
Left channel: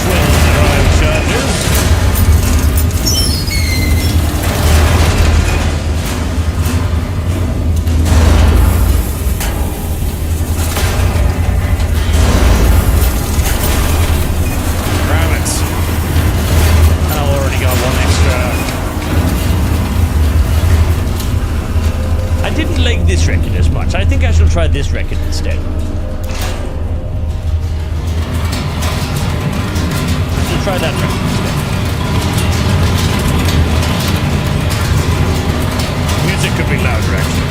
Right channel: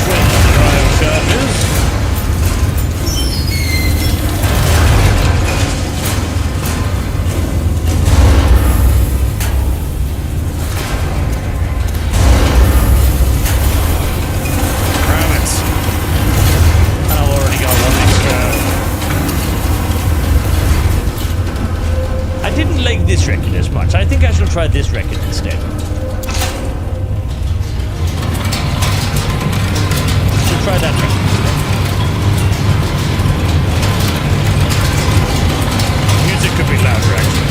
Twin drive charges. I didn't like this record as much. I think I shall try this record instead. I shall try that record instead. Music could be louder, actually.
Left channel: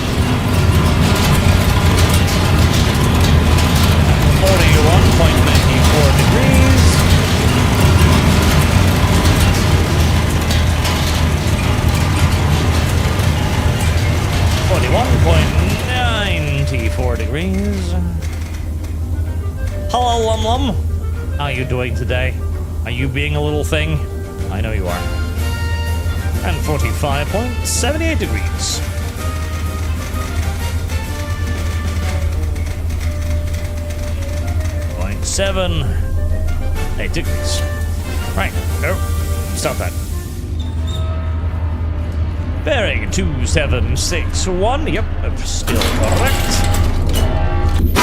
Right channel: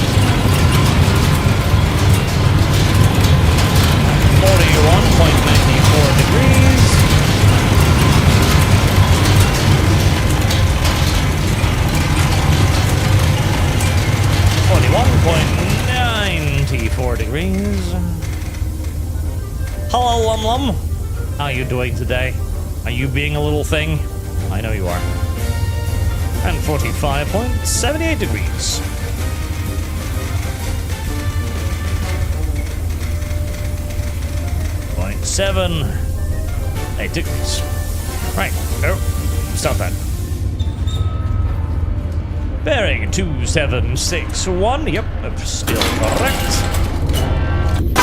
41.94 degrees. .94 degrees. Hello, Lum Lum. How are you doing today? Are you being a little thing? I know you are. And 45.78 degrees. .78 degrees. Right. Oh, stop that. Bearing 2761. Yep, still correct.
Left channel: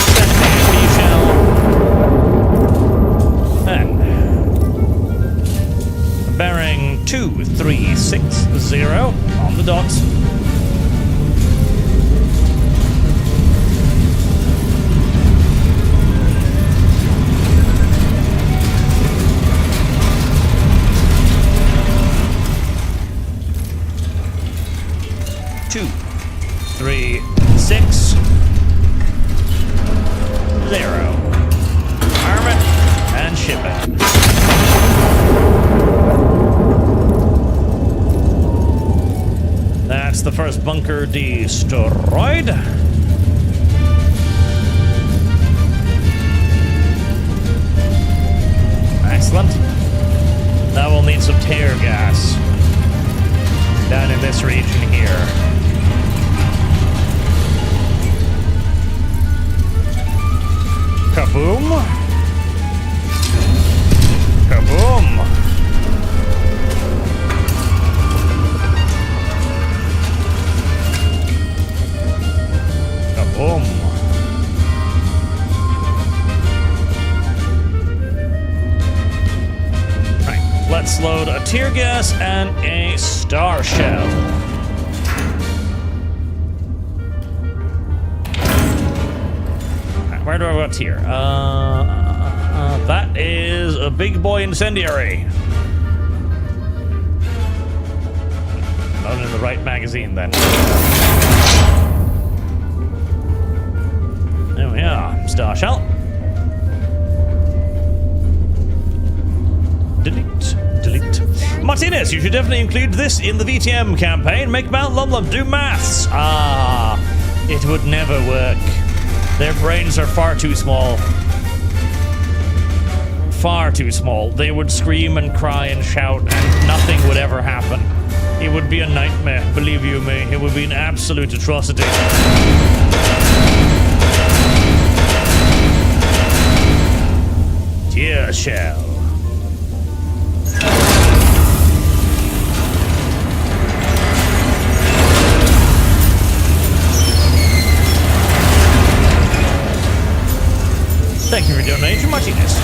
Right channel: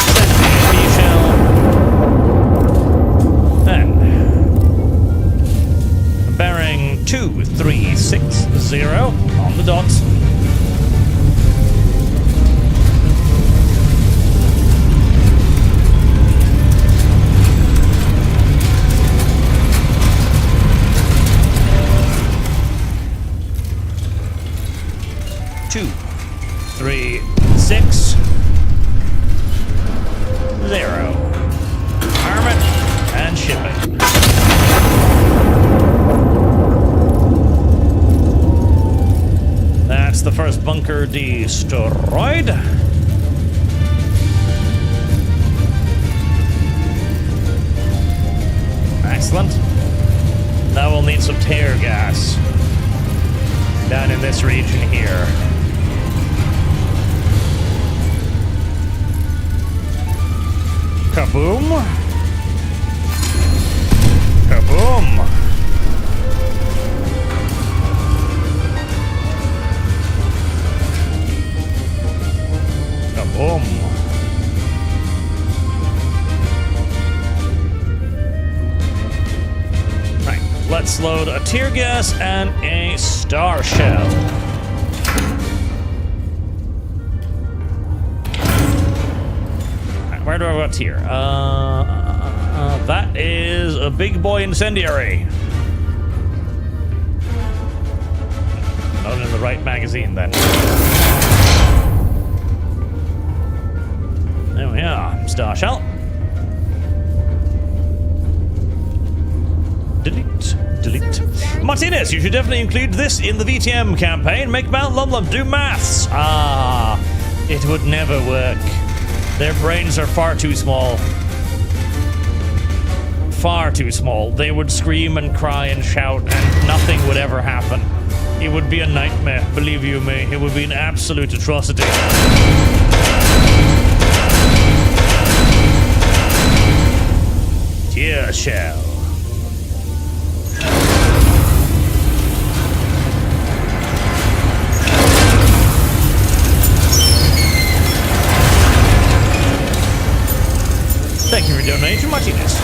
Set the AP shell. And bearing 2360 on the dot. 2, 3, 6, 0. Arm it and ship it. That's the first bunker destroyed. Excellent. Now we'll need some tear gas down in this region here. Kaboom. Kaboom. Kaboom. Right, let's load a tear gas and a star shell. Right, where do I go here? That is a big boy incendiary. Not in the right magazine then. There we are. Star shell. Delete. Delete. Martinez, you should definitely include this in the VTM campaign. Make Mount Lumlum do maths. Ah, it would never work. Their brains are far too small. Far too small. They would scream and cry and shout and nothing would ever happen. It would be a nightmare, believe you me. It would be an absolute atrocity. Tear shell. Thank you for donation, Martinez.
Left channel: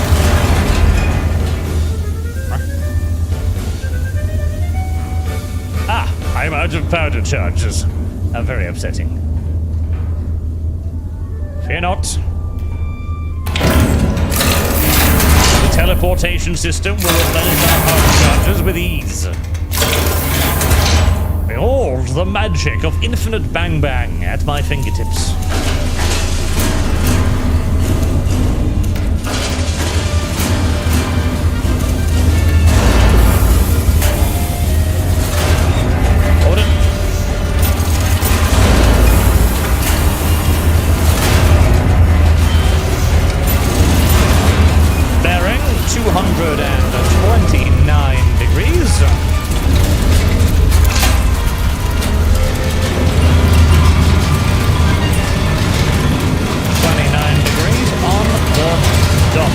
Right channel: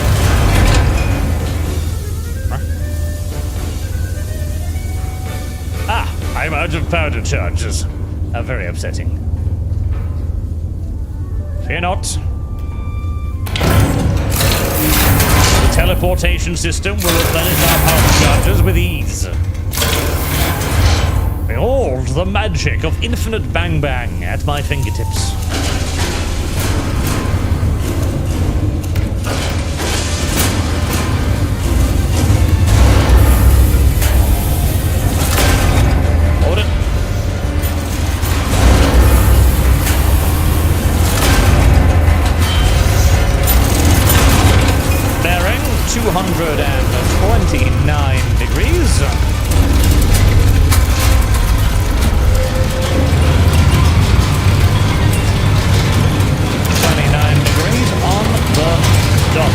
Ah, I'm out of powder charges. Very upsetting. Fear not. The teleportation system will replenish our powder charges with ease. Behold the magic of infinite bang bang at my fingertips. Hold it. Bearing 229 degrees. 29 degrees on the dot.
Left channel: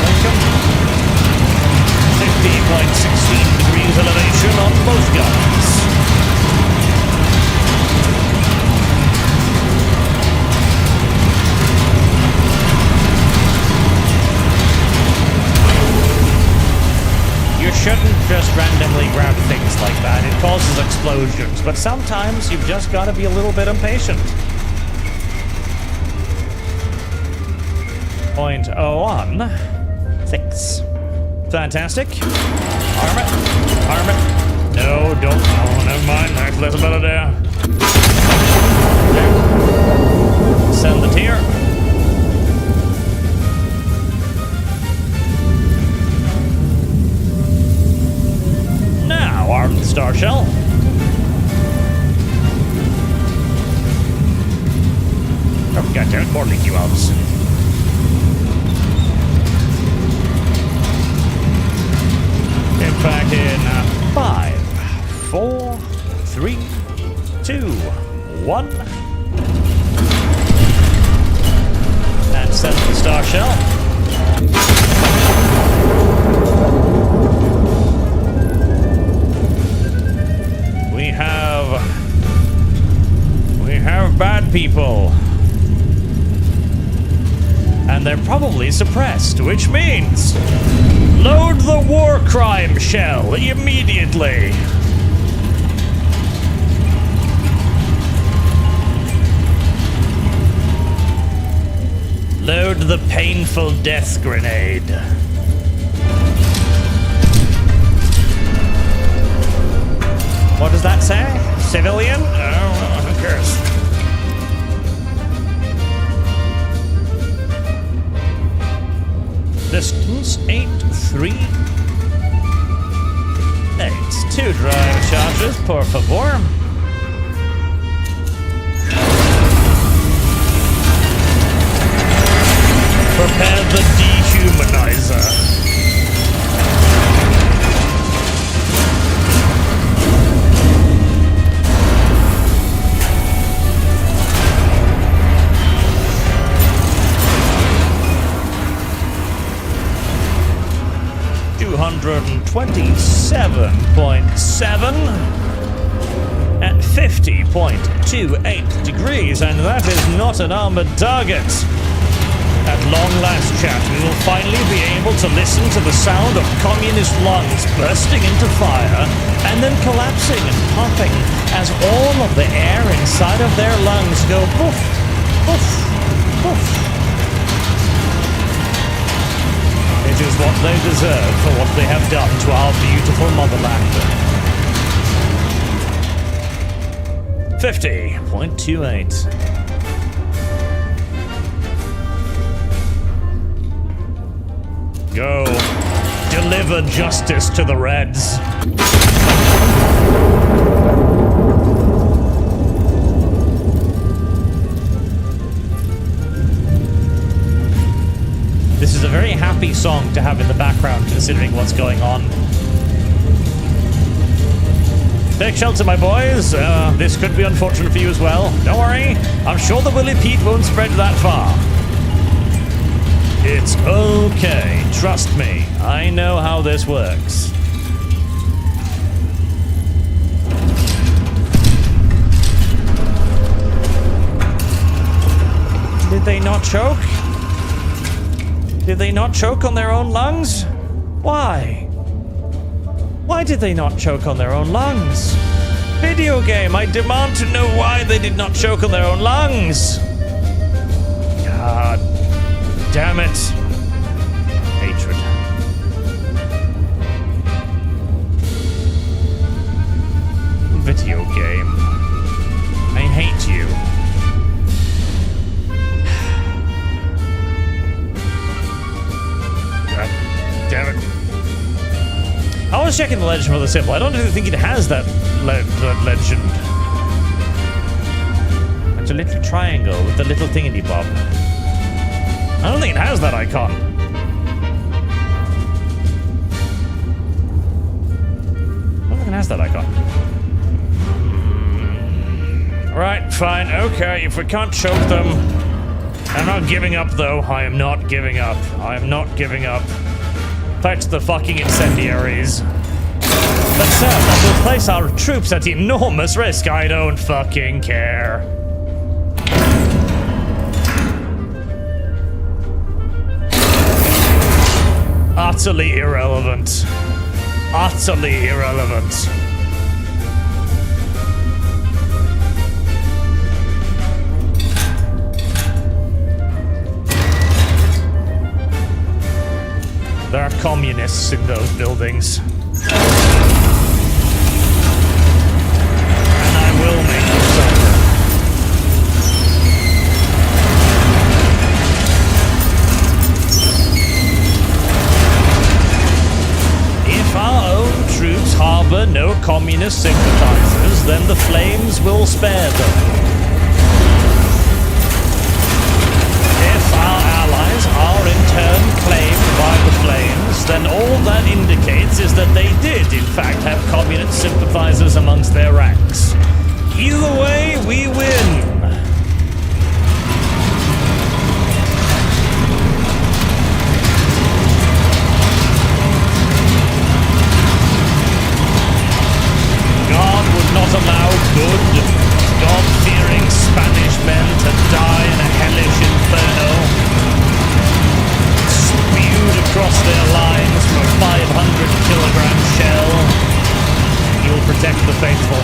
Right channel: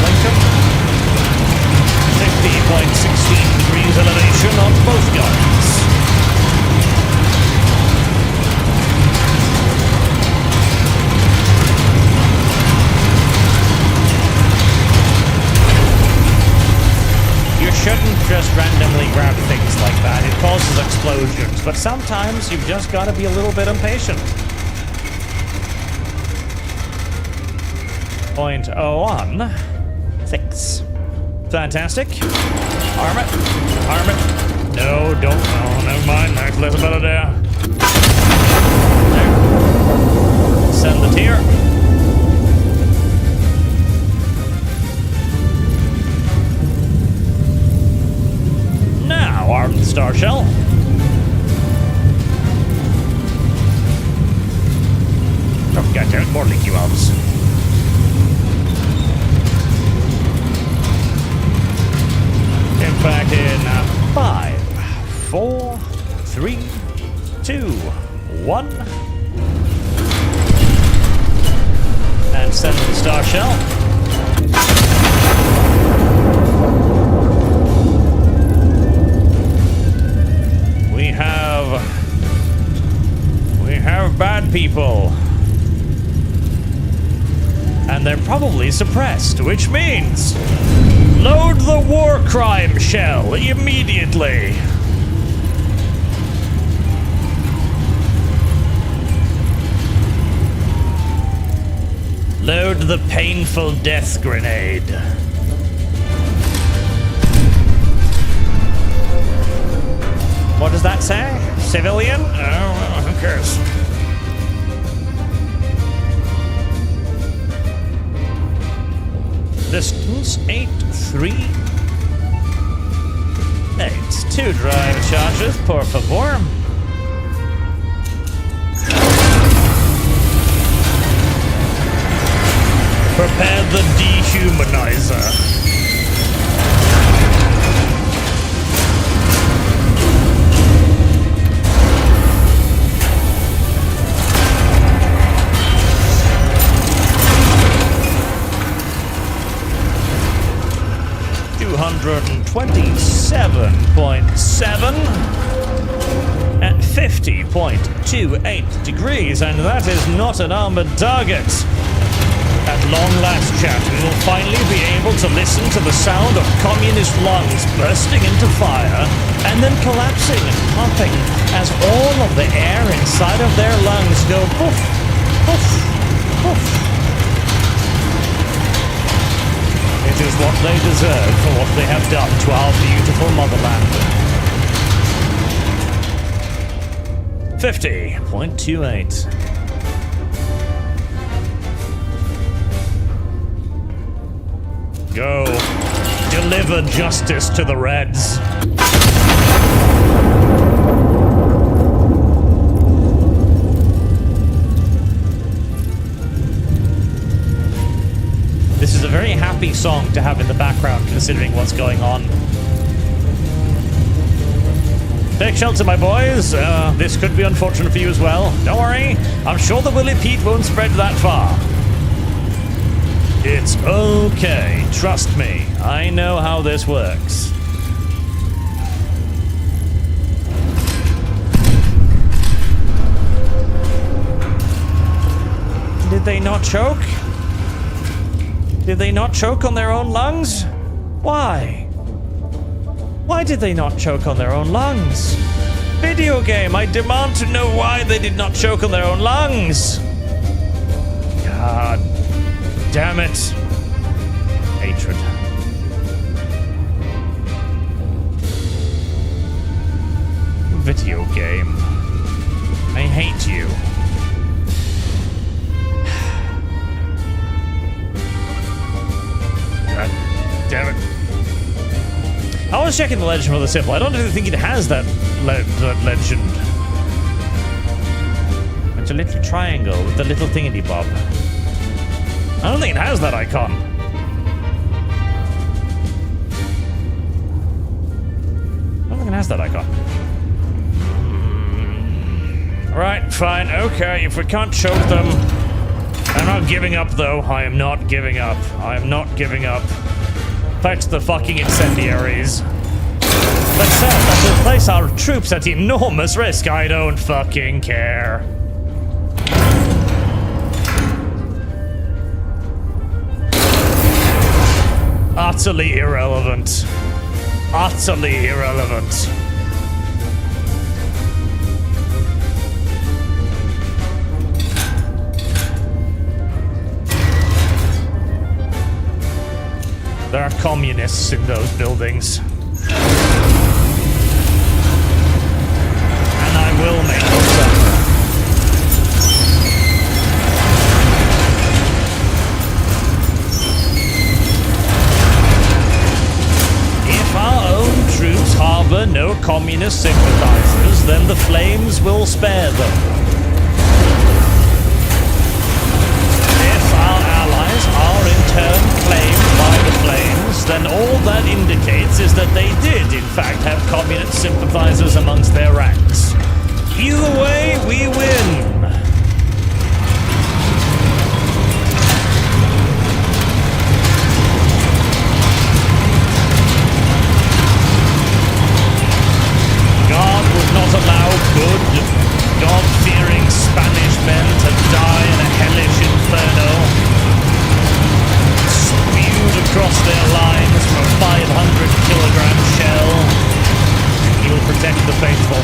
Lincoln. 50.16 degrees elevation on both guns. You shouldn't just randomly grab things like that. It causes explosions, but sometimes you've just got to be a little bit impatient. 0.016. Fantastic. Arm it. Arm it. No, don't. Oh, never mind. That's a better there. There. Send the tear. Now, arm the star shell. Oh, goddamn it. More leaky valves. Impact in 5, 4, 3, 2, 1. And send the star shell. We have bad people. And they're probably suppressed, which means load the war crime shell immediately. Load the painful death grenade. does that say? Civilian? Oh, who cares? Distance 838. 2 drive charges, por favor. Prepare the dehumanizer. 227.7 at 50.28 degrees, and that is not an armored target. At long last, chat, we will finally be able to listen to the sound of communist lungs bursting into fire and then collapsing and popping as all of the air inside of their lungs go poof, poof, poof. It is what they deserve for what they have done to our beautiful motherland. 50.28. Go. Deliver justice to the Reds. This is a very happy song to have in the background, considering what's going on. Take shelter, my boys. This could be unfortunate for you as well. Don't worry. I'm sure the Willy Pete won't spread that far. It's okay. Trust me. I know how this works. Did they not choke? Did they not choke on their own lungs? Why? Why did they not choke on their own lungs? Video game, I demand to know why they did not choke on their own lungs. God damn it. Hatred. Video game. I hate you. God damn it. I was checking the legend for the symbol. I don't really think it has that legend. It's a little triangle with a little thingy-bob. I don't think it has that icon. I don't think it has that icon. Alright, fine, okay, if we can't choke them. I'm not giving up, though. I am not giving up. I am not giving up. Fight the fucking incendiaries. But sir, that will place our troops at enormous risk. I don't fucking care. Utterly irrelevant. Utterly irrelevant. There are communists in those buildings. And I will make them suffer. If our own troops harbor no communist sympathizers, then the flames will spare them. If our allies are in turn claimed by the flames, then all that indicates is that they did, in fact, have communist sympathizers amongst their ranks. Either way, we win. God would not allow good, God-fearing Spanish men to die in a hellish inferno, spewed across their lines from a 500-kilogram shell. He will protect the faithful.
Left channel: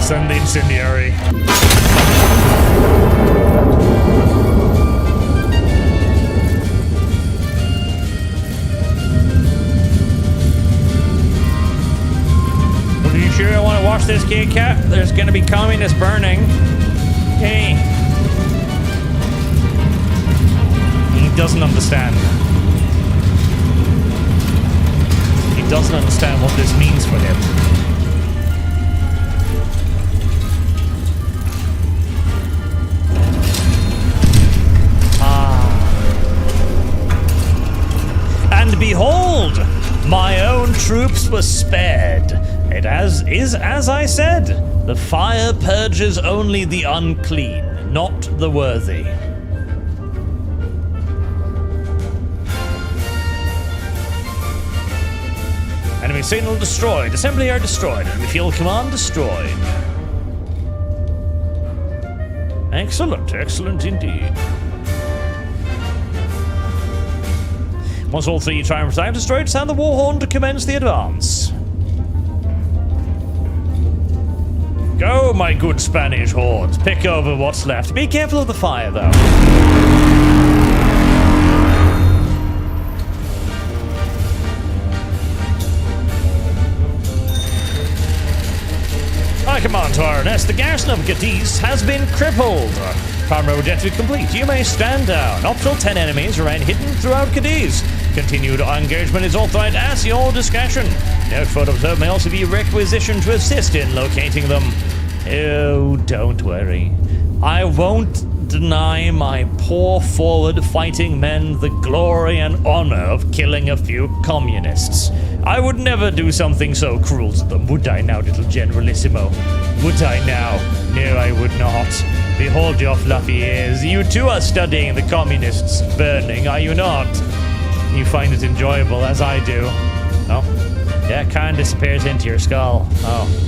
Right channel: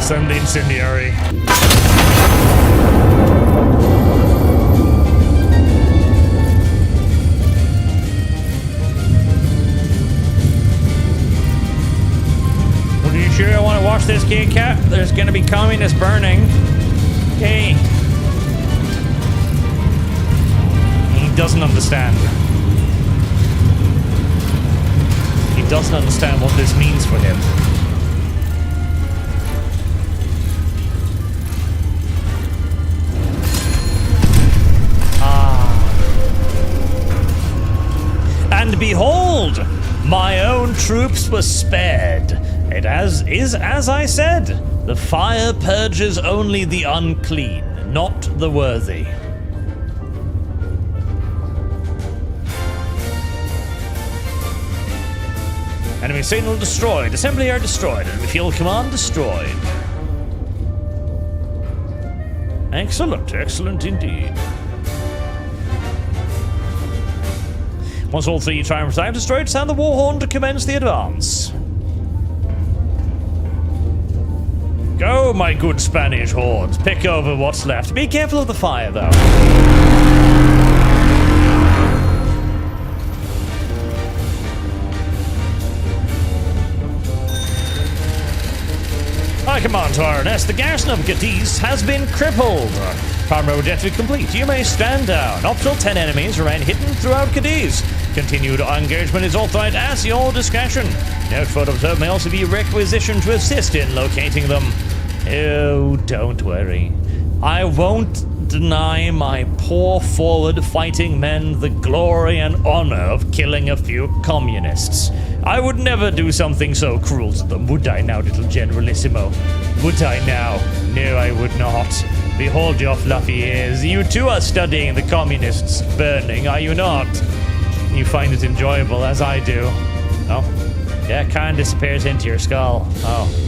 Send the incendiary. off this keycap. There's gonna be communist burning. Hey. He doesn't understand. He doesn't understand what this means for him. And behold, my own troops were spared. It is as I said, the fire purges only the unclean, not the worthy. Enemy signal destroyed. Assembly are destroyed. Enemy fuel command destroyed. Excellent, excellent indeed. Once all 3 triumphs are destroyed, sound the war horn to commence the advance. Go, my good Spanish hordes. Pick over what's left. Be careful of the fire, though. High command to RNS. The garrison of Cadiz has been crippled. Primary objective complete. You may stand down. Optional 10 enemies remain hidden throughout Cadiz. Continued engagement is authorized at your discretion. Note photo observed may also be requisitioned to assist in locating them. Oh, don't worry. I won't deny my poor forward fighting men the glory and honor of killing a few communists. I would never do something so cruel to them, would I now, little Generalissimo? Would I now? No, I would not. Behold your fluffy ears. You too are studying the communists burning, are you not? You find it enjoyable, as I do. Oh? Yeah, it kind of disappears into your skull. Oh.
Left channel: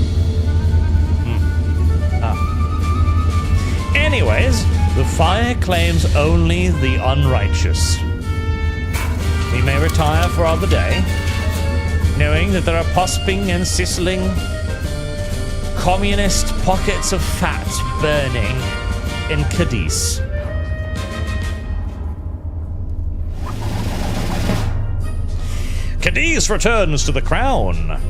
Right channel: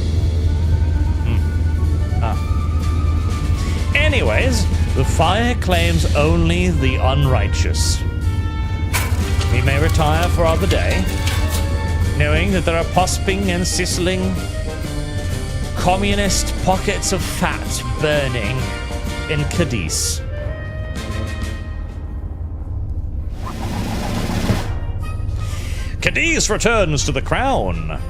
Anyways, the fire claims only the unrighteous. We may retire for another day, knowing that there are pusping and sizzling communist pockets of fat burning in Cadiz. Cadiz returns to the crown.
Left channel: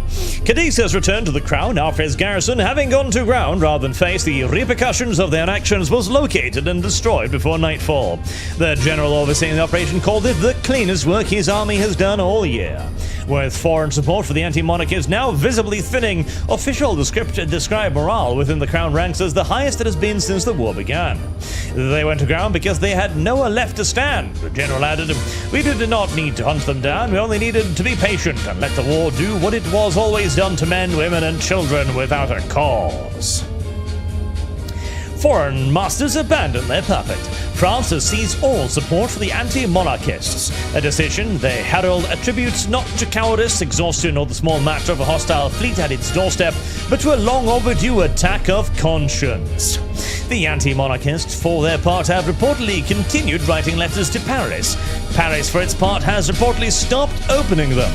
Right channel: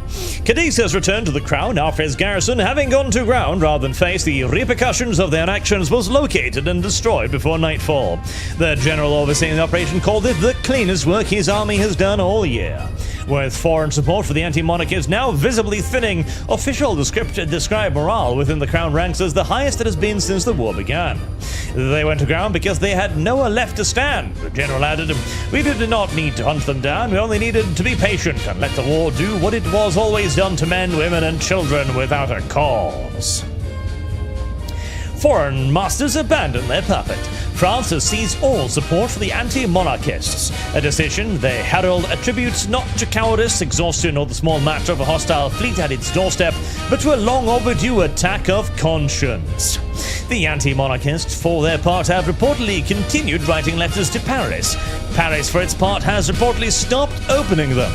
Cadiz has returned to the crown after his garrison, having gone to ground rather than face the repercussions of their actions, was located and destroyed before nightfall. The general overseeing the operation called it the cleanest work his army has done all year. With foreign support for the anti-monarchists now visibly thinning, official describe morale within the crown ranks as the highest it has been since the war began. They went to ground because they had nowhere left to stand. The general added, "We did not need to hunt them down, we only needed to be patient and let the war do what it was always done to men, women and children without a cause." Foreign masters abandoned their puppet. France has seized all support for the anti-monarchists, a decision they herald attributes not to cowardice, exhaustion, or the small matter of a hostile fleet at its doorstep, but to a long overdue attack of conscience. The anti-monarchists, for their part, have reportedly continued writing letters to Paris. Paris, for its part, has reportedly stopped opening them.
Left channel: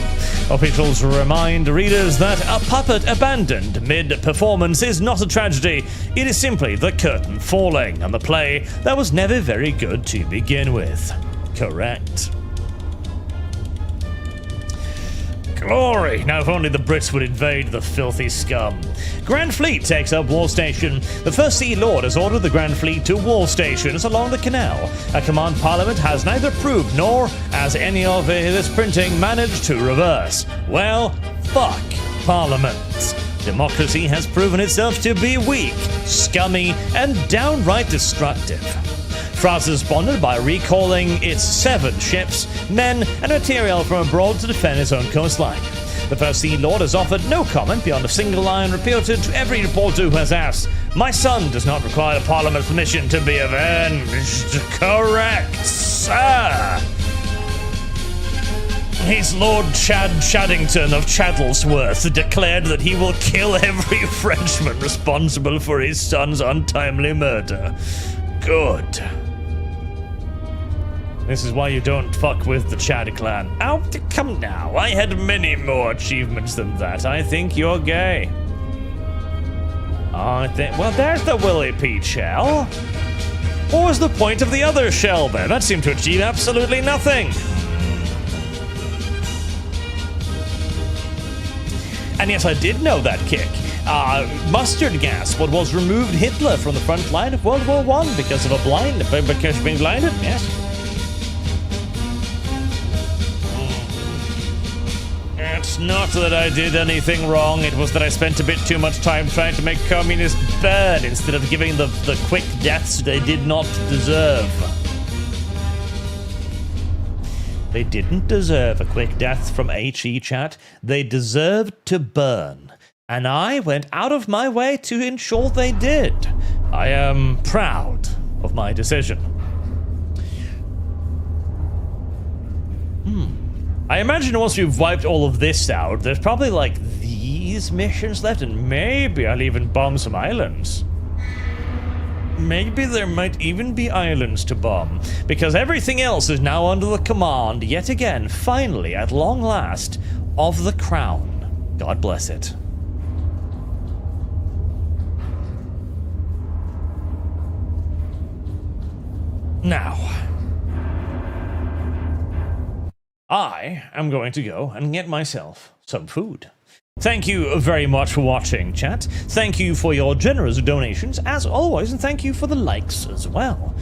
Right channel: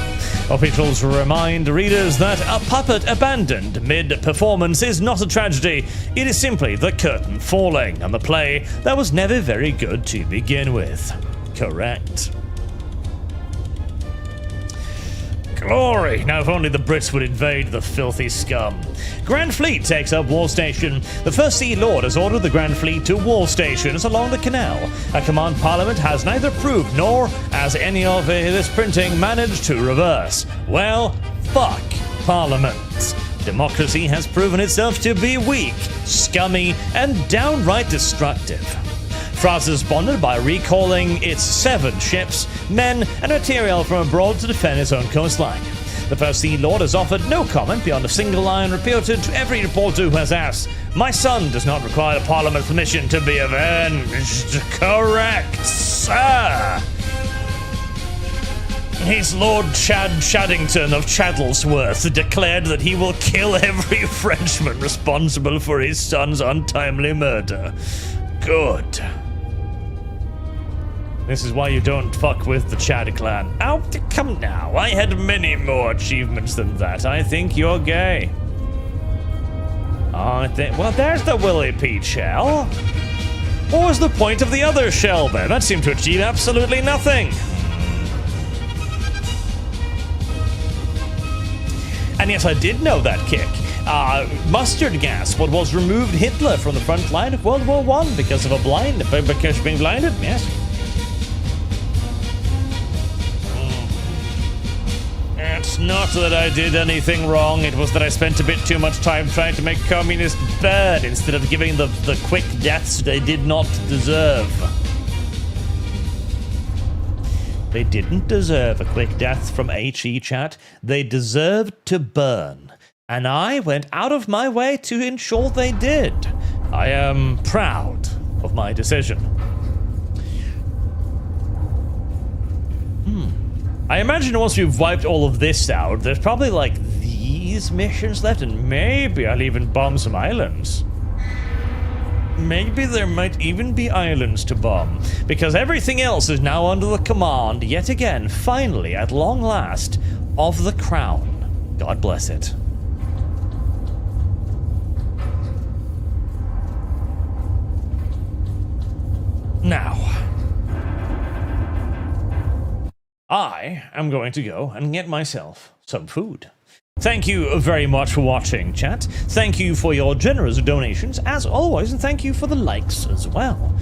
Officials remind readers that a puppet abandoned mid-performance is not a tragedy, it is simply the curtain falling on the play that was never very good to begin with. Correct. Glory! Now if only the Brits would invade the filthy scum. Grand Fleet takes up Wall Station. The First Sea Lord has ordered the Grand Fleet to wall stations along the canal. A command Parliament has neither proved nor, as any of this printing, managed to reverse. Well, fuck Parliament. Democracy has proven itself to be weak, scummy, and downright destructive. France responded by recalling its 7 ships, men, and material from abroad to defend its own coastline. The First Sea Lord has offered no comment beyond a single line repeated to every reporter who has asked, "My son does not require Parliament's permission to be avenged." Correct, sir. His Lord Chaddington of Chadlesworth declared that he will kill every Frenchman responsible for his son's untimely murder. Good. This is why you don't fuck with the Chad clan. Oh, come now. I had many more achievements than that. I think you're gay. Well, there's the Willy Pete shell. What was the point of the other shell then? That seemed to achieve absolutely nothing. And yes, I did know that kick. Mustard gas, what was removed Hitler from the front line of World War I because of because of being blinded, yes. It's not that I did anything wrong, it was that I spent a bit too much time trying to make communists burn instead of giving the quick deaths they did not deserve. They didn't deserve a quick death from HE chat, they deserved to burn. And I went out of my way to ensure they did. I am proud of my decision. I imagine once we've wiped all of this out, there's probably like these missions left, and maybe I'll even bomb some islands. Maybe there might even be islands to bomb, because everything else is now under the command, yet again, finally, at long last, of the Crown. God bless it. Now, I am going to go and get myself some food. Thank you very much for watching, chat. Thank you for your generous donations, as always, and thank you for the likes as well.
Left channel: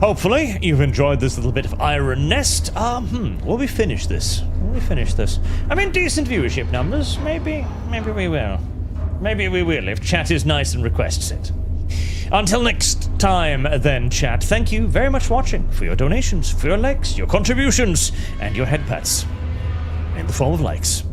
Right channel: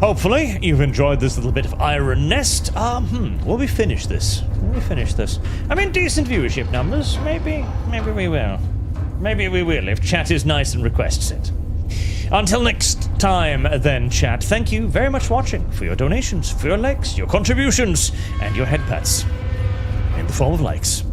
Hopefully, you've enjoyed this little bit of Iron Nest. Will we finish this? Will we finish this? I mean, decent viewership numbers. Maybe we will. Maybe we will, if chat is nice and requests it. Until next time, then, chat, thank you very much for watching, for your donations, for your likes, your contributions, and your head pats. In the form of likes.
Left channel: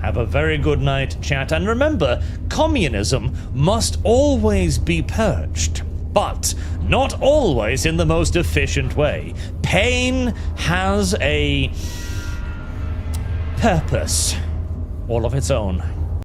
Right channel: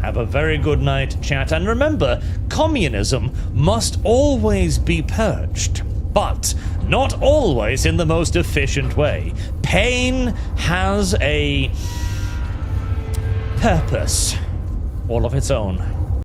Have a very good night, chat, and remember, communism must always be purged, but not always in the most efficient way. Pain has a purpose all of its own.